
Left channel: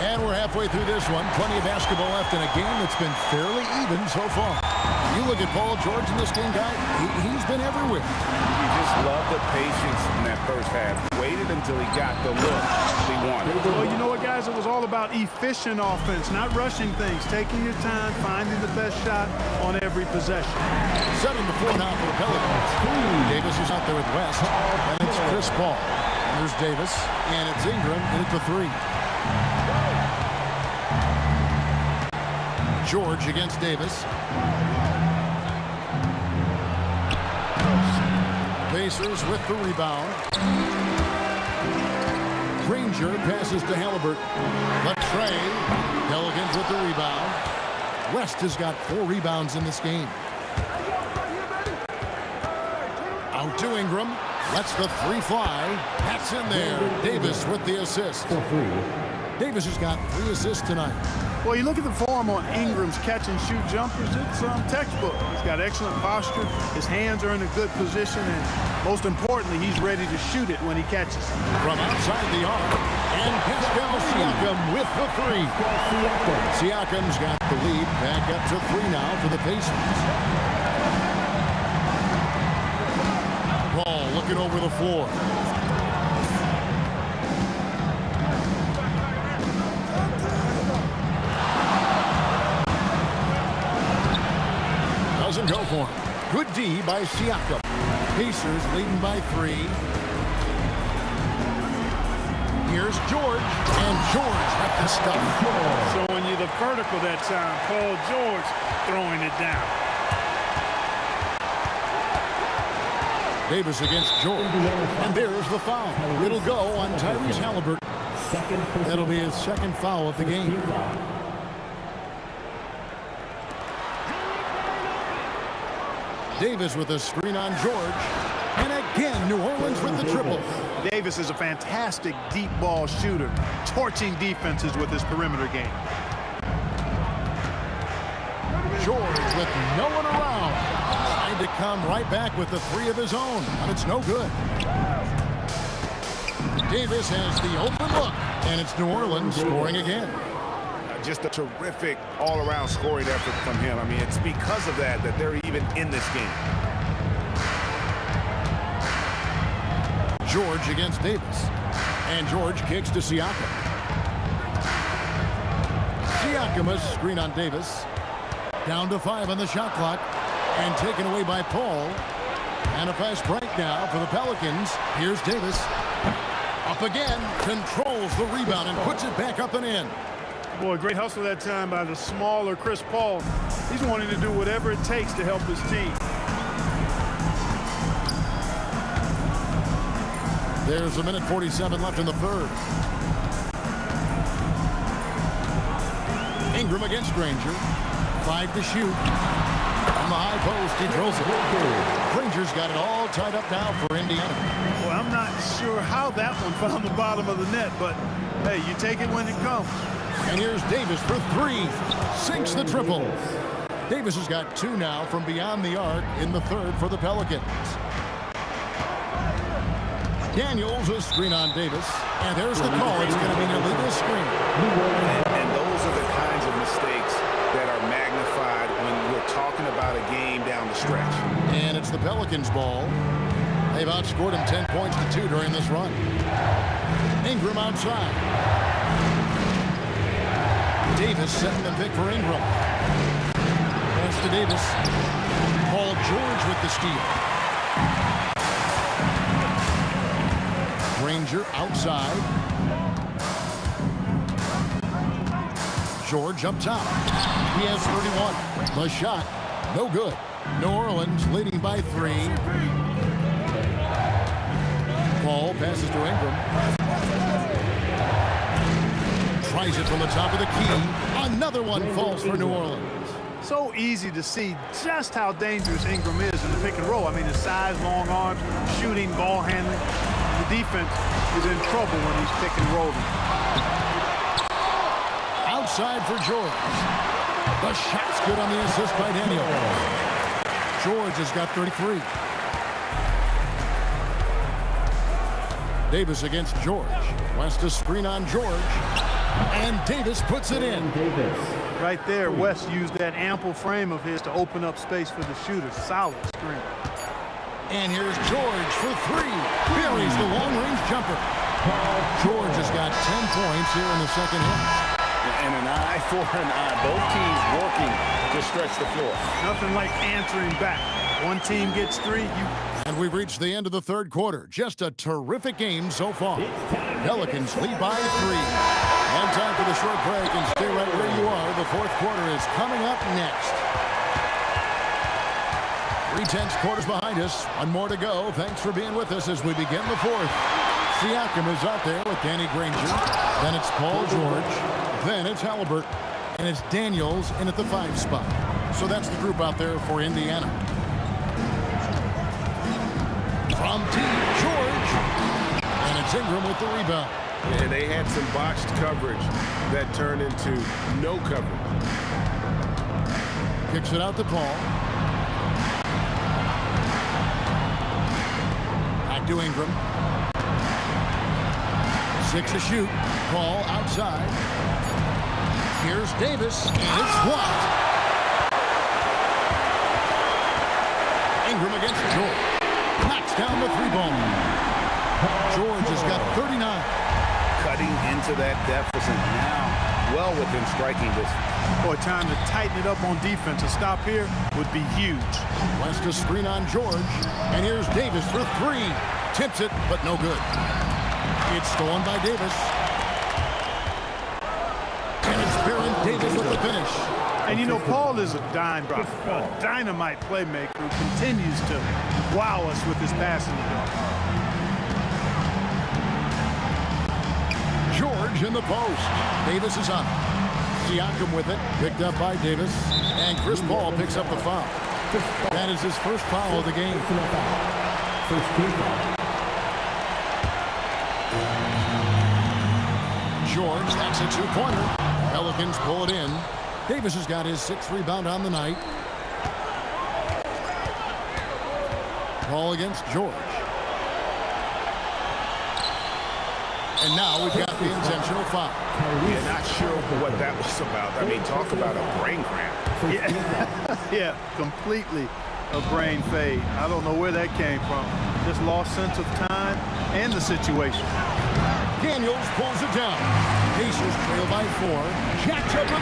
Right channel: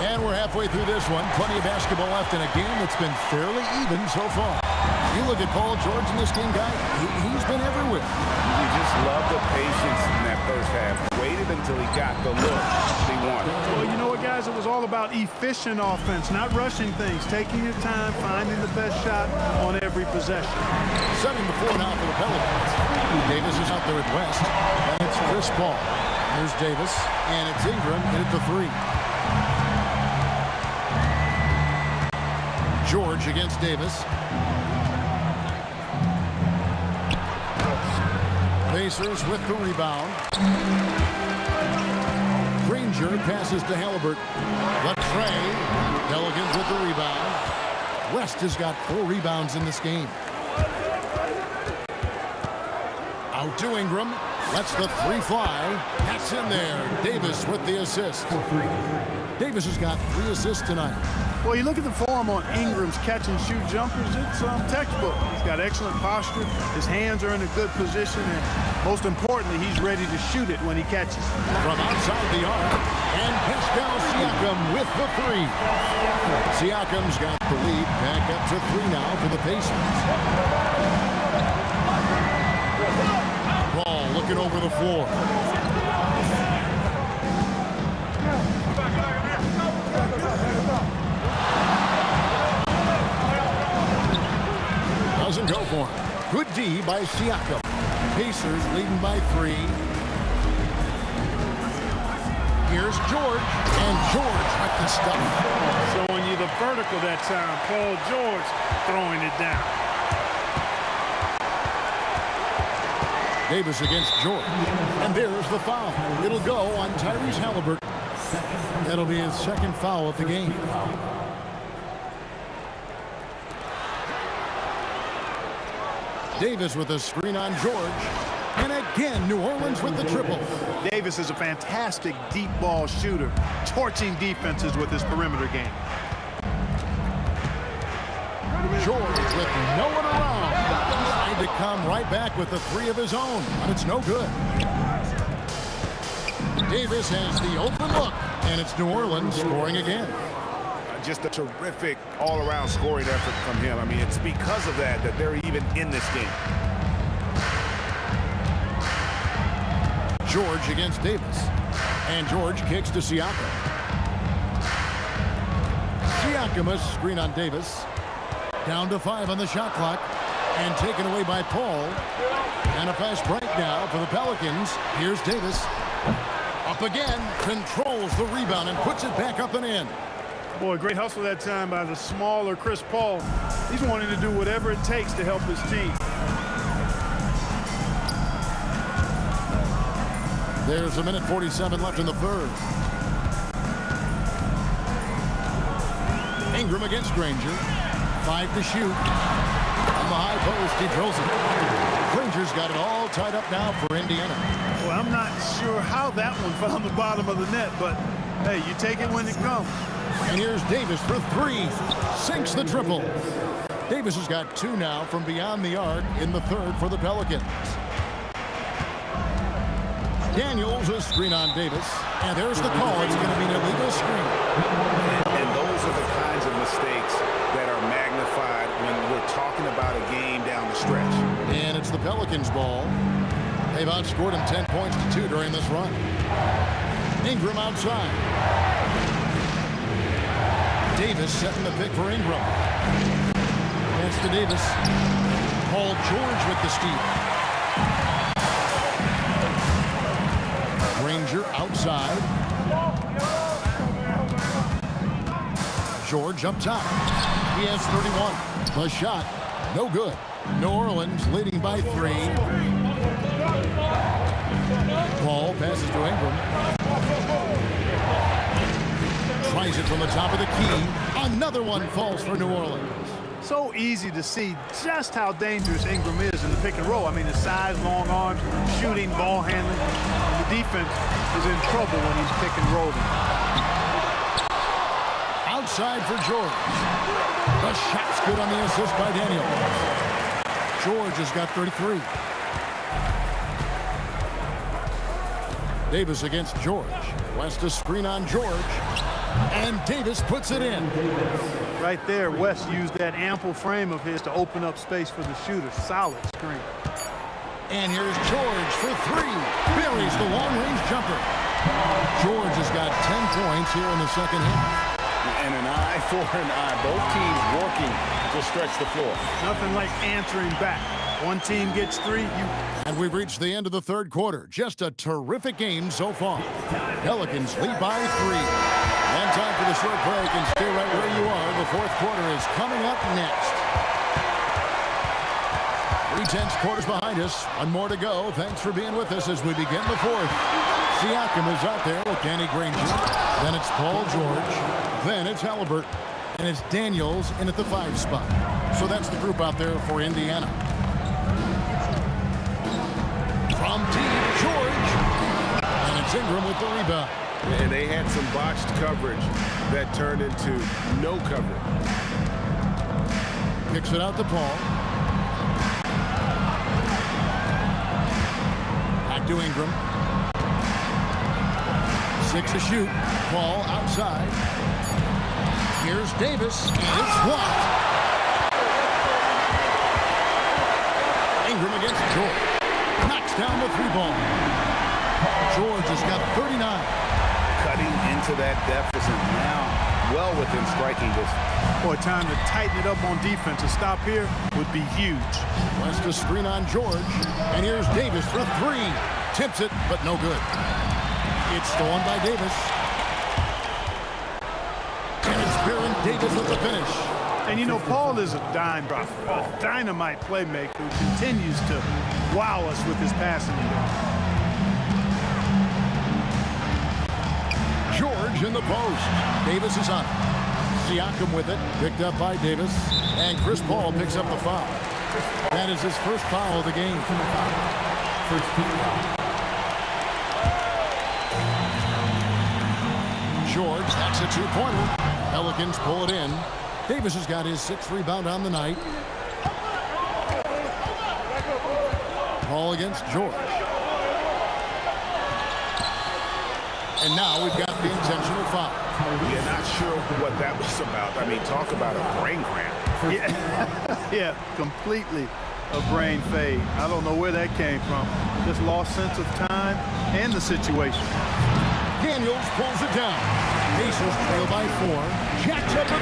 And we're halfway through this one. Plenty of basketball left in a game that's been fairly even so far. You look at Paul George in this game, guy, he's been everywhere. You just love the patience in that first half. Waited until he got the look he wanted. Well, you know what, guys? It was all about efficient offense, not rushing things, taking your time, finding the best shot on every possession. Setting the floor now for the Pelicans. Davis is out there with West. And it's Chris Paul. And there's Davis. And it's Ingram. And it's the 3. George against Davis. Pacers with the rebound. Granger passes to Halliburton. Latrey. Pelicans with the rebound. West has got 4 rebounds in this game. Out to Ingram. Lets the 3 fly. That's in there. Davis with the assist. Davis has got 3 assists tonight. Well, you look at the form on Ingram's catch-and-shoot jumpers, it's textbook. He's got excellent posture. His hands are in a good position, and Most importantly, he's ready to shoot it when he catches it. From outside the arc, and Pascal Siakam with the three. Siakam's got the lead back up to 3 now for the Pacers. Paul looking over the floor. Doesn't go for him. Good D by Siakam. Pacers leading by 3. Here's George, and George with the stuff. Showing you the vertical that time. Paul George throwing it down. Davis against George. And there's the foul. It'll go on Tyrese Halliburton. That'll be his second foul of the game. Davis with a screen on George. And again, New Orleans with the triple. Davis is a fantastic deep ball shooter, torching defenses with his perimeter game. George with no one around. Trying to come right back with the 3 of his own, but it's no good. Davis has the open look, and it's New Orleans scoring again. Just a terrific all-around scoring effort from him. I mean, it's because of that they're even in this game. George against Davis. And George kicks to Siakam. Siakam a screen on Davis. Down to 5 on the shot clock. And taken away by Paul. And a fast break now for the Pelicans. Here's Davis. Up again. Controls the rebound and puts it back up and in. Boy, great hustle that time by the smaller Chris Paul. He's wanting to do whatever it takes to help his team. There's 1:47 left in the third. Ingram against Granger. 5 to shoot. On the high post, he drills it. Granger's got it all tied up now for Indiana. Well, I'm not sure how that one found the bottom of the net, but hey, you take it when it comes. And here's Davis for 3. Sinks the triple. Davis has got 2 now from beyond the arc in the third for the Pelicans. Daniels a screen on Davis. And there's the call. It's going to be an illegal screen. And those are the kinds of mistakes that are magnified when we're talking about a game down the stretch. And it's the Pelicans' ball. They've outscored him 10 points to 2 during this run. Ingram outside. Davis setting the pick for Ingram. Pass to Davis. Paul George with the steal. Granger outside. George up top. He has 31. The shot, no good. New Orleans leading by 3. Paul passes to Ingram. Tries it from the top of the key. Another one falls for New Orleans. So easy to see just how dangerous Ingram is in the pick and roll. I mean, his size, long arms, shooting, ball handling. The defense is in trouble when he's pick and rolling. Outside for George. The shot's good on the assist by Daniel. George has got 33. Davis against George. West a screen on George. And Davis puts it in. Right there, West used that ample frame of his to open up space for the shooter. Solid screen. And here's George for 3. Buries the long-range jumper. George has got 10 points here in the second half. And an eye for an eye. Both teams working to stretch the floor. Nothing like answering back. One team gets 3, And we've reached the end of the third quarter. Just a terrific game so far. Pelicans lead by 3. And time for the short break, and stay right where you are. The fourth quarter is coming up next. 3/10 quarters behind us. One more to go. Thanks for being with us as we begin the fourth. Siakam is out there with Danny Granger. Then it's Paul George. Then it's Halliburton. And it's Daniels in at the 5 spot. So that's the group out there for Indiana. From deep, George. And it's Ingram with the rebound. And they had some botched coverage that turned into no coverage. Kicks it out to Paul. Back to Ingram. 6 to shoot. Ball outside. Here's Davis, and it's blocked. Ingram against George. Knocks down the 3-ball. George has got 39. Cutting into that deficit now, well within striking distance. Boy, time to tighten it up on defense. A stop here would be huge. West to screen on George. And here's Davis for 3. Tips it, but no good. It's stolen by Davis. And it's Baron Davis with the finish. And you know, Paul is a dynamite playmaker who continues to wow us with his passing ability. George in the post. Davis is on it. Siakam with it. Picked up by Davis. And Chris Paul picks up the foul. That is his first foul of the game. First team foul. George, that's a 2-pointer. Pelicans pull it in. Davis has got his 6th rebound on the night. Paul against George. And now we've got the intentional foul. Yeah, not sure what that was about. I mean, talk about a brain cramp. Yeah, yeah, completely a brain fade. I don't know where that came from. Just lost sense of time and the situation. Daniels pulls it down. Pacers trail by 4. Jacks up a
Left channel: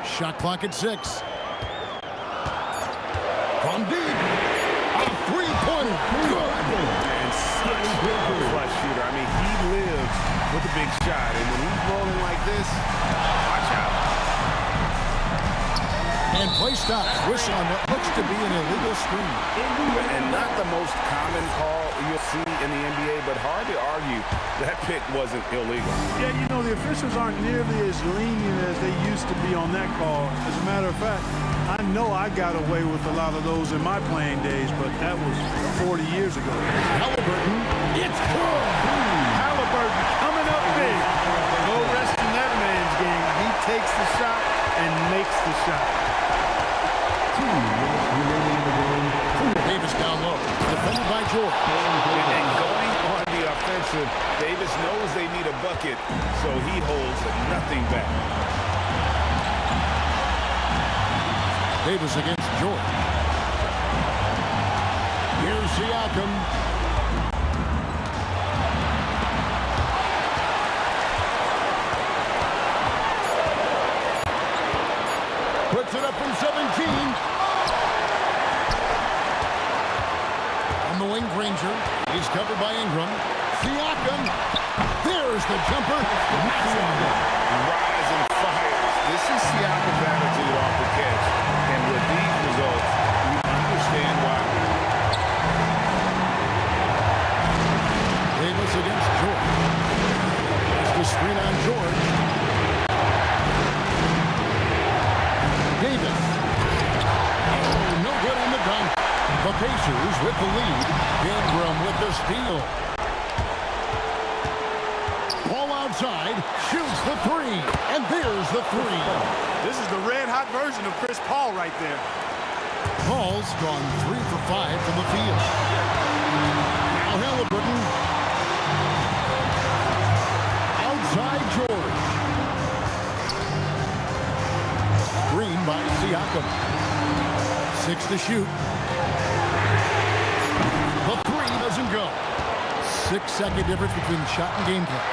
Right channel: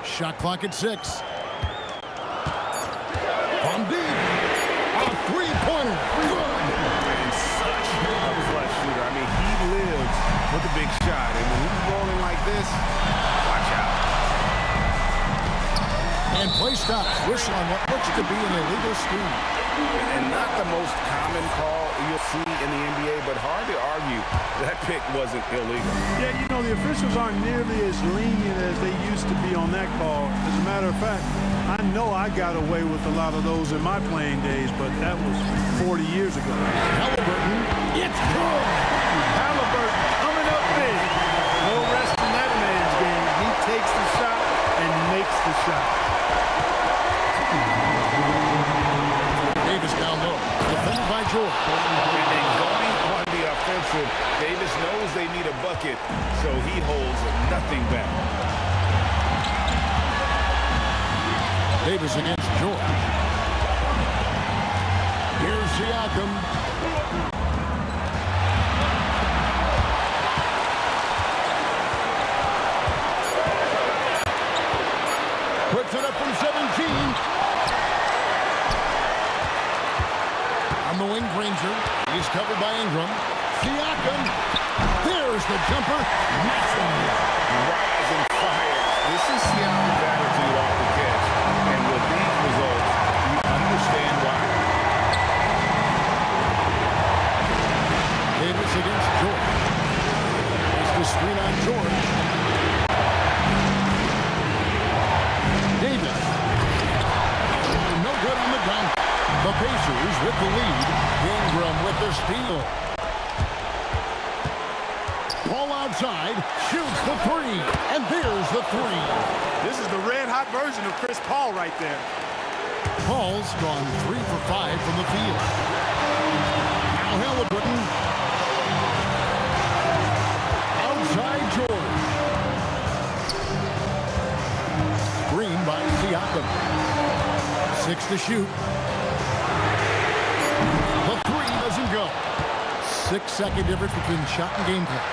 3. Shot clock at 6. From deep. A 3-pointer. Good. And such a clutch shooter. I mean, he lives with a big shot. And when he's rolling like this, watch out. And play stops. Whistle on what looks to be an illegal screen. And not the most common call you'll see in the NBA, but hard to argue that pick wasn't illegal. Yeah, you know, the officials aren't nearly as lenient as they used to be on that call. As a matter of fact, I know I got away with a lot of those in my playing days, but that was 40 years ago. Halliburton, it's good. Halliburton coming up big. No rest in that man's game. He takes the shot and makes the shot. Davis down low, defended by George. And going on the offensive, Davis knows they need a bucket, so he holds nothing back. Davis against George. Here's Siakam. Puts it up from 17. On the wing, Granger. He's covered by Ingram. Siakam. There's the jumper. Nice one. Rise and fires. This is Siakam's attitude off the catch. And with these results, you understand why. Davis against George. There's the screen on George. Davis. Oh, no good on the dunk. The Pacers with the lead. Ingram with the steal. Ball outside. Shoots the 3. And there's the 3. This is the red-hot version of Chris Paul right there. Paul's gone 3 for 5 from the field. Now Halliburton. Outside George. Screen by Siakam. 6 to shoot. The 3 doesn't go. 6-second difference between shot and game clock.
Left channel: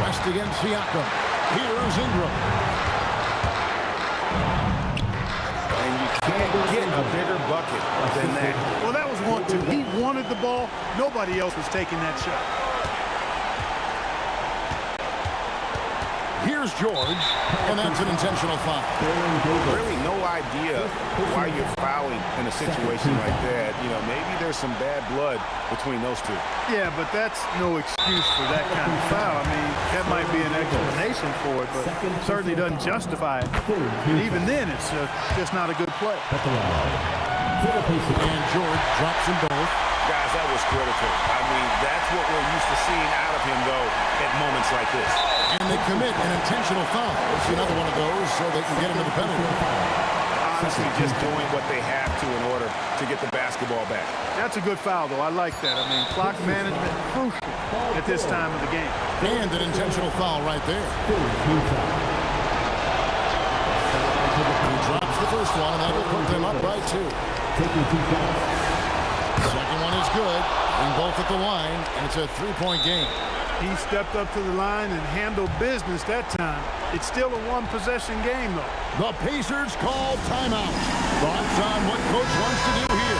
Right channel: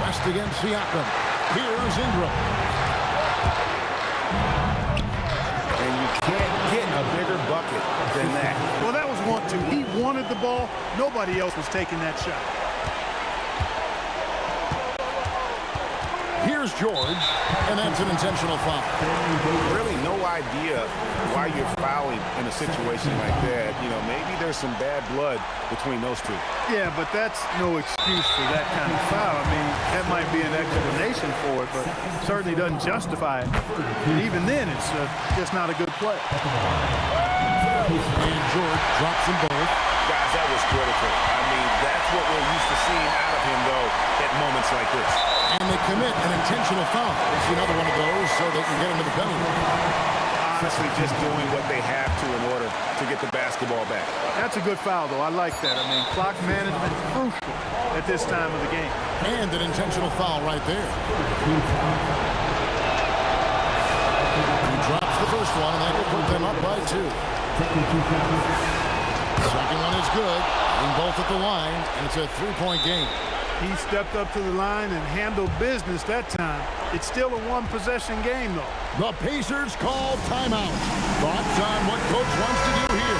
West against Siakam. Here's Ingram. And you can't get a bigger bucket than that. Well, that was 1-2. He wanted the ball. Nobody else was taking that shot. Here's George, and that's an intentional foul. Really no idea why you're fouling in a situation like that. You know, maybe there's some bad blood between those two. Yeah, but that's no excuse for that kind of foul. I mean, that might be an explanation for it, but certainly doesn't justify it. And even then, it's just not a good play. And George drops them both. Guys, that was critical. I mean, that's what we're used to seeing out of him, though, at moments like this. And they commit an intentional foul. It's another one of those so they can get into the penalty. Honestly, just doing what they have to in order to get the basketball back. That's a good foul, though. I like that. I mean, clock management crucial at this time of the game. And an intentional foul right there. He drops the first one, and that will put them up by 2. Second one is good. Being both at the line, and it's a 3-point game. He stepped up to the line and handled business that time. It's still a one-possession game, though. The Pacers call timeout. Thoughts on what Coach wants to do here?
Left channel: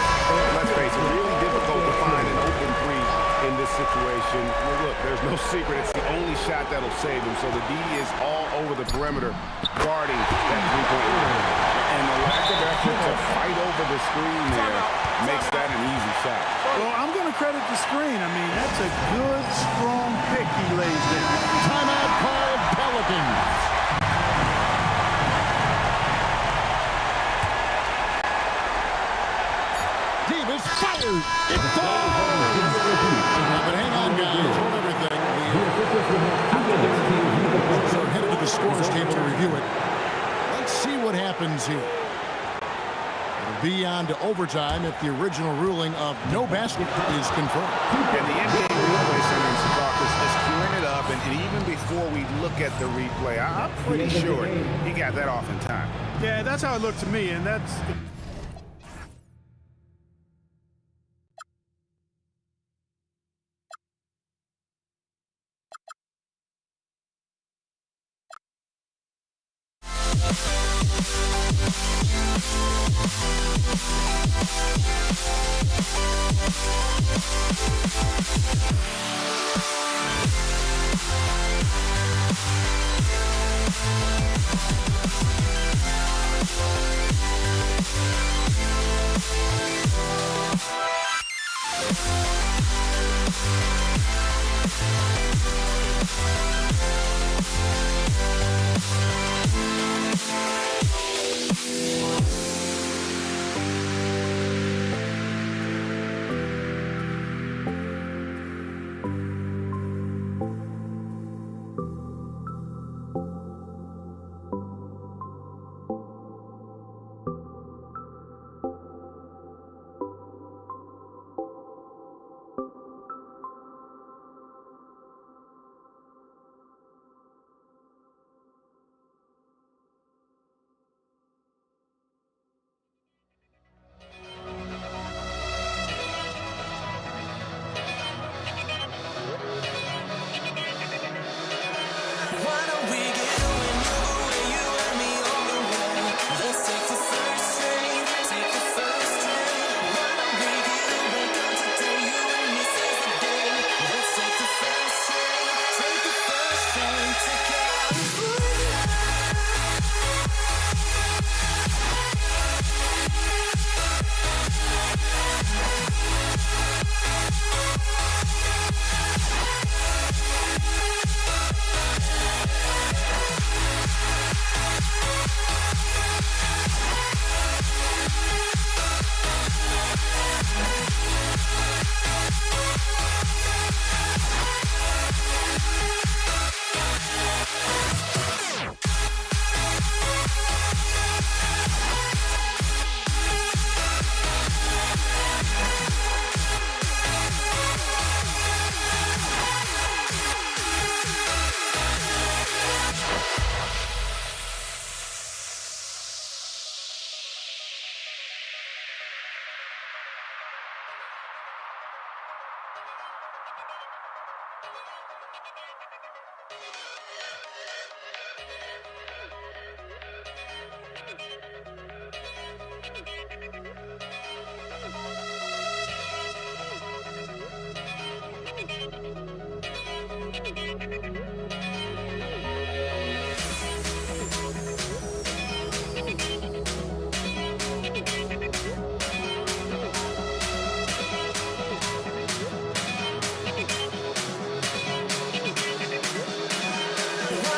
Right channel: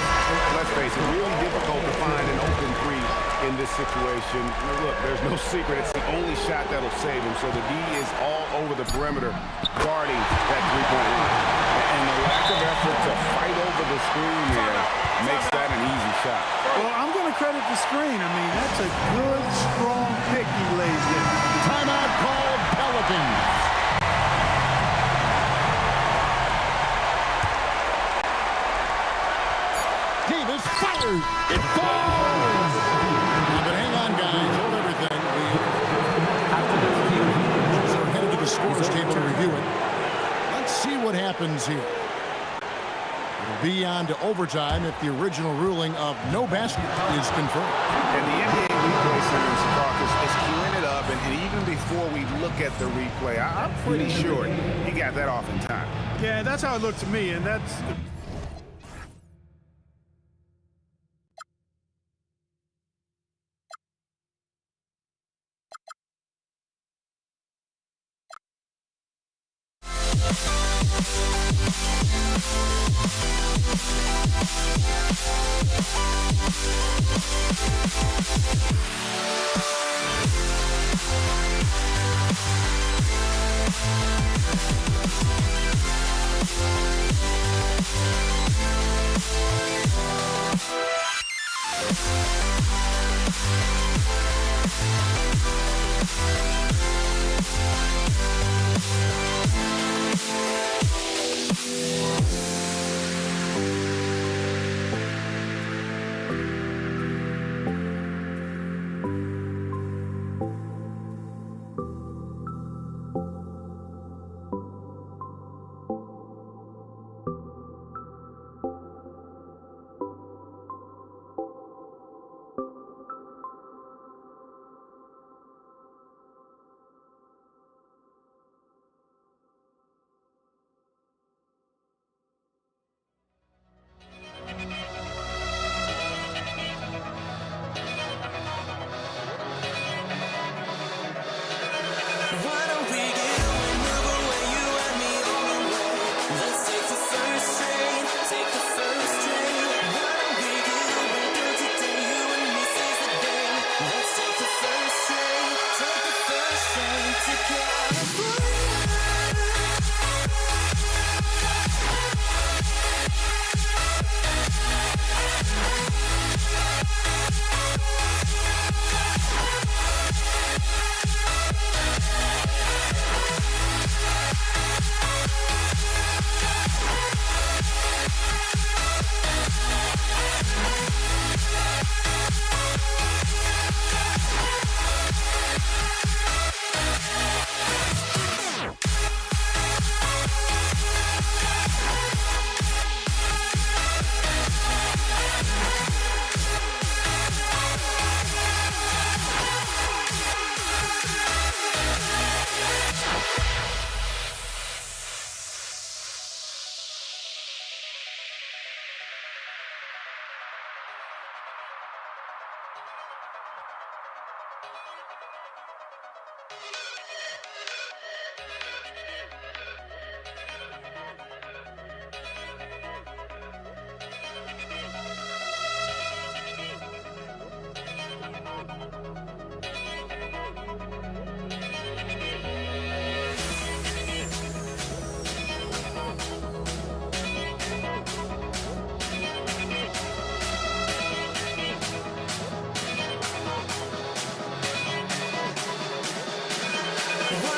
Let's face it, really difficult to find an open three in this situation. Well, look, there's no secret. It's the only shot that'll save him. So the D is all over the perimeter guarding that three-point line. And the lack of effort to fight over the screen there makes that an easy shot. Well, I'm going to credit the screen. I mean, that's a good, strong pick he lays there. Timeout called Pelicans. Davis fires. It falls. Now, but hang on, guys. Hold everything. After the review, The are headed to the scores table to review it. Let's see what happens here. It'll be on to overtime if the original ruling of no basket is confirmed. And the NBA replay center in Secaucus is queuing it up, and even before we look at the replay, I'm pretty sure he got that off in time. Yeah, that's how it looked to me, and that's... What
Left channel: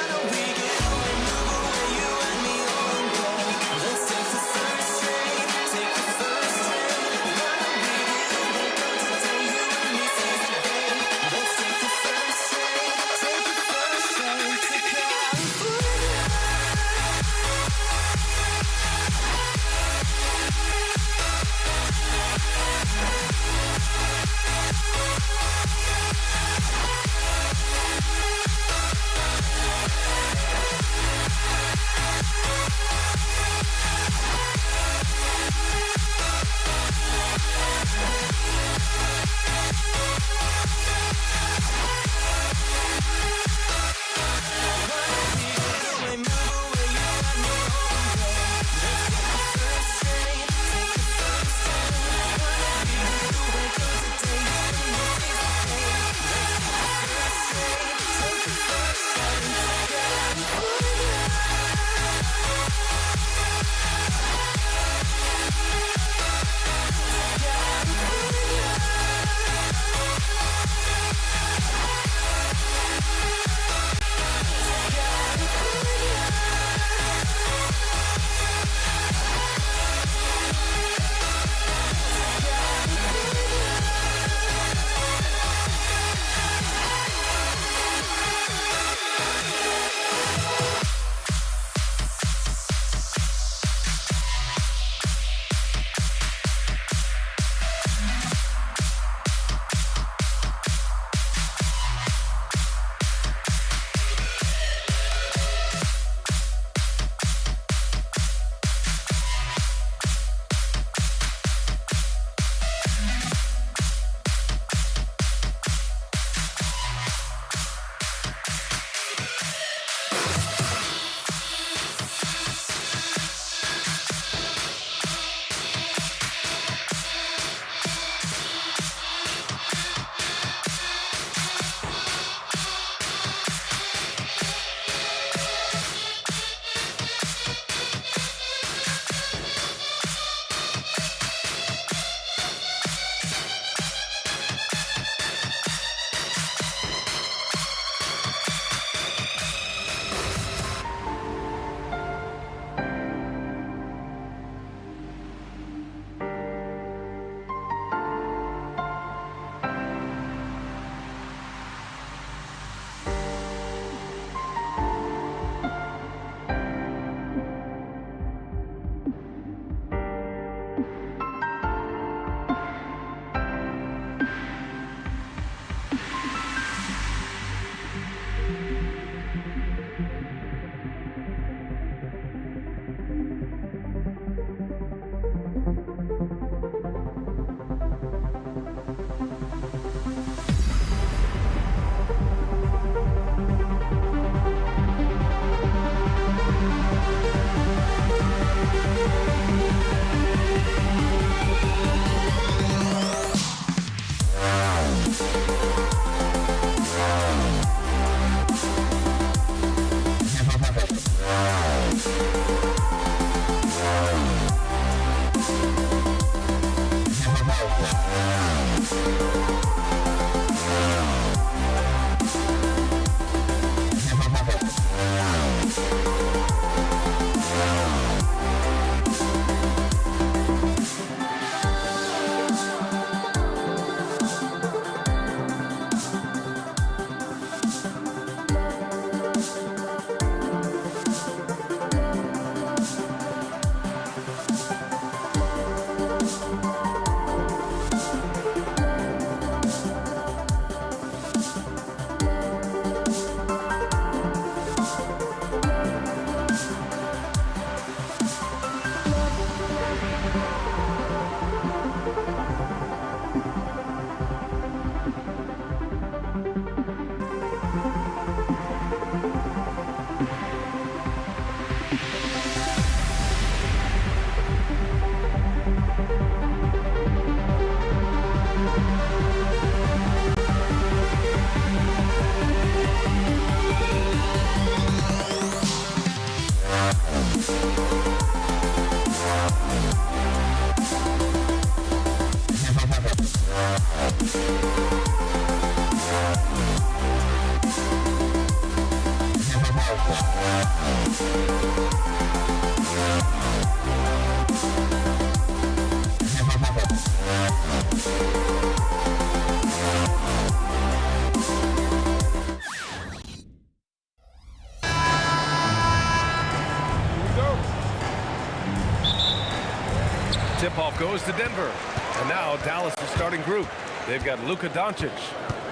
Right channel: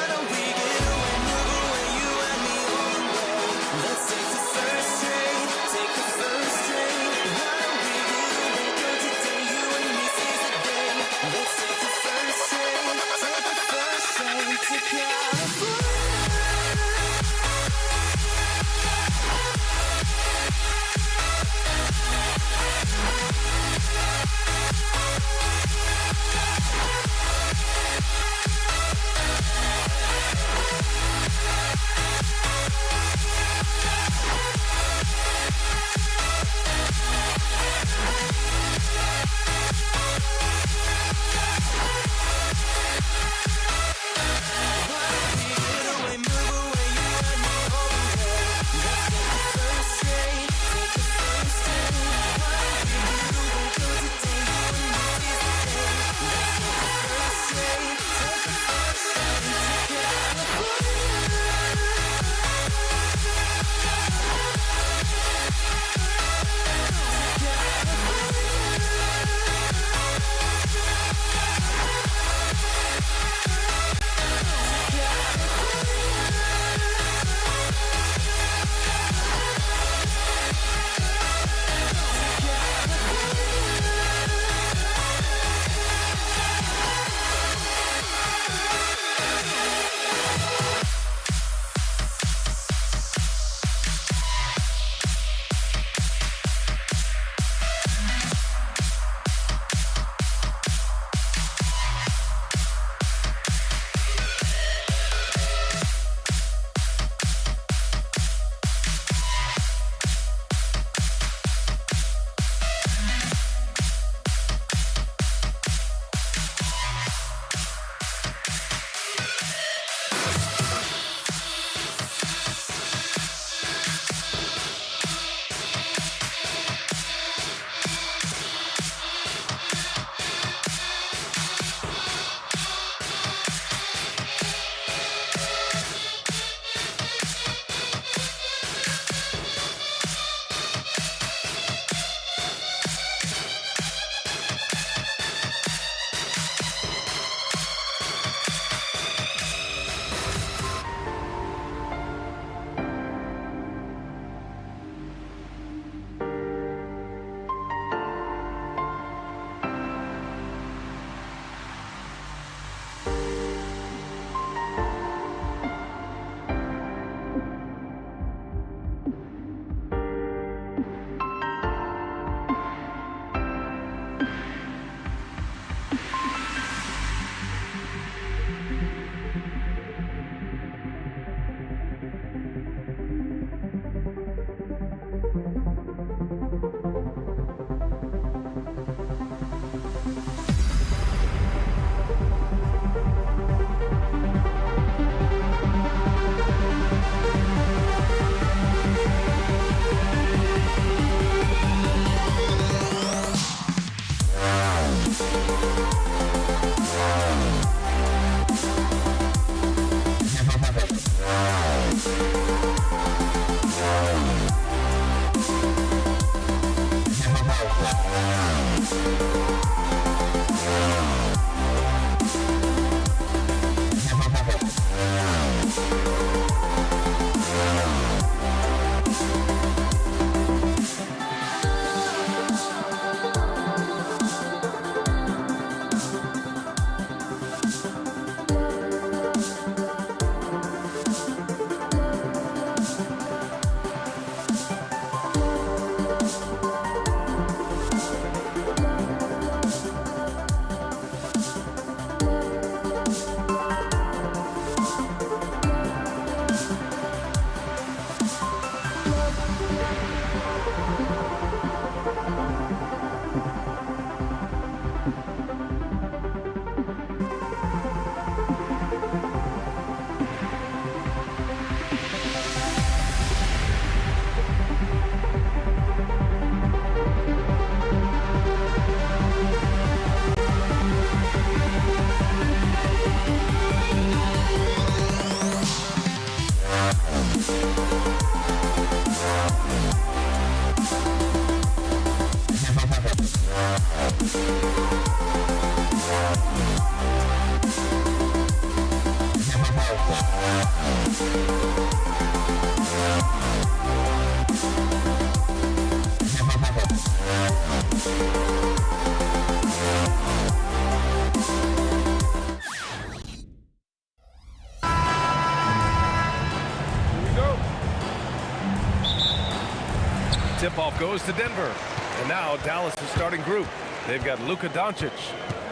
Tip-off goes to Denver. And now Dallas' starting group. They've got Luka Doncic.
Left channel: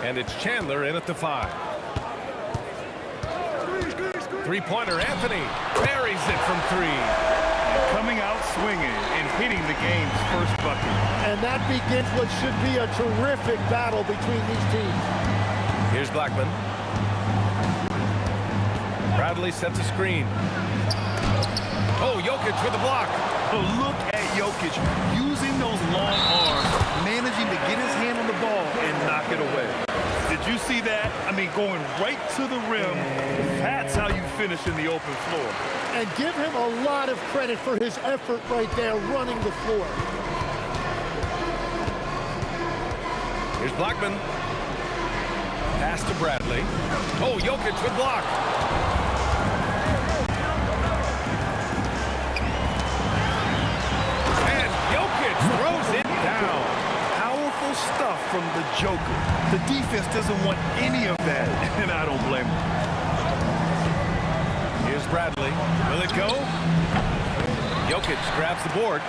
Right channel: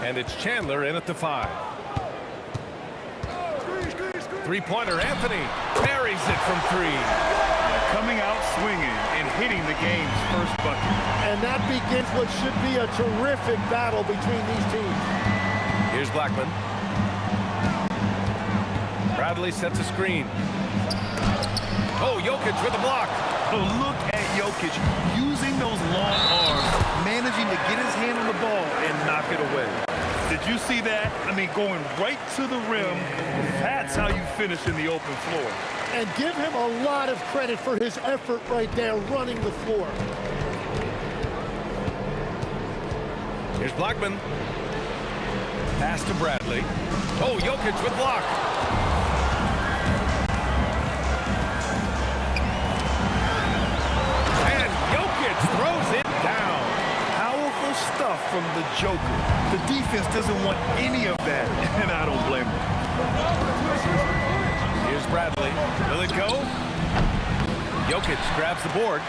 And it's Chandler in at the 5. Three-pointer Anthony buries it from 3. Coming out swinging and hitting the game's first bucket. And that begins what should be a terrific battle between these teams. Here's Blackman. Bradley sets a screen. Oh, Jokic with a block. Oh, look at Jokic using those long arms, managing to get his hand on the ball and knock it away. Did you see that? I mean, going right to the rim. That's how you finish in the open floor. And give him a lot of credit for his effort right there running the floor. Here's Blackman. Pass to Bradley. Oh, Jokic with block. And Jokic throws it down. Powerful stuff from the Joker. The defense doesn't want any of that, and I don't blame them. Here's Bradley. Will it go? Jokic grabs the board.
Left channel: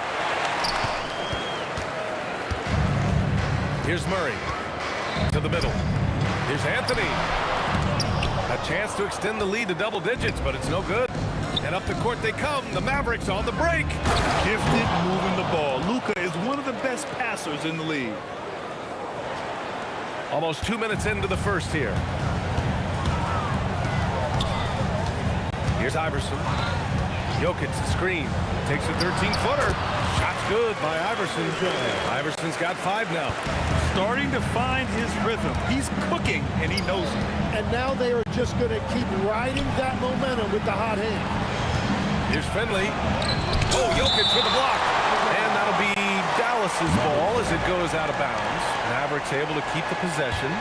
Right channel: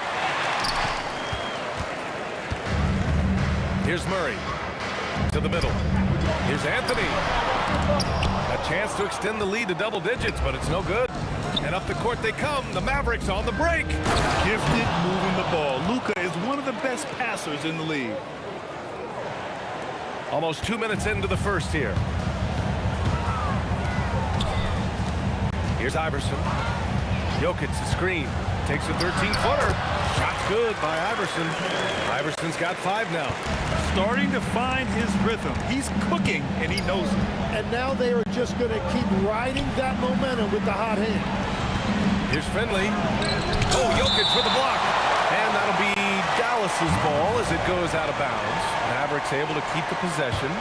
Here's Murray. To the middle. Here's Anthony. A chance to extend the lead to double digits, but it's no good. And up the court they come. The Mavericks on the break. Gifted moving the ball. Luka is one of the best passers in the league. Almost 2 minutes into the first here. Here's Iverson. Jokic the screen. Takes a 13-footer. Shot's good by Iverson. Iverson's got 5 now. Starting to find his rhythm. He's cooking, and he knows it. And now they are just going to keep riding that momentum with the hot hand. Here's Finley. Oh, Jokic with a block. And that'll be Dallas's ball as it goes out of bounds. Mavericks able to keep the possession.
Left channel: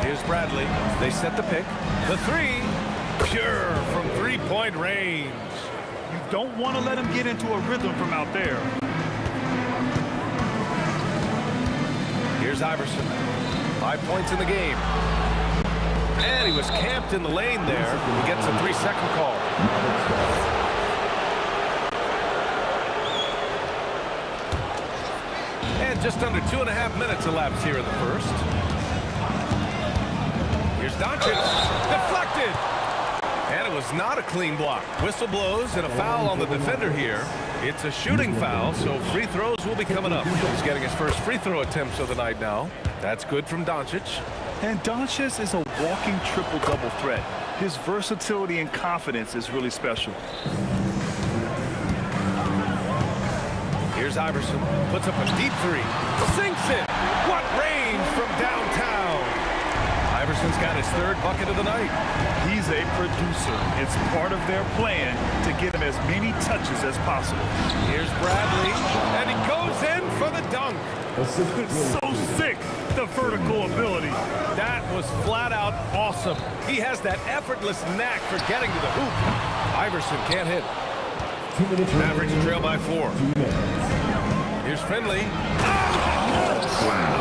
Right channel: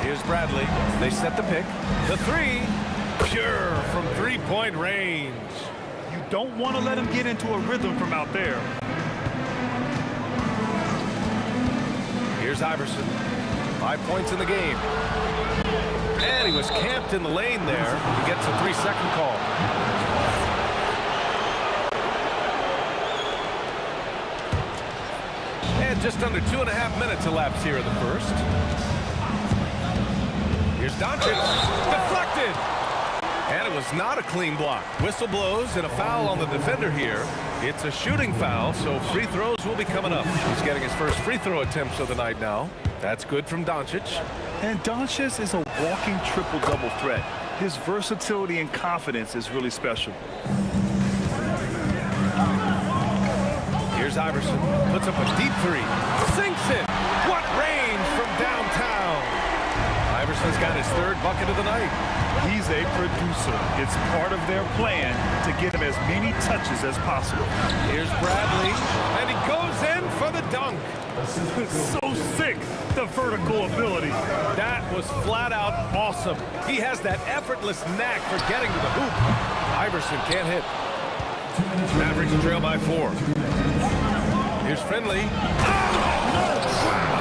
Here's Bradley. They set the pick. The 3. Pure from 3-point range. You don't want to let him get into a rhythm from out there. Here's Iverson. 5 points in the game. And he was camped in the lane there. He gets a 3-second call. And just under 2.5 minutes elapsed here in the first. Here's Doncic. Deflected. And it was not a clean block. Whistle blows and a foul on the defender here. It's a shooting foul, so free throws will be coming up. He's getting his first free throw attempts of the night now. That's good from Doncic. And Doncic is a walking triple-double threat. His versatility and confidence is really special. Here's Iverson. Puts up a deep 3. Sinks it. What range from downtown. Iverson's got his 3rd bucket of the night. He's a producer. It's part of their plan to get him as many touches as possible. Here's Bradley, and he goes in for the dunk. So sick, the vertical ability. That was flat out awesome. He has that effortless knack for getting to the hoop. Iverson can't hit. Mavericks trail by 4. Here's Finley. Oh, wow.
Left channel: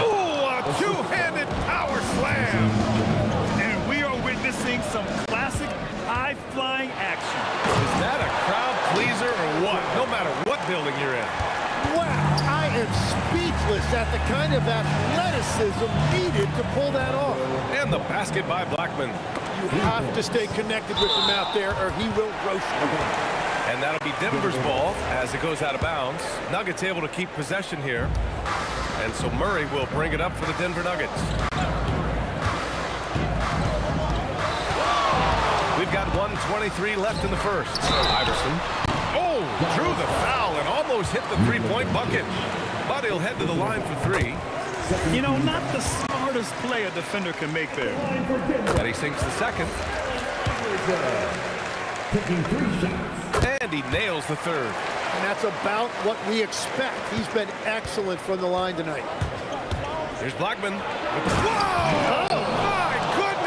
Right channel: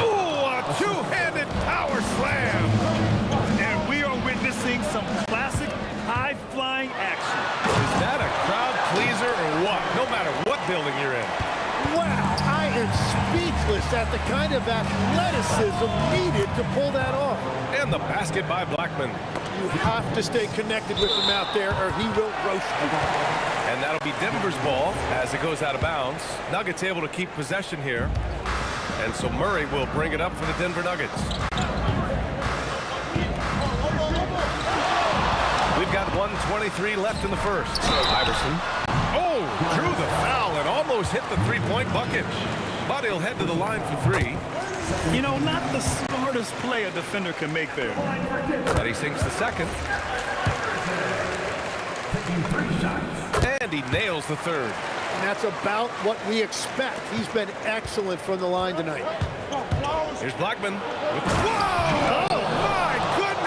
Ooh, a two-handed power slam. And we are witnessing some classic high-flying action. Is that a crowd pleaser or what? No matter what building you're in. Wow, I am speechless at the kind of athleticism needed to pull that off. And the basket by Blackman. You have to stay connected with him out there or he will roast you. And that'll be Denver's ball as it goes out of bounds. Nuggets able to keep possession here. And so Murray will bring it up for the Denver Nuggets. We've got 1:23 left in the first. Iverson. Oh, drew the foul and almost hit the 3-point bucket. But he'll head to the line for 3. You know, not the smartest play a defender can make there. And he sinks the second. Taking 3 shots. And he nails the 3rd. And that's about what we expect. He's been excellent from the line tonight. Here's Blackman. Whoa! Oh, my goodness!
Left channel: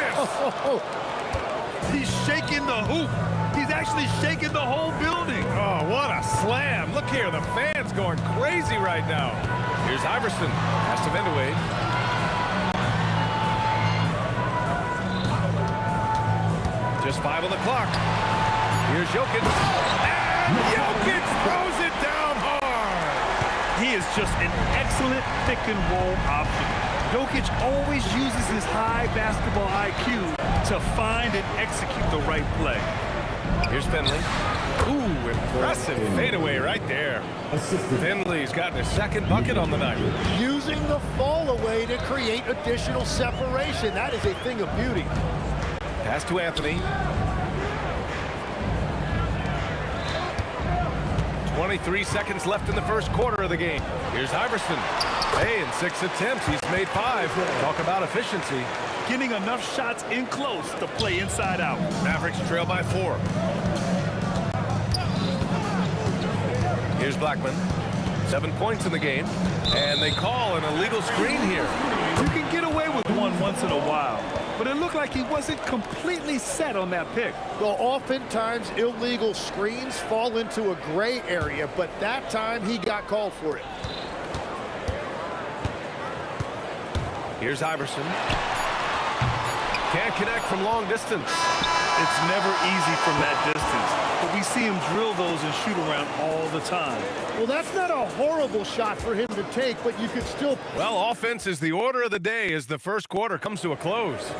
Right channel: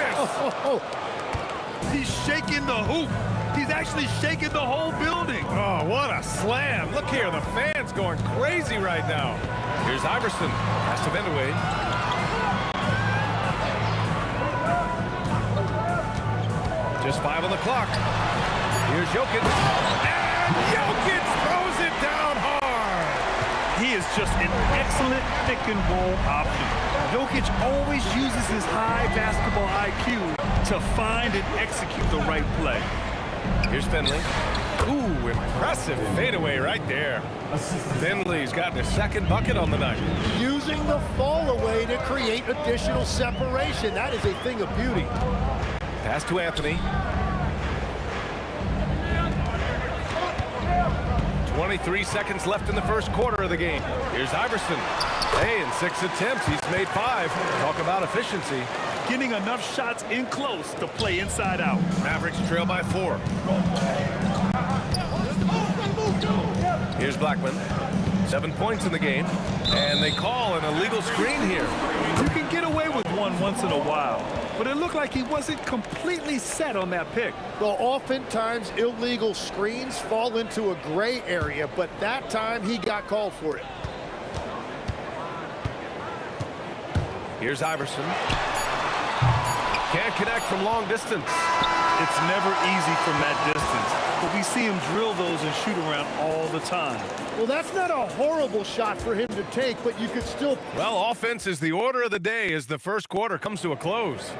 He's shaking the hoop. He's actually shaking the whole building. Oh, what a slam. Look here, the fans going crazy right now. Here's Iverson. Has to bend away. Just 5 on the clock. Here's Jokic. And Jokic throws it down hard. He is just an excellent pick and roll option. Jokic always uses his high basketball IQ to find and execute the right play. Here's Finley. Ooh, impressive fadeaway right there. Finley's gotten his second bucket on the night. Using the fall away to create additional separation. That is a thing of beauty. Pass to Anthony. 23 seconds left in the first quarter of the game. Here's Iverson. Hey, in 6 attempts, he's made 5. Talk about efficiency. Getting enough shots in close to play inside out. Mavericks trail by 4. Here's Blackman. 7 points in the game. And they call an illegal screen here. You can get away with one once in a while, but it looked like he wasn't completely set on that pick. Well, oftentimes illegal screens fall into a gray area, but that time he got called for it. Here's Iverson. Can't connect from long distance. It's never easy from that distance, but we see him drill those and shoot around all the time. Well, that's not a horrible shot for him to take, but you could still... Well, offense is the order of the day as the first quarter comes to a close.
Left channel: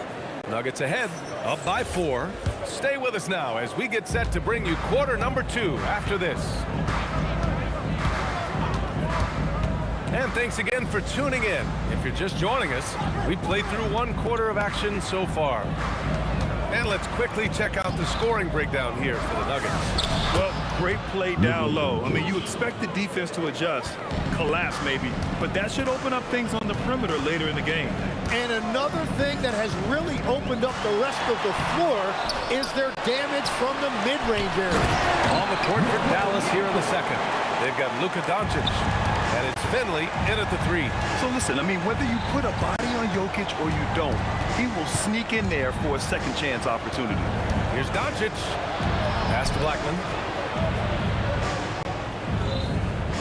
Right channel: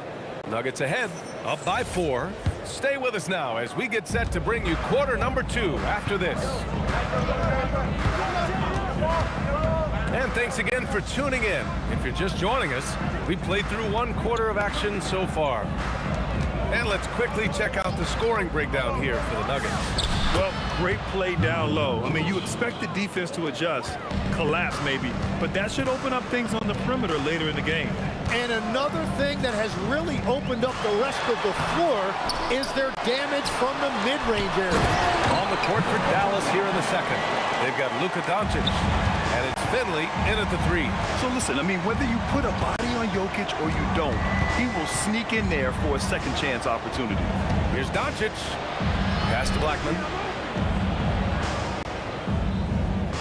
Nuggets ahead, up by 4. Stay with us now as we get set to bring you quarter number 2 after this. And thanks again for tuning in. If you're just joining us, we played through 1 quarter of action so far. And let's quickly check out the scoring breakdown here for the Nuggets. Well, great play down low. I mean, you expect the defense to adjust, collapse maybe, but that should open up things on the perimeter later in the game. And another thing that has really opened up the rest of the floor is their damage from the mid-range area. On the court for Dallas here in the second. They've got Luka Doncic. And it's Finley in at the 3. So listen, I mean, whether you put a body on Jokic or you don't, he will sneak in there for a second chance opportunity. Here's Doncic. Pass to Blackman.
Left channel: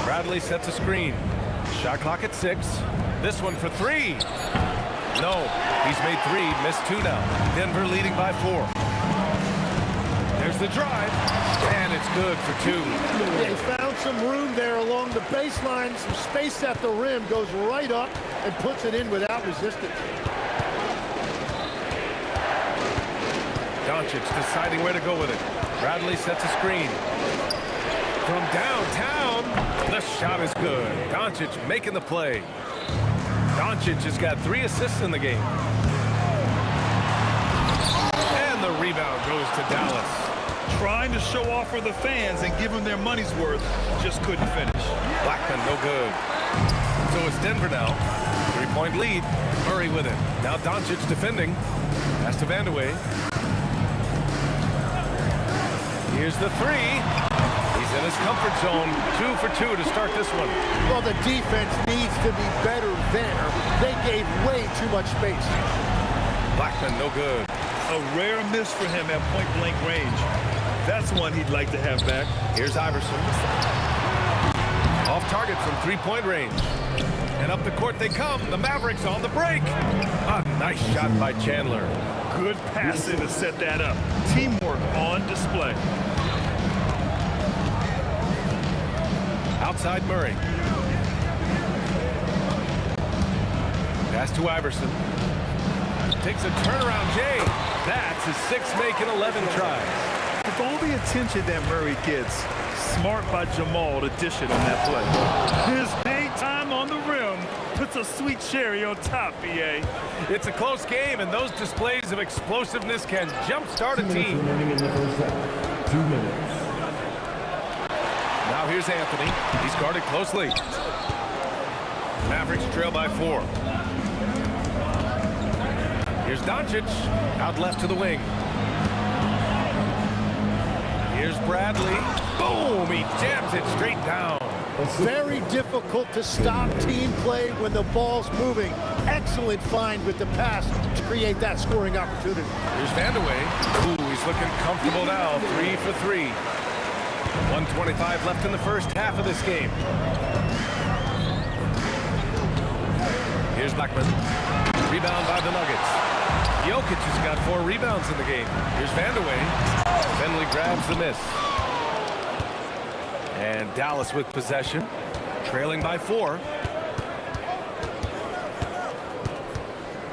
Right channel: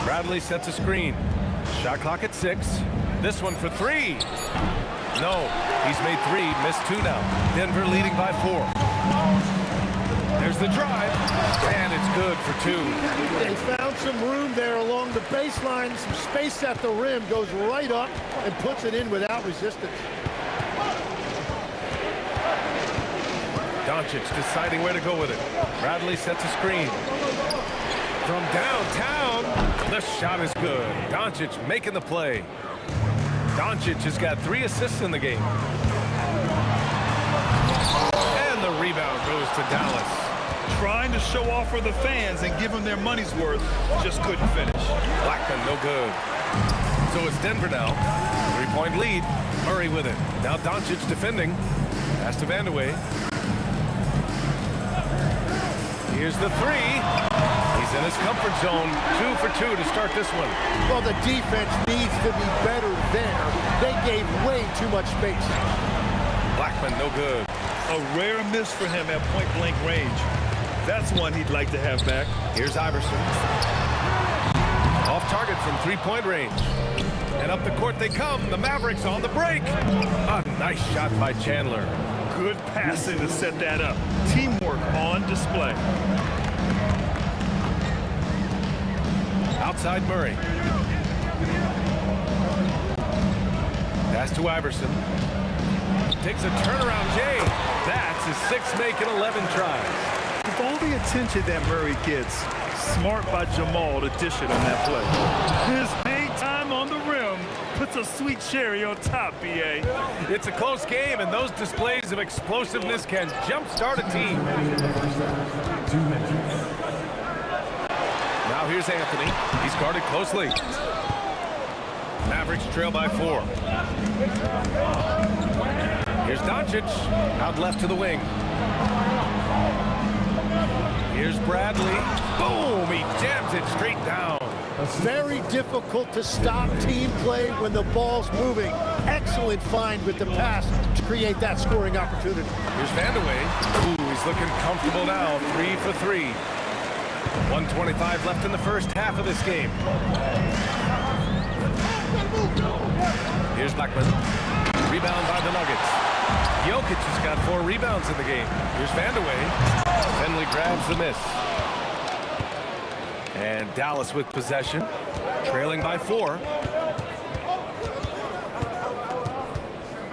Bradley sets a screen. Shot clock at 6. This one for 3. No, he's made 3, missed 2 now. Denver leading by 4. There's the drive, and it's good for 2. They found some room there along the baseline, some space at the rim, goes right up and puts it in without resistance. Doncic deciding where to go with it. Bradley sets a screen. From downtown, the shot is good. Doncic making the play. Doncic has got 3 assists in the game. And the rebound goes to Dallas. Trying to show off for the fans and give them their money's worth, just couldn't finish. Blackman, no good. So it's Denver now. 3-point lead. Murray with it. Now Doncic defending. Pass to Vandeweghe. Here's the 3. He's in his comfort zone. 2 for 2 to start this one. Well, the defense needs to be better there. They gave way too much space. Blackman, no good. A rare miss for him at point-blank range. That's one he'd like to have back. Here's Iverson. Off target from 3-point range. And up the court they come. The Mavericks on the break. A nice shot by Chandler. Good passing to set that up. Teamwork on display. Outside Murray. Pass to Iverson. Takes a turnaround Jay. That's his 6th make in 11 tries. With all the attention that Murray gets, smart by Jamal to dish it on that play. His hang time on the rim puts a sweet cherry on top, B.A. It's a close game, and those displays of explosiveness can jumpstart a team. 2 minutes. Now here's Anthony. He's guarded closely. Mavericks trail by 4. Here's Doncic, out left to the wing. Here's Bradley. Boom! He jams it straight down. Very difficult to stop team play when the ball's moving. Excellent find with the pass to create that scoring opportunity. Here's Vandeweghe. Ooh, he's looking comfortable now. 3 for 3. 1:25 left in the first half of this game. Here's Blackman. Rebound by the Nuggets. Jokic has got 4 rebounds in the game. Here's Vandeweghe. Finley grabs the miss. And Dallas with possession, trailing by 4.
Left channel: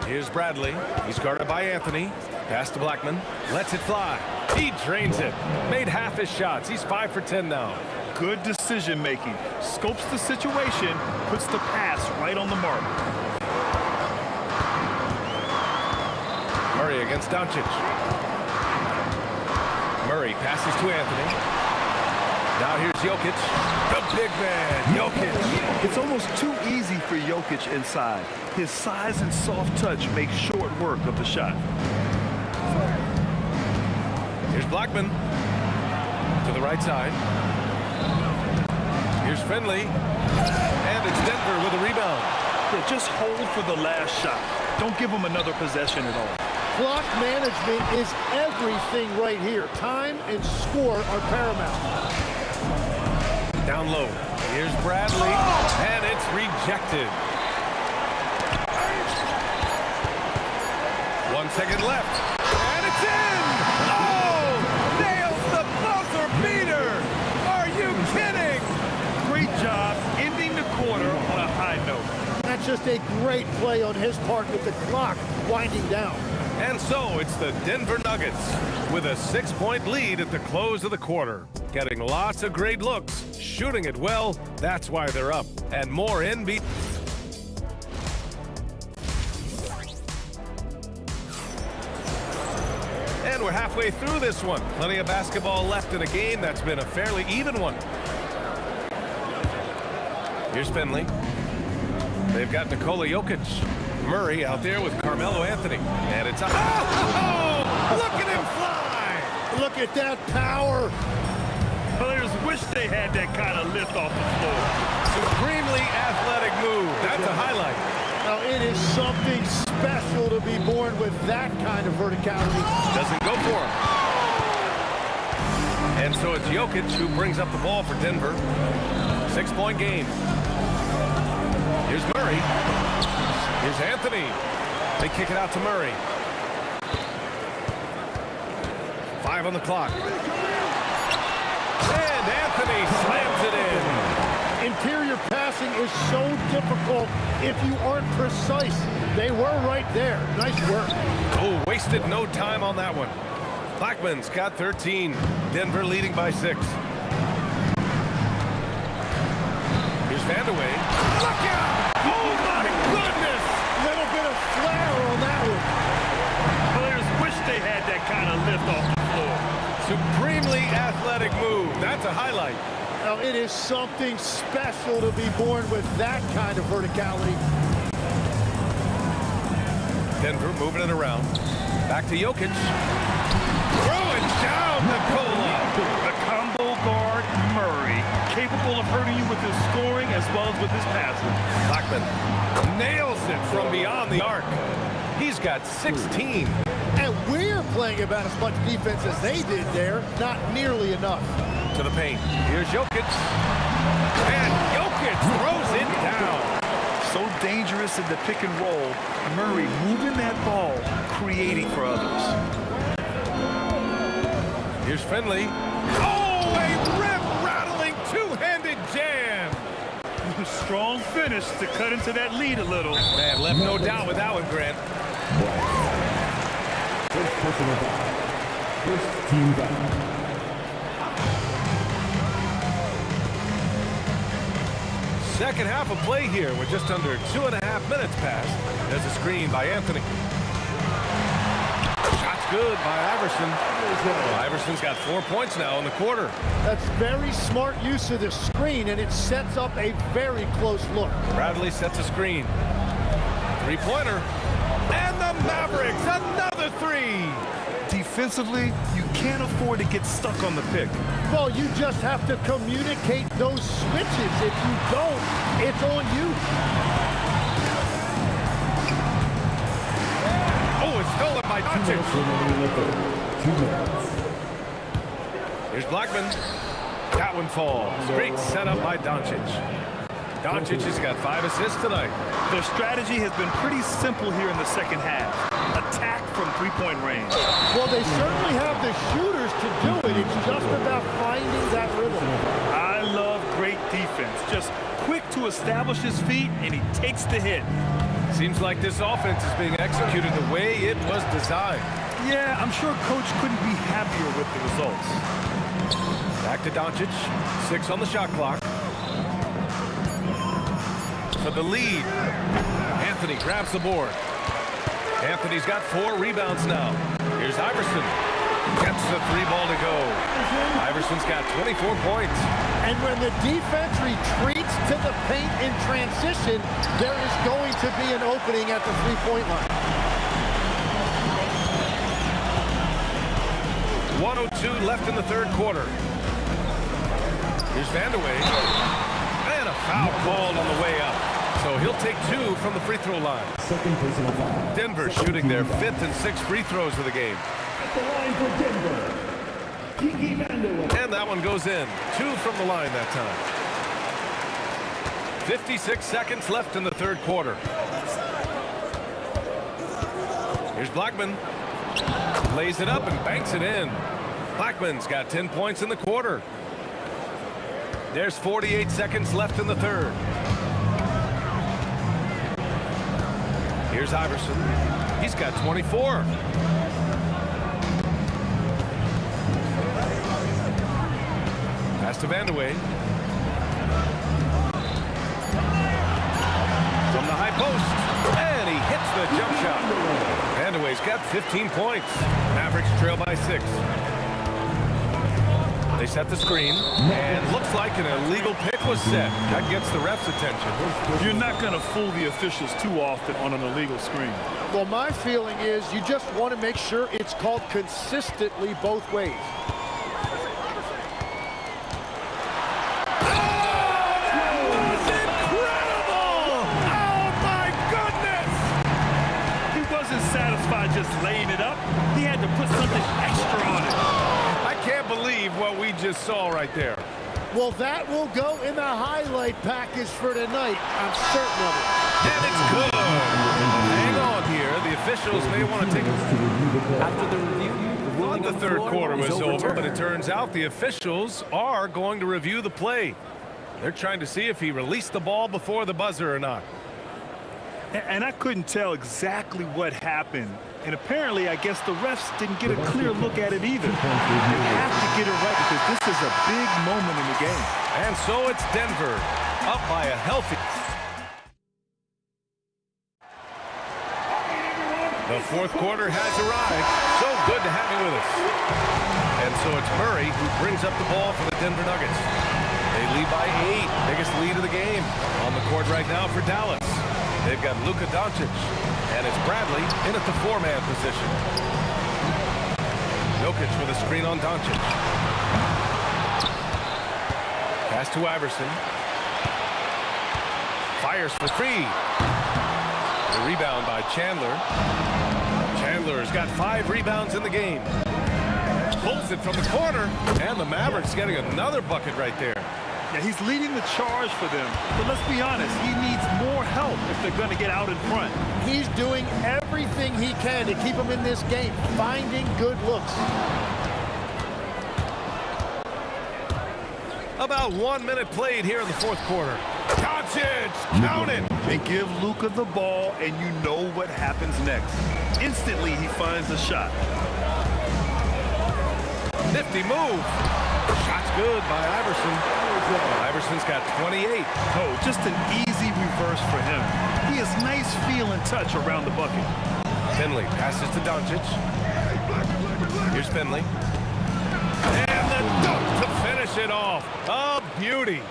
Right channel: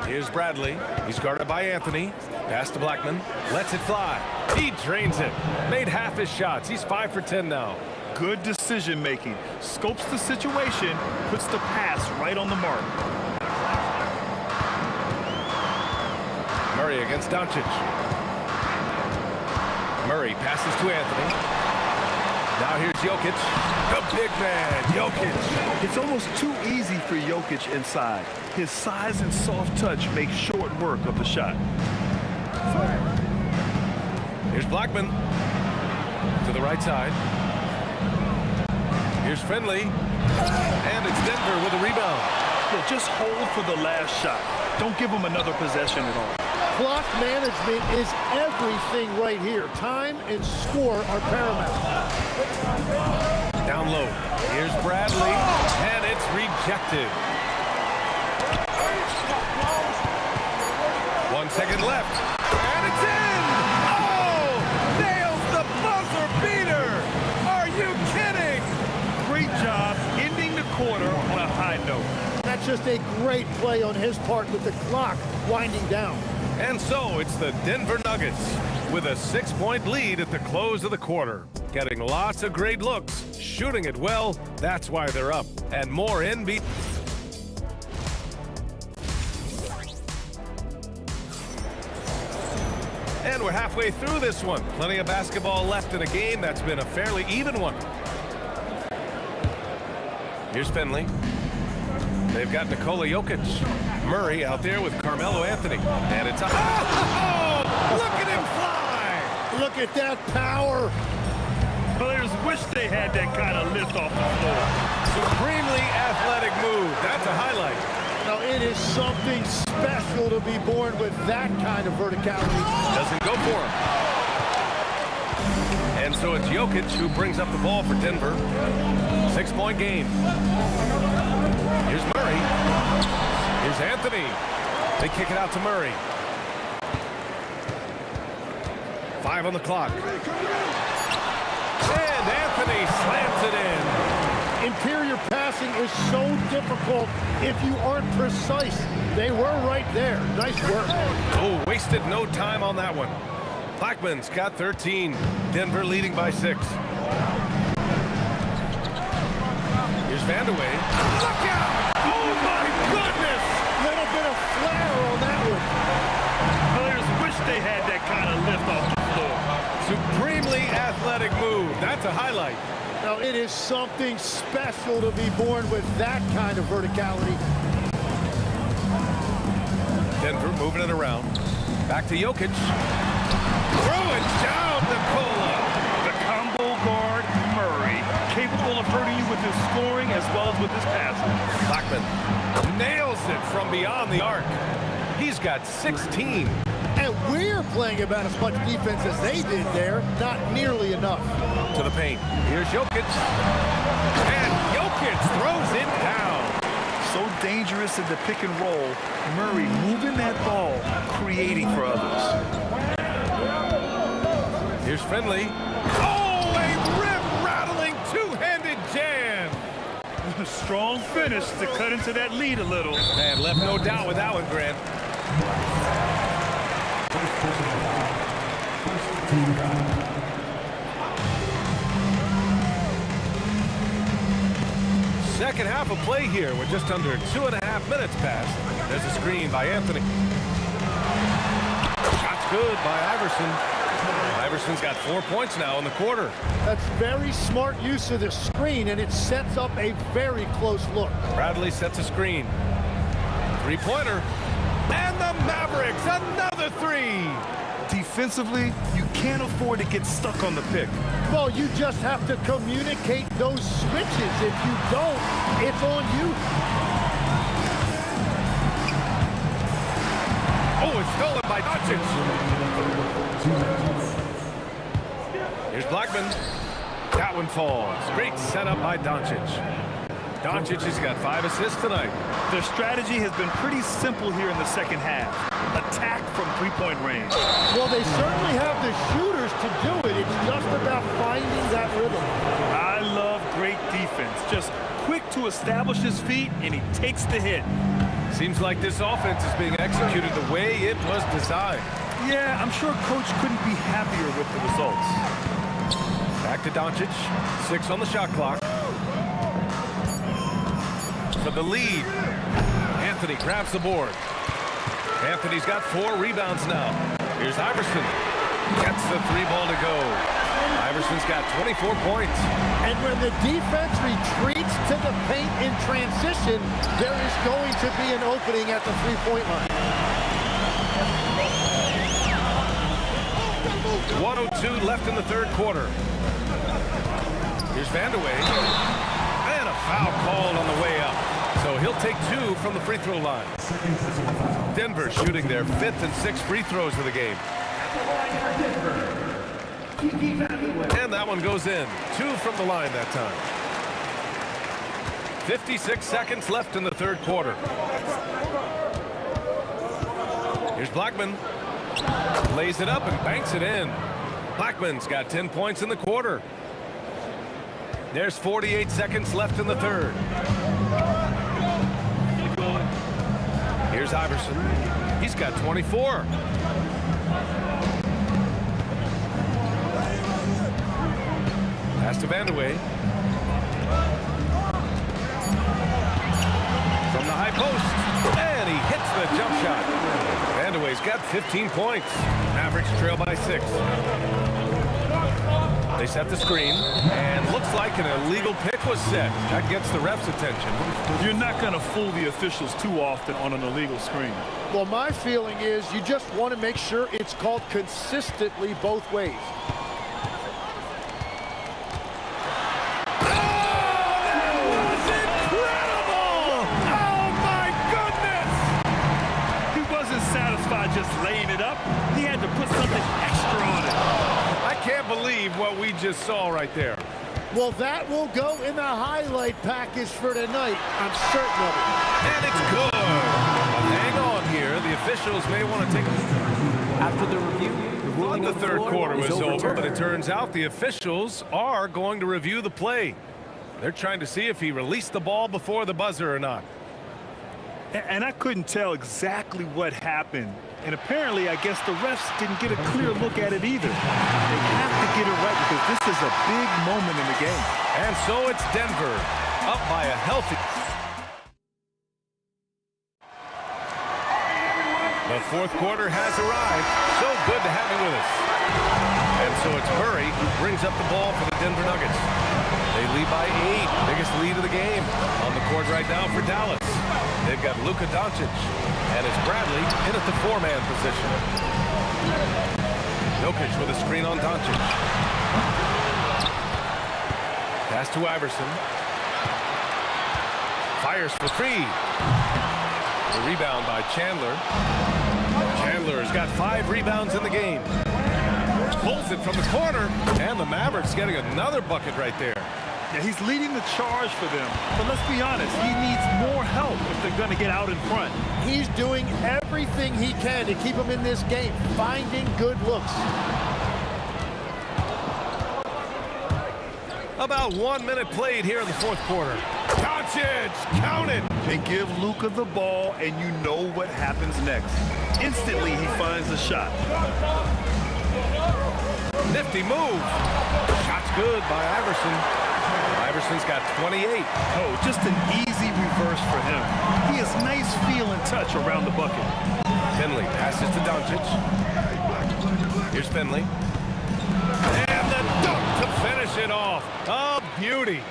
Here's Bradley. He's guarded by Anthony. Pass to Blackman. Lets it fly. He drains it. Made half his shots. He's 5 for 10 now. Good decision making. Scopes the situation, puts the pass right on the mark. Murray against Doncic. Murray passes to Anthony. Now here's Jokic. The big man, Jokic. It's almost too easy for Jokic inside. His size and soft touch make short work of the shot. Here's Blackman to the right side. Here's Finley. And it's Denver with a rebound. Yeah, just hold for the last shot. Don't give him another possession at all. Clock management is everything right here. Time and score are paramount. Down low. Here's Bradley. And it's rejected. 1 second left. And it's in! Oh! Nails the buzzer beater! Are you kidding? Great job ending the quarter on a high note. That's just a great play on his part with the clock winding down. And so it's the Denver Nuggets with a 6-point lead at the close of the quarter. Getting lots of great looks, shooting it well, that's why they're up. And more NBA. And we're halfway through this one. Plenty of basketball left in a game that's been a fairly even one. Here's Finley. They've got Nikola Jokic. Murray out there with Carmelo Anthony. And it's a... Oh! Look at him fly! Look at that power. Players wish they had that kind of lift off the floor. Supremely athletic move. That's a highlight. Now, it is something special to be born with that kind of verticality. Doesn't go for him. And so it's Jokic who brings up the ball for Denver. 6-point game. Here's Murray. Here's Anthony. They kick it out to Murray. 5 on the clock. And Anthony slams it in. Interior passing is so difficult if you aren't precise. They were right there. Nice work. Oh, wasted no time on that one. Blackman's got 13. Denver leading by 6. Here's Vandeweghe. Look out! Oh, my goodness! Little bit of flair on that one. Players wish they had that kind of lift off the floor. Supremely athletic move. That's a highlight. Now, it is something special to be born with that kind of verticality. Denver moving it around. Back to Jokic. Throw it down, Nikola. The combo guard, Murray, capable of hurting you with his scoring as well as with his passing. Blackman nails it from beyond the arc. He's got 16. And we're playing about as much defense as they did there. Not nearly enough. To the paint. Here's Jokic. And Jokic throws it down. So dangerous in the pick and roll. Murray moving that ball, creating for others. Here's Finley. Oh, a rim-rattling two-handed jam. Strong finish to cut into that lead a little. Man, left no doubt with that one, Grant. First personal foul. First team foul. Second half of play here with just under 2.5 minutes passed. There's a screen by Anthony. Shot's good by Iverson. Iverson's got 4 points now in the quarter. That's very smart use of the screen, and it sets up a very close look. Bradley sets a screen. Three-pointer. And the Mavericks, another three. Defensively, you can't afford to get stuck on the pick. Well, you just have to communicate those switches. If you don't, it's on you. Oh, it's stolen by Doncic. 2 minutes. Here's Blackman. That one falls. Great setup by Doncic. Doncic has got 5 assists tonight. Their strategy has been pretty simple here in the second half. Attack from three-point range. Well, they certainly have the shooters to do it. It's just about finding that rhythm. I love great defense. Just quick to establish his feet, and he takes the hit. Seems like this offense is being executed the way it was designed. Yeah, I'm sure Coach couldn't be happier with the results. Back to Doncic. 6 on the shot clock. For the lead. Anthony grabs the board. Anthony's got 4 rebounds now. Here's Iverson. Gets the 3 ball to go. Iverson's got 24 points. And when the defense retreats to the paint in transition, there is going to be an opening at the three-point line. 1:02 left in the third quarter. Here's Vandeweghe. And a foul called on the way up. So he'll take 2 from the free throw line. Second personal foul. Denver shooting their 5th and 6th free throws of the game. At the line for Denver, Kiki Vandeweghe. And that one goes in. 2 from the line that time. 56 seconds left in the third quarter. Here's Blackman. Lays it up and banks it in. Blackman's got 10 points in the quarter. There's 48 seconds left in the third. Here's Iverson. He's got 24. Pass to Vandeweghe. From the high post. And he hits the jump shot. Vandeweghe's got 15 points. Mavericks trail by 6. They set the screen, and looks like an illegal pick was set. That gets the ref's attention. You're not going to fool the officials too often on an illegal screen. Well, my feeling is you just want to make sure it's called consistently both ways. Satisfied just laying it up. He had to put something extra on it. I can't believe what we just saw right there. Well, that will go in the highlight package for tonight. I'm certain of it. And it's good. But hang on here. The officials may want to take a... After the review, the ruling the third quarter was over, overturned. but it turns out the officials are going to review the play. They're trying to see if he released the ball before the buzzer or not. And I couldn't tell exactly what happened. And apparently, I guess the refs didn't get a clear look at it either. They have to get it right because this is a big moment in the game. And so it's Denver, up by a healthy... The fourth quarter has arrived. So good to have you with us. And so it's Murray who brings up the ball for the Denver Nuggets. They lead by 8, biggest lead of the game. On the court right now for Dallas. They've got Luka Doncic, and it's Bradley in at the 4-man position. Jokic with a screen on Doncic. Pass to Iverson. Fires for 3. The rebound by Chandler. Chandler's got 5 rebounds in the game. Pulls it from the corner, and the Mavericks getting another bucket right there. Yeah, he's leading the charge for them. But let's be honest, he needs more help if they're going to get out in front. He's doing everything he can to keep them in this game, finding good looks. About 1 minute played here in the fourth quarter. Doncic, count it! And give Luka the ball, and you know what happens next. Instantly, he finds the shot. Nifty move. Shot's good by Iverson. Iverson's got 28. Oh, just an easy reverse for him. He has nice feel and touch around the bucket. Finley passes to Doncic. Here's Finley. And the dunk to finish it off. A beauty.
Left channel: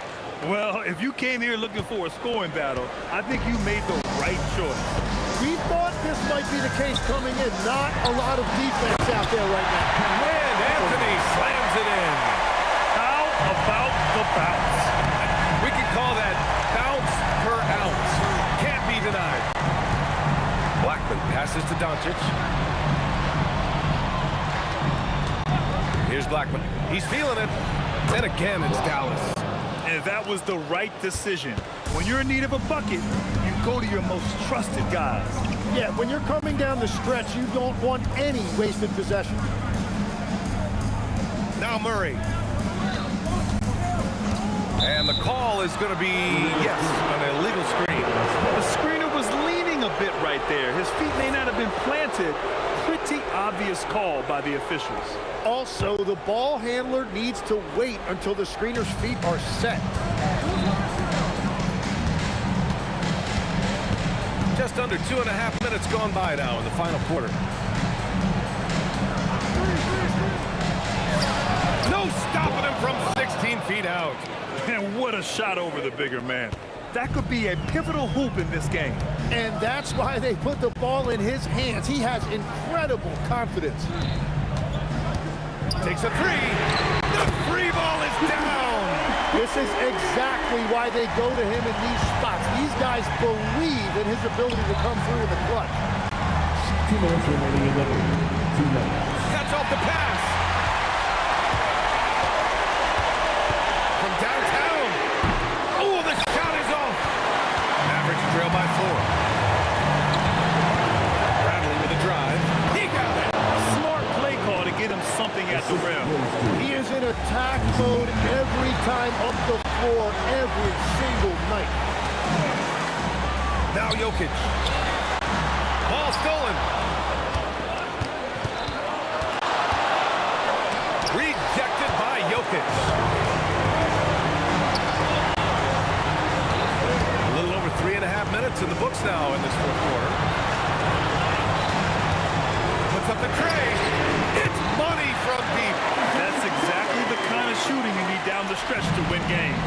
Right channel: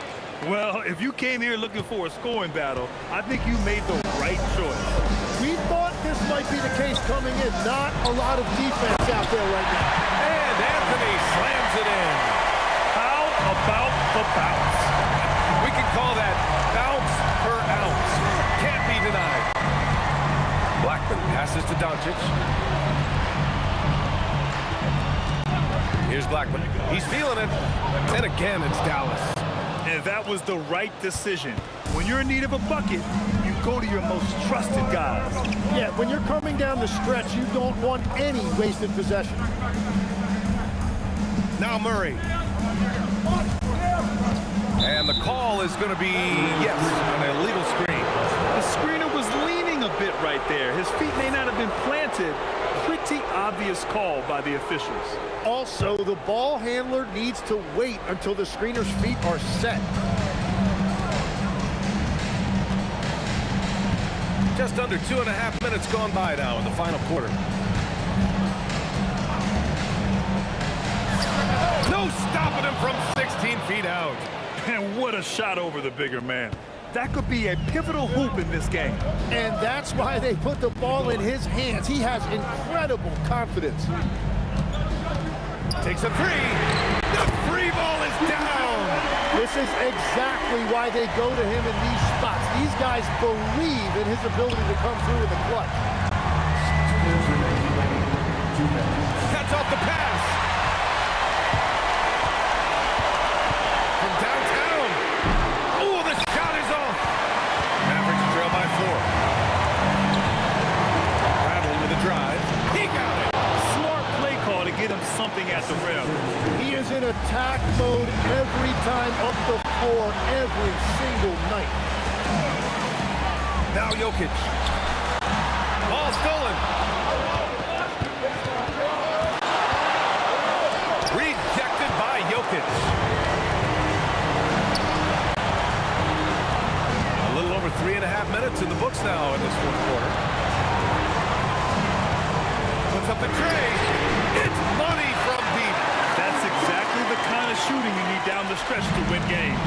Well, if you came here looking for a scoring battle, I think you made the right choice. We thought this might be the case coming in. Not a lot of defense out there right now. And Anthony slams it in. How about the bounce? We can call that bounce per ounce. Can't be denied. Blackman passes to Doncic. Here's Blackman. He's feeling it. And again, it's Dallas. And that was the right decision. When you're in need of a bucket, you go to your most trusted guys. Yeah, when you're coming down the stretch, you don't want any wasted possession. Now Murray. And the call is going to be, yes, an illegal screen. The screener was leaning a bit right there. His feet may not have been planted. Pretty obvious call by the officials. Also, the ball handler needs to wait until the screener's feet are set. Just under 2.5 minutes gone by now in the final quarter. No stopping him from 16 feet out. And what a shot over the bigger man. That could be a pivotal hoop in this game. And that's why they put the ball in his hands. He has incredible confidence. Takes a three. The free ball is down. This is exactly why they go to him in these spots. These guys believe in his ability to come through with a clutch. 2 minutes remaining in the game. 2 minutes. Cuts off the pass. From downtown. Oh, the shot is off. Mavericks trail by 4. Bradley with a drive. He got it. Smart play call to get him something at the rim. He is in attack mode every time up the floor, every single night. Now Jokic. Ball stolen. Rejected by Jokic. A little over 3.5 minutes in the books now in this fourth quarter. Puts up the tray. It's money from deep. That's exactly the kind of shooting you need down the stretch to win games.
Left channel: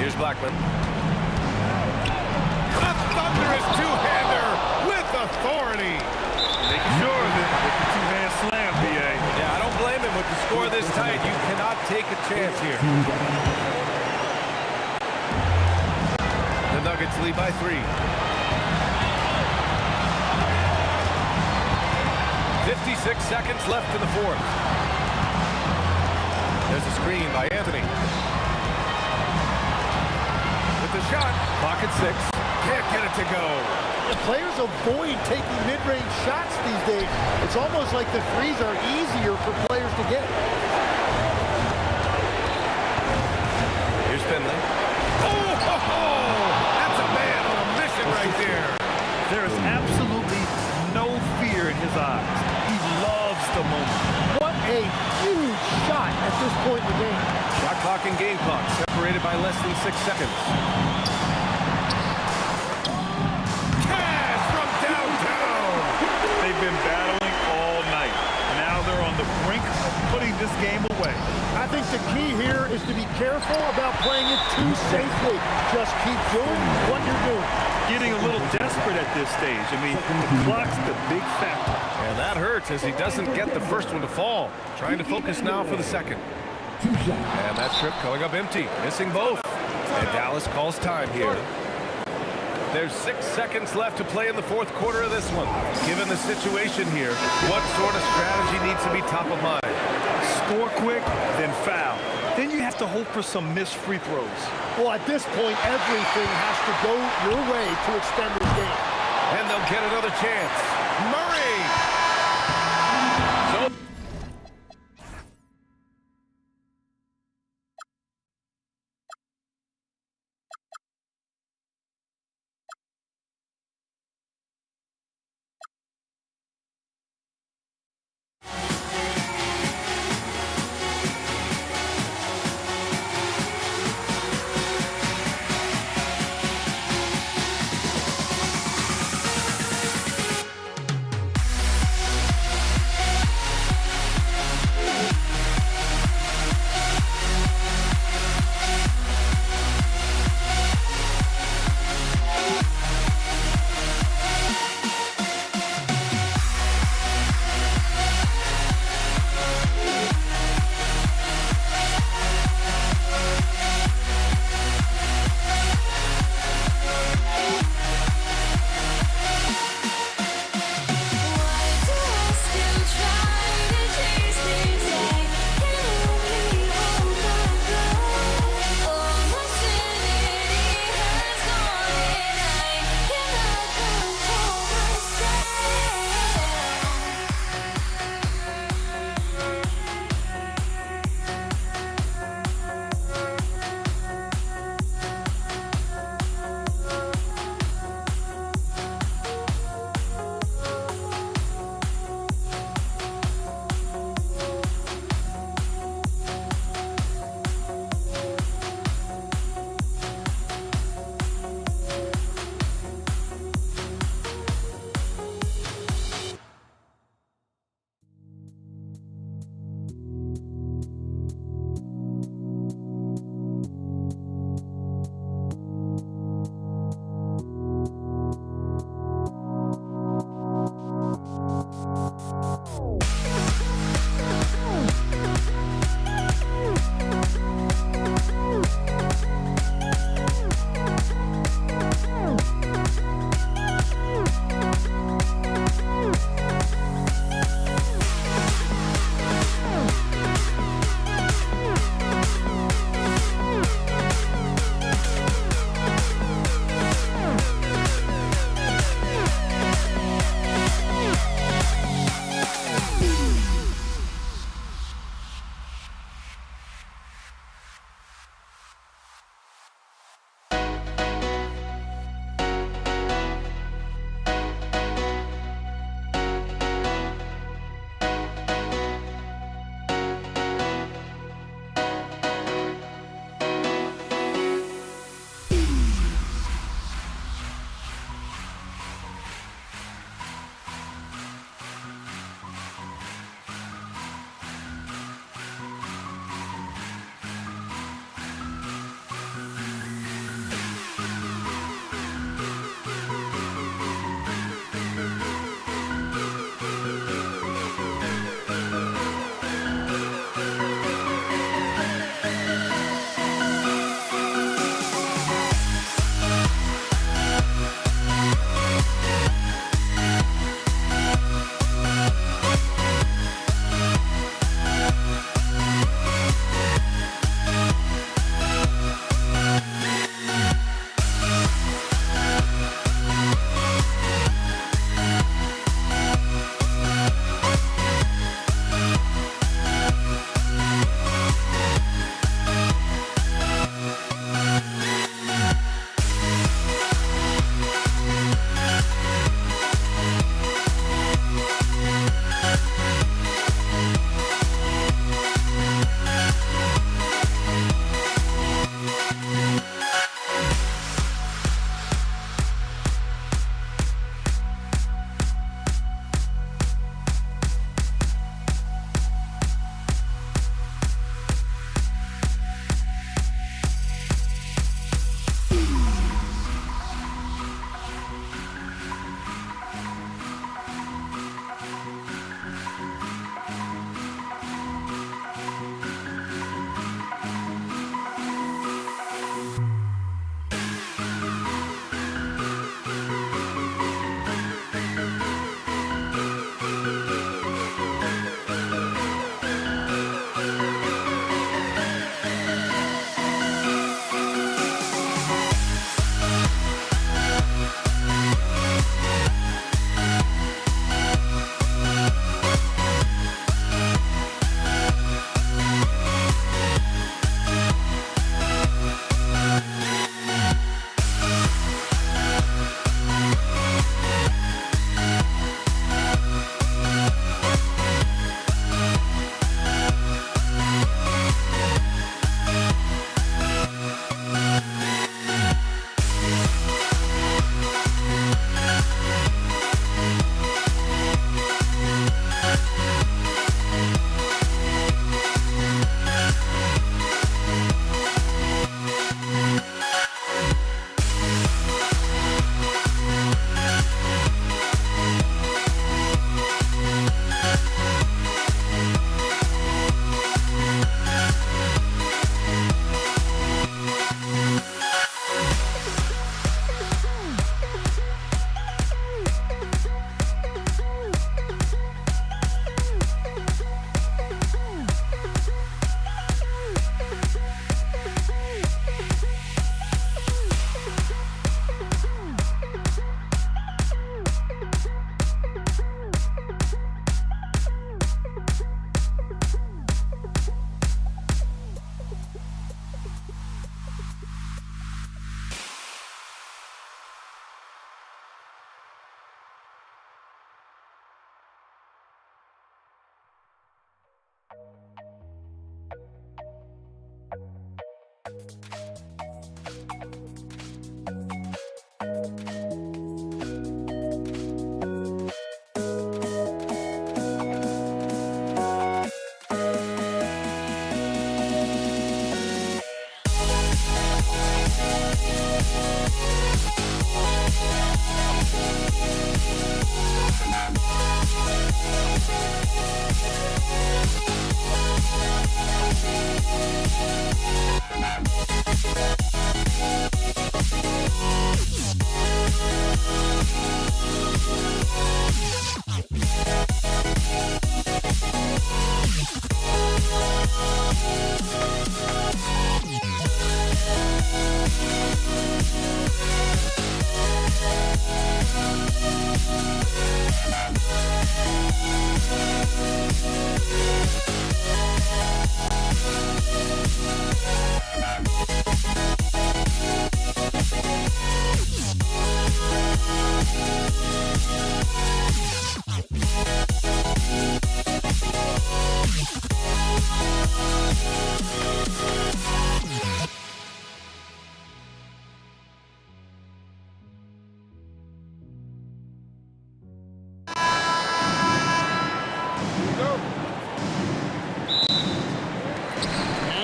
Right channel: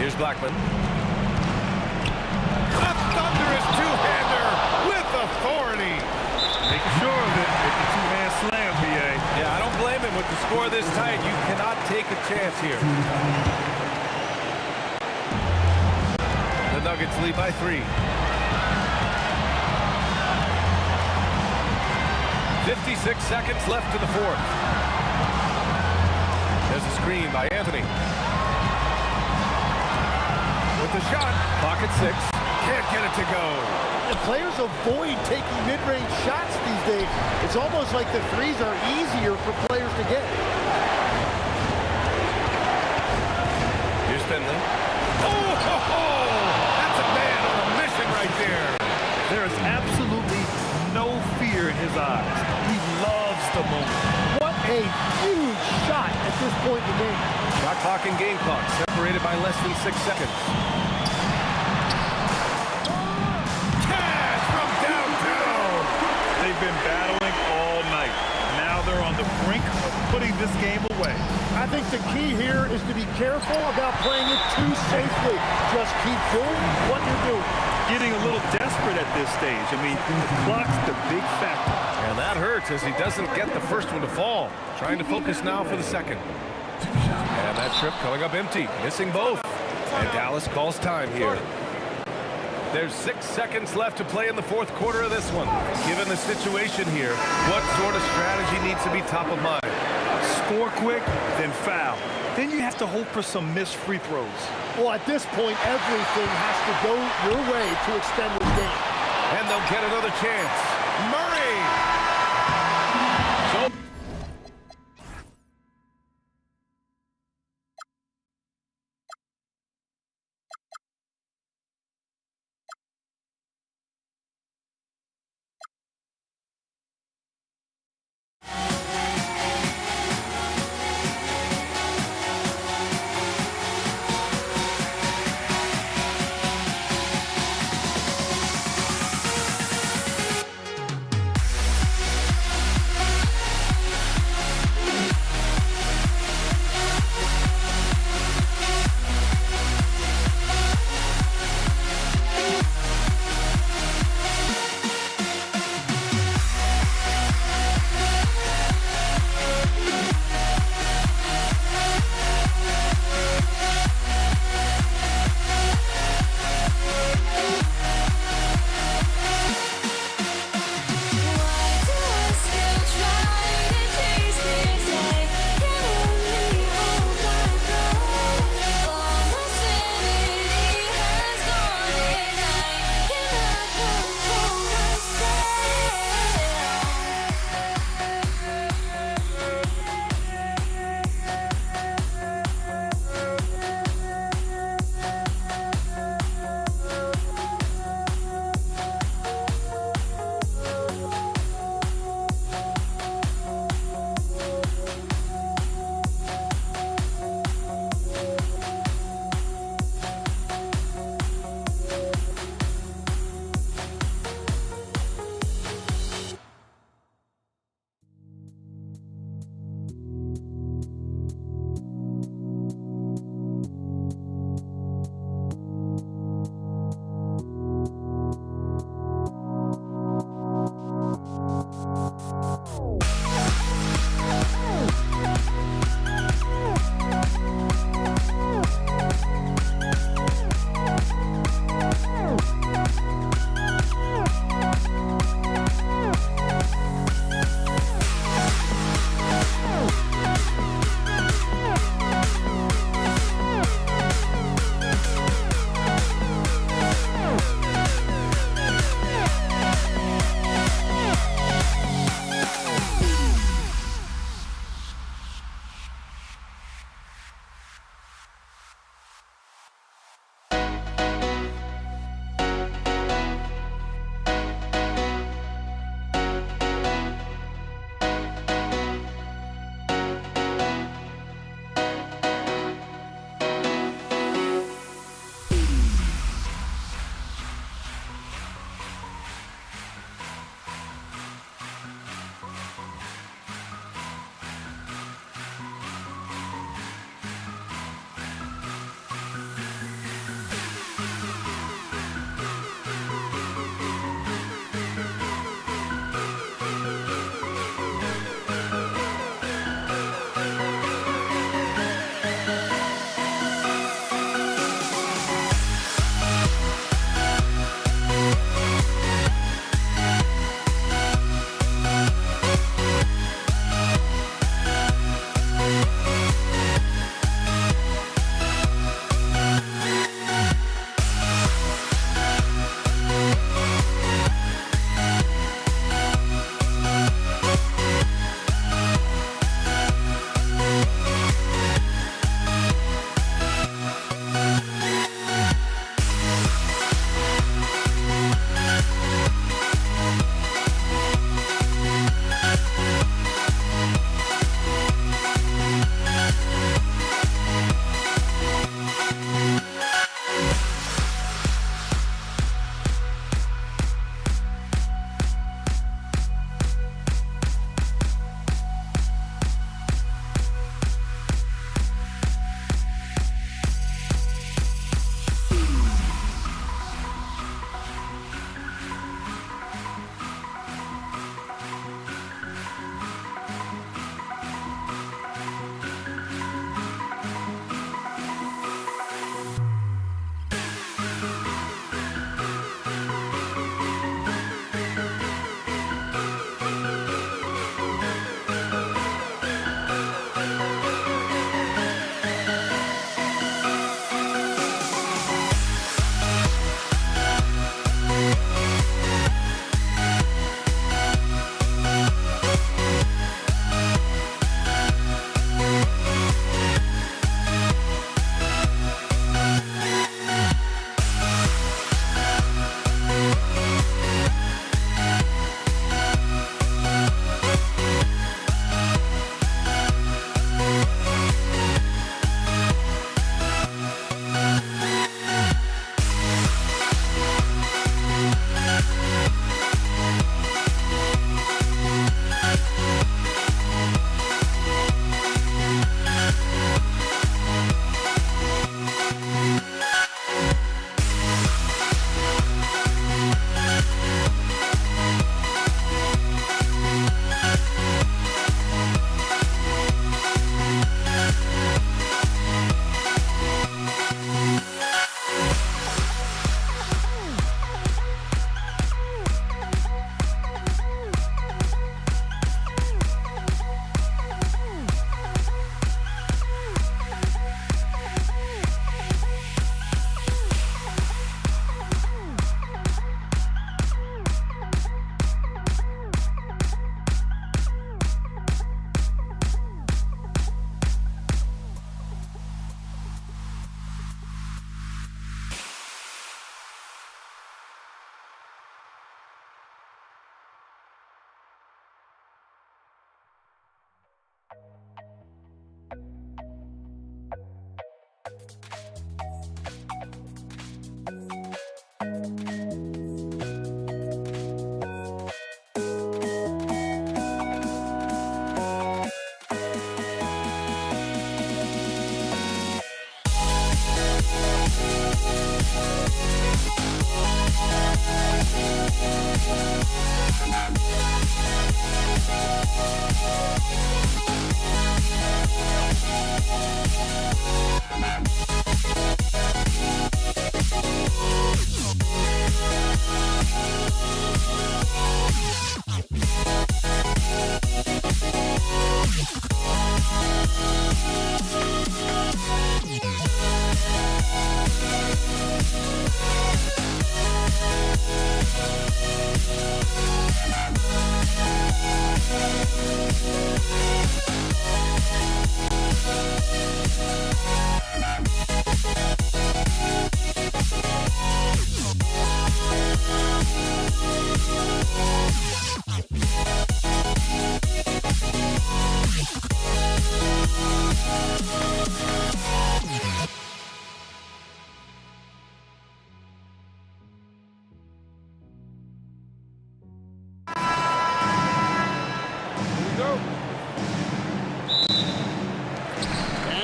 Here's Blackman. A thunderous two-hander with authority. Making sure of it with the two-hand slam, B.A. Yeah, I don't blame him with the score this tight. You cannot take a chance here. The Nuggets lead by 3. 56 seconds left in the fourth. There's a screen by Anthony. With the shot, clock at 6. Can't get it to go. The players avoid taking mid-range shots these days. It's almost like the threes are easier for players to get. Here's Finley. Oh, ho, ho! That's a man on a mission right there. There is absolutely no fear in his eyes. He loves the moment. What a huge shot at this point in the game. Shot clock and game clock separated by less than 6 seconds. Cash from downtown. They've been battling all night. Now they're on the brink of putting this game away. I think the key here is to be careful about playing it too safely. Just keep doing what you're doing. Getting a little desperate at this stage. I mean, the clock's the big factor. And that hurts as he doesn't get the first one to fall. Trying to focus now for the second. And that trip coming up empty, missing both. And Dallas calls time here. There's 6 seconds left to play in the fourth quarter of this one. Given the situation here, what sort of strategy needs to be top of mind? Score quick, then foul. Then you have to hope for some missed free throws. Well, at this point, everything has to go your way to extend this game. And they'll get another chance. Murray! So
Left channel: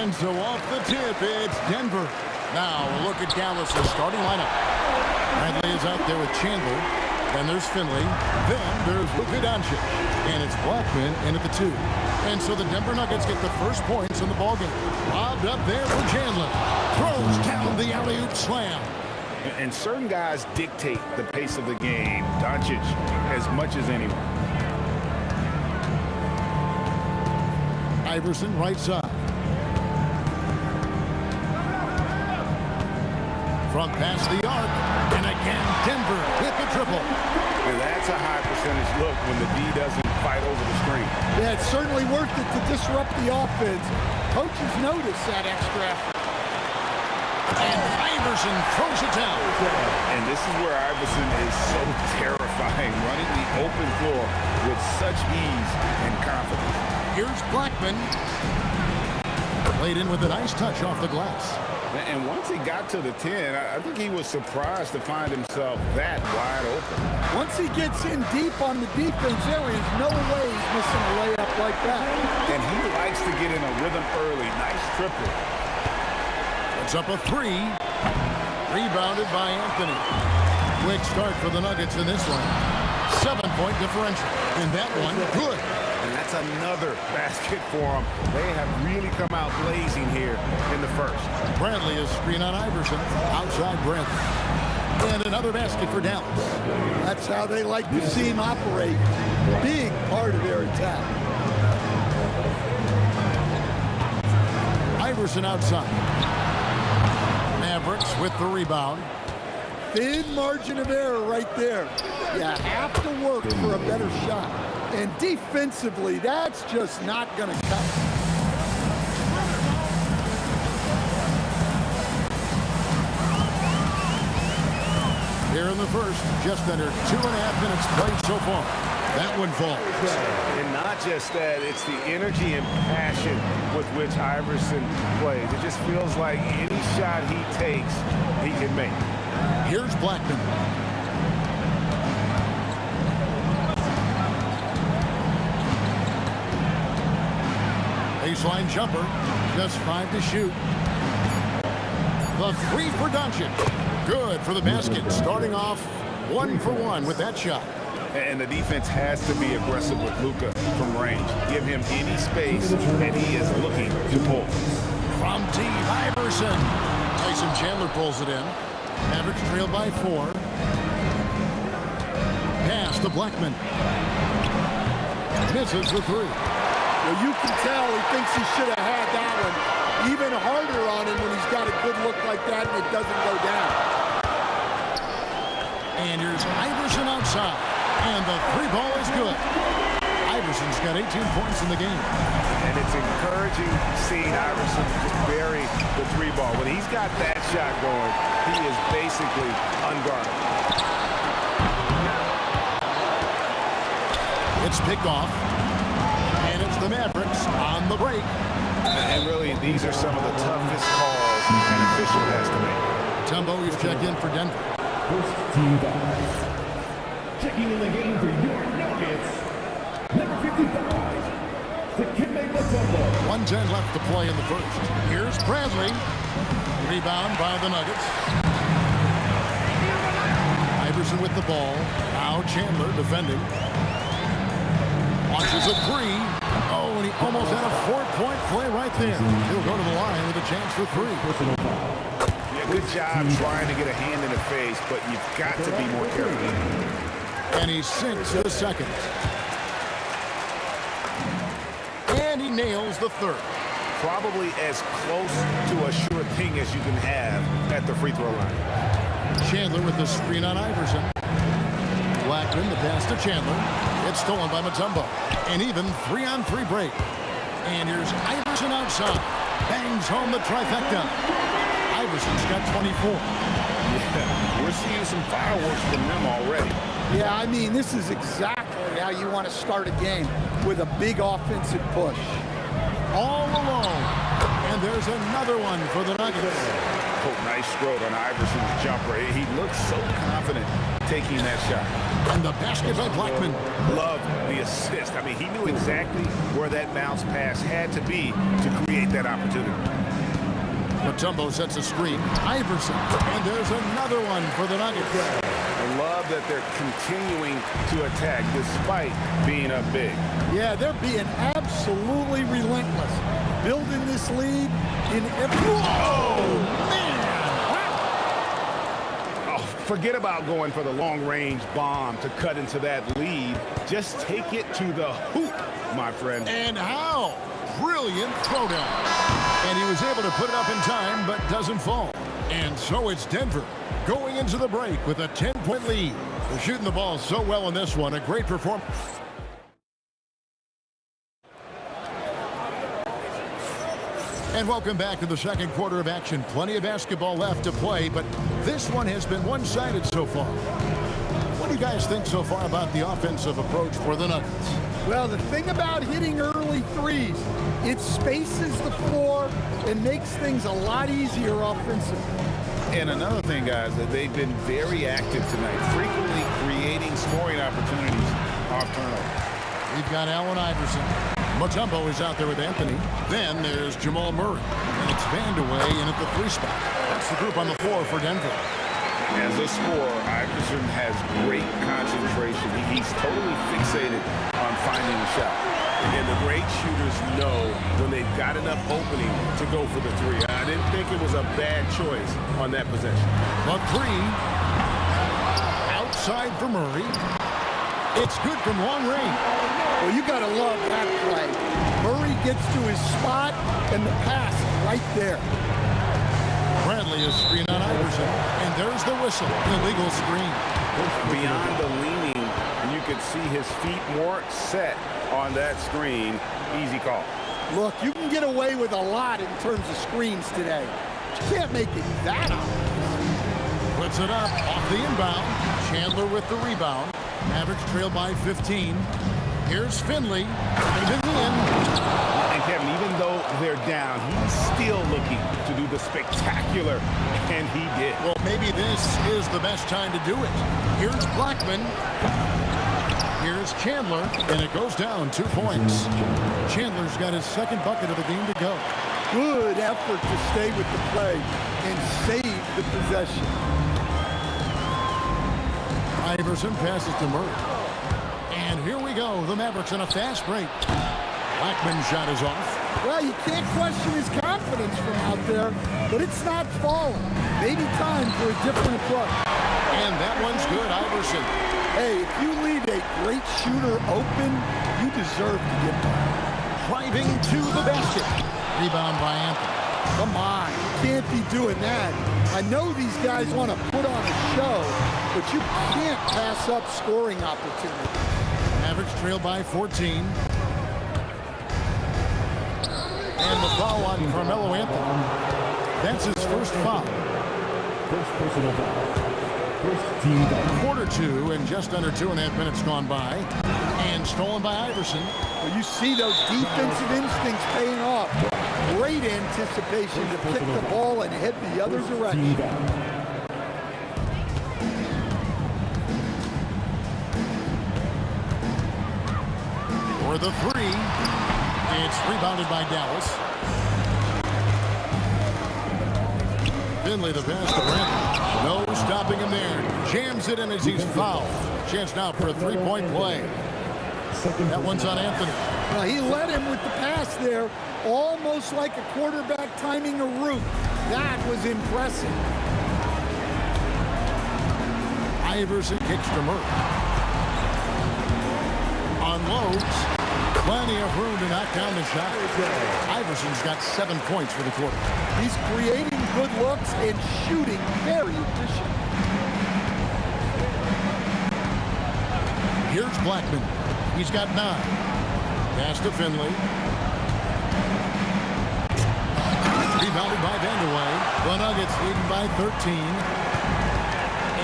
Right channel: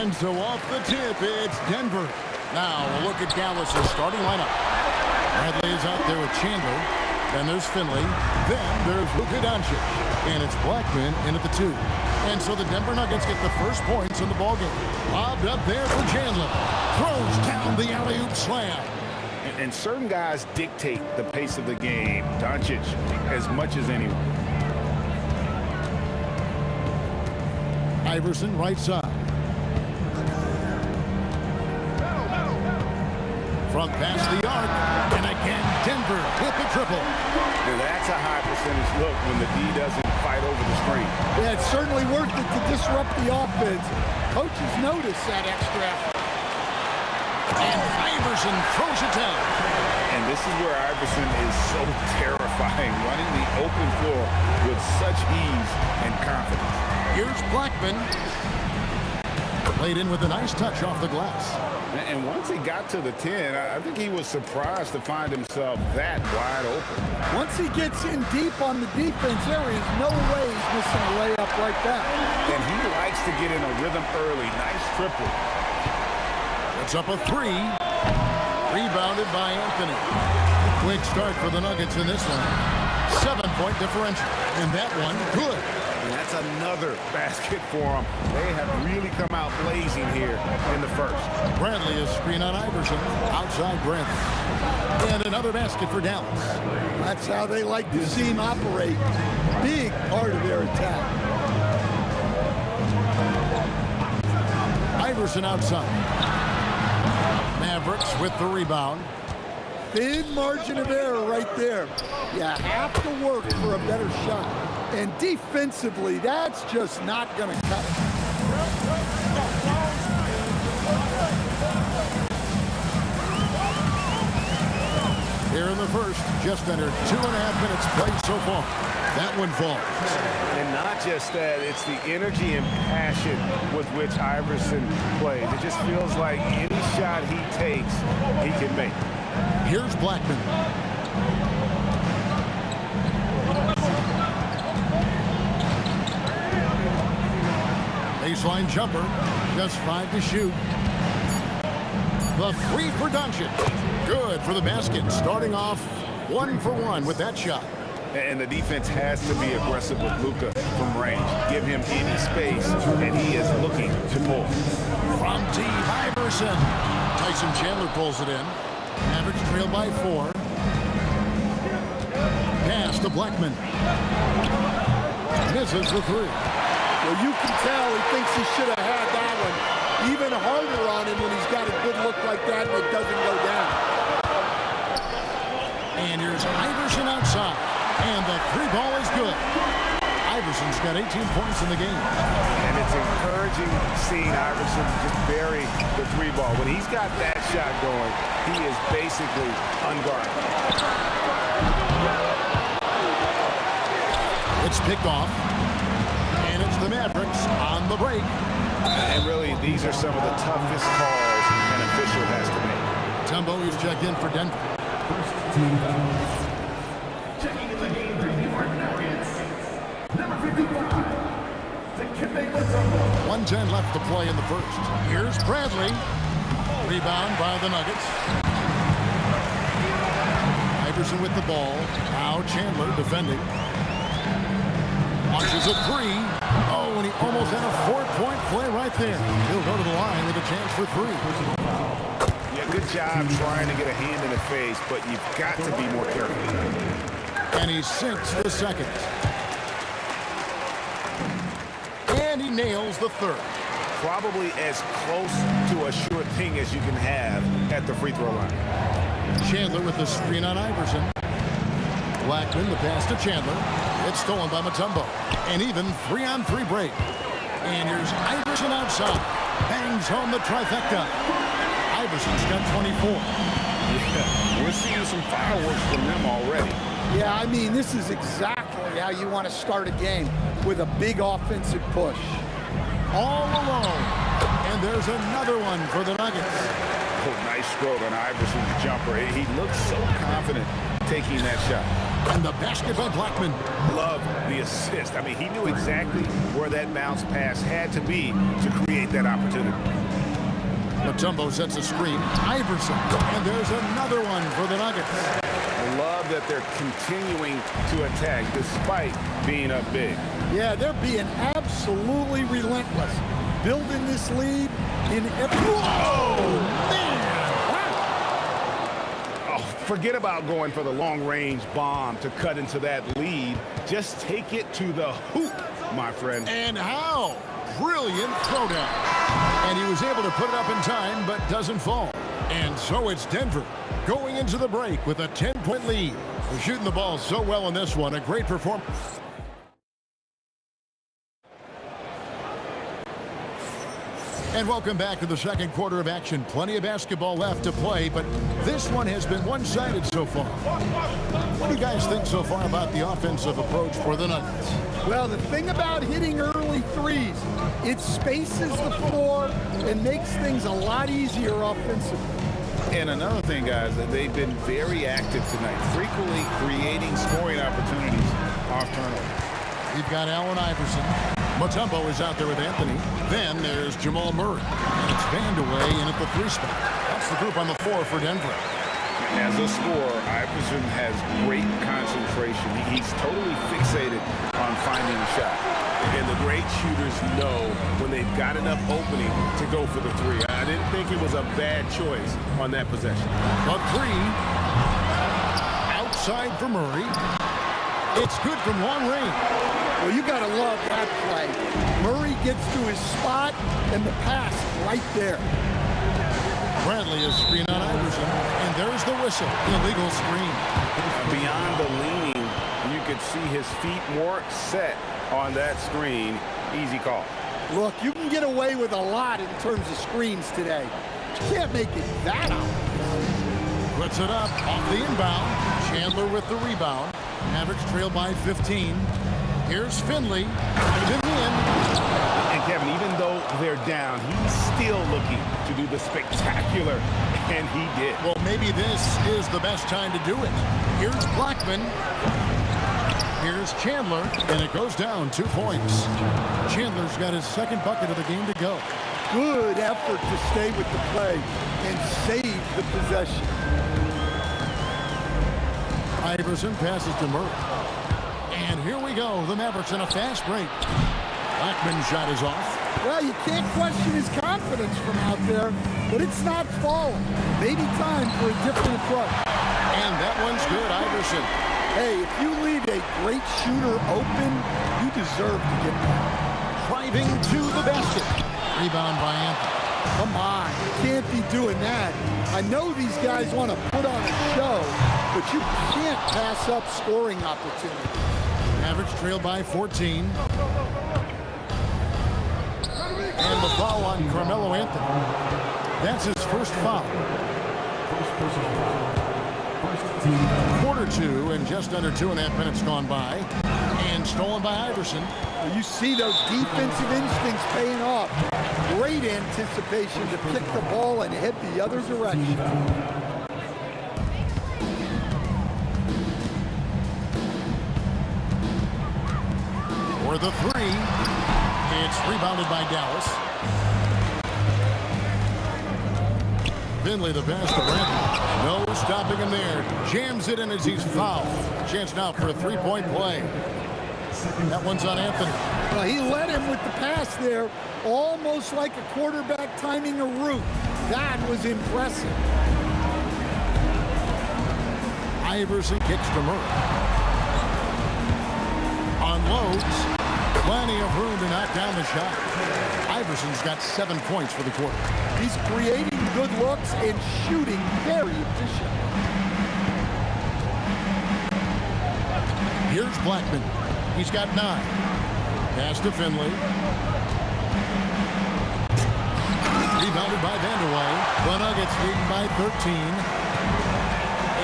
And so off the tip, it's Denver. Now we'll look at Dallas's starting lineup. Bradley is out there with Chandler. Then there's Finley. Then there's Luka Doncic. And it's Blackman in at the 2. And so the Denver Nuggets get the first points in the ballgame. Lobbed up there for Chandler. Throws down the alley-oop slam. And certain guys dictate the pace of the game. Doncic as much as anyone. Iverson right side. From past the arc. And again, Denver with the triple. Yeah, that's a high percentage look when the D doesn't fight over the screen. Yeah, it's certainly worth it to disrupt the offense. Coaches notice that extra effort. And Iverson throws it down. And this is where Iverson is so terrifying, running the open floor with such ease and confidence. Here's Blackman. Played in with a nice touch off the glass. And once he got to the 10, I think he was surprised to find himself that wide open. Once he gets in deep on the defense, there is no way he's missing a layup like that. And he likes to get in a rhythm early. Nice triple. Puts up a 3. Rebounded by Anthony. Quick start for the Nuggets in this one. 7-point differential. And that one, good. And that's another basket for them. They have really come out blazing here in the first. Bradley is screen on Iverson. Outside Brent. And another basket for Dallas. That's how they like to see him operate. Big part of their attack. Iverson outside. Mavericks with the rebound. Thin margin of error right there. You have to work for a better shot. And defensively, that's just not going to cut it. Here in the first, just under 2.5 minutes played so far. That one falls. And not just that, it's the energy and passion with which Iverson plays. It just feels like any shot he takes, he can make. Here's Blackman. Baseline jumper, just 5 to shoot. The 3 for Doncic. Good for the basket, starting off 1 for 1 with that shot. And the defense has to be aggressive with Luka from range. Give him any space, and he is looking to pull. From deep, Iverson. Tyson Chandler pulls it in. Mavericks trail by 4. Pass to Blackman. Misses the 3. Well, you can tell he thinks he should have had that one. Even harder on him when he's got a good look like that and it doesn't go down. And here's Iverson outside. And the 3 ball is good. Iverson's got 18 points in the game. And it's encouraging seeing Iverson just bury the 3 ball. When he's got that shot going, he is basically unguardable. It's picked off. And it's the Mavericks on the break. And really, these are some of the toughest calls an official has to make. Tumbo is checked in for Denver. First team foul. Checking in the game for your Nuggets, number 55, Dikembe Mutombo. 1:10 left to play in the first. Here's Bradley. Rebound by the Nuggets. Iverson with the ball. Now Chandler defending. Launches a 3. Oh, and he almost had a 4-point play right there. He'll go to the line with a chance for 3. Yeah, good job trying to get a hand in the face, but you've got to be more careful. And he sinks the second. And he nails the third. Probably as close to a sure thing as you can have at the free throw line. Chandler with the screen on Iverson. Blackman, the pass to Chandler. It's stolen by Mutombo. And even 3-on-3 break. And here's Iverson outside. Bangs home the trifecta. Iverson's got 24. Yeah, we're seeing some fireworks from them already. Yeah, I mean, this is exactly how you want to start a game, with a big offensive push. All alone. And there's another one for the Nuggets. Oh, nice stroke on Iverson's jumper. He looks so confident taking that shot. And the basket by Blackman. Love the assist. I mean, he knew exactly where that bounce pass had to be to create that opportunity. Mutombo sets a screen. Iverson. And there's another one for the Nuggets. I love that they're continuing to attack despite being up big. Yeah, they're being absolutely relentless. Building this lead in every... Oh, man! Wow! Oh, forget about going for the long-range bomb to cut into that lead. Just take it to the hoop, my friend. And how? Brilliant throwdown. And he was able to put it up in time, but doesn't fall. And so it's Denver going into the break with a 10-point lead. They're shooting the ball so well in this one. A great performance. And welcome back to the second quarter of action. Plenty of basketball left to play, but this one has been one-sided so far. What do you guys think so far about the offensive approach for the Nuggets? Well, the thing about hitting early threes, it spaces the floor and makes things a lot easier offensively. And another thing, guys, that they've been very active tonight, frequently creating scoring opportunities off turnover. We've got Allen Iverson. Mutombo is out there with Anthony. Then there's Jamal Murray. And it's Vandeweghe in at the 3 spot. That's the group on the floor for Denver. As a scorer, Iverson has great concentration. He's totally fixated on finding a shot. And the great shooters know when they've got enough opening to go for the 3. I didn't think it was a bad choice on that possession. The 3. Outside for Murray. It's good from long range. Well, you got to love that play. Murray gets to his spot, and the pass right there. Bradley is screen on Iverson, and there's the whistle. Illegal screen. Beyond the leaning, you could see his feet more set on that screen. Easy call. Look, you can get away with a lot in terms of screens today. You can't make it that obvious. Puts it up off the inbound. Chandler with the rebound. Mavericks trail by 15. Here's Finley. Right in the end. And Kevin, even though they're down, he's still looking to do the spectacular, and he did. Well, maybe this is the best time to do it. Here's Blackman. Here's Chandler, and it goes down 2 points. Chandler's got his second bucket of the game to go. Good effort to stay with the play and save the possession. Iverson passes to Murray. And here we go. The Mavericks in a fast break. Blackman's shot is off. Well, you can't question his confidence from out there, but it's not falling. Maybe time for a different approach. And that one's good, Iverson. Hey, if you leave a great shooter open, you deserve to get by. Driving to the basket. Rebound by Anthony. Come on, you can't be doing that. I know these guys want to put on a show, but you can't pass up scoring opportunities. Mavericks trail by 14. And the foul on Carmelo Anthony. That's his first foul. First personal foul. First team foul. Quarter 2 and just under 2.5 minutes gone by. And stolen by Iverson. Well, you see those defensive instincts paying off. Great anticipation to pick the ball and head the other direction. For the 3. It's rebounded by Dallas. Finley the pass to Brandon. No stopping him there. Jams it in as he's fouled. Chance now for a 3-point play. That one's on Anthony. Well, he led him with the pass there, almost like a quarterback timing a route. That was impressive. Iverson kicks to Murray. Unloads. Plenty of room to knock down the shot. Iverson's got 7 points for the quarter. He's creating good looks and shooting very efficient. Here's Blackman. He's got 9. Pass to Finley. Rebounded by Vandeweghe. The Nuggets leading by 13.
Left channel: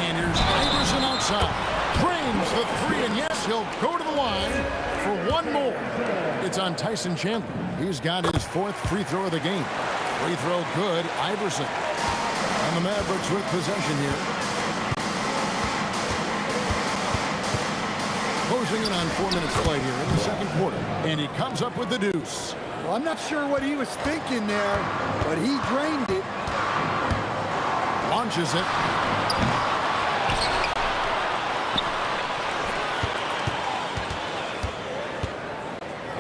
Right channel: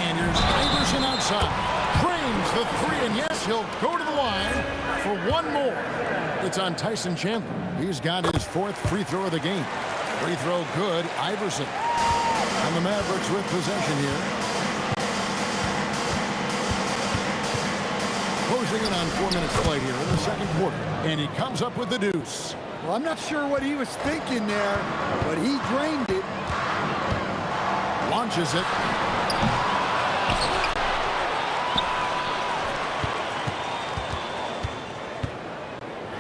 And here's Iverson outside. Frames the 3, and yes, he'll go to the line for one more. It's on Tyson Chandler. He's got his 4th free throw of the game. Free throw good. Iverson. And the Mavericks with possession here. closing in on 4 minutes played here in the second quarter. And he comes up with the deuce. Well, I'm not sure what he was thinking there, but he drained it. Launches it.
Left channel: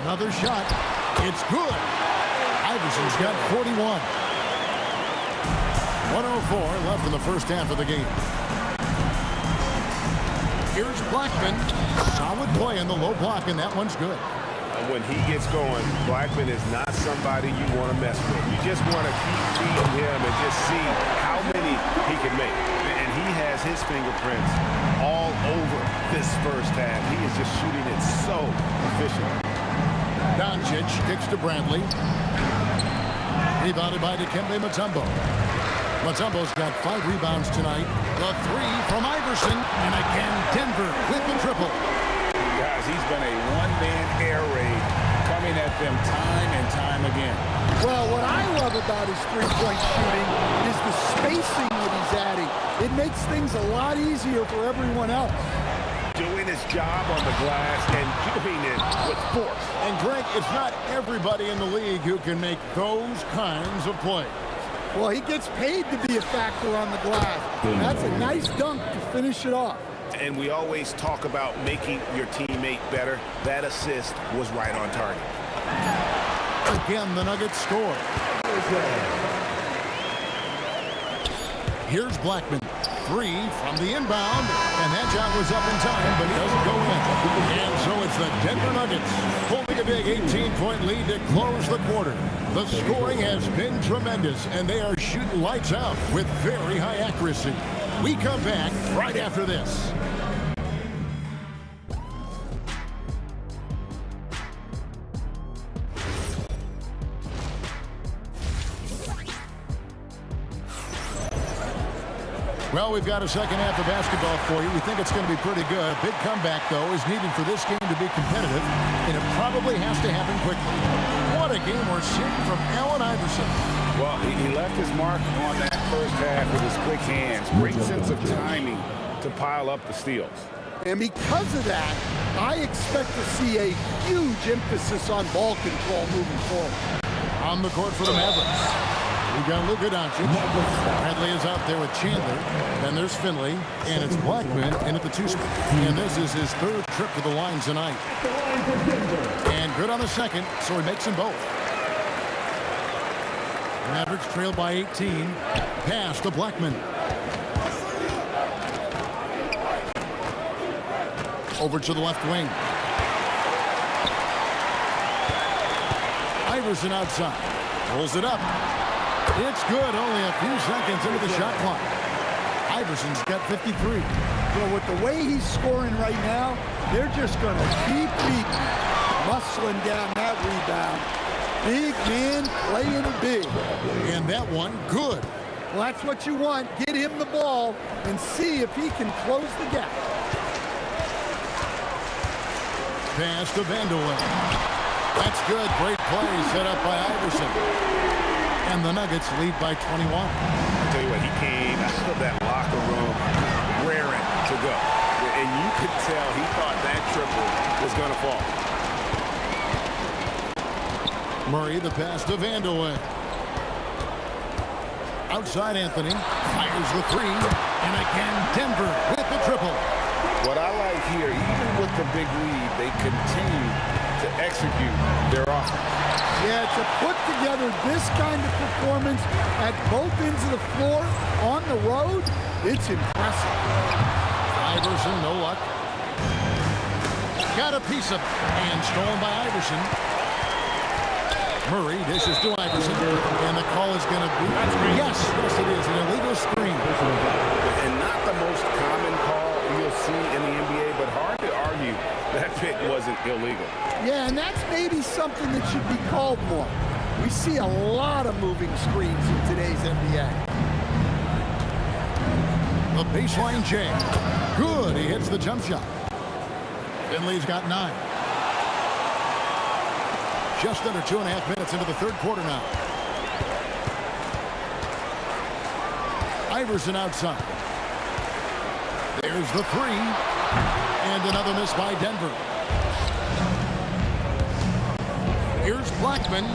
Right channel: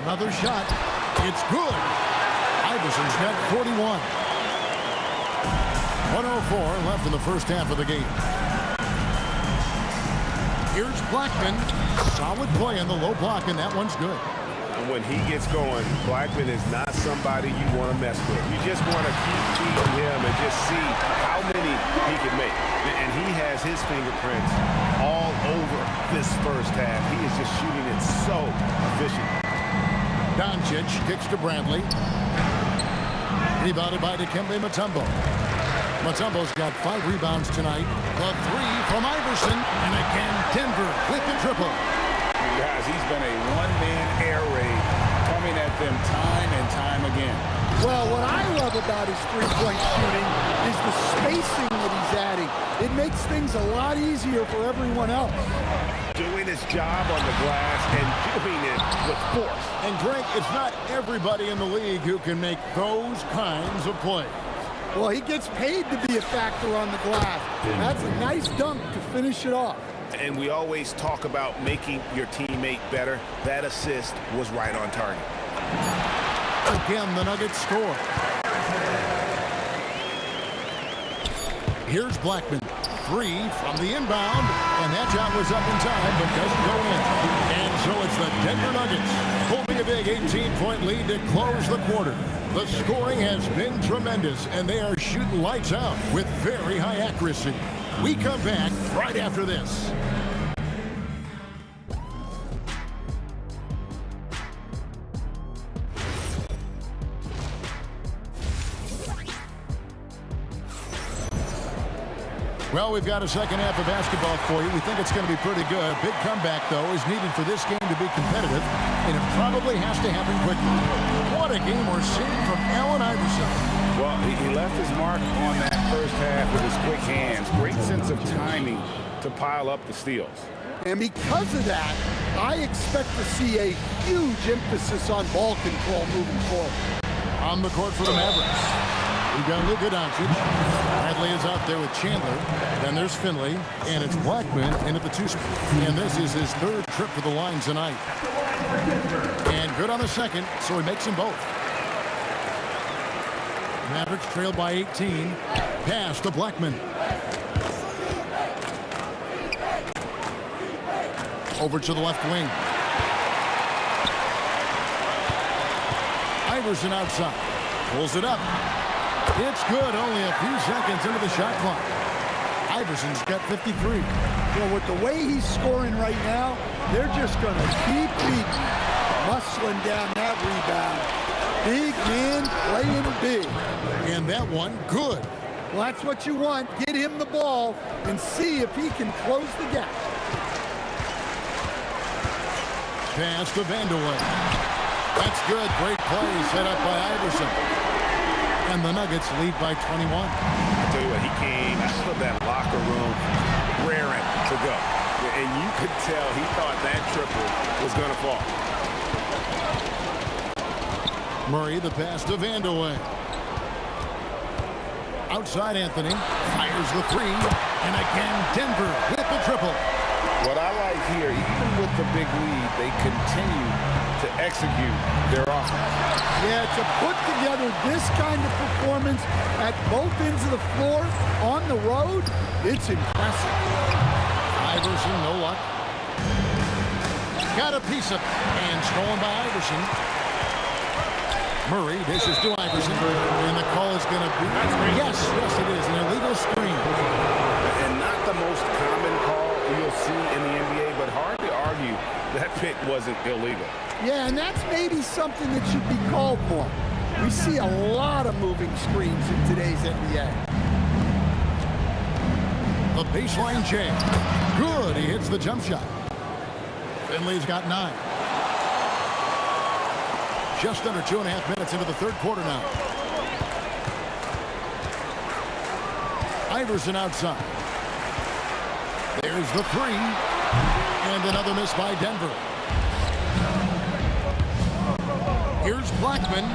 Another shot. It's good. Iverson's got 41. 1:04 left in the first half of the game. Here's Blackman. Solid play in the low block, and that one's good. And when he gets going, Blackman is not somebody you want to mess with. You just want to keep feeding him and just see how many he can make. And he has his fingerprints all over this first half. He is just shooting it so efficient. Doncic kicks to Bradley. Rebounded by Dikembe Mutombo. Mutombo's got 5 rebounds tonight. The 3 from Iverson. And again, Denver with the triple. Guys, he's been a one-man air raid coming at them time and time again. Well, what I love about his three-point shooting is the spacing that he's adding. It makes things a lot easier for everyone else. Doing his job on the glass and doing it with force. And Greg, it's not everybody in the league who can make those kinds of plays. Well, he gets paid to be a factor on the glass. That's a nice dunk to finish it off. And we always talk about making your teammate better. That assist was right on target. Again, the Nuggets score. Here's Blackman. 3 from the inbound. And that shot was up in time, but doesn't go in. And so it's the Denver Nuggets holding a big 18-point lead to close the quarter. The scoring has been tremendous, and they are shooting lights out with very high accuracy. We come back right after this. Well, we've got a second half of basketball for you. We think it's going to be pretty good. A big comeback, though, is needed for this game to be competitive, and it probably has to happen quickly. What a game we're seeing from Allen Iverson. Well, he left his mark on that first half with his quick hands. Great sense of timing to pile up the steals. And because of that, I expect to see a huge emphasis on ball control moving forward. On the court for the Mavericks, we've got Luka Doncic. Bradley is out there with Chandler. Then there's Finley, and it's Blackman in at the 2 spot. And this is his 3rd trip to the line tonight. And good on the second, so he makes them both. Mavericks trail by 18. Pass to Blackman. Over to the left wing. Iverson outside. Pulls it up. It's good. Only a few seconds into the shot clock. Iverson's got 53. Well, with the way he's scoring right now, they're just going to keep beating, muscling down that rebound. Big man playing big. And that one, good. Well, that's what you want. Get him the ball and see if he can close the gap. Pass to Vandeweghe. That's good. Great play set up by Iverson. And the Nuggets lead by 21. I tell you what, he came out of that locker room raring to go. And you could tell he thought that triple was going to fall. Murray, the pass to Vandeweghe. Outside Anthony. Fires the 3. And again, Denver with the triple. What I like here, even with the big lead, they continue to execute their offense. Yeah, to put together this kind of performance at both ends of the floor on the road, it's impressive. Iverson, no luck. Got a piece of it, and stolen by Iverson. Murray dishes to Iverson, and the call is going to be... Yes, it is, an illegal screen. And not the most common call you'll see in the NBA, but hard to argue that pick wasn't illegal. Yeah, and that's maybe something that should be called more. We see a lot of moving screens in today's NBA. The baseline jam. Good, he hits the jump shot. Finley's got 9. Just under 2.5 minutes into the third quarter now. Iverson outside. There's the 3. And another miss by Denver. Here's Blackman.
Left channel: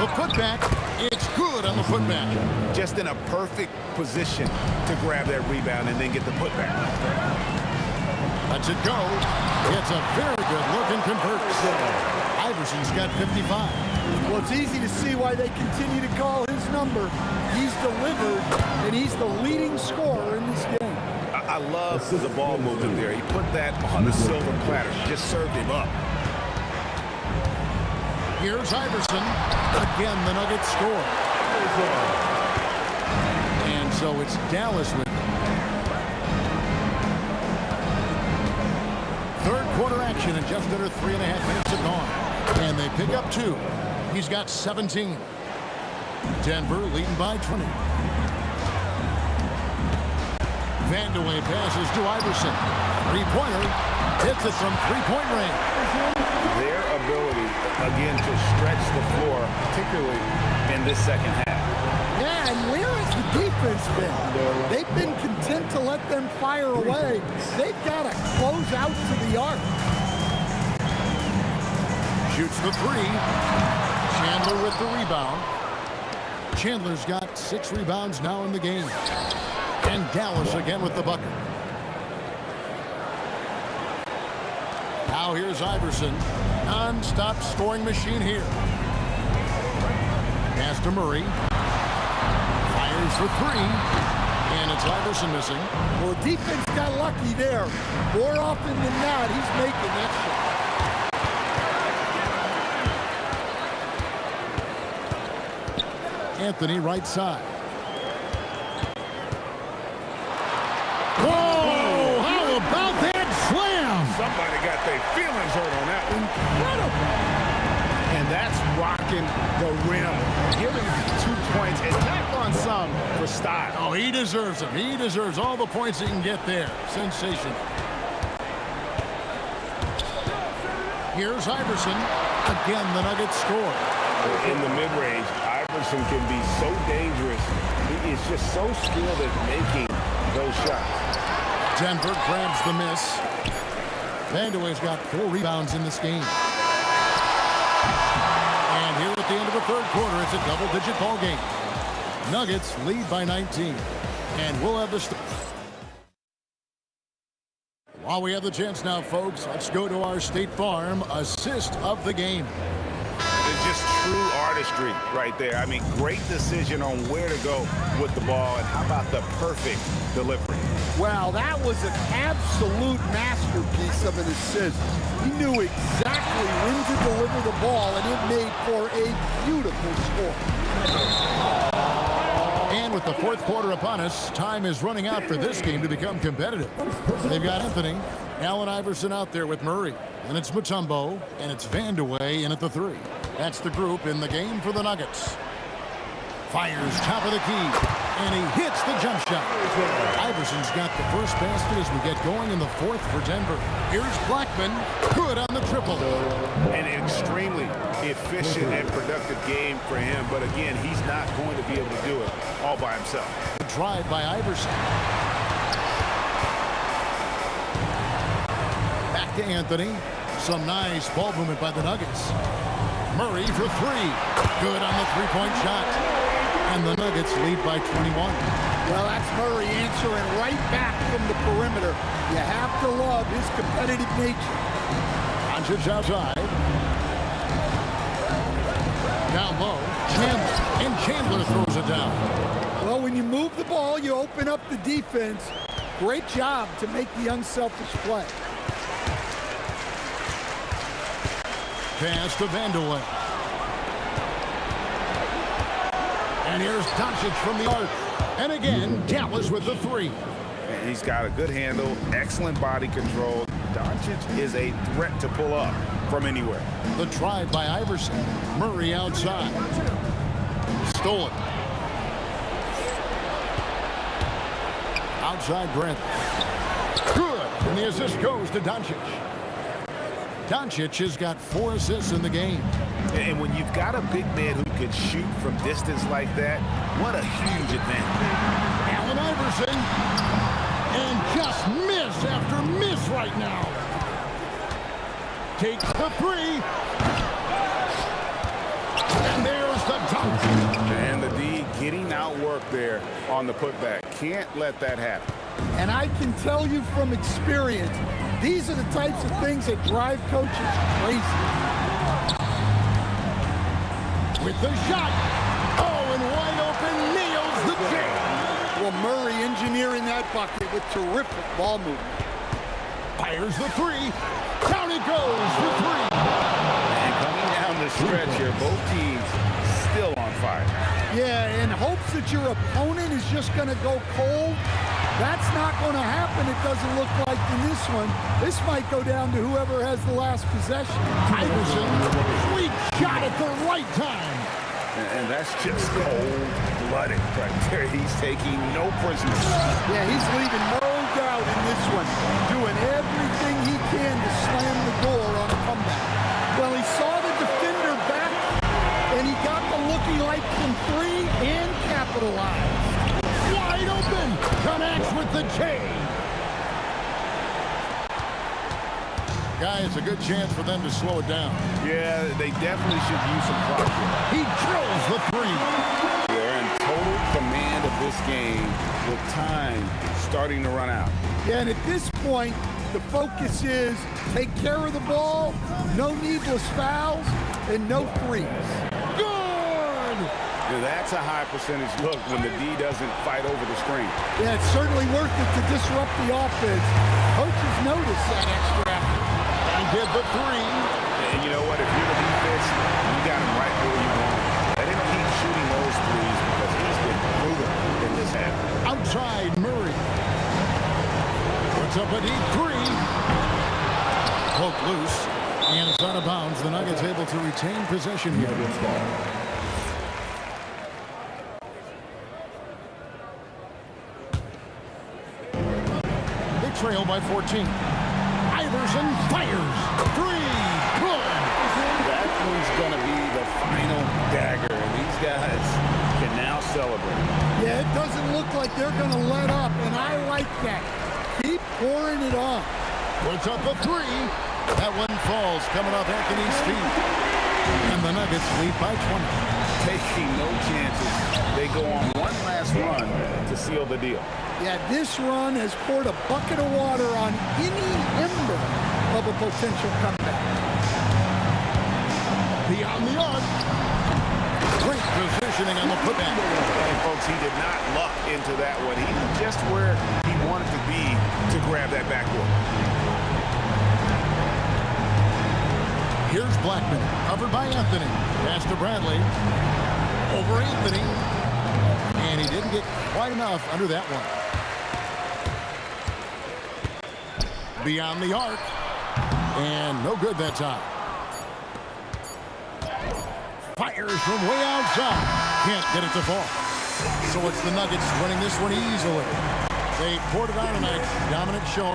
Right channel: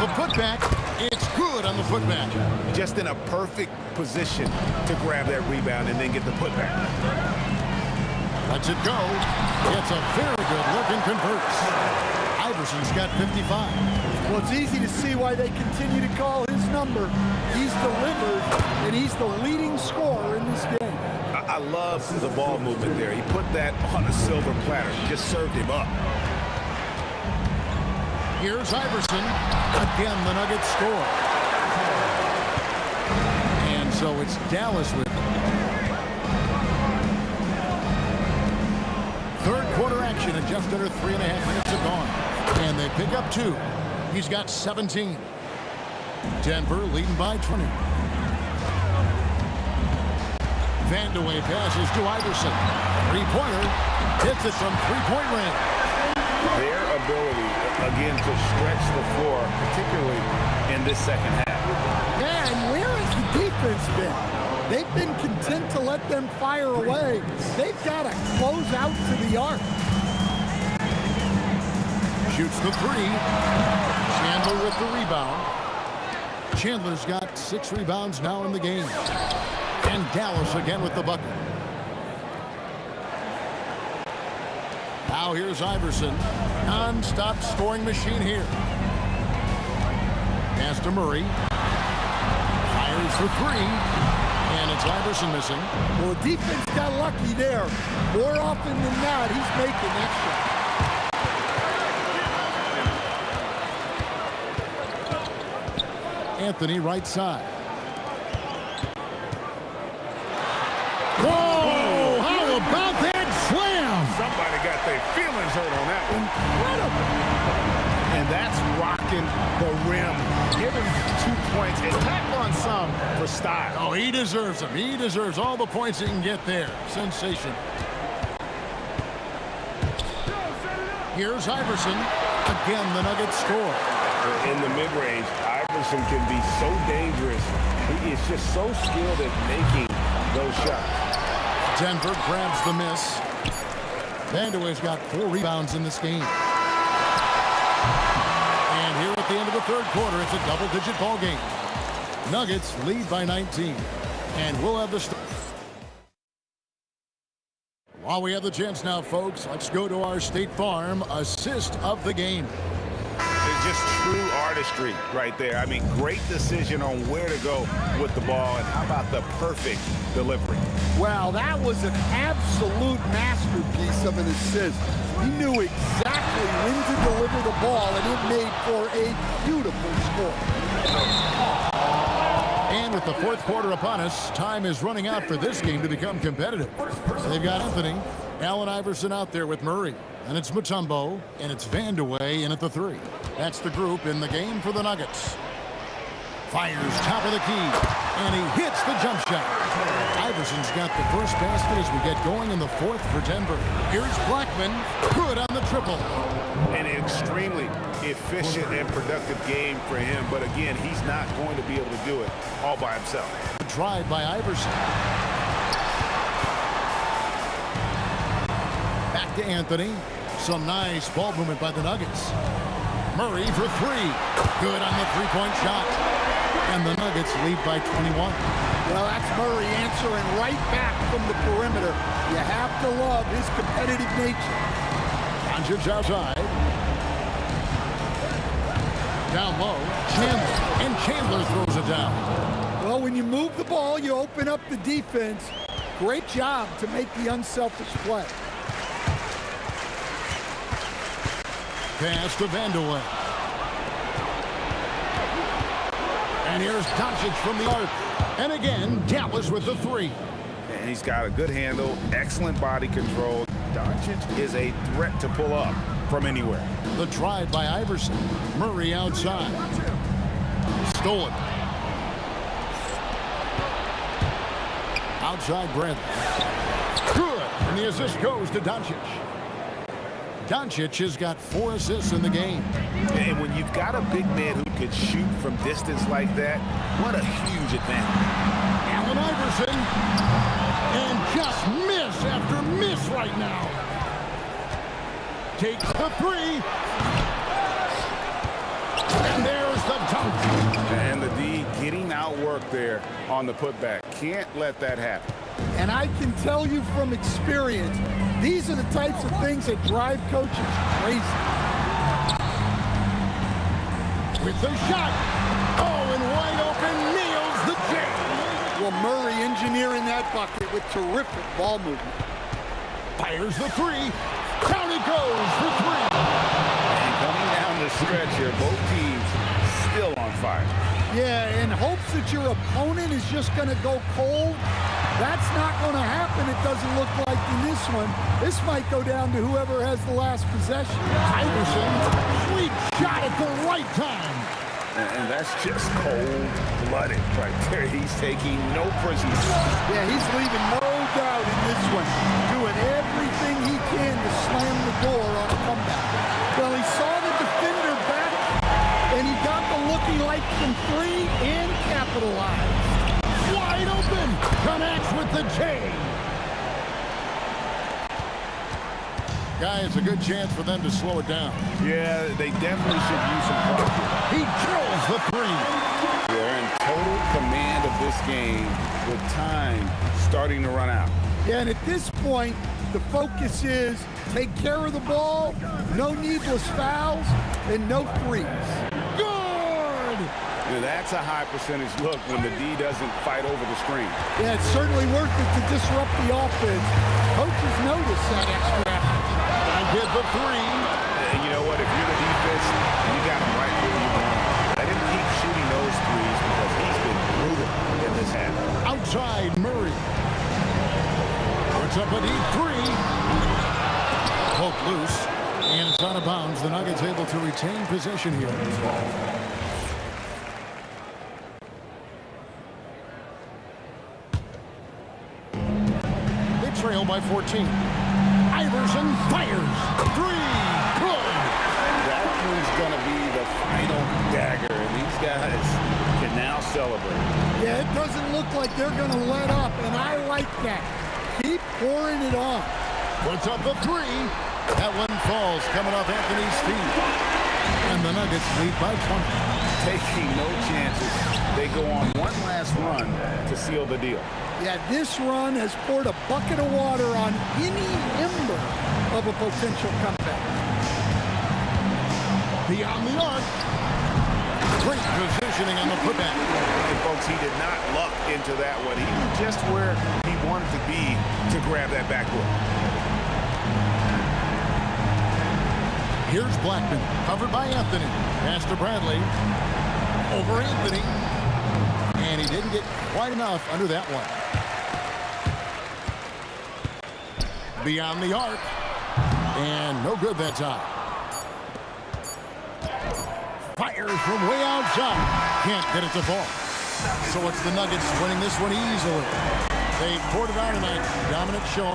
The putback. It's good on the putback. Just in a perfect position to grab that rebound and then get the putback. Lets it go. Gets a very good look and converts. Iverson's got 55. Well, it's easy to see why they continue to call his number. He's delivered, and he's the leading scorer in this game. I love the ball movement there. He put that on a silver platter. Just served him up. Here's Iverson. Again, the Nuggets score. And so it's Dallas with it. Third quarter action, and just under 3.5 minutes have gone. And they pick up 2. He's got 17. Denver leading by 20. Vandeweghe passes to Iverson. Three-pointer. Hits it from three-point range. Their ability, again, to stretch the floor, particularly in this second half. Yeah, and where has the defense been? They've been content to let them fire away. They've got to close out to the arc. Shoots the 3. Chandler with the rebound. Chandler's got 6 rebounds now in the game. And Dallas again with the bucket. Now here's Iverson. Non-stop scoring machine here. Pass to Murray. Fires for 3. And it's Iverson missing. Well, the defense got lucky there. More often than not, he's making that shot. Anthony right side. Whoa! How about that slam? Somebody got their feelings hurt on that one. Incredible. And that's rocking the rim. Give him 2 points and tack on some for style. Oh, he deserves them. He deserves all the points he can get there. Sensation. Here's Iverson. Again, the Nuggets score. In the mid-range, Iverson can be so dangerous. He is just so skilled at making those shots. Denver grabs the miss. Vandeweghe's got 4 rebounds in this game. And here at the end of the third quarter, it's a double-digit ball game. Nuggets lead by 19. And we'll have the... While we have the chance now, folks, let's go to our State Farm assist of the game. It's just true artistry right there. I mean, great decision on where to go with the ball, and how about the perfect delivery? Wow, that was an absolute masterpiece of an assist. He knew exactly when to deliver the ball, and it made for a beautiful score. And with the fourth quarter upon us, time is running out for this game to become competitive. They've got Anthony, Allen Iverson out there with Murray. And it's Mutombo, and it's Vandeweghe in at the 3. That's the group in the game for the Nuggets. Fires top of the key, and he hits the jump shot. Iverson's got the first basket as we get going in the fourth for Denver. Here's Blackman, good on the triple. An extremely efficient and productive game for him, but again, he's not going to be able to do it all by himself. The drive by Iverson. Back to Anthony. Some nice ball movement by the Nuggets. Murray for 3. Good on the three-point shot. And the Nuggets lead by 21. Well, that's Murray answering right back from the perimeter. You have to love his competitive nature. Doncic outside. Down low. Chandler. And Chandler throws it down. Well, when you move the ball, you open up the defense. Great job to make the unselfish play. Pass to Vandeweghe. And here's Doncic from the arc. And again, Dallas with the 3. And he's got a good handle, excellent body control. Doncic is a threat to pull up from anywhere. The drive by Iverson. Murray outside. Stolen. Outside Brent. Good. And the assist goes to Doncic. Doncic has got 4 assists in the game. And when you've got a big man who can shoot from distance like that, what a huge advantage. Allen Iverson. And just miss after miss right now. Takes the three. And there's the dunk. And the D getting outworked there on the putback. Can't let that happen. And I can tell you from experience, these are the types of things that drive coaches crazy. With the shot. Oh, and wide open, nails the J. Well, Murray engineering that bucket with terrific ball movement. Fires the three. Down it goes for three. And coming down the stretch here, both teams still on fire. Yeah, in hopes that your opponent is just going to go cold. That's not going to happen, it doesn't look like in this one. This might go down to whoever has the last possession. Iverson, sweet shot at the right time. And that's just cold-blooded right there. He's taking no prisoners. Yeah, he's leaving no doubt in this one. Doing everything he can to slam the door on a comeback. Well, he saw the defender back, and he got the looking like from three and capitalized. Wide open. Connects with the J. Guys, a good chance for them to slow it down. Yeah, they definitely should use some clock here. He drills the three. They're in total command of this game with time starting to run out. Yeah, and at this point, the focus is take care of the ball, no needless fouls, and no threes. Good! Now, that's a high percentage look when the D doesn't fight over the screen. Yeah, it's certainly worth it to disrupt the offense. Coaches notice that extra effort. And get the three. And you know what? If you're the defense, you got him right where you want him. Let him keep shooting those threes because he's been brutal in this half. Outside Murray. Puts up a deep three. Poke loose. And it's out of bounds. The Nuggets able to retain possession here. They trail by 14. Iverson fires. Three. Good. That one's going to be the final dagger, and these guys can now celebrate. Yeah, it doesn't look like they're going to let up, and I like that. Keep pouring it on. Puts up a three. That one falls coming off Anthony's feet. And the Nuggets lead by 20. Taking no chances. They go on one last run to seal the deal. Yeah, this run has poured a bucket of water on any ember of a potential comeback. Beyond the arc. Great positioning on the putback. And folks, he did not luck into that one. He was just where he wanted to be to grab that backboard. Here's Blackman, covered by Anthony. Pass to Bradley. Over Anthony. And he didn't get quite enough under that one. Beyond the arc. And no good that time. Fires from way outside. Can't get it to fall. So it's the Nuggets winning this one easily. They poured it on tonight. Dominant showing.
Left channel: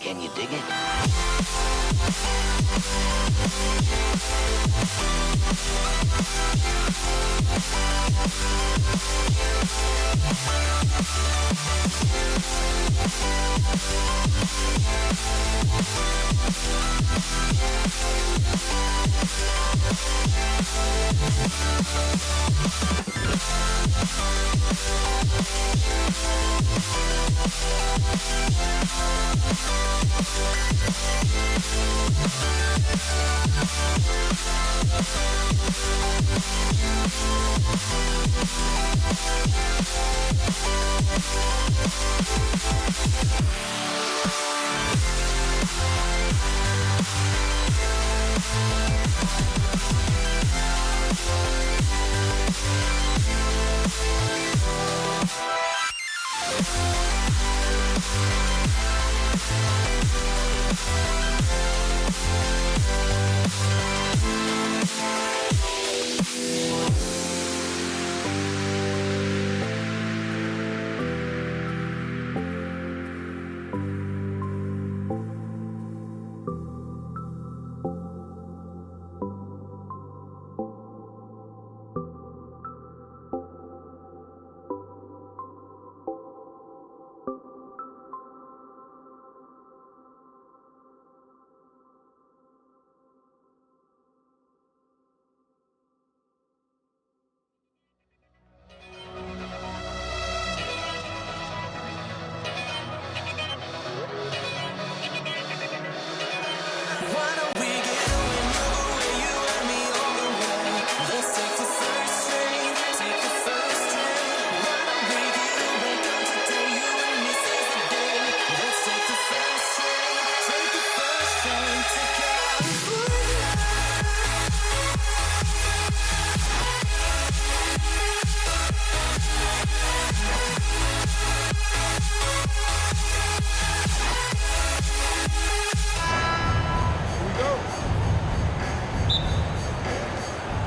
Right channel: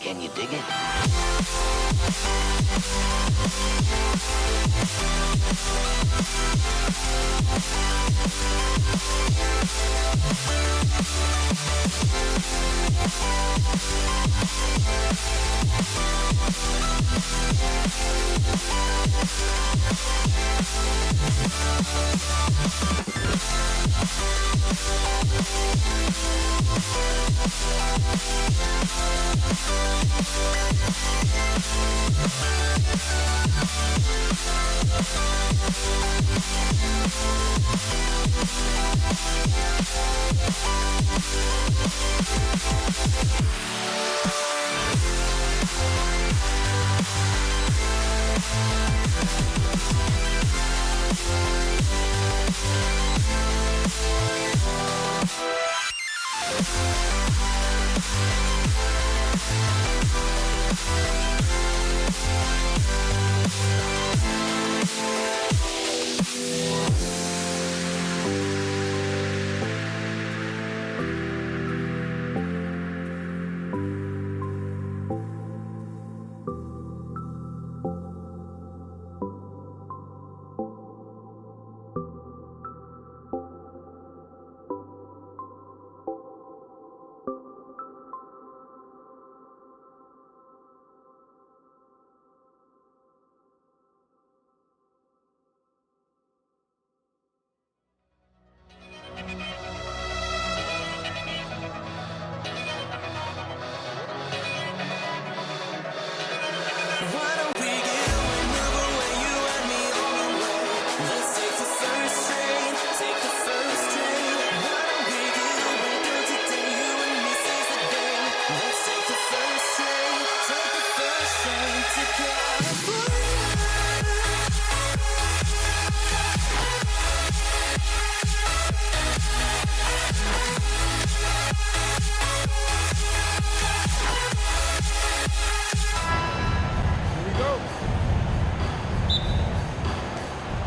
Can you dig it?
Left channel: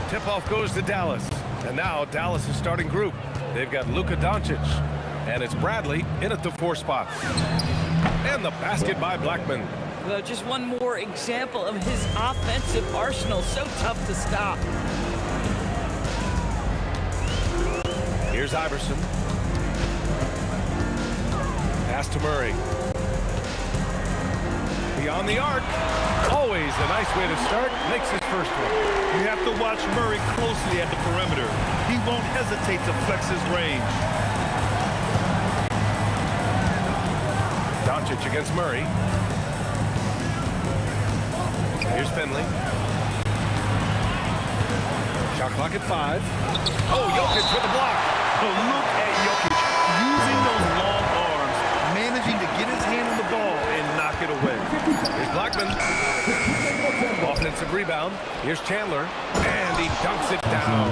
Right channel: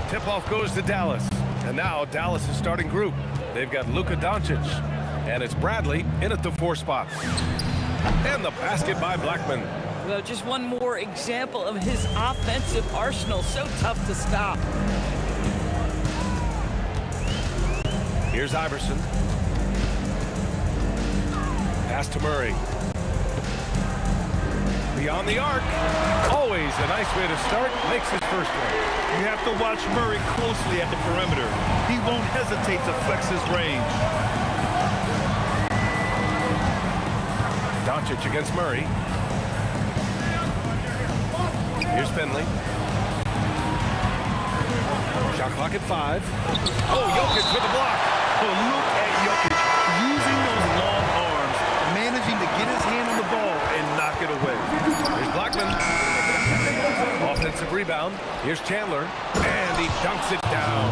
Tip-off goes to Dallas. And now Dallas is starting group. They've got Luka Doncic. And it's Bradley in at the 4 spot. And the basket by Blackman. Well, just one more example of his offensive arsenal. So tough to stop. Here's Iverson. Pass to Murray. Beyond the arc. Always a nice way to start. Makes his first one. You have to watch Murray closely at the perimeter. He won't hesitate to flex his range. Doncic against Murray. Here's Finley. Shot clock at 5. Oh, Jokic with a block. Oh, look at Jokic using those long arms, managing to get his hand on the ball and knock it away. Here's Blackman. Offensive rebound. Here's Chandler. And he dunks it down.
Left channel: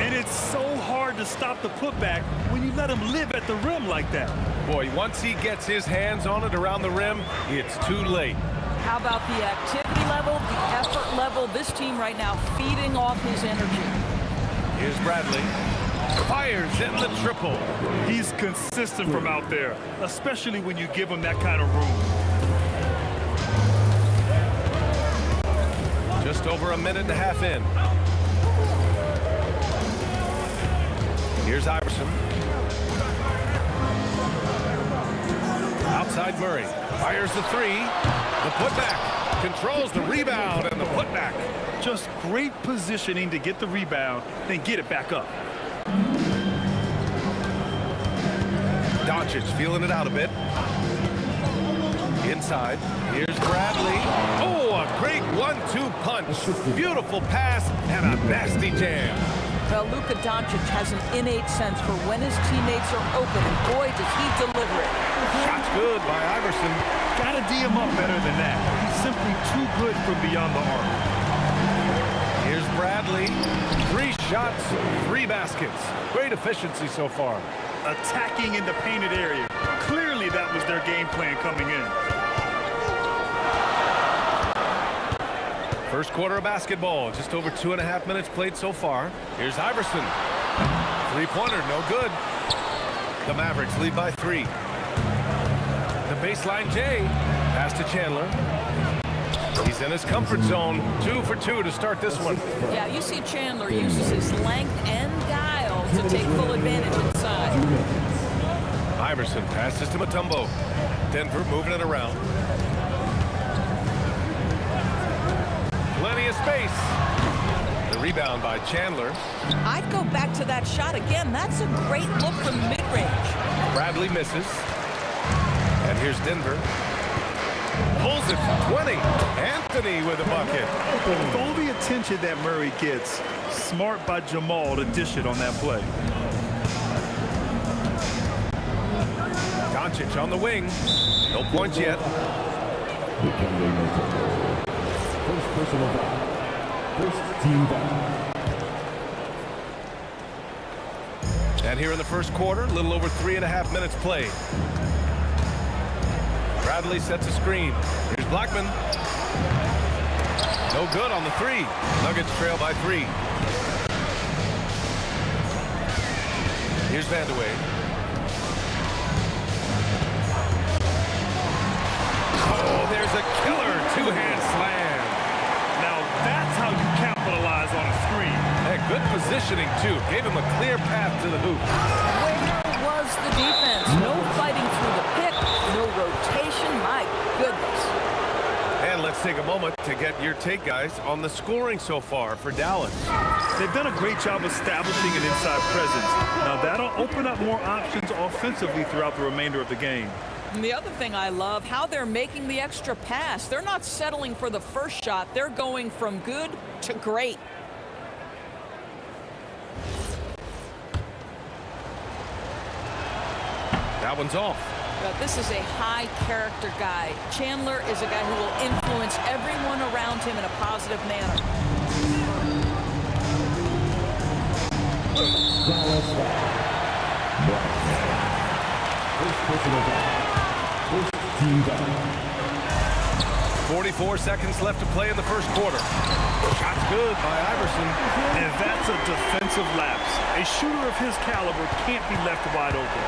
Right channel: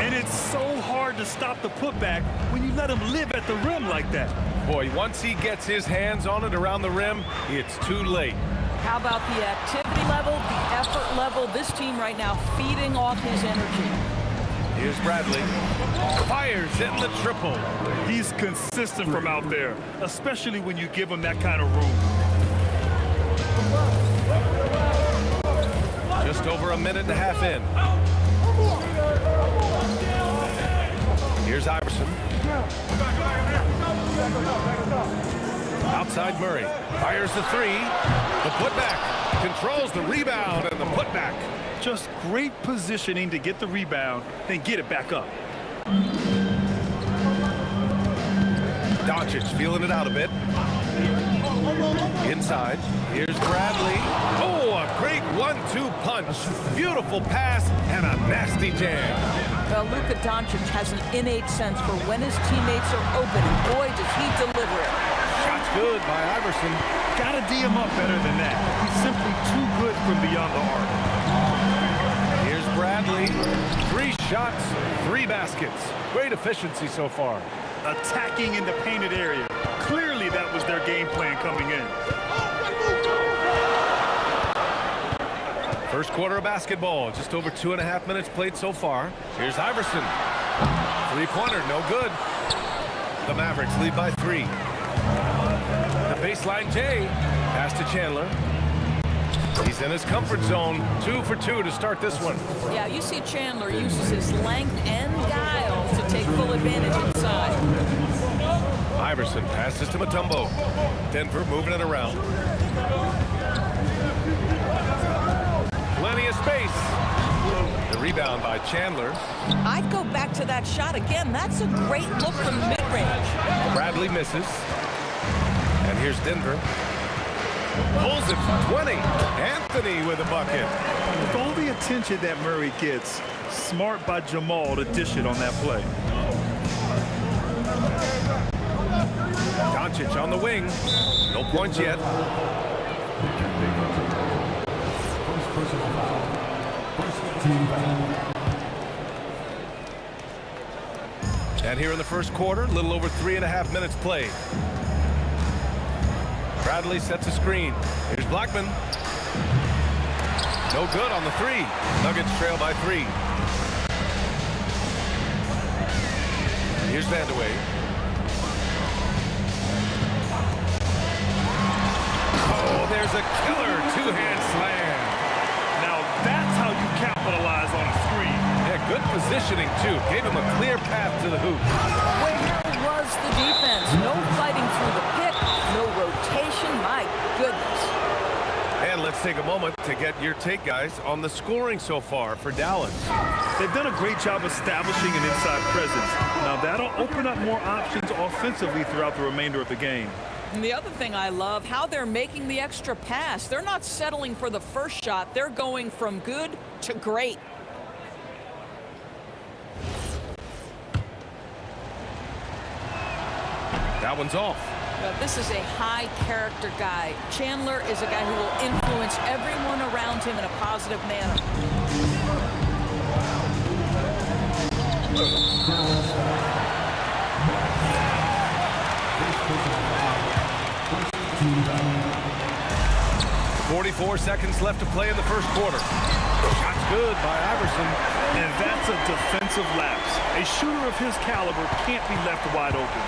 And it's so hard to stop the putback when you let him live at the rim like that. Boy, once he gets his hands on it around the rim, it's too late. How about the activity level, the effort level? This team right now feeding off his energy. Here's Bradley. Fires in the triple. He's consistent from out there, especially when you give him that kind of room. Just over a minute and a half in. Here's Iverson. Outside Murray. Fires the three. The putback. Controls the rebound and the putback. Just great positioning to get the rebound, then get it back up. Doncic feeling it out a bit. Inside. Here's Bradley. Oh, a great 1-2 punch. Beautiful pass and a nasty jam. Well, Luka Doncic has an innate sense for when his teammates are open, and boy, does he deliver it. Shot's good by Iverson. Gotta D him up better than that. He's simply too good from beyond the arc. Here's Bradley. 3 shots, 3 baskets. Great efficiency so far. Attacking in the painted area. Clearly that was their game plan coming in. First quarter of basketball. Just over 2.5 minutes played so far. Here's Iverson. 3-pointer, no good. The Mavericks lead by 3. The baseline Jay. Pass to Chandler. He's in his comfort zone. 2 for 2 to start this one. Yeah, you see Chandler uses his length and guile to take full advantage inside. Iverson passes to Mutombo. Denver moving it around. Plenty of space. The rebound by Chandler. I'd go back to that shot again. That's a great look from mid-range. Bradley misses. And here's Denver. Pulls it from 20. Anthony with a bucket. With all the attention that Murray gets, smart by Jamal to dish it on that play. Doncic on the wing. No points yet. First personal foul. First team foul. And here in the first quarter, a little over 3.5 minutes played. Bradley sets a screen. Here's Blackman. No good on the 3. Nuggets trail by 3. Here's Vandeweghe. Oh, there's a killer 2-hand slam. Now that's how you capitalize on a screen. Yeah, good positioning, too. Gave him a clear path to the hoop. Where was the defense? No fighting through the pick, no rotation. My goodness. And let's take a moment to get your take, guys, on the scoring so far for Dallas. They've done a great job establishing an inside presence. Now that'll open up more options offensively throughout the remainder of the game. And the other thing I love, how they're making the extra pass. They're not settling for the first shot. They're going from good to great. That one's off. This is a high-character guy. Chandler is a guy who will influence everyone around him in a positive manner. Dallas foul. First personal foul. First team foul. 44 seconds left to play in the first quarter. Shot's good by Iverson. And that's a defensive lapse. A shooter of his caliber can't be left wide open.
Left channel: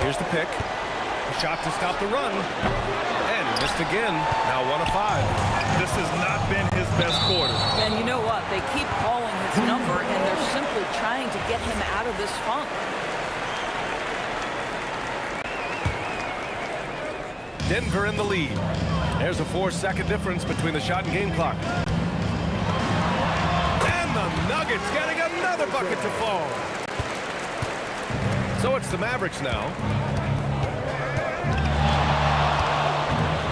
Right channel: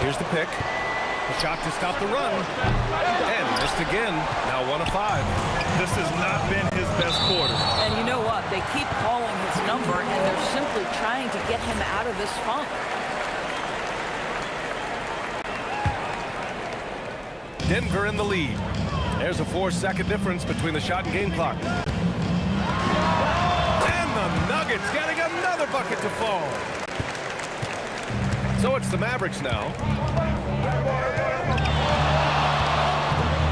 Here's the pick. A shot to stop the run. And he missed again. Now 1 of 5. This has not been his best quarter. And you know what? They keep calling his number, and they're simply trying to get him out of this funk. Denver in the lead. There's a 4-second difference between the shot and game clock. And the Nuggets getting another bucket to fall. So it's the Mavericks now.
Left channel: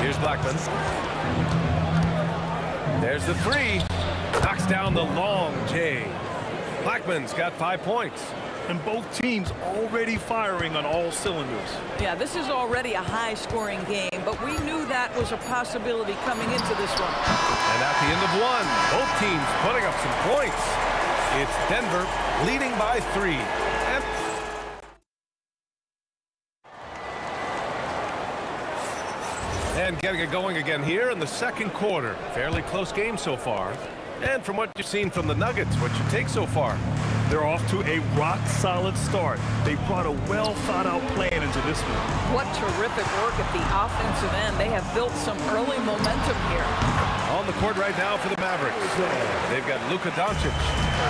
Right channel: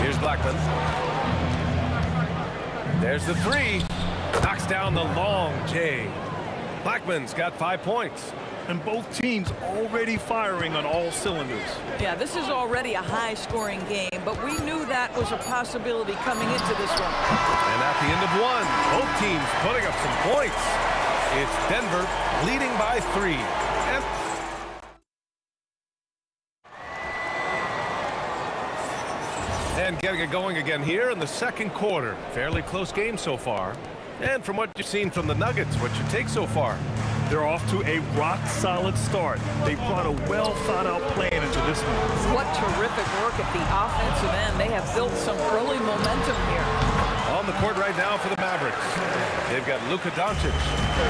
Here's Blackman. There's the 3. Knocks down the long J. Blackman's got 5 points. And both teams already firing on all cylinders. Yeah, this is already a high-scoring game, but we knew that was a possibility coming into this one. And at the end of 1, both teams putting up some points. It's Denver leading by 3. And And getting it going again here in the second quarter. Fairly close game so far. And from what you've seen from the Nuggets, what's your take so far? They're off to a rock-solid start. They brought a well-thought-out plan into this one. What terrific work at the offensive end. They have built some early momentum here. On the court right now for the Mavericks. They've got Luka Doncic,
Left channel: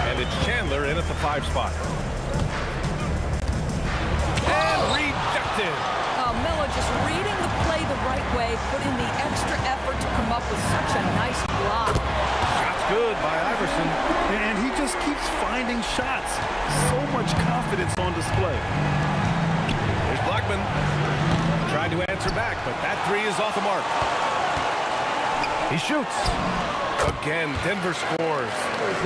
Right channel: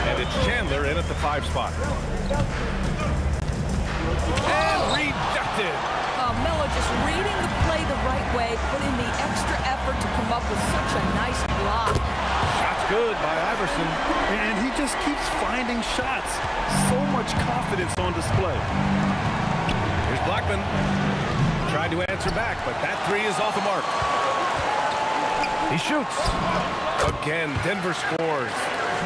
and it's Chandler in at the 5 spot. And rejected. Melo just reading the play the right way, putting the extra effort to come up with such a nice block. Shot's good by Iverson. And he just keeps finding shots. So much confidence on display. Here's Blackman. Tried to answer back, but that 3 is off the mark. He shoots. Again, Denver scores.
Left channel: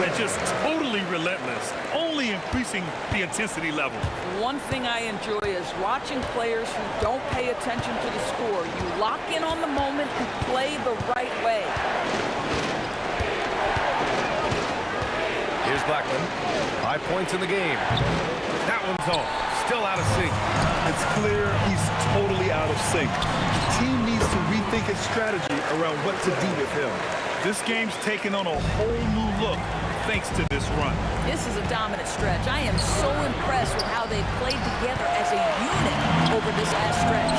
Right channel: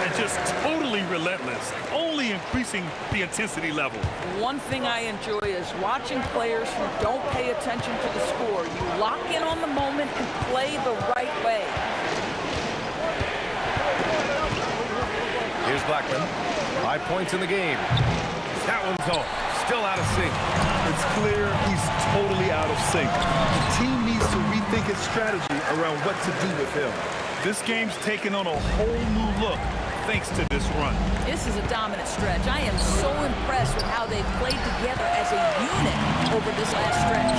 And just totally relentless, only increasing the intensity level. One thing I enjoy is watching players who don't pay attention to the score. You lock in on the moment and play the right way. Here's Blackman. 5 points in the game. That one's off. Still out of sync. It's clear he's totally out of sync. The team needs to rethink its strategy around what to do with him. This game's taken on a whole new look thanks to this run. This is a dominant stretch. I am so impressed with how they've played together as a unit over this last stretch.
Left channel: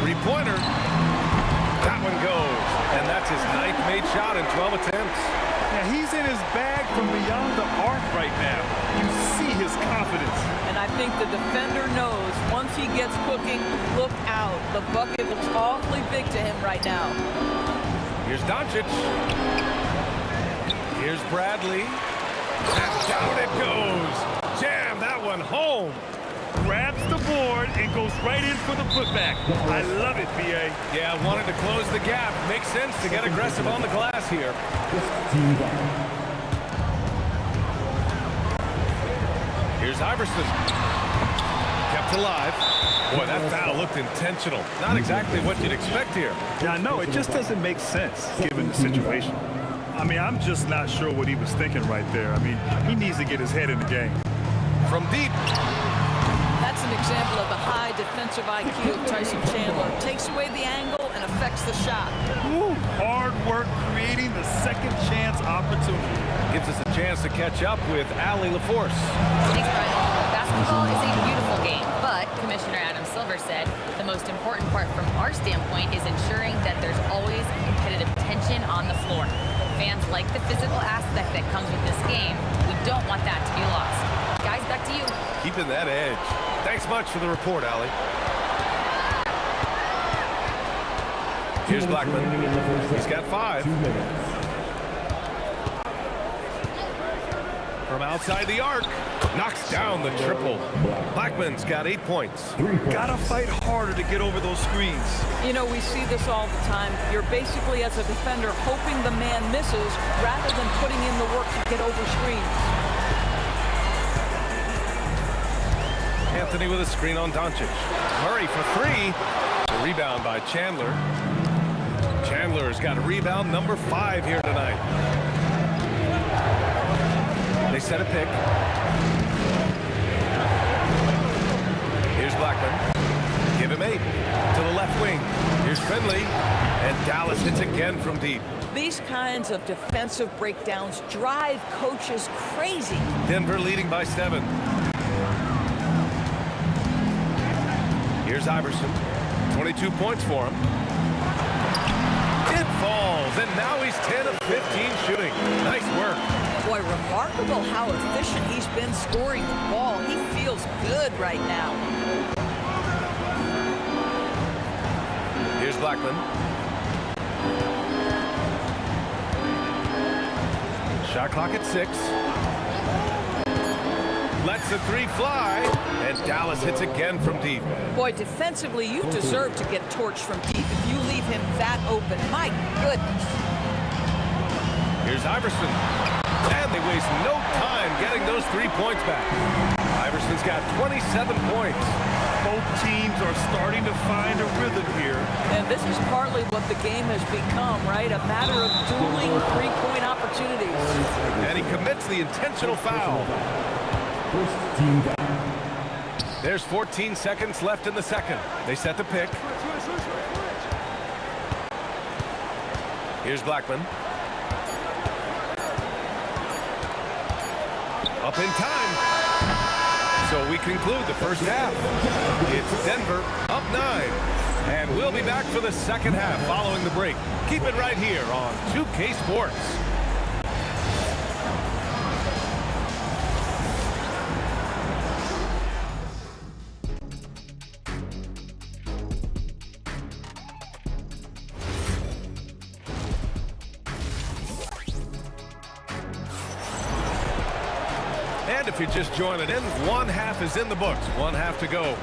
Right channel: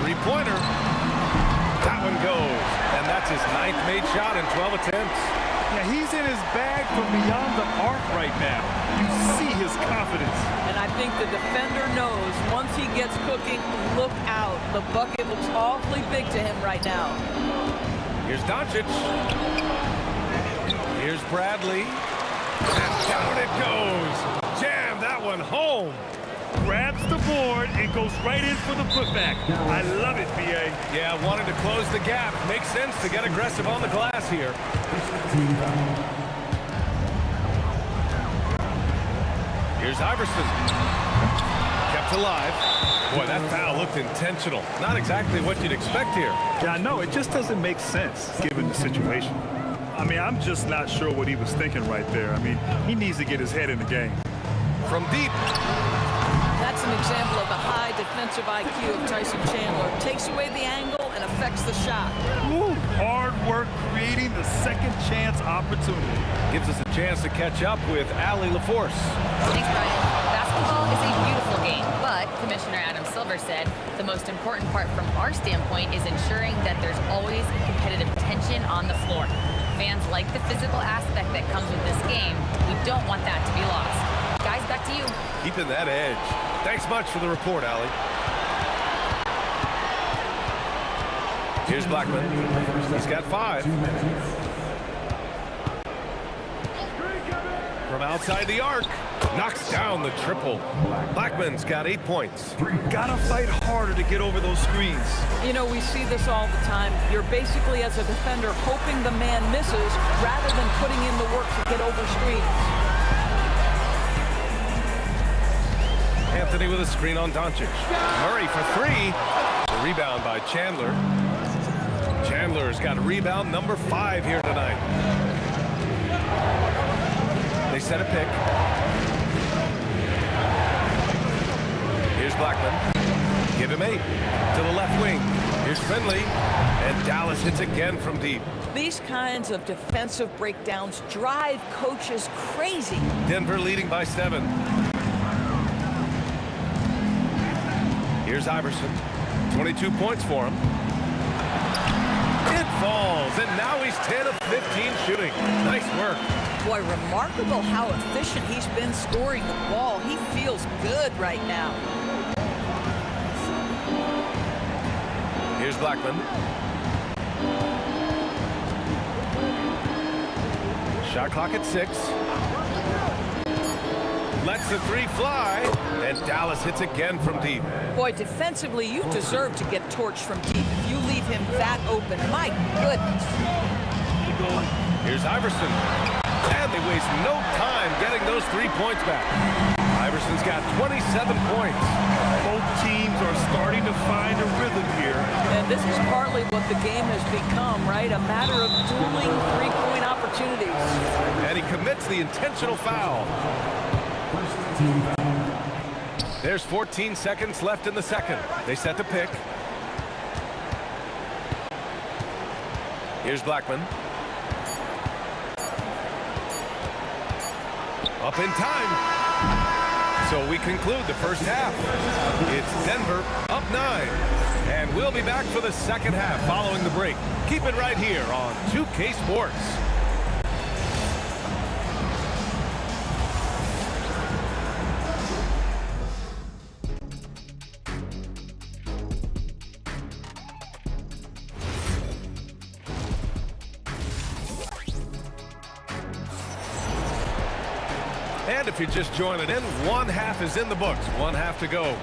3-pointer. That one goes. And that's his 9th made shot in 12 attempts. Yeah, he's in his bag from beyond the arc right now. You see his confidence. And I think the defender knows once he gets cooking, look out. The bucket looks awfully big to him right now. Here's Doncic. Here's Bradley. And down it goes. Jam that one home. Grabs the board and goes right in for the putback. I love it, B.A. Yeah, wanted to close the gap. Makes sense to get aggressive on the glass here. Here's Iverson. Kept alive. Boy, that foul looked intentional. Not exactly what you'd expect here. Yeah, I know. It just doesn't make sense given the situation. I mean, I'm just not sure what he was thinking right there. I mean, he needs to get his head in the game. From deep. That's an example of the high defensive IQ of Tyson Chandler. Takes away the angle and affects the shot. Ooh, hard work creating the second chance opportunity. Gives us a chance to catch up with Allie LaForce. Thanks, Brian. Basketball is a beautiful game, but Commissioner Adam Silver said the most important part from our standpoint is ensuring that there's always competitive tension on the floor. Fans like the physical aspect that comes with this game. We don't want that to be lost. Guys, back to you. Keeping that edge. Thanks much for the report, Allie. Here's Blackman. He's got 5. From outside the arc. Knocks down the triple. Blackman's got 8 points. Gotta fight harder to get over those screens. You know, we see this all the time. You're basically, as a defender, hoping the man misses rather than putting in the work to get over screens. Anthony with a screen on Doncic. Murray for 3. The rebound by Chandler. Chandler's got a rebound number 5 here tonight. They set a pick. Here's Blackman. Give him 8. To the left wing. Here's Finley. And Dallas hits again from deep. These kinds of defensive breakdowns drive coaches crazy. Denver leading by 7. Here's Iverson. 22 points for him. It falls, and now he's 10 of 15 shooting. Nice work. Boy, remarkable how efficient he's been scoring the ball. He feels good right now. Here's Blackman. Shot clock at 6. Lets the 3 fly, and Dallas hits again from deep. Boy, defensively, you deserve to get torched from deep if you leave him that open. My goodness. Here's Iverson. And they waste no time getting those 3 points back. Iverson's got 27 points. Both teams are starting to find a rhythm here. And this is partly what the game has become, right? A matter of dueling 3-point opportunities. And he commits the intentional foul. There's 14 seconds left in the second. They set the pick. Here's Blackman. Up in time. So we conclude the first half. It's Denver up 9. And we'll be back for the second half following the break. Keep it right here on 2K Sports. And if you're just joining in, one half is in the books. One half to go.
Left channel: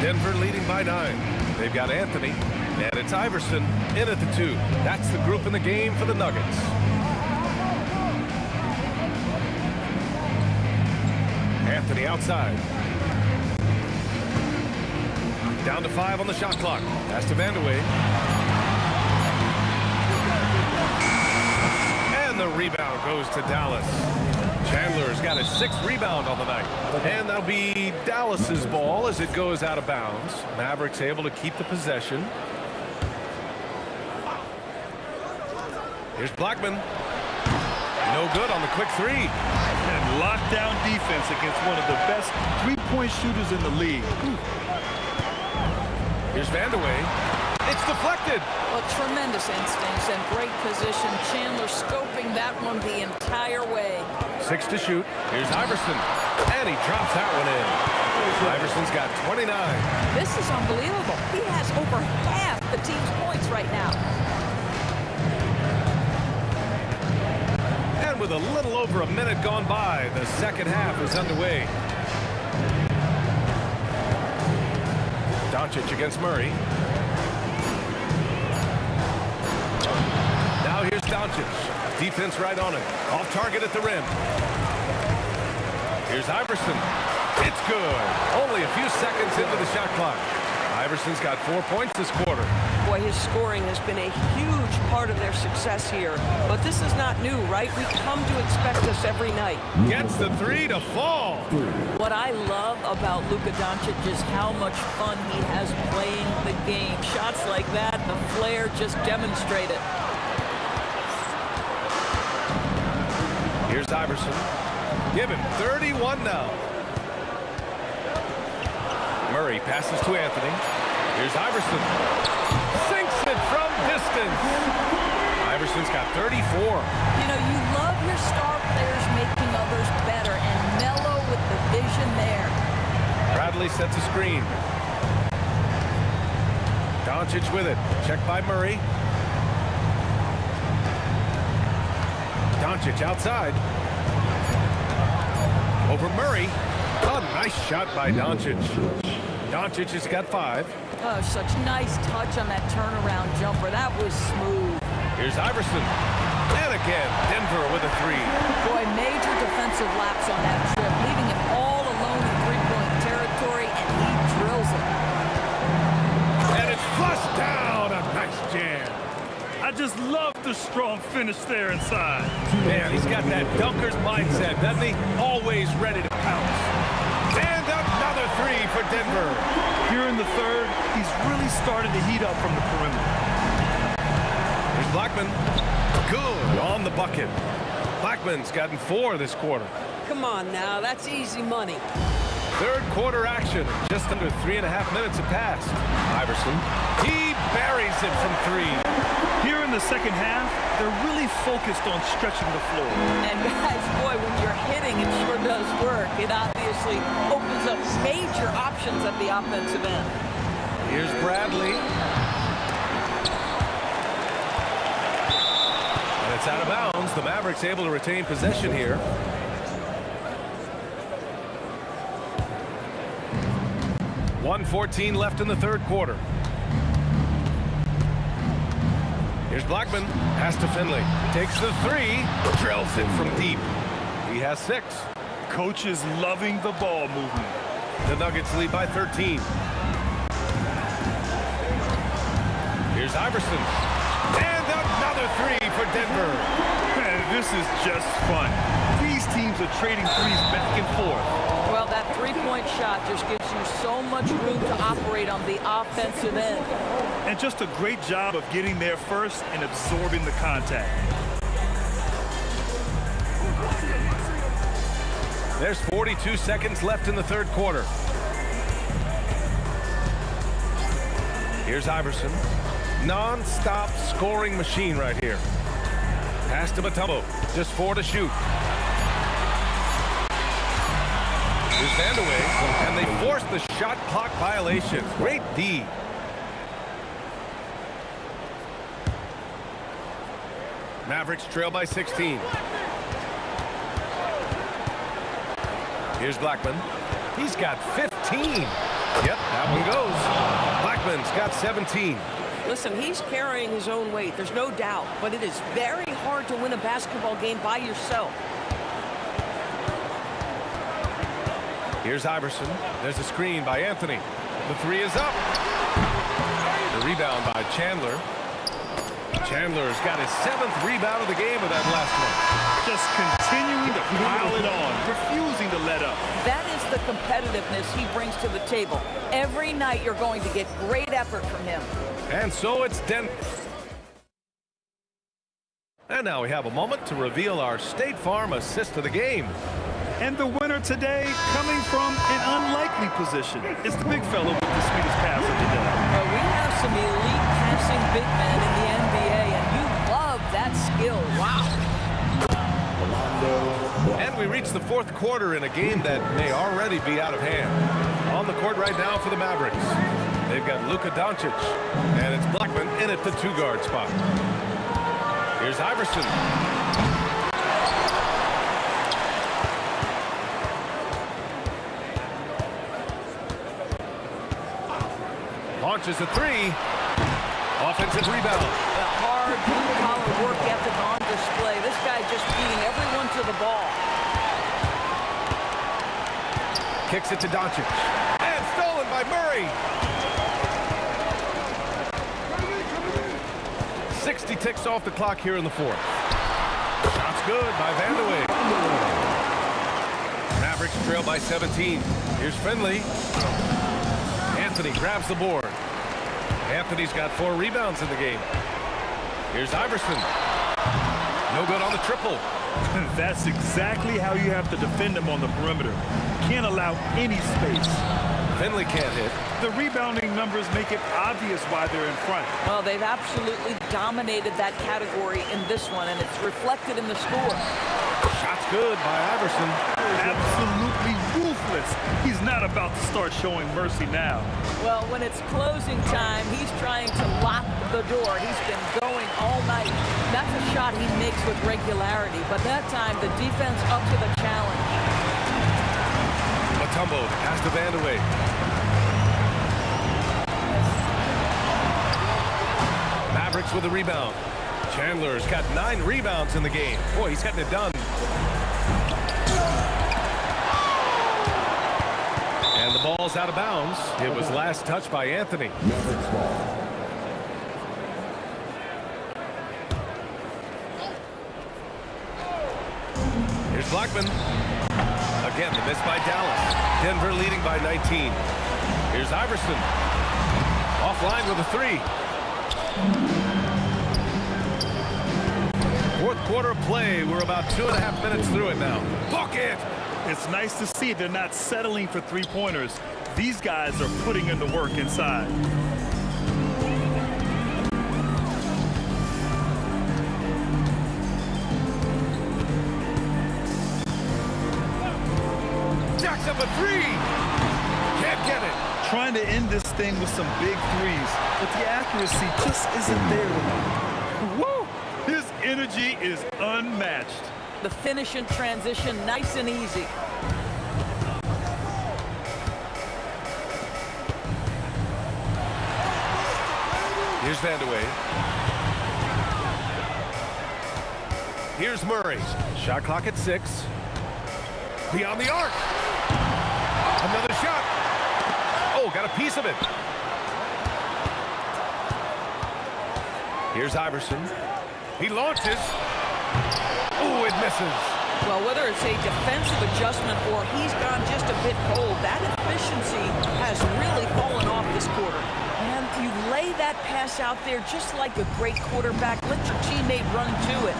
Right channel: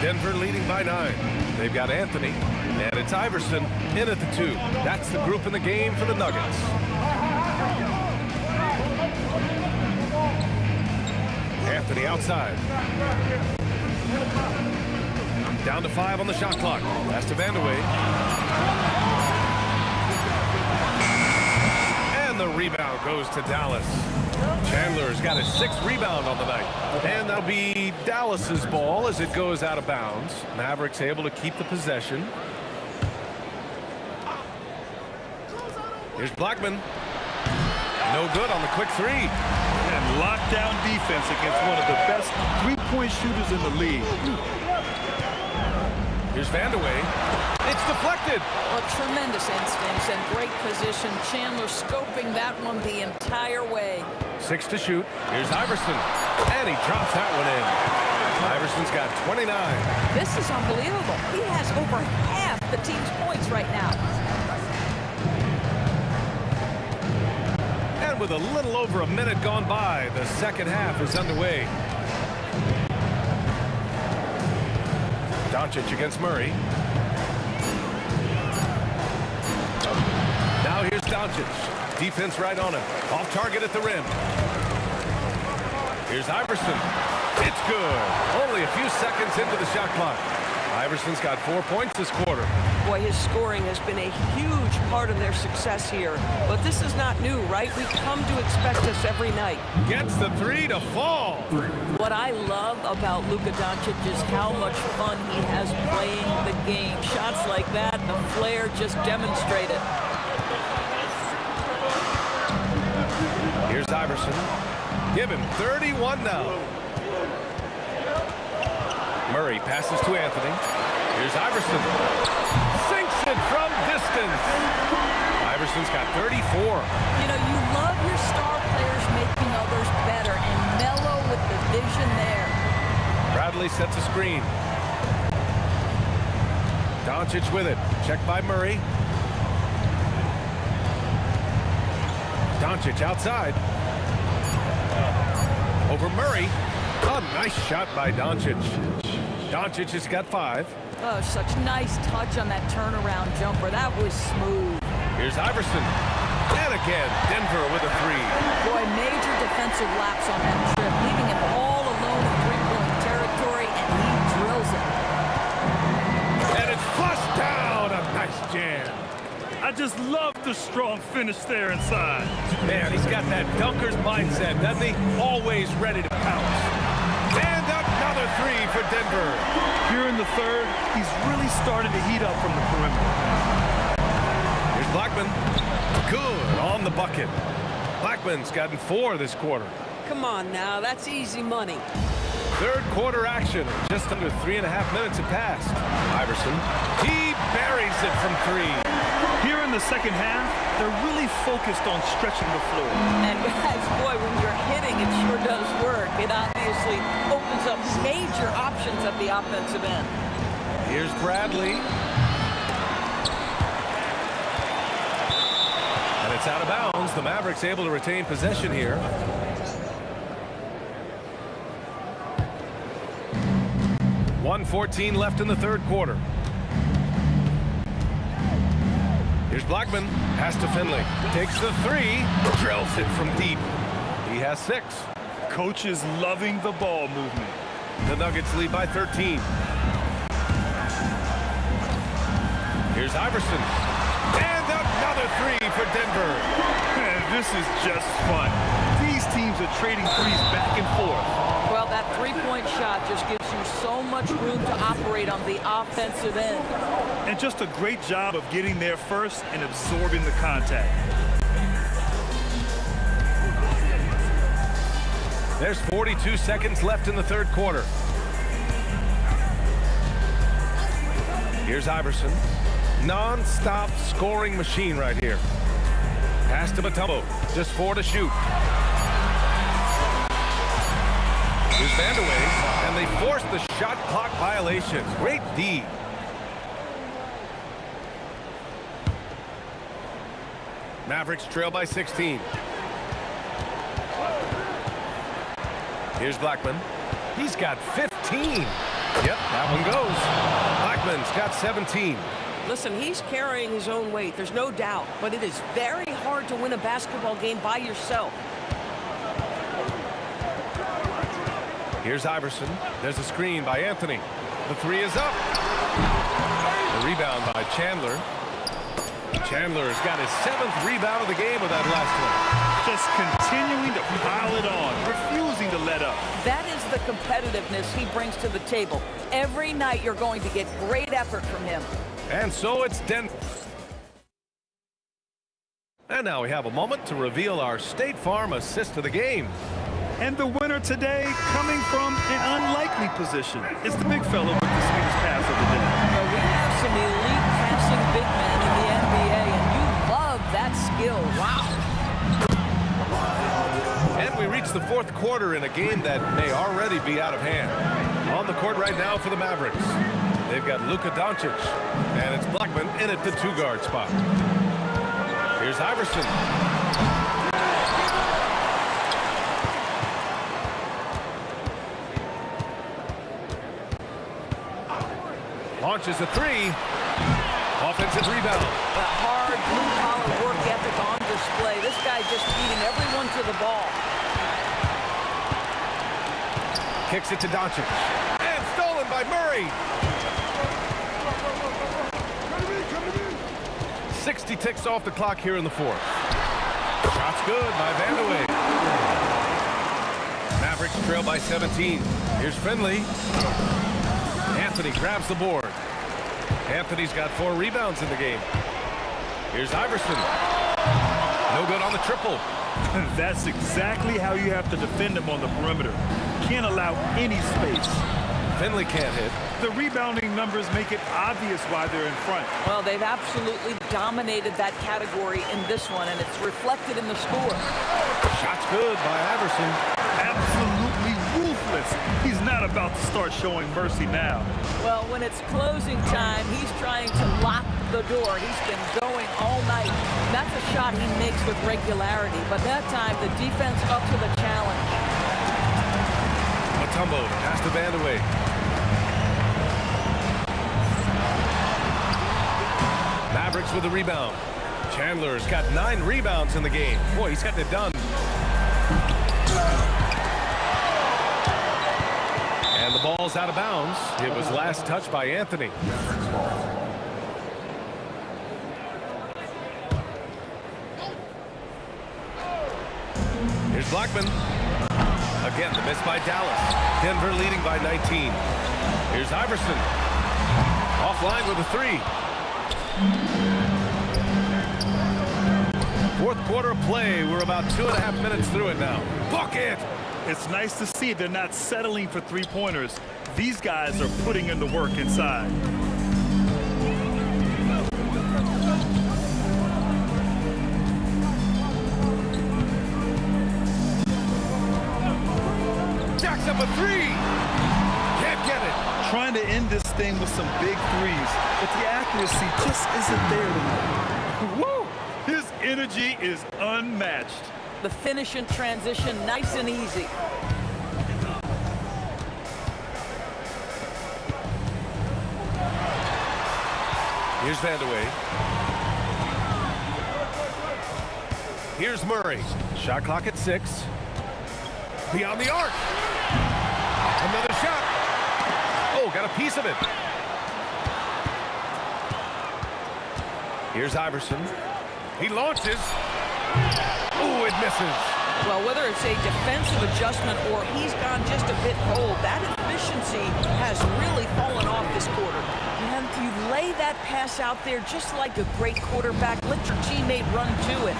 Denver leading by 9. They've got Anthony, and it's Iverson in at the 2. That's the group in the game for the Nuggets. Anthony outside. Down to 5 on the shot clock. Pass to Vandeweghe. And the rebound goes to Dallas. Chandler's got his 6th rebound on the night. And that'll be Dallas's ball as it goes out of bounds. Mavericks able to keep the possession. Here's Blackman. No good on the quick 3. And lockdown defense against one of the best three-point shooters in the league. Here's Vandeweghe. It's deflected. Well, tremendous instincts and great position. Chandler scoping that one the entire way. 6 to shoot. Here's Iverson. And he drops that one in. Iverson's got 29. This is unbelievable. He has over half the team's points right now. And with a little over a minute gone by, the second half is underway. Doncic against Murray. Now here's Doncic. Defense right on him. Off target at the rim. Here's Iverson. It's good. Only a few seconds into the shot clock. Iverson's got 4 points this quarter. Boy, his scoring has been a huge part of their success here. But this is not new, right? We come to expect this every night. Gets the 3 to fall. What I love about Luka Doncic is how much fun he has playing the game. Shots like that, the flair just demonstrated. Here's Iverson. Give him 31 now. Murray passes to Anthony. Here's Iverson. Sinks it from distance. Iverson's got 34. You know, you love your star players making others better, and Melo with the vision there. Bradley sets a screen. Doncic with it. Checked by Murray. Doncic outside. Over Murray. A nice shot by Doncic. Doncic has got 5. Oh, such nice touch on that turnaround jumper. That was smooth. Here's Iverson. And again, Denver with a 3. Boy, major defensive lapse on that trip, leaving him all alone in three-point territory, and he drills it. And it's flushed down. A nice jam. I just love the strong finish there inside. Man, he's got that dunker's mindset, doesn't he? Always ready to pounce. And another 3 for Denver. Here in the third, he's really started to heat up from the perimeter. Here's Blackman. Good on the bucket. Blackman's gotten 4 this quarter. Come on now, that's easy money. Third quarter action. Just under 3.5 minutes have passed. Iverson. He buries it from 3. Here in the second half, they're really focused on stretching the floor. And guys, boy, when you're hitting, it sure does work. It obviously opens up major options at the offensive end. Here's Bradley. And it's out of bounds. The Mavericks able to retain possession here. .114 left in the third quarter. Here's Blackman. Pass to Finley. Takes the 3. Drills it from deep. He has 6. Coach is loving the ball movement. The Nuggets lead by 13. Here's Iverson. And another 3 for Denver. This is just fun. These teams are trading threes back and forth. Well, that three-point shot just gives you so much room to operate on the offensive end. And just a great job of getting there first and absorbing the contact. There's 42 seconds left in the third quarter. Here's Iverson. Non-stop scoring machine right here. Pass to Mutombo. Just 4 to shoot. Here's Vandeweghe, and they force the shot clock violation. Great D. Mavericks trail by 16. Here's Blackman. He's got 15. Yep, that one goes. Blackman's got 17. Listen, he's carrying his own weight, there's no doubt, but it is very hard to win a basketball game by yourself. Here's Iverson. There's a screen by Anthony. The three is up. The rebound by Chandler. Chandler's got his 7th rebound of the game with that last one. Just continuing to pile it on, refusing to let up. That is the competitiveness he brings to the table. Every night you're going to get great effort from him. And so it's Denver. And now we have a moment to reveal our State Farm assist of the game. And the winner today coming from an unlikely position. It's the big fella with the sweetest pass of the day. Well, we have some elite passing big men in the NBA, and you love that skill. Wow. And we reach the fourth quarter in a game that may already be out of hand. On the court right now for the Mavericks. They've got Luka Doncic, and it's Blackman in at the 2-guard spot. Here's Iverson. Launches a 3. Offensive rebound. The hard blue-collar work ethic on display. This guy just beating everyone to the ball. Kicks it to Doncic. And stolen by Murray. 60 ticks off the clock here in the fourth. Shot's good by Vandeweghe. Mavericks trail by 17. Here's Finley. Anthony grabs the board. Anthony's got 4 rebounds in the game. Here's Iverson. No good on the triple. That's exactly how you have to defend him on the perimeter. Can't allow any space. Finley can't hit. The rebounding numbers make it obvious why they're in front. Well, they've absolutely dominated that category in this one, and it's reflected in the score. Shot's good by Iverson. Absolutely ruthless. He's not about to start showing mercy now. Well, when it's closing time, he's trying to lock the door. He's been going all night. That's a shot he makes with regularity, but that time the defense up to the challenge. Mutombo to pass to Vandeweghe. Mavericks with a rebound. Chandler's got 9 rebounds in the game. Boy, he's getting it done. And the ball's out of bounds. It was last touched by Anthony. Here's Blackman. Again, the miss by Dallas. Denver leading by 19. Here's Iverson. Offline with a 3. Fourth quarter of play. We're about 2.5 minutes through it now. Bucket! It's nice to see they're not settling for three-pointers. These guys are putting in the work inside. Jacks up a 3. Can't get it. Trying to end this thing with some big threes, but the accuracy just isn't there tonight. Woo! His energy is unmatched. The finish and transition, nice and easy. Here's Vandeweghe. Here's Murray. Shot clock at 6. Beyond the arc. Another shot. Oh, got a piece of it. Here's Iverson. He launches. Oh, it misses. Well, whether it's a defensive adjustment or he's gone just a bit cold, that efficiency has really fallen off this quarter. Man, you lay that pass out there just like a great quarterback. Let your teammate run to it.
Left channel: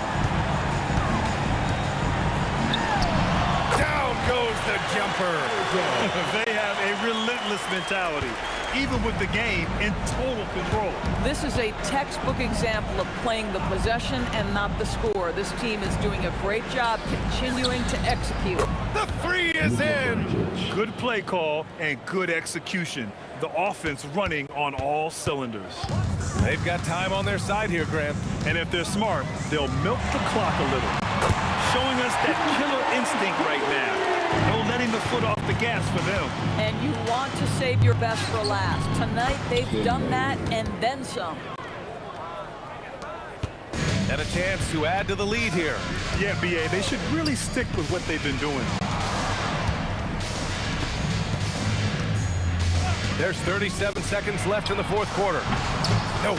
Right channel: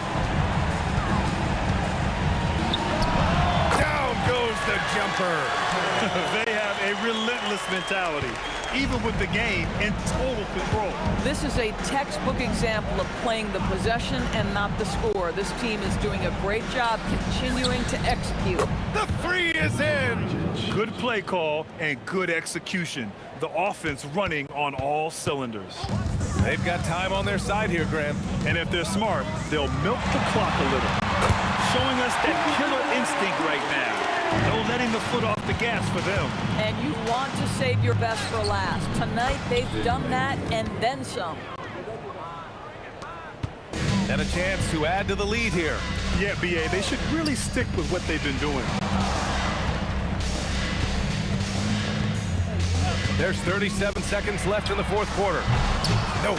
Down goes the jumper. They have a relentless mentality, even with the game in total control. This is a textbook example of playing the possession and not the score. This team is doing a great job continuing to execute. The three is in. Good play call and good execution. The offense running on all cylinders. They've got time on their side here, Grant. And if they're smart, they'll milk the clock a little. Showing us that killer instinct right now. No letting the foot off the gas for them. And you want to save your best for last. Tonight, they've done that and then some. And a chance to add to the lead here. Yeah, B.A., they should really stick with what they've been doing. There's 37 seconds left in the fourth quarter. No.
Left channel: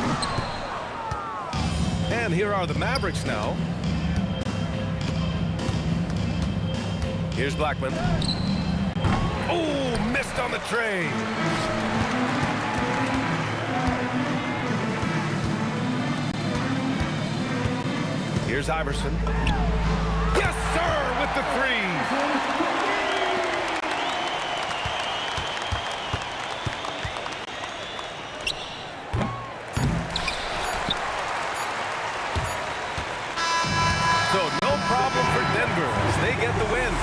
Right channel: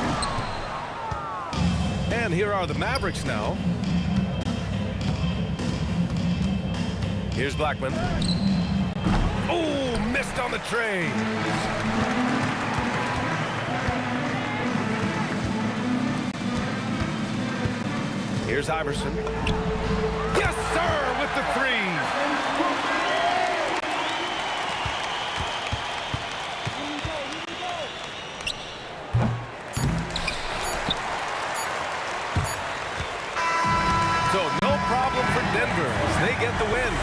And here are the Mavericks now. Here's Blackman. Oh, missed on the tray. Here's Iverson. Yes, sir, with the three. So no problem for Denver as they get the win.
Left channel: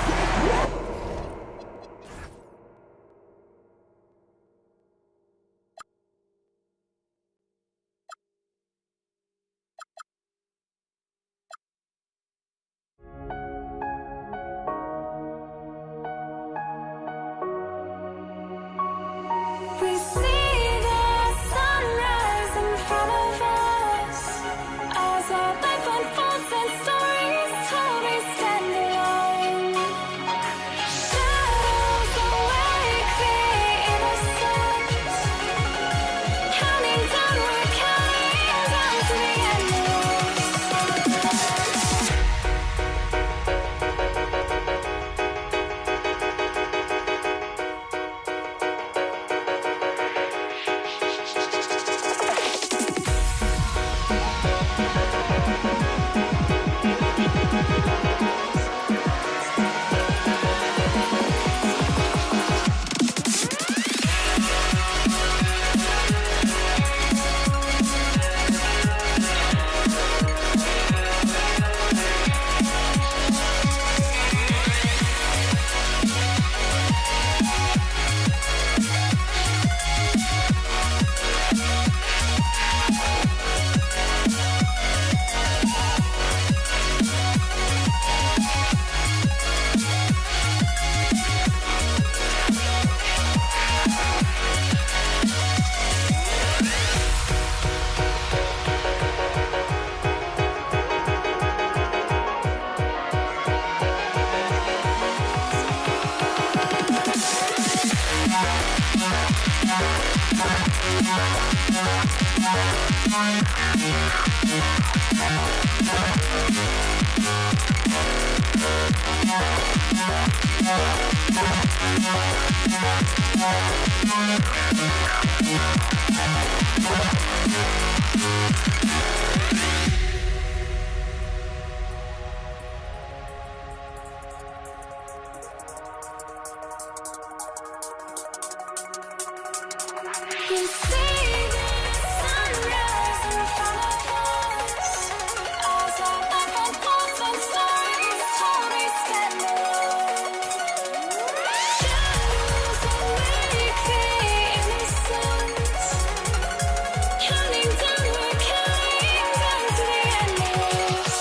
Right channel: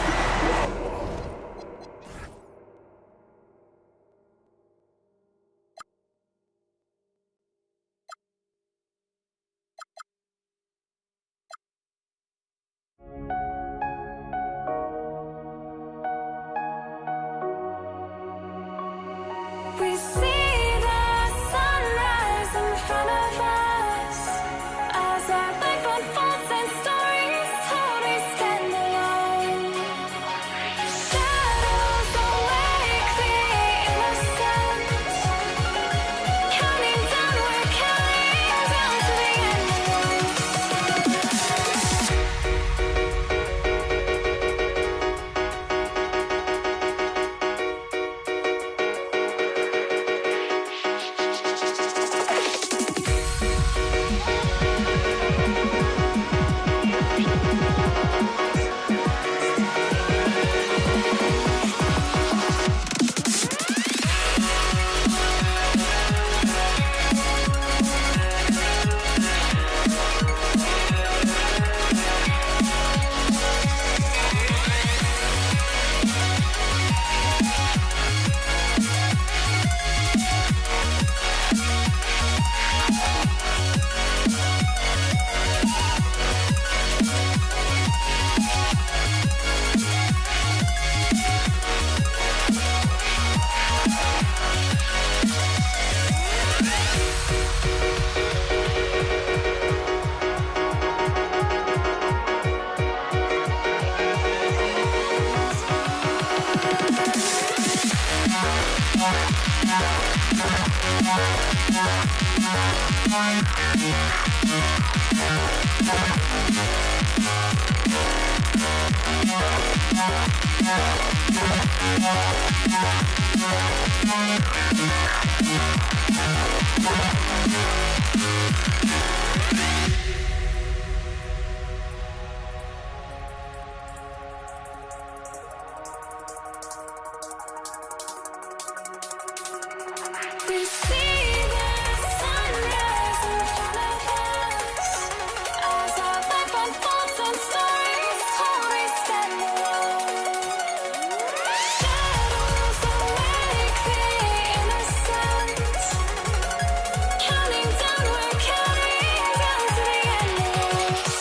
We see the sunrise in front of us as our life unfolds and stories told we stand alone. Shadows awake the innocent, counting down, we're counting down to the We see the sunrise in front of us as our life unfolds and stories told we stand alone. Shadows awake the innocent, counting down, we're counting down to the endless.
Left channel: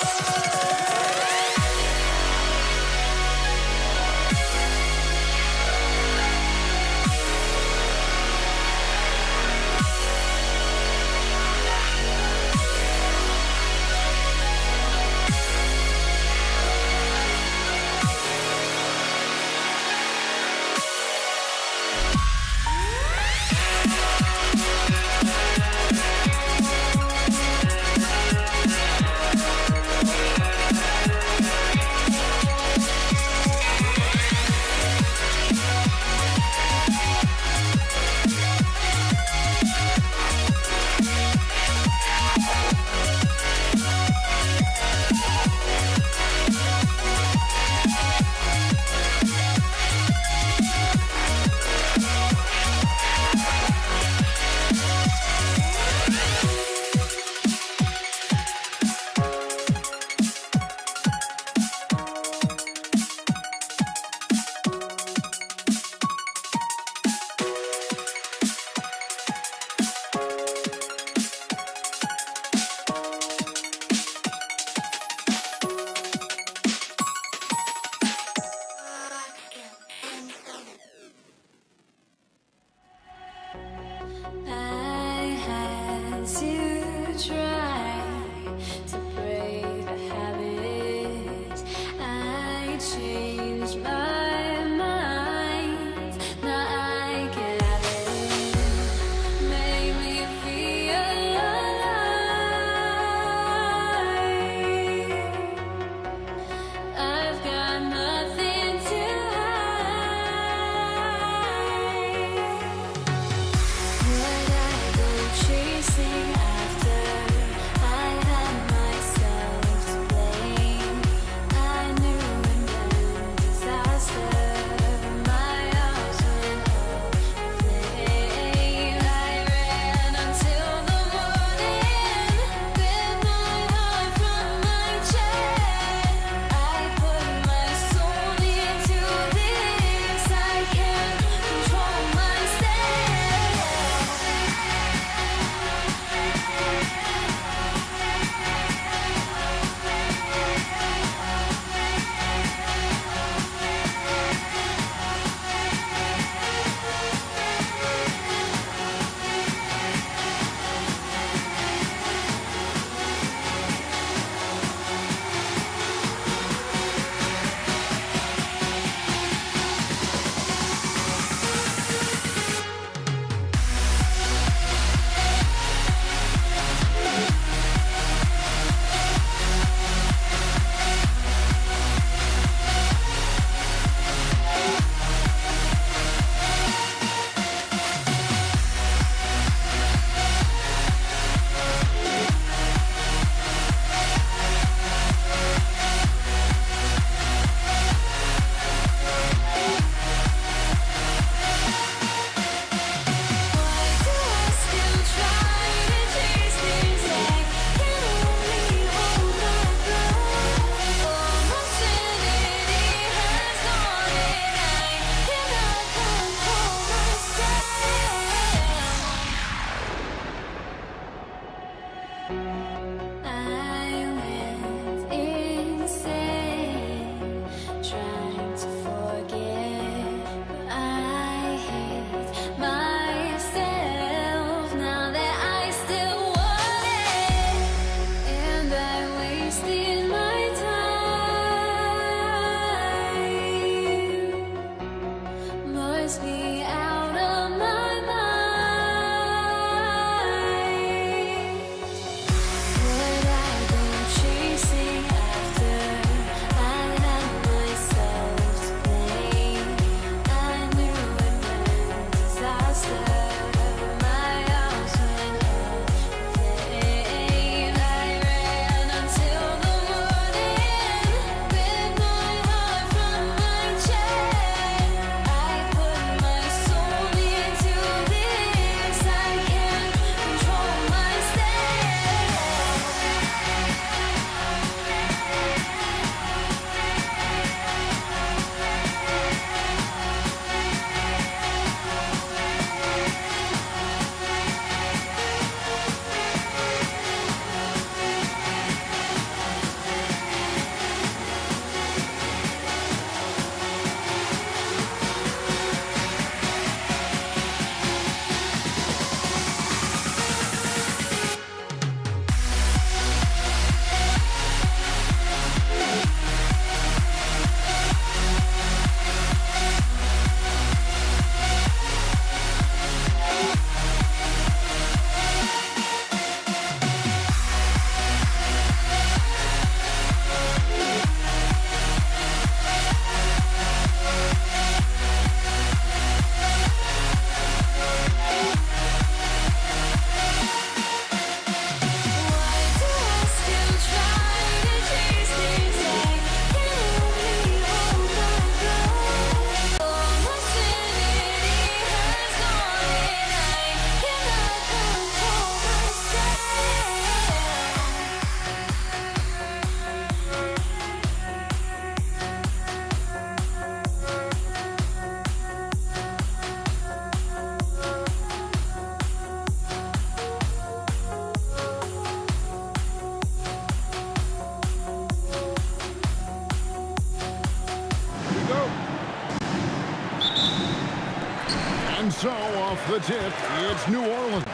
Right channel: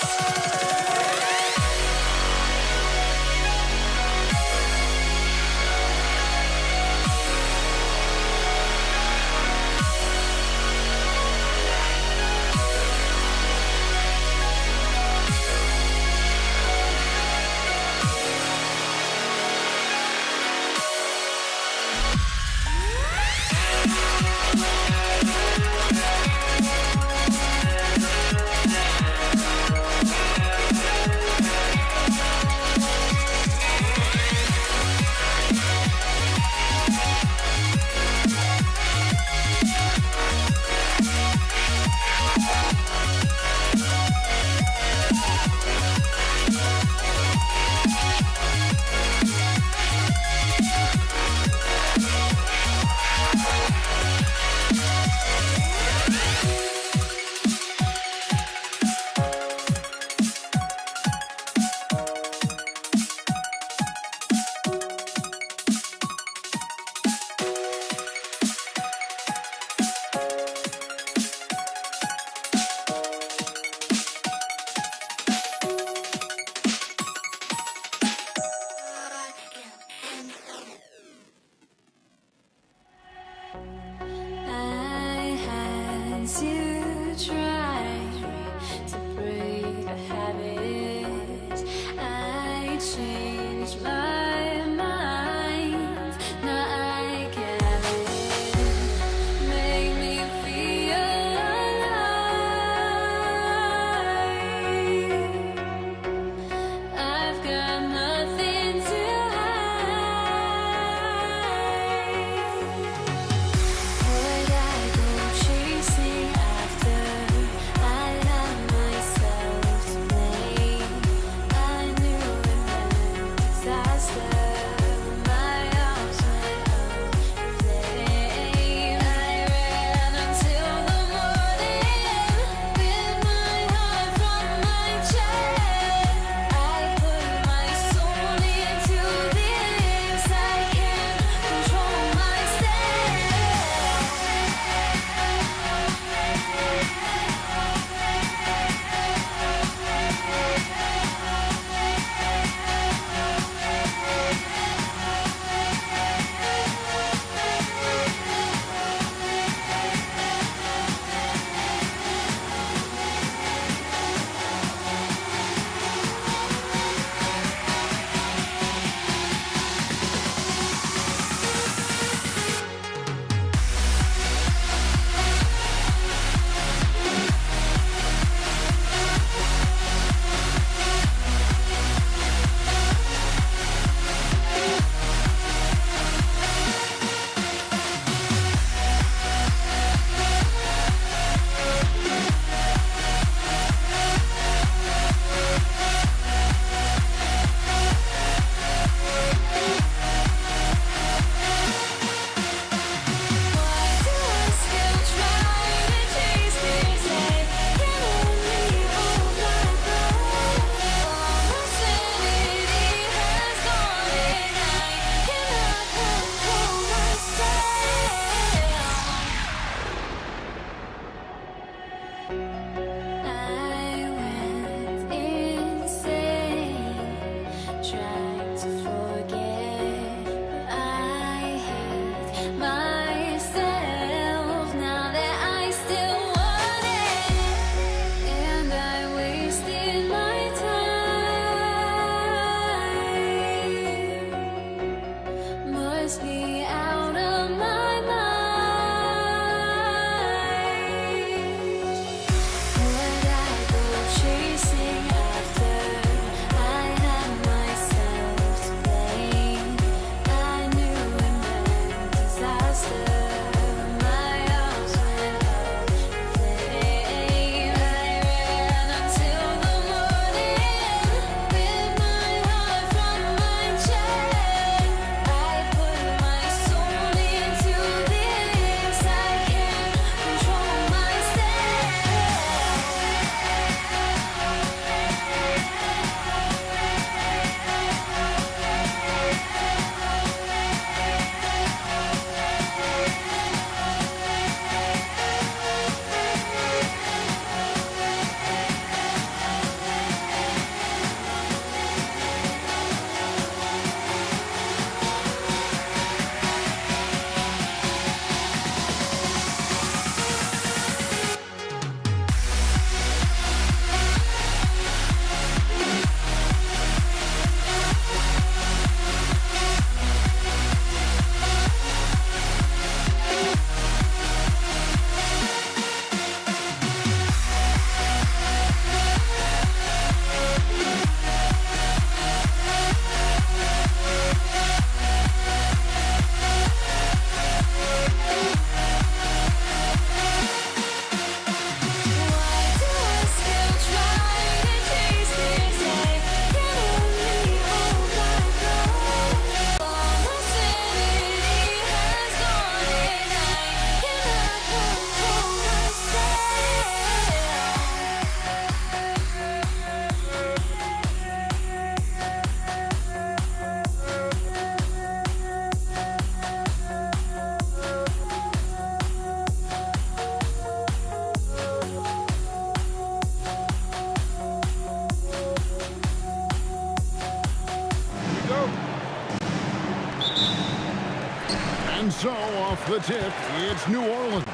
And so off the tip, it's New Orleans.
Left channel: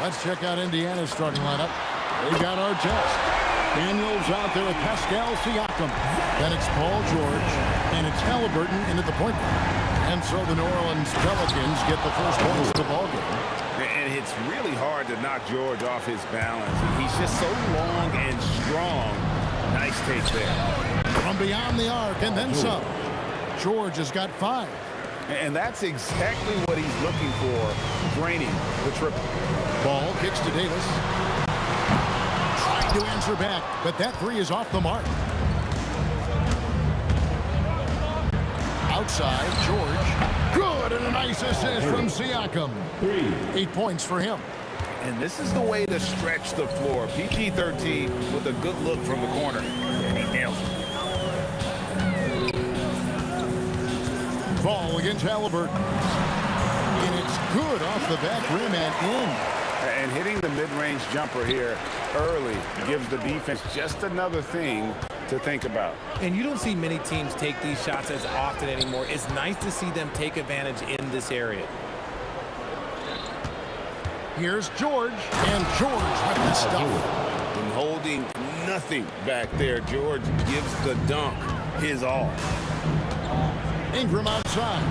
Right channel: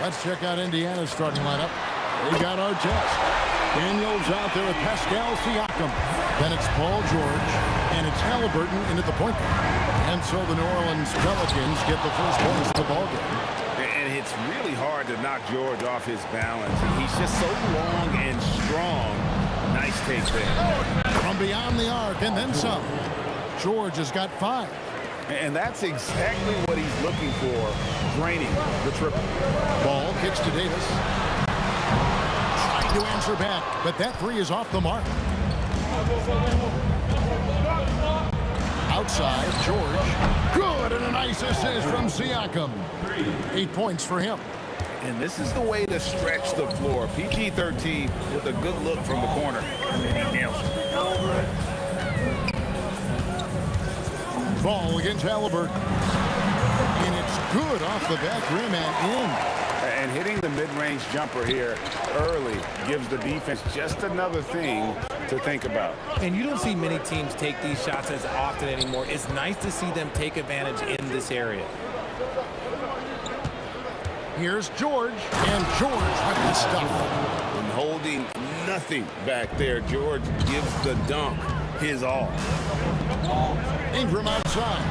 Let's check out Indiana's starting lineup. They got Artest. Daniels out there with Pascal Siakam. Then it's Paul George, and it's Halliburton in at the point guard. And so the New Orleans Pelicans get the first points of the ball game. And it's really hard to knock George off his balance. He's just so long and strong. Nice take there. From beyond the arc and then some. George has got 5. And that's exactly what he's looking for, draining the triple. Ball kicks to Davis. Trying to answer back, but that 3 is off the mark. Outside, George. Good, and a nice assist from Siakam. 8 points for him. And this is the way to stretch the floor. PG-13 with a good look from the corner. And he nails it. Ball against Halliburton. And it's good off the back rim and in. And hitting the mid-range jumper here early gives the defense just another thing to think about. And you don't see many teams take these shots as often anymore. It's nice to see them take advantage in this area. Here's George, and George with the stuff. And holding nothing back there, George gives the dunk his all. Ingram outside.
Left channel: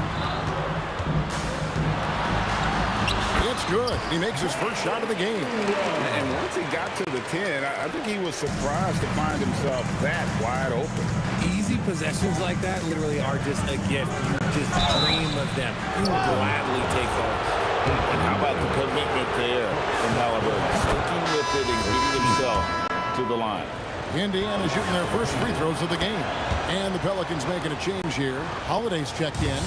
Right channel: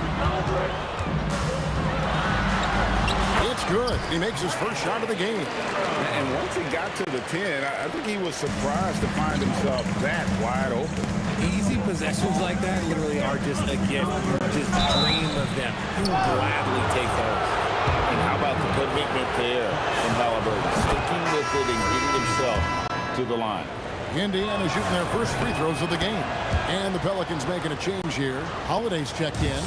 It's good. He makes his first shot of the game. And once he got to the 10, I think he was surprised to find himself that wide open. Easy possessions like that literally are just a gift. You just dream of them. You will gladly take those. And how about the commitment there from Halliburton, sticking with it and getting himself to the line. Indiana shooting their first free throws of the game. And the Pelicans making a change here. Holiday's checked in.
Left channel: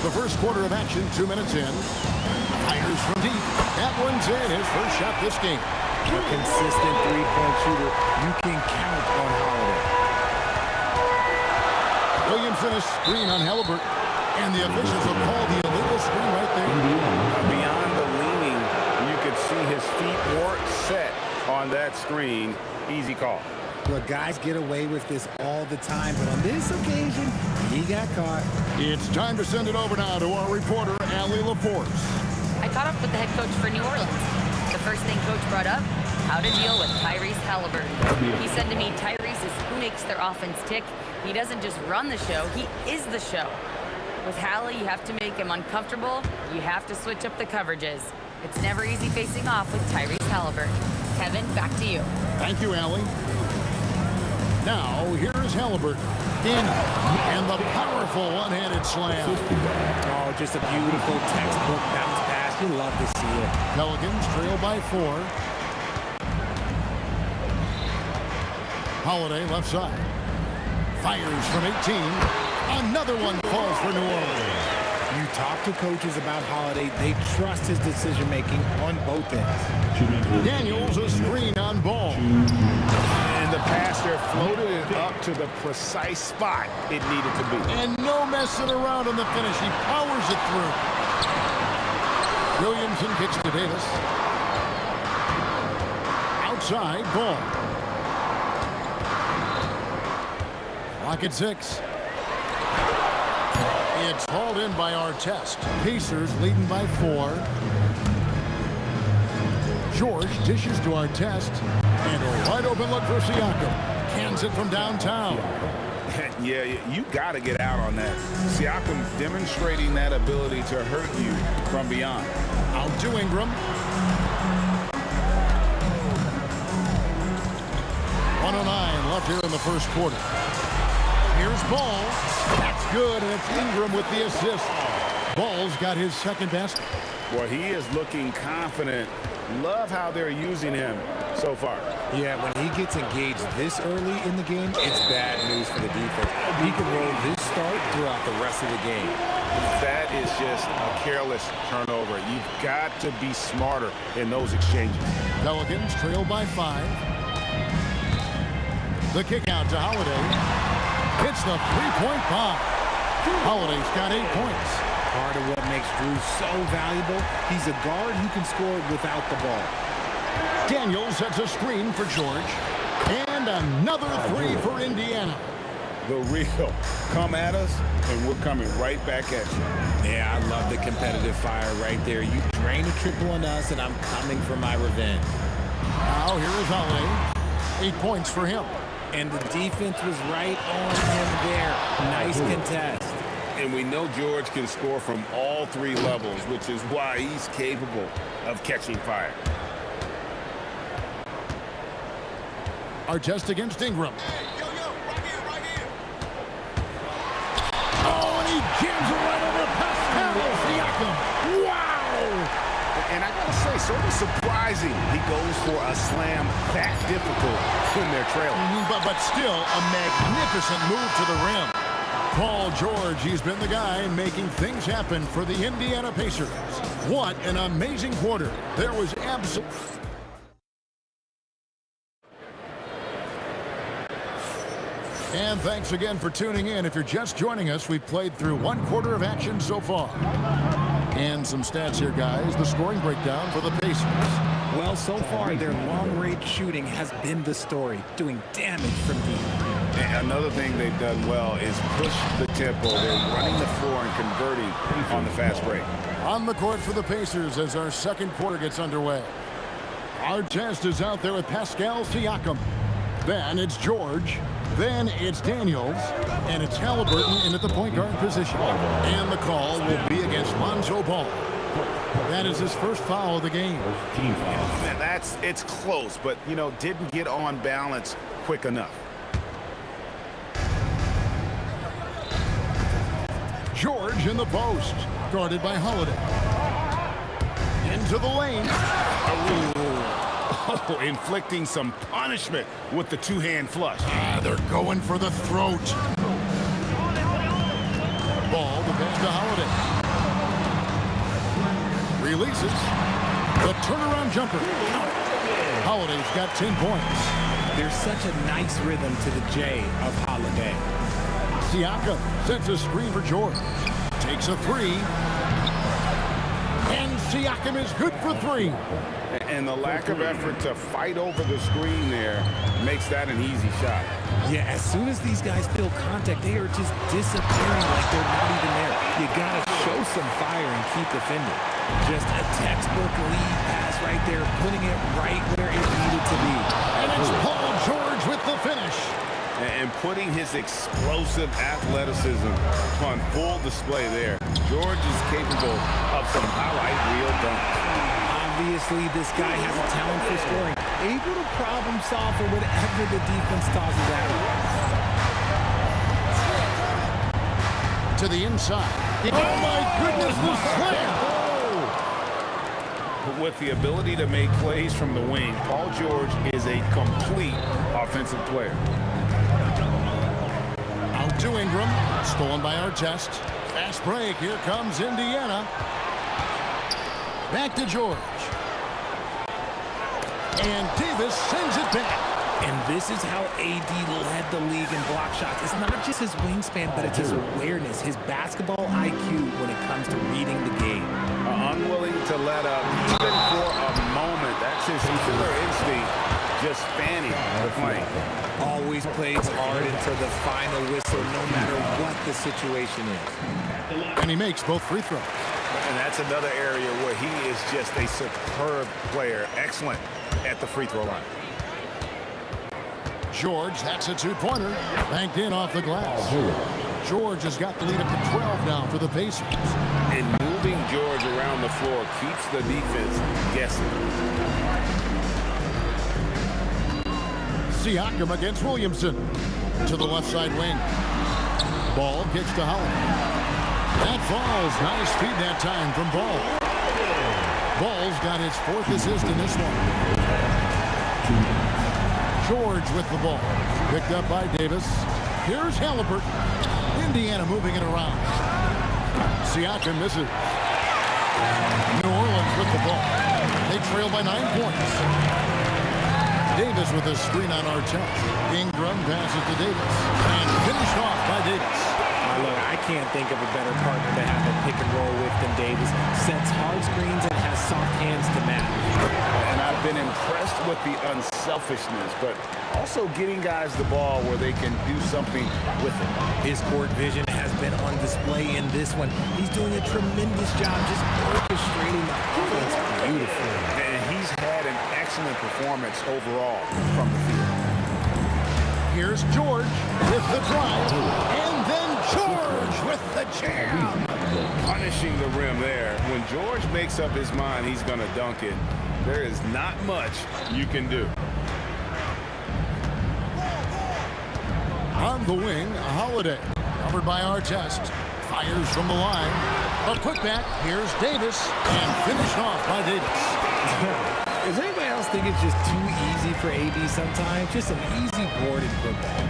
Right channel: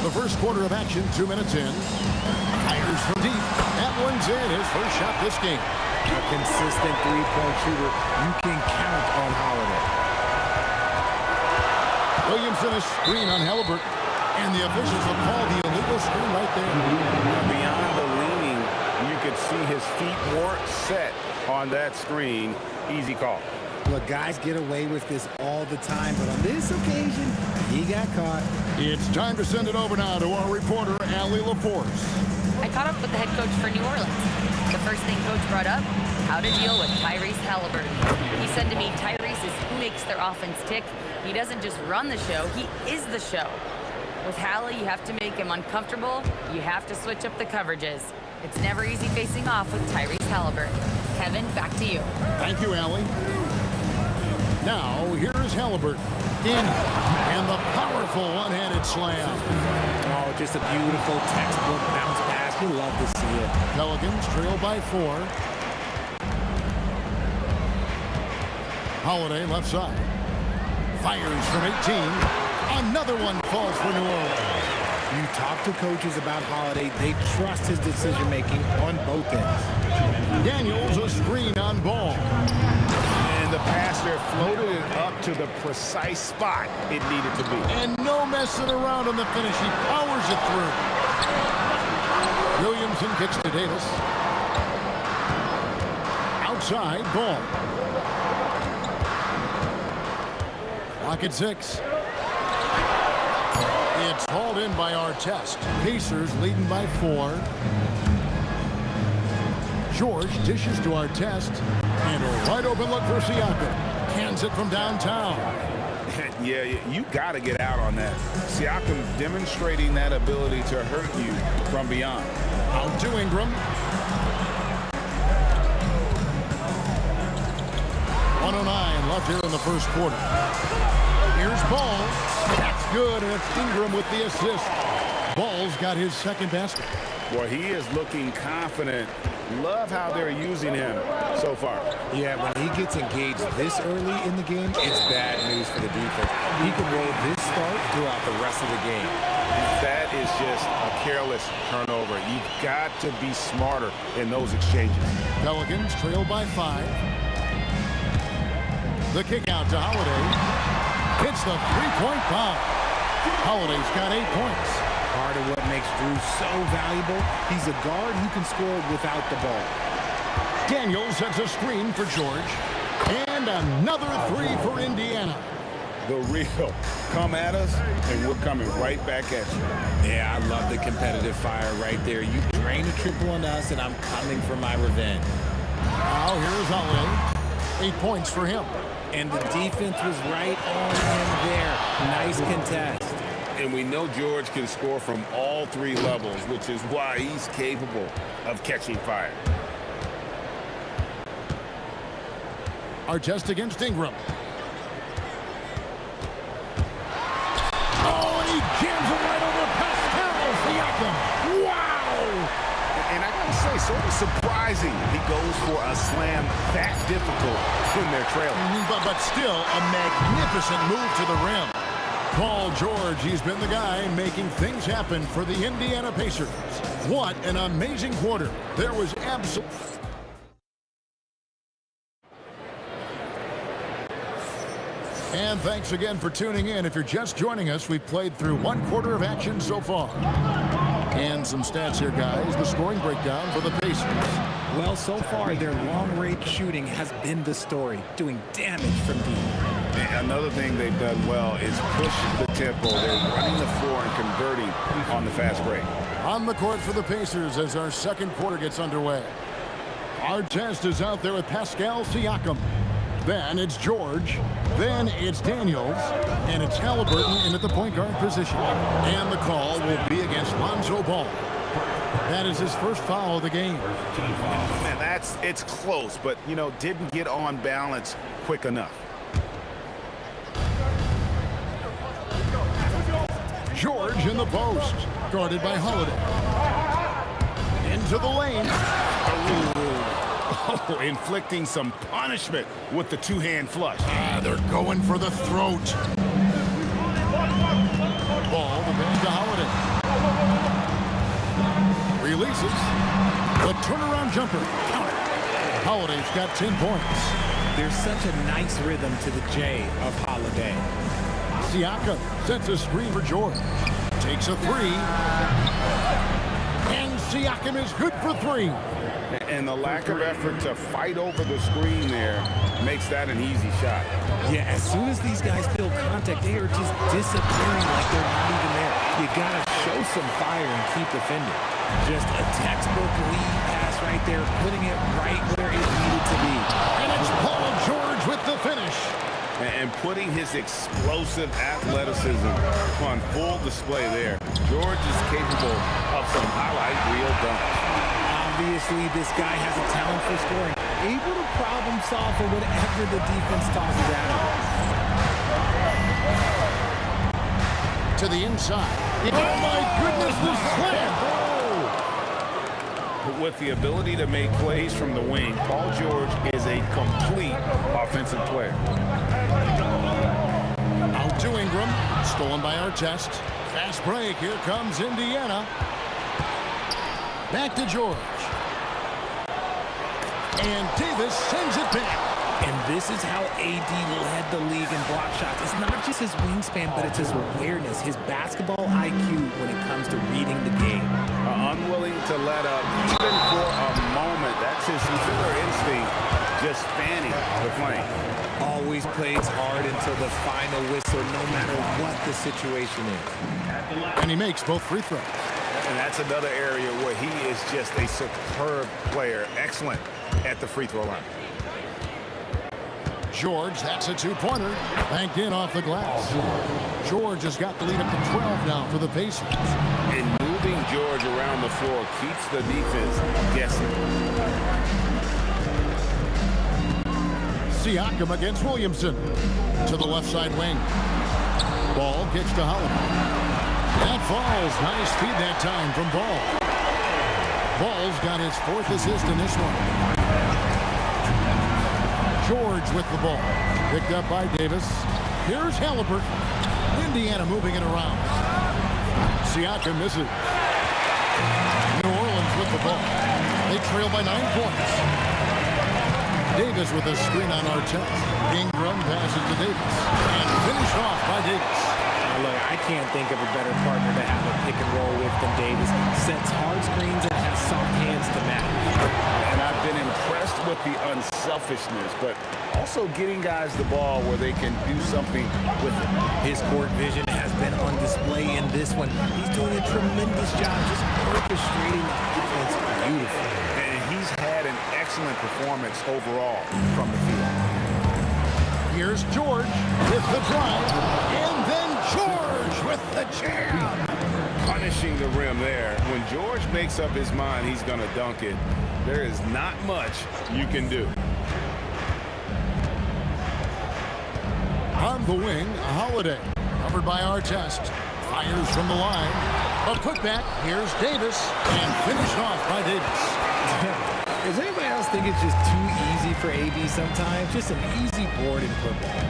The first quarter of action, 2 minutes in. Fires from deep. That one's in. His first shot this game. A consistent three-point shooter. You can count on Holiday. Williamson a screen on Halliburton. And the officials will call the illegal screen right there. Beyond the leaning, you could see his feet weren't set on that screen. Easy call. Look, guys get away with this all the time, but on this occasion, he got caught. It's time to send it over now to our reporter, Allie LaForce. I caught up with the head coach for New Orleans. The first thing coach brought up, how to deal with Tyrese Halliburton. He said to me, Tyrese is who makes their offense tick. He doesn't just run the show, he is the show. With Hallie, you have to make him uncomfortable. You have to switch up the coverages. It's never easy facing off with Tyrese Halliburton. Kevin, back to you. Thank you, Allie. Now, here's Halliburton. And the powerful one-handed slam. Oh, just a beautiful textbook bounce pass. You love to see it. Pelicans trail by 4. Holiday left side. Fires from 18. Another one falls for New Orleans. You talk to coaches about Holiday, they trust his decision-making on both ends. Daniels a screen on Ball. And the pass there floated it up to the precise spot it needed to be. And no messing around on the finish. He powers it through. Williamson kicks to Davis. Outside, Ball. Clock at 6. It's hauled in by Artest. Pacers leading by 4. George dishes to Artest. And a wide open look for Siakam. Cans it from downtown. Yeah, you got to get out on that. Siakam demonstrating that ability to hurt you from beyond. Out to Ingram. 1:09 left here in the first quarter. Here's Ball. That's good, and it's Ingram with the assist. Ball's got his second basket. Boy, he is looking confident. Love how they're using him so far. Yeah, when he gets engaged this early in the game, it's bad news for the defense. He can roll this start throughout the rest of the game. That is just a careless turnover. You've got to be smarter in those exchanges. Pelicans trail by 5. The kick out to Holiday. Hits the three-point bomb. Holiday's got 8 points. Part of what makes Drew so valuable, he's a guard who can score without the ball. Daniels sets a screen for George. And another 3 for Indiana. the real. Come at us, and we're coming right back at you. Yeah, I love the competitive fire right there. You drain a triple on us, and I'm coming for my revenge. Now here is Holiday. 8 points for him. And the defense was right on him there. Nice contest. And we know George can score from all 3 levels, which is why he's capable of catching fire. Artest against Ingram. Oh, and he jams it right over Pascal Siakam. Wow! And I gotta say, sort of surprising he goes for a slam that difficult when they're trailing. But still a magnificent move to the rim. Paul George, he's been the guy making things happen for the Indiana Pacers. What an amazing quarter. There was absolute... And thanks again for tuning in. If you're just joining us, we've played through 1 quarter of action so far. And some stats here, guys. The scoring breakdown for the Pacers. Well, so far, their long-range shooting has been the story, doing damage from deep. And another thing they've done well is push the tempo. They're running the floor and converting on the fast break. On the court for the Pacers as our second quarter gets underway. Artest is out there with Pascal Siakam. Then it's George. Then it's Daniels. And it's Halliburton in at the point guard position. And the call will be against Lonzo Ball. That is his first foul of the game. Man, it's close, but, you know, didn't get on balance quick enough. George in the post, guarded by Holiday. Into the lane. Oh, inflicting some punishment with the 2-hand flush. They're going for the throat. Ball, the pass to Holiday. Releases. The turnaround jumper. Count it. Holiday's got 10 points. There's such a nice rhythm to the J of Holiday. Siakam sets a screen for George. Takes a 3. And Siakam is good for 3. And the lack of effort to fight over the screen there makes that an easy shot. Yeah, as soon as these guys feel contact, they are just disappearing like they're not even there. You got to show some fire and keep defending. Just a textbook lead pass right there, putting it right where it needed to be. And it's Paul George with the finish. And putting his explosive athleticism on full display there. George is capable of some highlight reel dunks. Obviously, this guy has a talent for scoring, able to problem solve for whatever the defense tosses at him. To the inside. Oh, my goodness, the slam! With the ability to make plays from the wing, Paul George is a complete offensive player. Out to Ingram. Stolen by Artest. Fast break. Here comes Indiana. Back to George. And Davis sends it back. And this is how AD led the league in block shots. It's not just his wingspan, but it's his awareness, his basketball IQ when it comes to reading the game. Unwilling to let up even for a moment. That's his killer instinct, just fanning the flank. Always plays hard until the final whistle, no matter what the situation is. And he makes both free throws. And that's another area where he is just a superb player. Excellent at the free throw line. George, that's a 2-pointer. Banked in off the glass. George has got the lead up to 12 now for the Pacers. And moving George around the floor keeps the defense guessing. Siakam against Williamson. To the left side wing. Ball kicks to Holiday. That falls. Nice feed that time from Ball. Ball's got his 4th assist in this one. George with the ball. Picked up by Davis. Here's Halliburton. Indiana moving it around. Siakam misses. New Orleans with the ball. They trail by 9 points. Davis with a screen on Artest. Ingram passes to Davis. And finished off by Davis. Look, I can't think of a better partner to have a pick and roll with than Davis. Sets hard screens and has soft hands to match. And I've been impressed with the unselfishness, but also getting guys the ball where they can do something with it. His court vision has been on display in this one. He's doing a tremendous job just orchestrating the offense beautifully. And he's had an excellent performance overall from the field. Here's George with the drive, and then George with the jam. Punishing the rim there. When George makes up his mind he's going to dunk it, there is not much you can do. On the wing, Holiday, covered by Artest, fires from the line. A putback, here's Davis, and finished off by Davis. Does anybody else think it's just too easy for AB sometimes? Just an easy board and putback.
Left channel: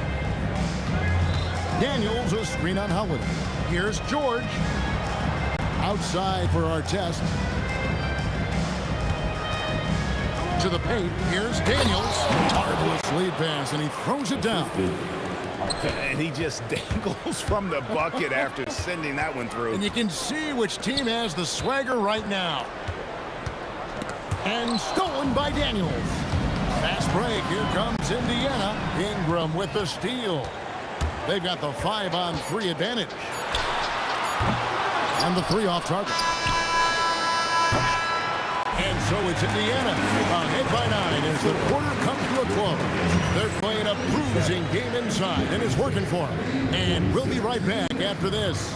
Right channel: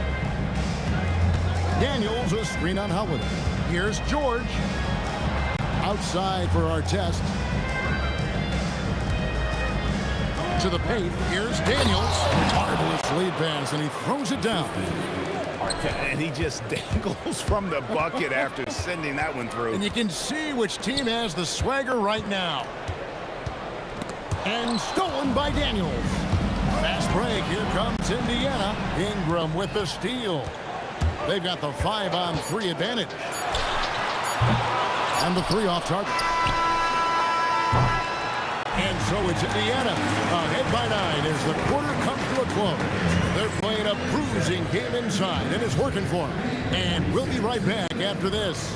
Daniels, a screen on Holiday. Here's George. Outside for Artest. To the paint, here's Daniels. Marvelous lead pass, and he throws it down. And he just dangles from the bucket after sending that one through. And you can see which team has the swagger right now. And stolen by Daniels. Fast break. Here comes Indiana. Ingram with the steal. They've got the 5-on-3 advantage. And the 3 off target. And so it's Indiana ahead by 9 as the quarter comes to a close. They're playing a bruising game inside, and it's working for them. And we'll be right back after this.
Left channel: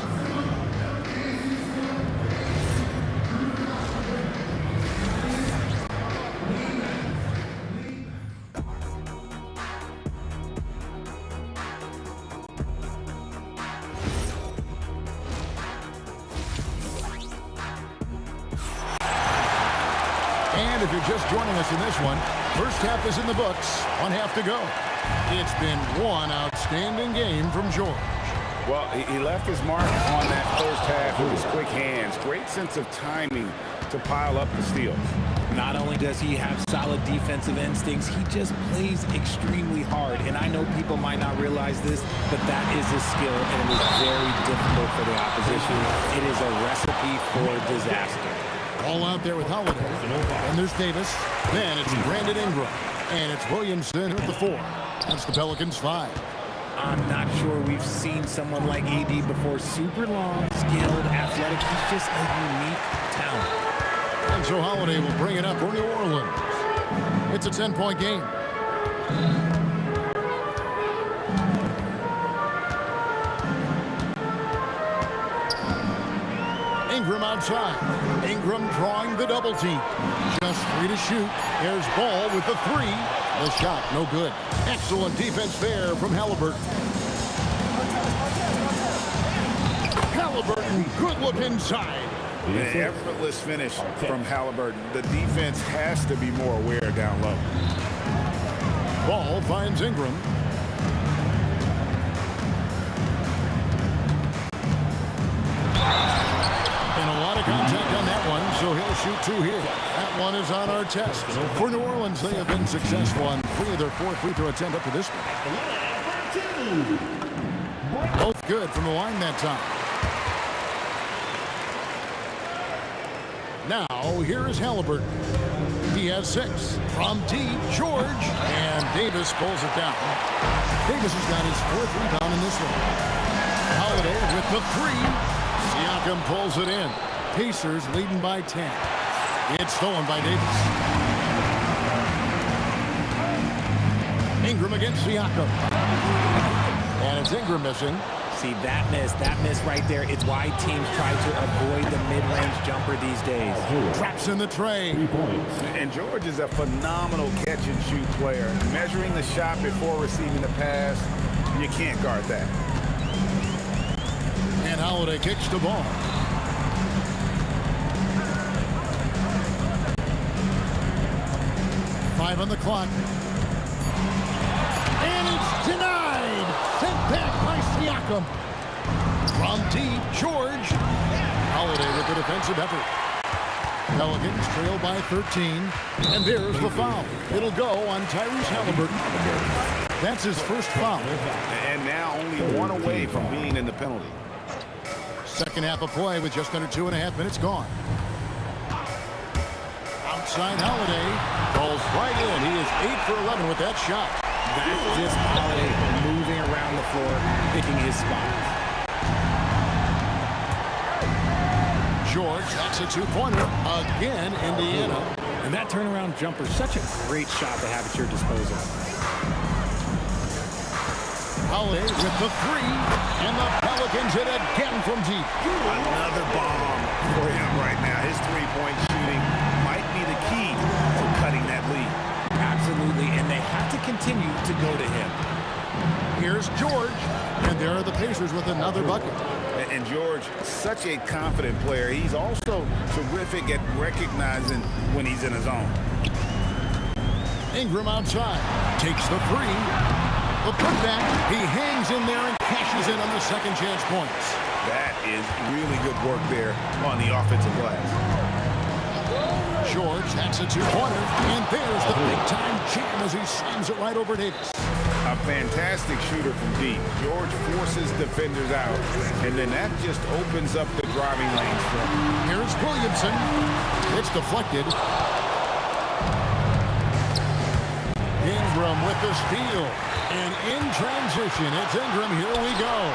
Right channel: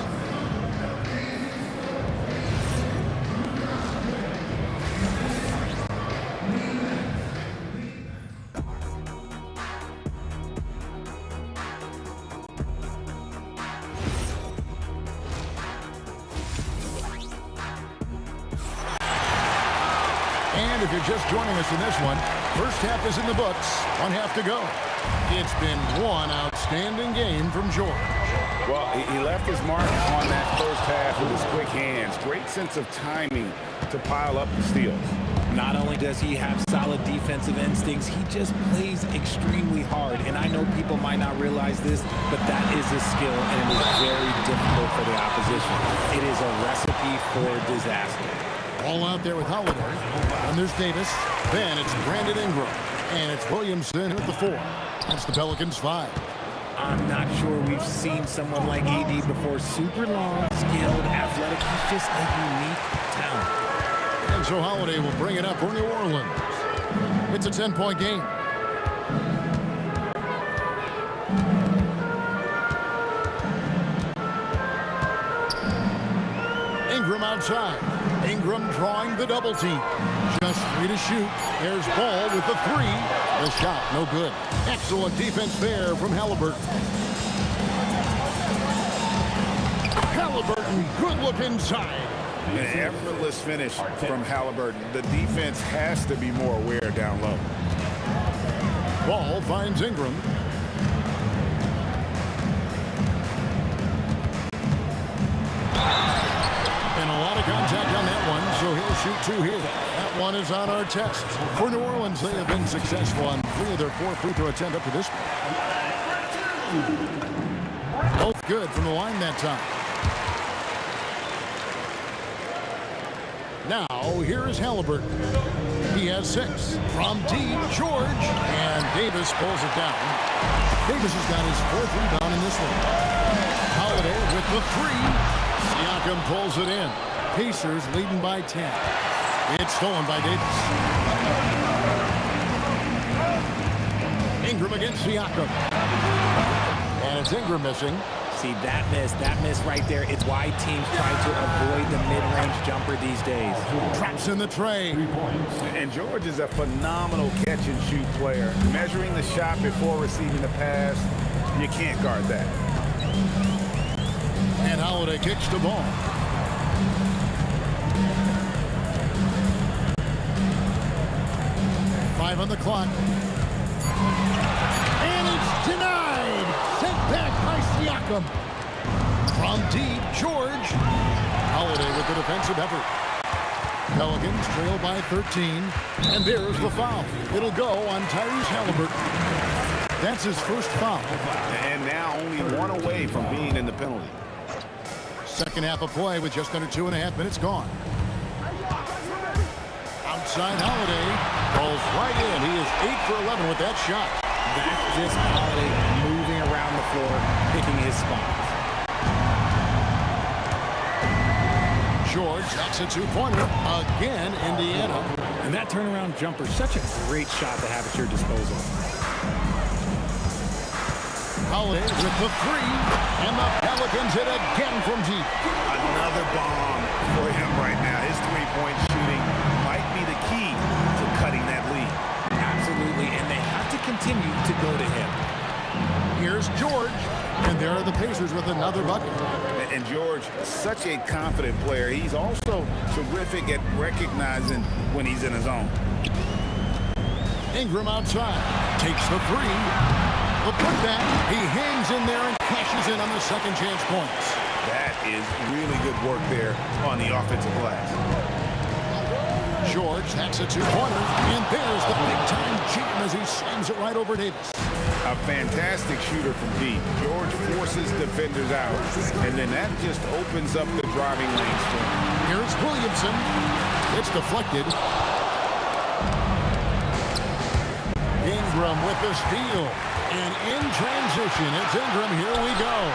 And if you're just joining us in this one, first half is in the books, 1 half to go. It's been one outstanding game from George. Well, he left his mark on that first half with his quick hands. Great sense of timing to pile up the steals. Not only does he have solid defensive instincts, he just plays extremely hard. And I know people might not realize this, but that is a skill, and it is very difficult for the opposition. It is a recipe for disaster. All out there with Holiday. And there's Davis. Then it's Brandon Ingram. And it's Williamson with the 4. That's the Pelicans 5. I'm not sure we've seen someone like AD before. Super long, skilled, athletic. He's just a unique talent. And so Holiday will bring it up for New Orleans. It's a 10-point game. Ingram outside. Ingram drawing the double team. Just 3 to shoot. There's Ball with the 3. The shot, no good. Excellent defense there from Halliburton. Halliburton, good look inside. An effortless finish from Halliburton. The defense has to be more aware down low. Ball finds Ingram. And a lot of contact on that one, so he'll shoot 2 here. That one is on our test. For New Orleans, they have been successful on 3 of their 4 free throw attempts up to this one. Both good from the line that time. Now, here is Halliburton. He has 6. From deep, George. And Davis pulls it down. Davis has got his 4th rebound in this one. Holiday with the 3. Siakam pulls it in. Pacers leading by 10. It's stolen by Davis. Ingram against Siakam. And it's Ingram missing. See, that miss right there, it's why teams try to avoid the mid-range jumper these days. Traps in the tray. And George is a phenomenal catch-and-shoot player. Measuring the shot before receiving the pass, you can't guard that. And Holiday kicks the ball. Five on the clock. And it's denied. Sent back by Siakam. From deep, George. Holiday with the defensive effort. Pelicans trail by 13. And there's the foul. It'll go on Tyrese Halliburton. That's his first foul. And now only one away from being in the penalty. Second half of play with just under 2.5 minutes gone. Outside Holiday. Falls right in. He is 8 for 11 with that shot. That's just Holiday moving around the floor, picking his spots. George, that's a two-pointer. Again, Indiana. And that turnaround jumper, such a great shot to have at your disposal. Holiday with the three, and the Pelicans hit again from deep. Another bomb for him right now. His three-point shooting might be the key to cutting that lead. Absolutely, and they have to continue to go to him. Here's George, and there are the Pacers with another bucket. And George, such a confident player. He's also terrific at recognizing when he's in his zone. Ingram outside, takes the three. The putback, he hangs in there and cashes in on the second chance points. That is really good work there on the offensive glass. George, that's a two-pointer, and there's the big-time jam as he slams it right over Davis. A fantastic shooter from deep. George forces defenders out, and then that just opens up the driving lanes for him. Here's Williamson. It's deflected. Ingram with the steal. And in transition, it's Ingram. Here we go.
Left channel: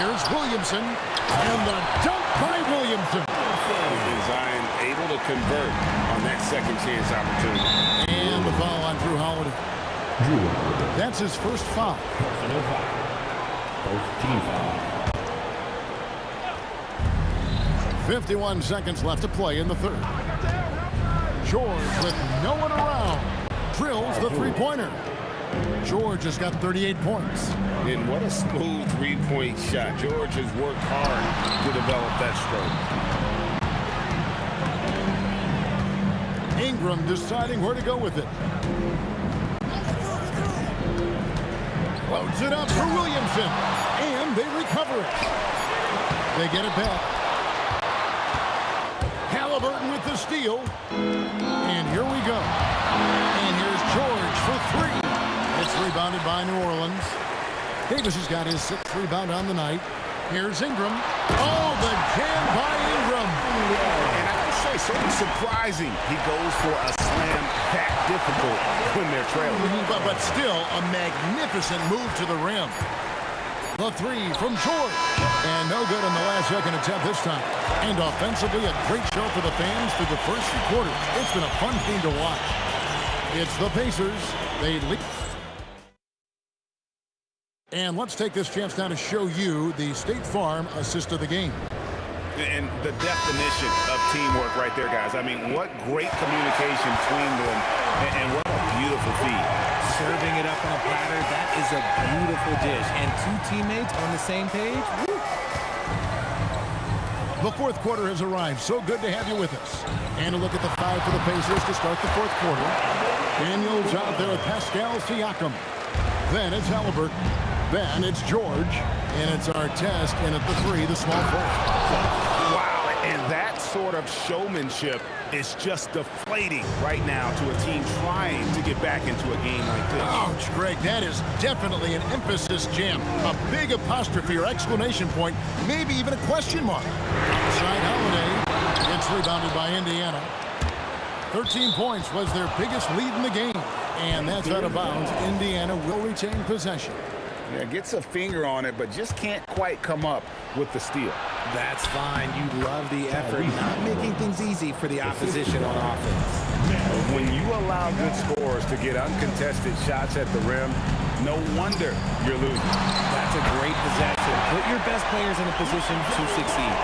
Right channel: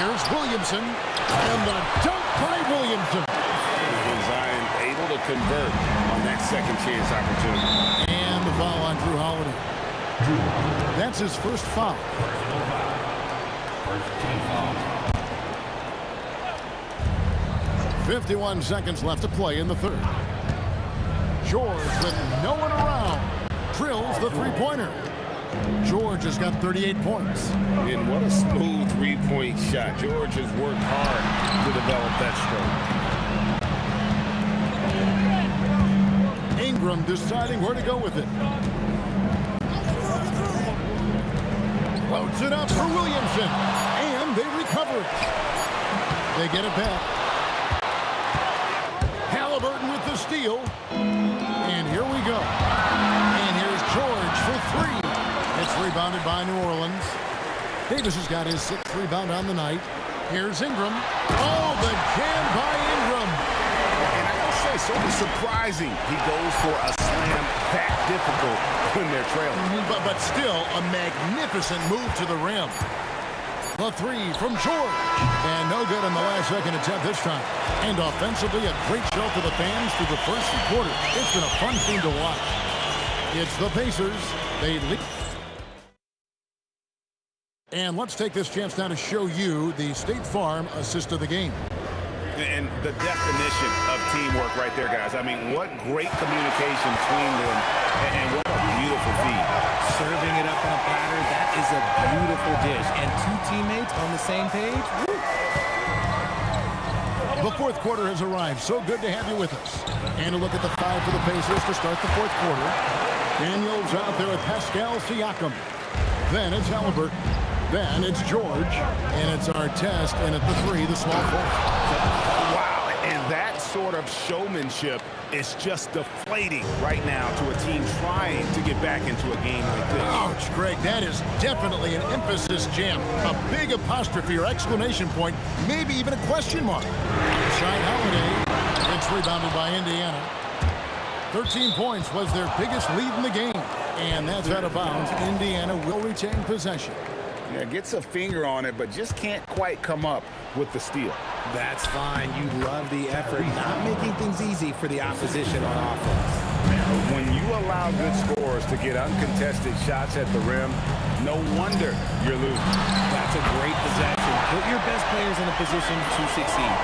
Here's Williamson. And the dunk by Williamson. Zion able to convert on that second chance opportunity. And the foul on Drew Holiday. That's his first foul. Personal foul. First team foul. 51 seconds left to play in the third. George with no one around. Drills the three-pointer. George has got 38 points. And what a smooth three-point shot. George has worked hard to develop that stroke. Ingram deciding where to go with it. Floats it up for Williamson. And they recover it. They get it back. Halliburton with the steal. And here we go. And here's George for three. It's rebounded by New Orleans. Davis has got his sixth rebound on the night. Here's Ingram. Oh, the jam by Ingram. And I gotta say, sort of surprising he goes for a slam that difficult when they're trailing. But still, a magnificent move to the rim. The three from George. And no good on the last second attempt this time. And offensively, a great show for the fans through the first three quarters. It's been a fun team to watch. It's the Pacers. They lead. And let's take this chance now to show you the State Farm assist of the game. And the definition of teamwork right there, guys. I mean, what great communication between them, and what a beautiful feed. Serving it up on a platter, that is a beautiful dish. And two teammates on the same page. Woo. The fourth quarter has arrived. So good to have you with us. And a look at the five for the Pacers to start the fourth quarter. Daniels out there with Pascal Siakam. Then it's Halliburton. Then it's George. And it's Artest in at the three, the small forward. Wow, and that sort of showmanship is just deflating right now to a team trying to get back into a game like this. Ouch, Greg, that is definitely an emphasis jam. A big apostrophe or exclamation point, maybe even a question mark. Outside Holiday, it's rebounded by Indiana. 13 points was their biggest lead in the game. And that's out of bounds. Indiana will retain possession. Yeah, gets a finger on it, but just can't quite come up with the steal. That's fine. You love the effort, not making things easy for the opposition on offense. When you allow good scorers to get uncontested shots at the rim, no wonder you're losing. That's a great possession. Put your best players in a position to succeed.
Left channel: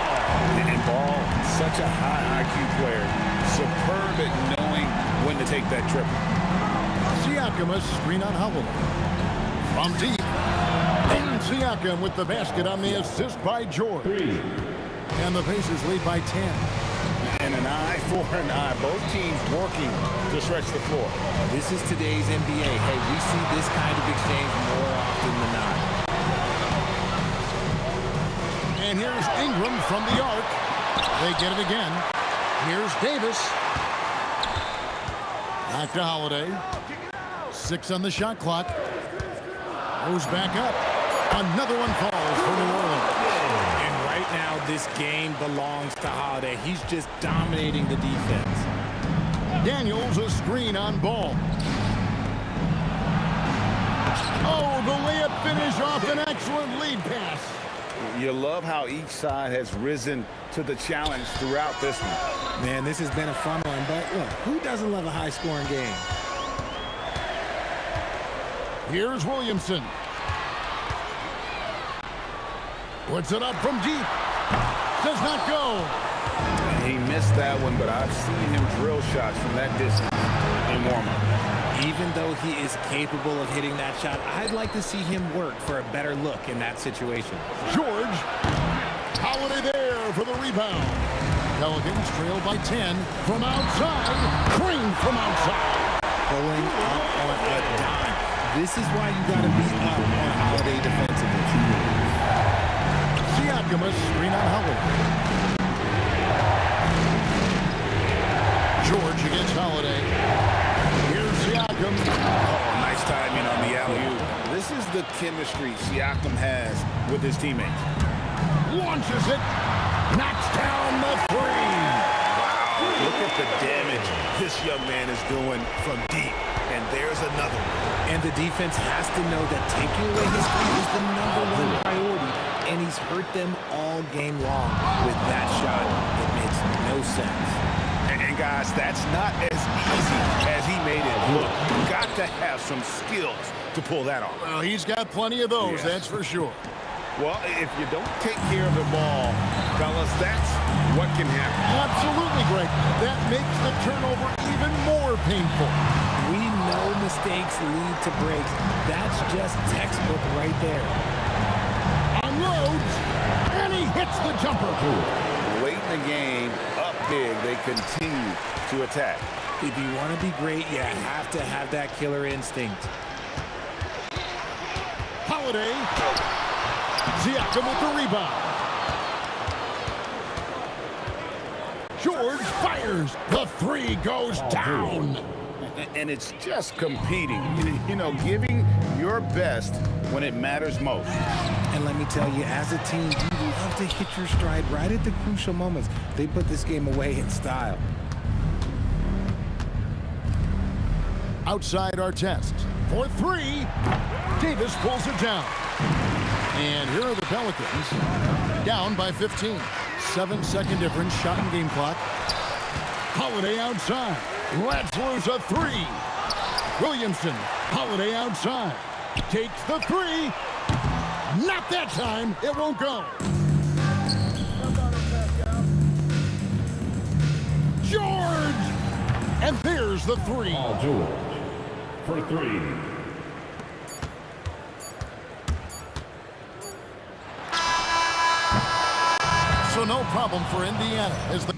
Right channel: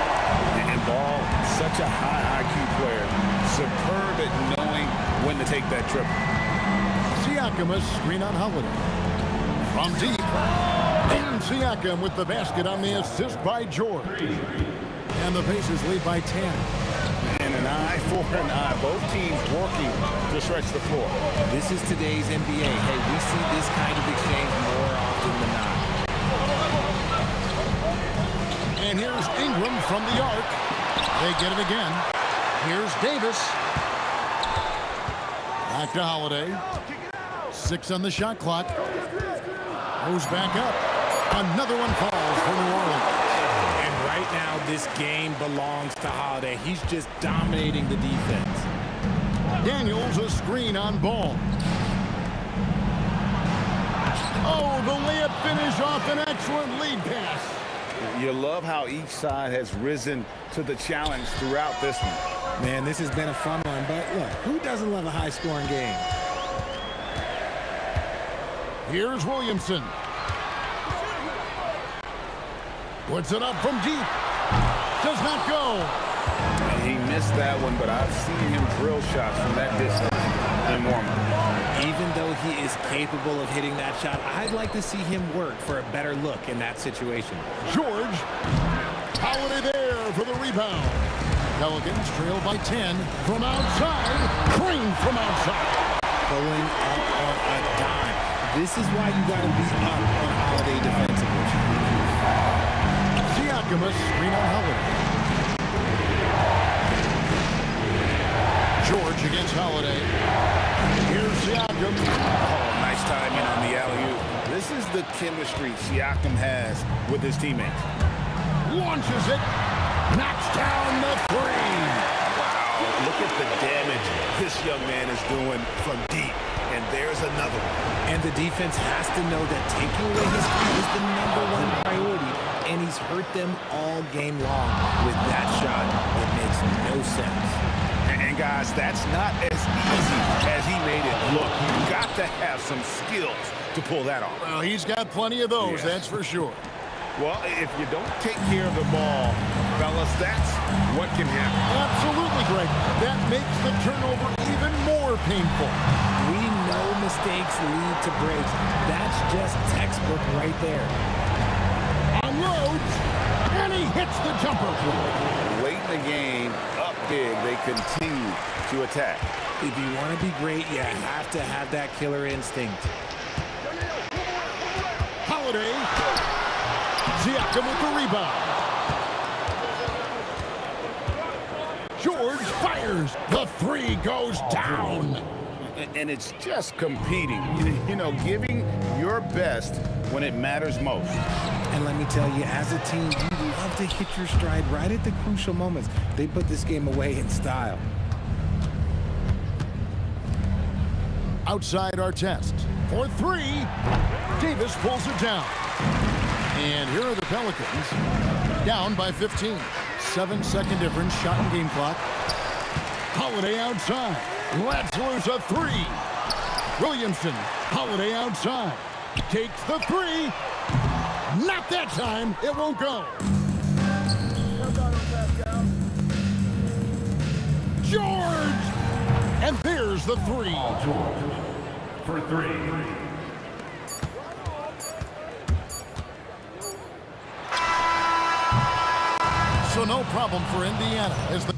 And Ball, such a high IQ player, superb at knowing when to take that triple. Siakam, a screen on Holiday. From deep. And Siakam with the basket on the assist by George. And the Pacers lead by 10. And an eye for an eye. Both teams working to stretch the floor. This is today's NBA. Hey, we see this kind of exchange more often than not. And here's Ingram from the arc. They get it again. Here's Davis. Back to Holiday. 6 on the shot clock. Goes back up. Another one falls for New Orleans. And right now, this game belongs to Holiday. He's just dominating the defense. Daniels a screen on ball. Oh, the layup finish off an excellent lead pass. You love how each side has risen to the challenge throughout this one. Man, this has been a fun one, but look, who doesn't love a high-scoring game? Here's Williamson. Puts it up from deep. Does not go. He missed that one, but I've seen him drill shots from that distance in warm-up. Even though he is capable of hitting that shot, I'd like to see him work for a better look in that situation. George. Holiday there for the rebound. Pelicans trail by 10 from outside. Crane from outside. Pulling up on a dime. This is why you got to be up on Holiday defensively. Siakam a screen on Holiday. George against Holiday. Here's Siakam. Oh, nice timing on the alley-oop. This is the chemistry Siakam has with his teammates. Launches it. Knocks down the three. Wow, look at the damage this young man is doing from deep. And there's another one. And the defense has to know that taking away his three is the #1 priority, and he's hurt them all game long with that shot. It makes no sense. And guys, that's not as easy as he made it look. You've got to have some skills to pull that off. Well, he's got plenty of those, that's for sure. Well, if you don't take care of the ball, fellas, that's what can happen. Absolutely, Greg. That makes the turnover even more painful. We know mistakes lead to breaks. That's just textbook right there. Unloads, and he hits the jumper. Late in the game, up big, they continue to attack. If you want to be great, you have to have that killer instinct. Holiday. Siakam with the rebound. George fires. The three goes down. And it's just competing, you know, giving your best when it matters most. And let me tell you, as a team, you love to hit your stride right at the crucial moments. They put this game away in style. Outside our test. For three. Davis pulls it down. And here are the Pelicans. Down by 15. 7-second difference, shot and game clock. Holiday outside. Lets loose a three. Williamson. Holiday outside. Takes the three. Not that time. It won't go. George! And there's the three. George for three. So no problem for Indiana as the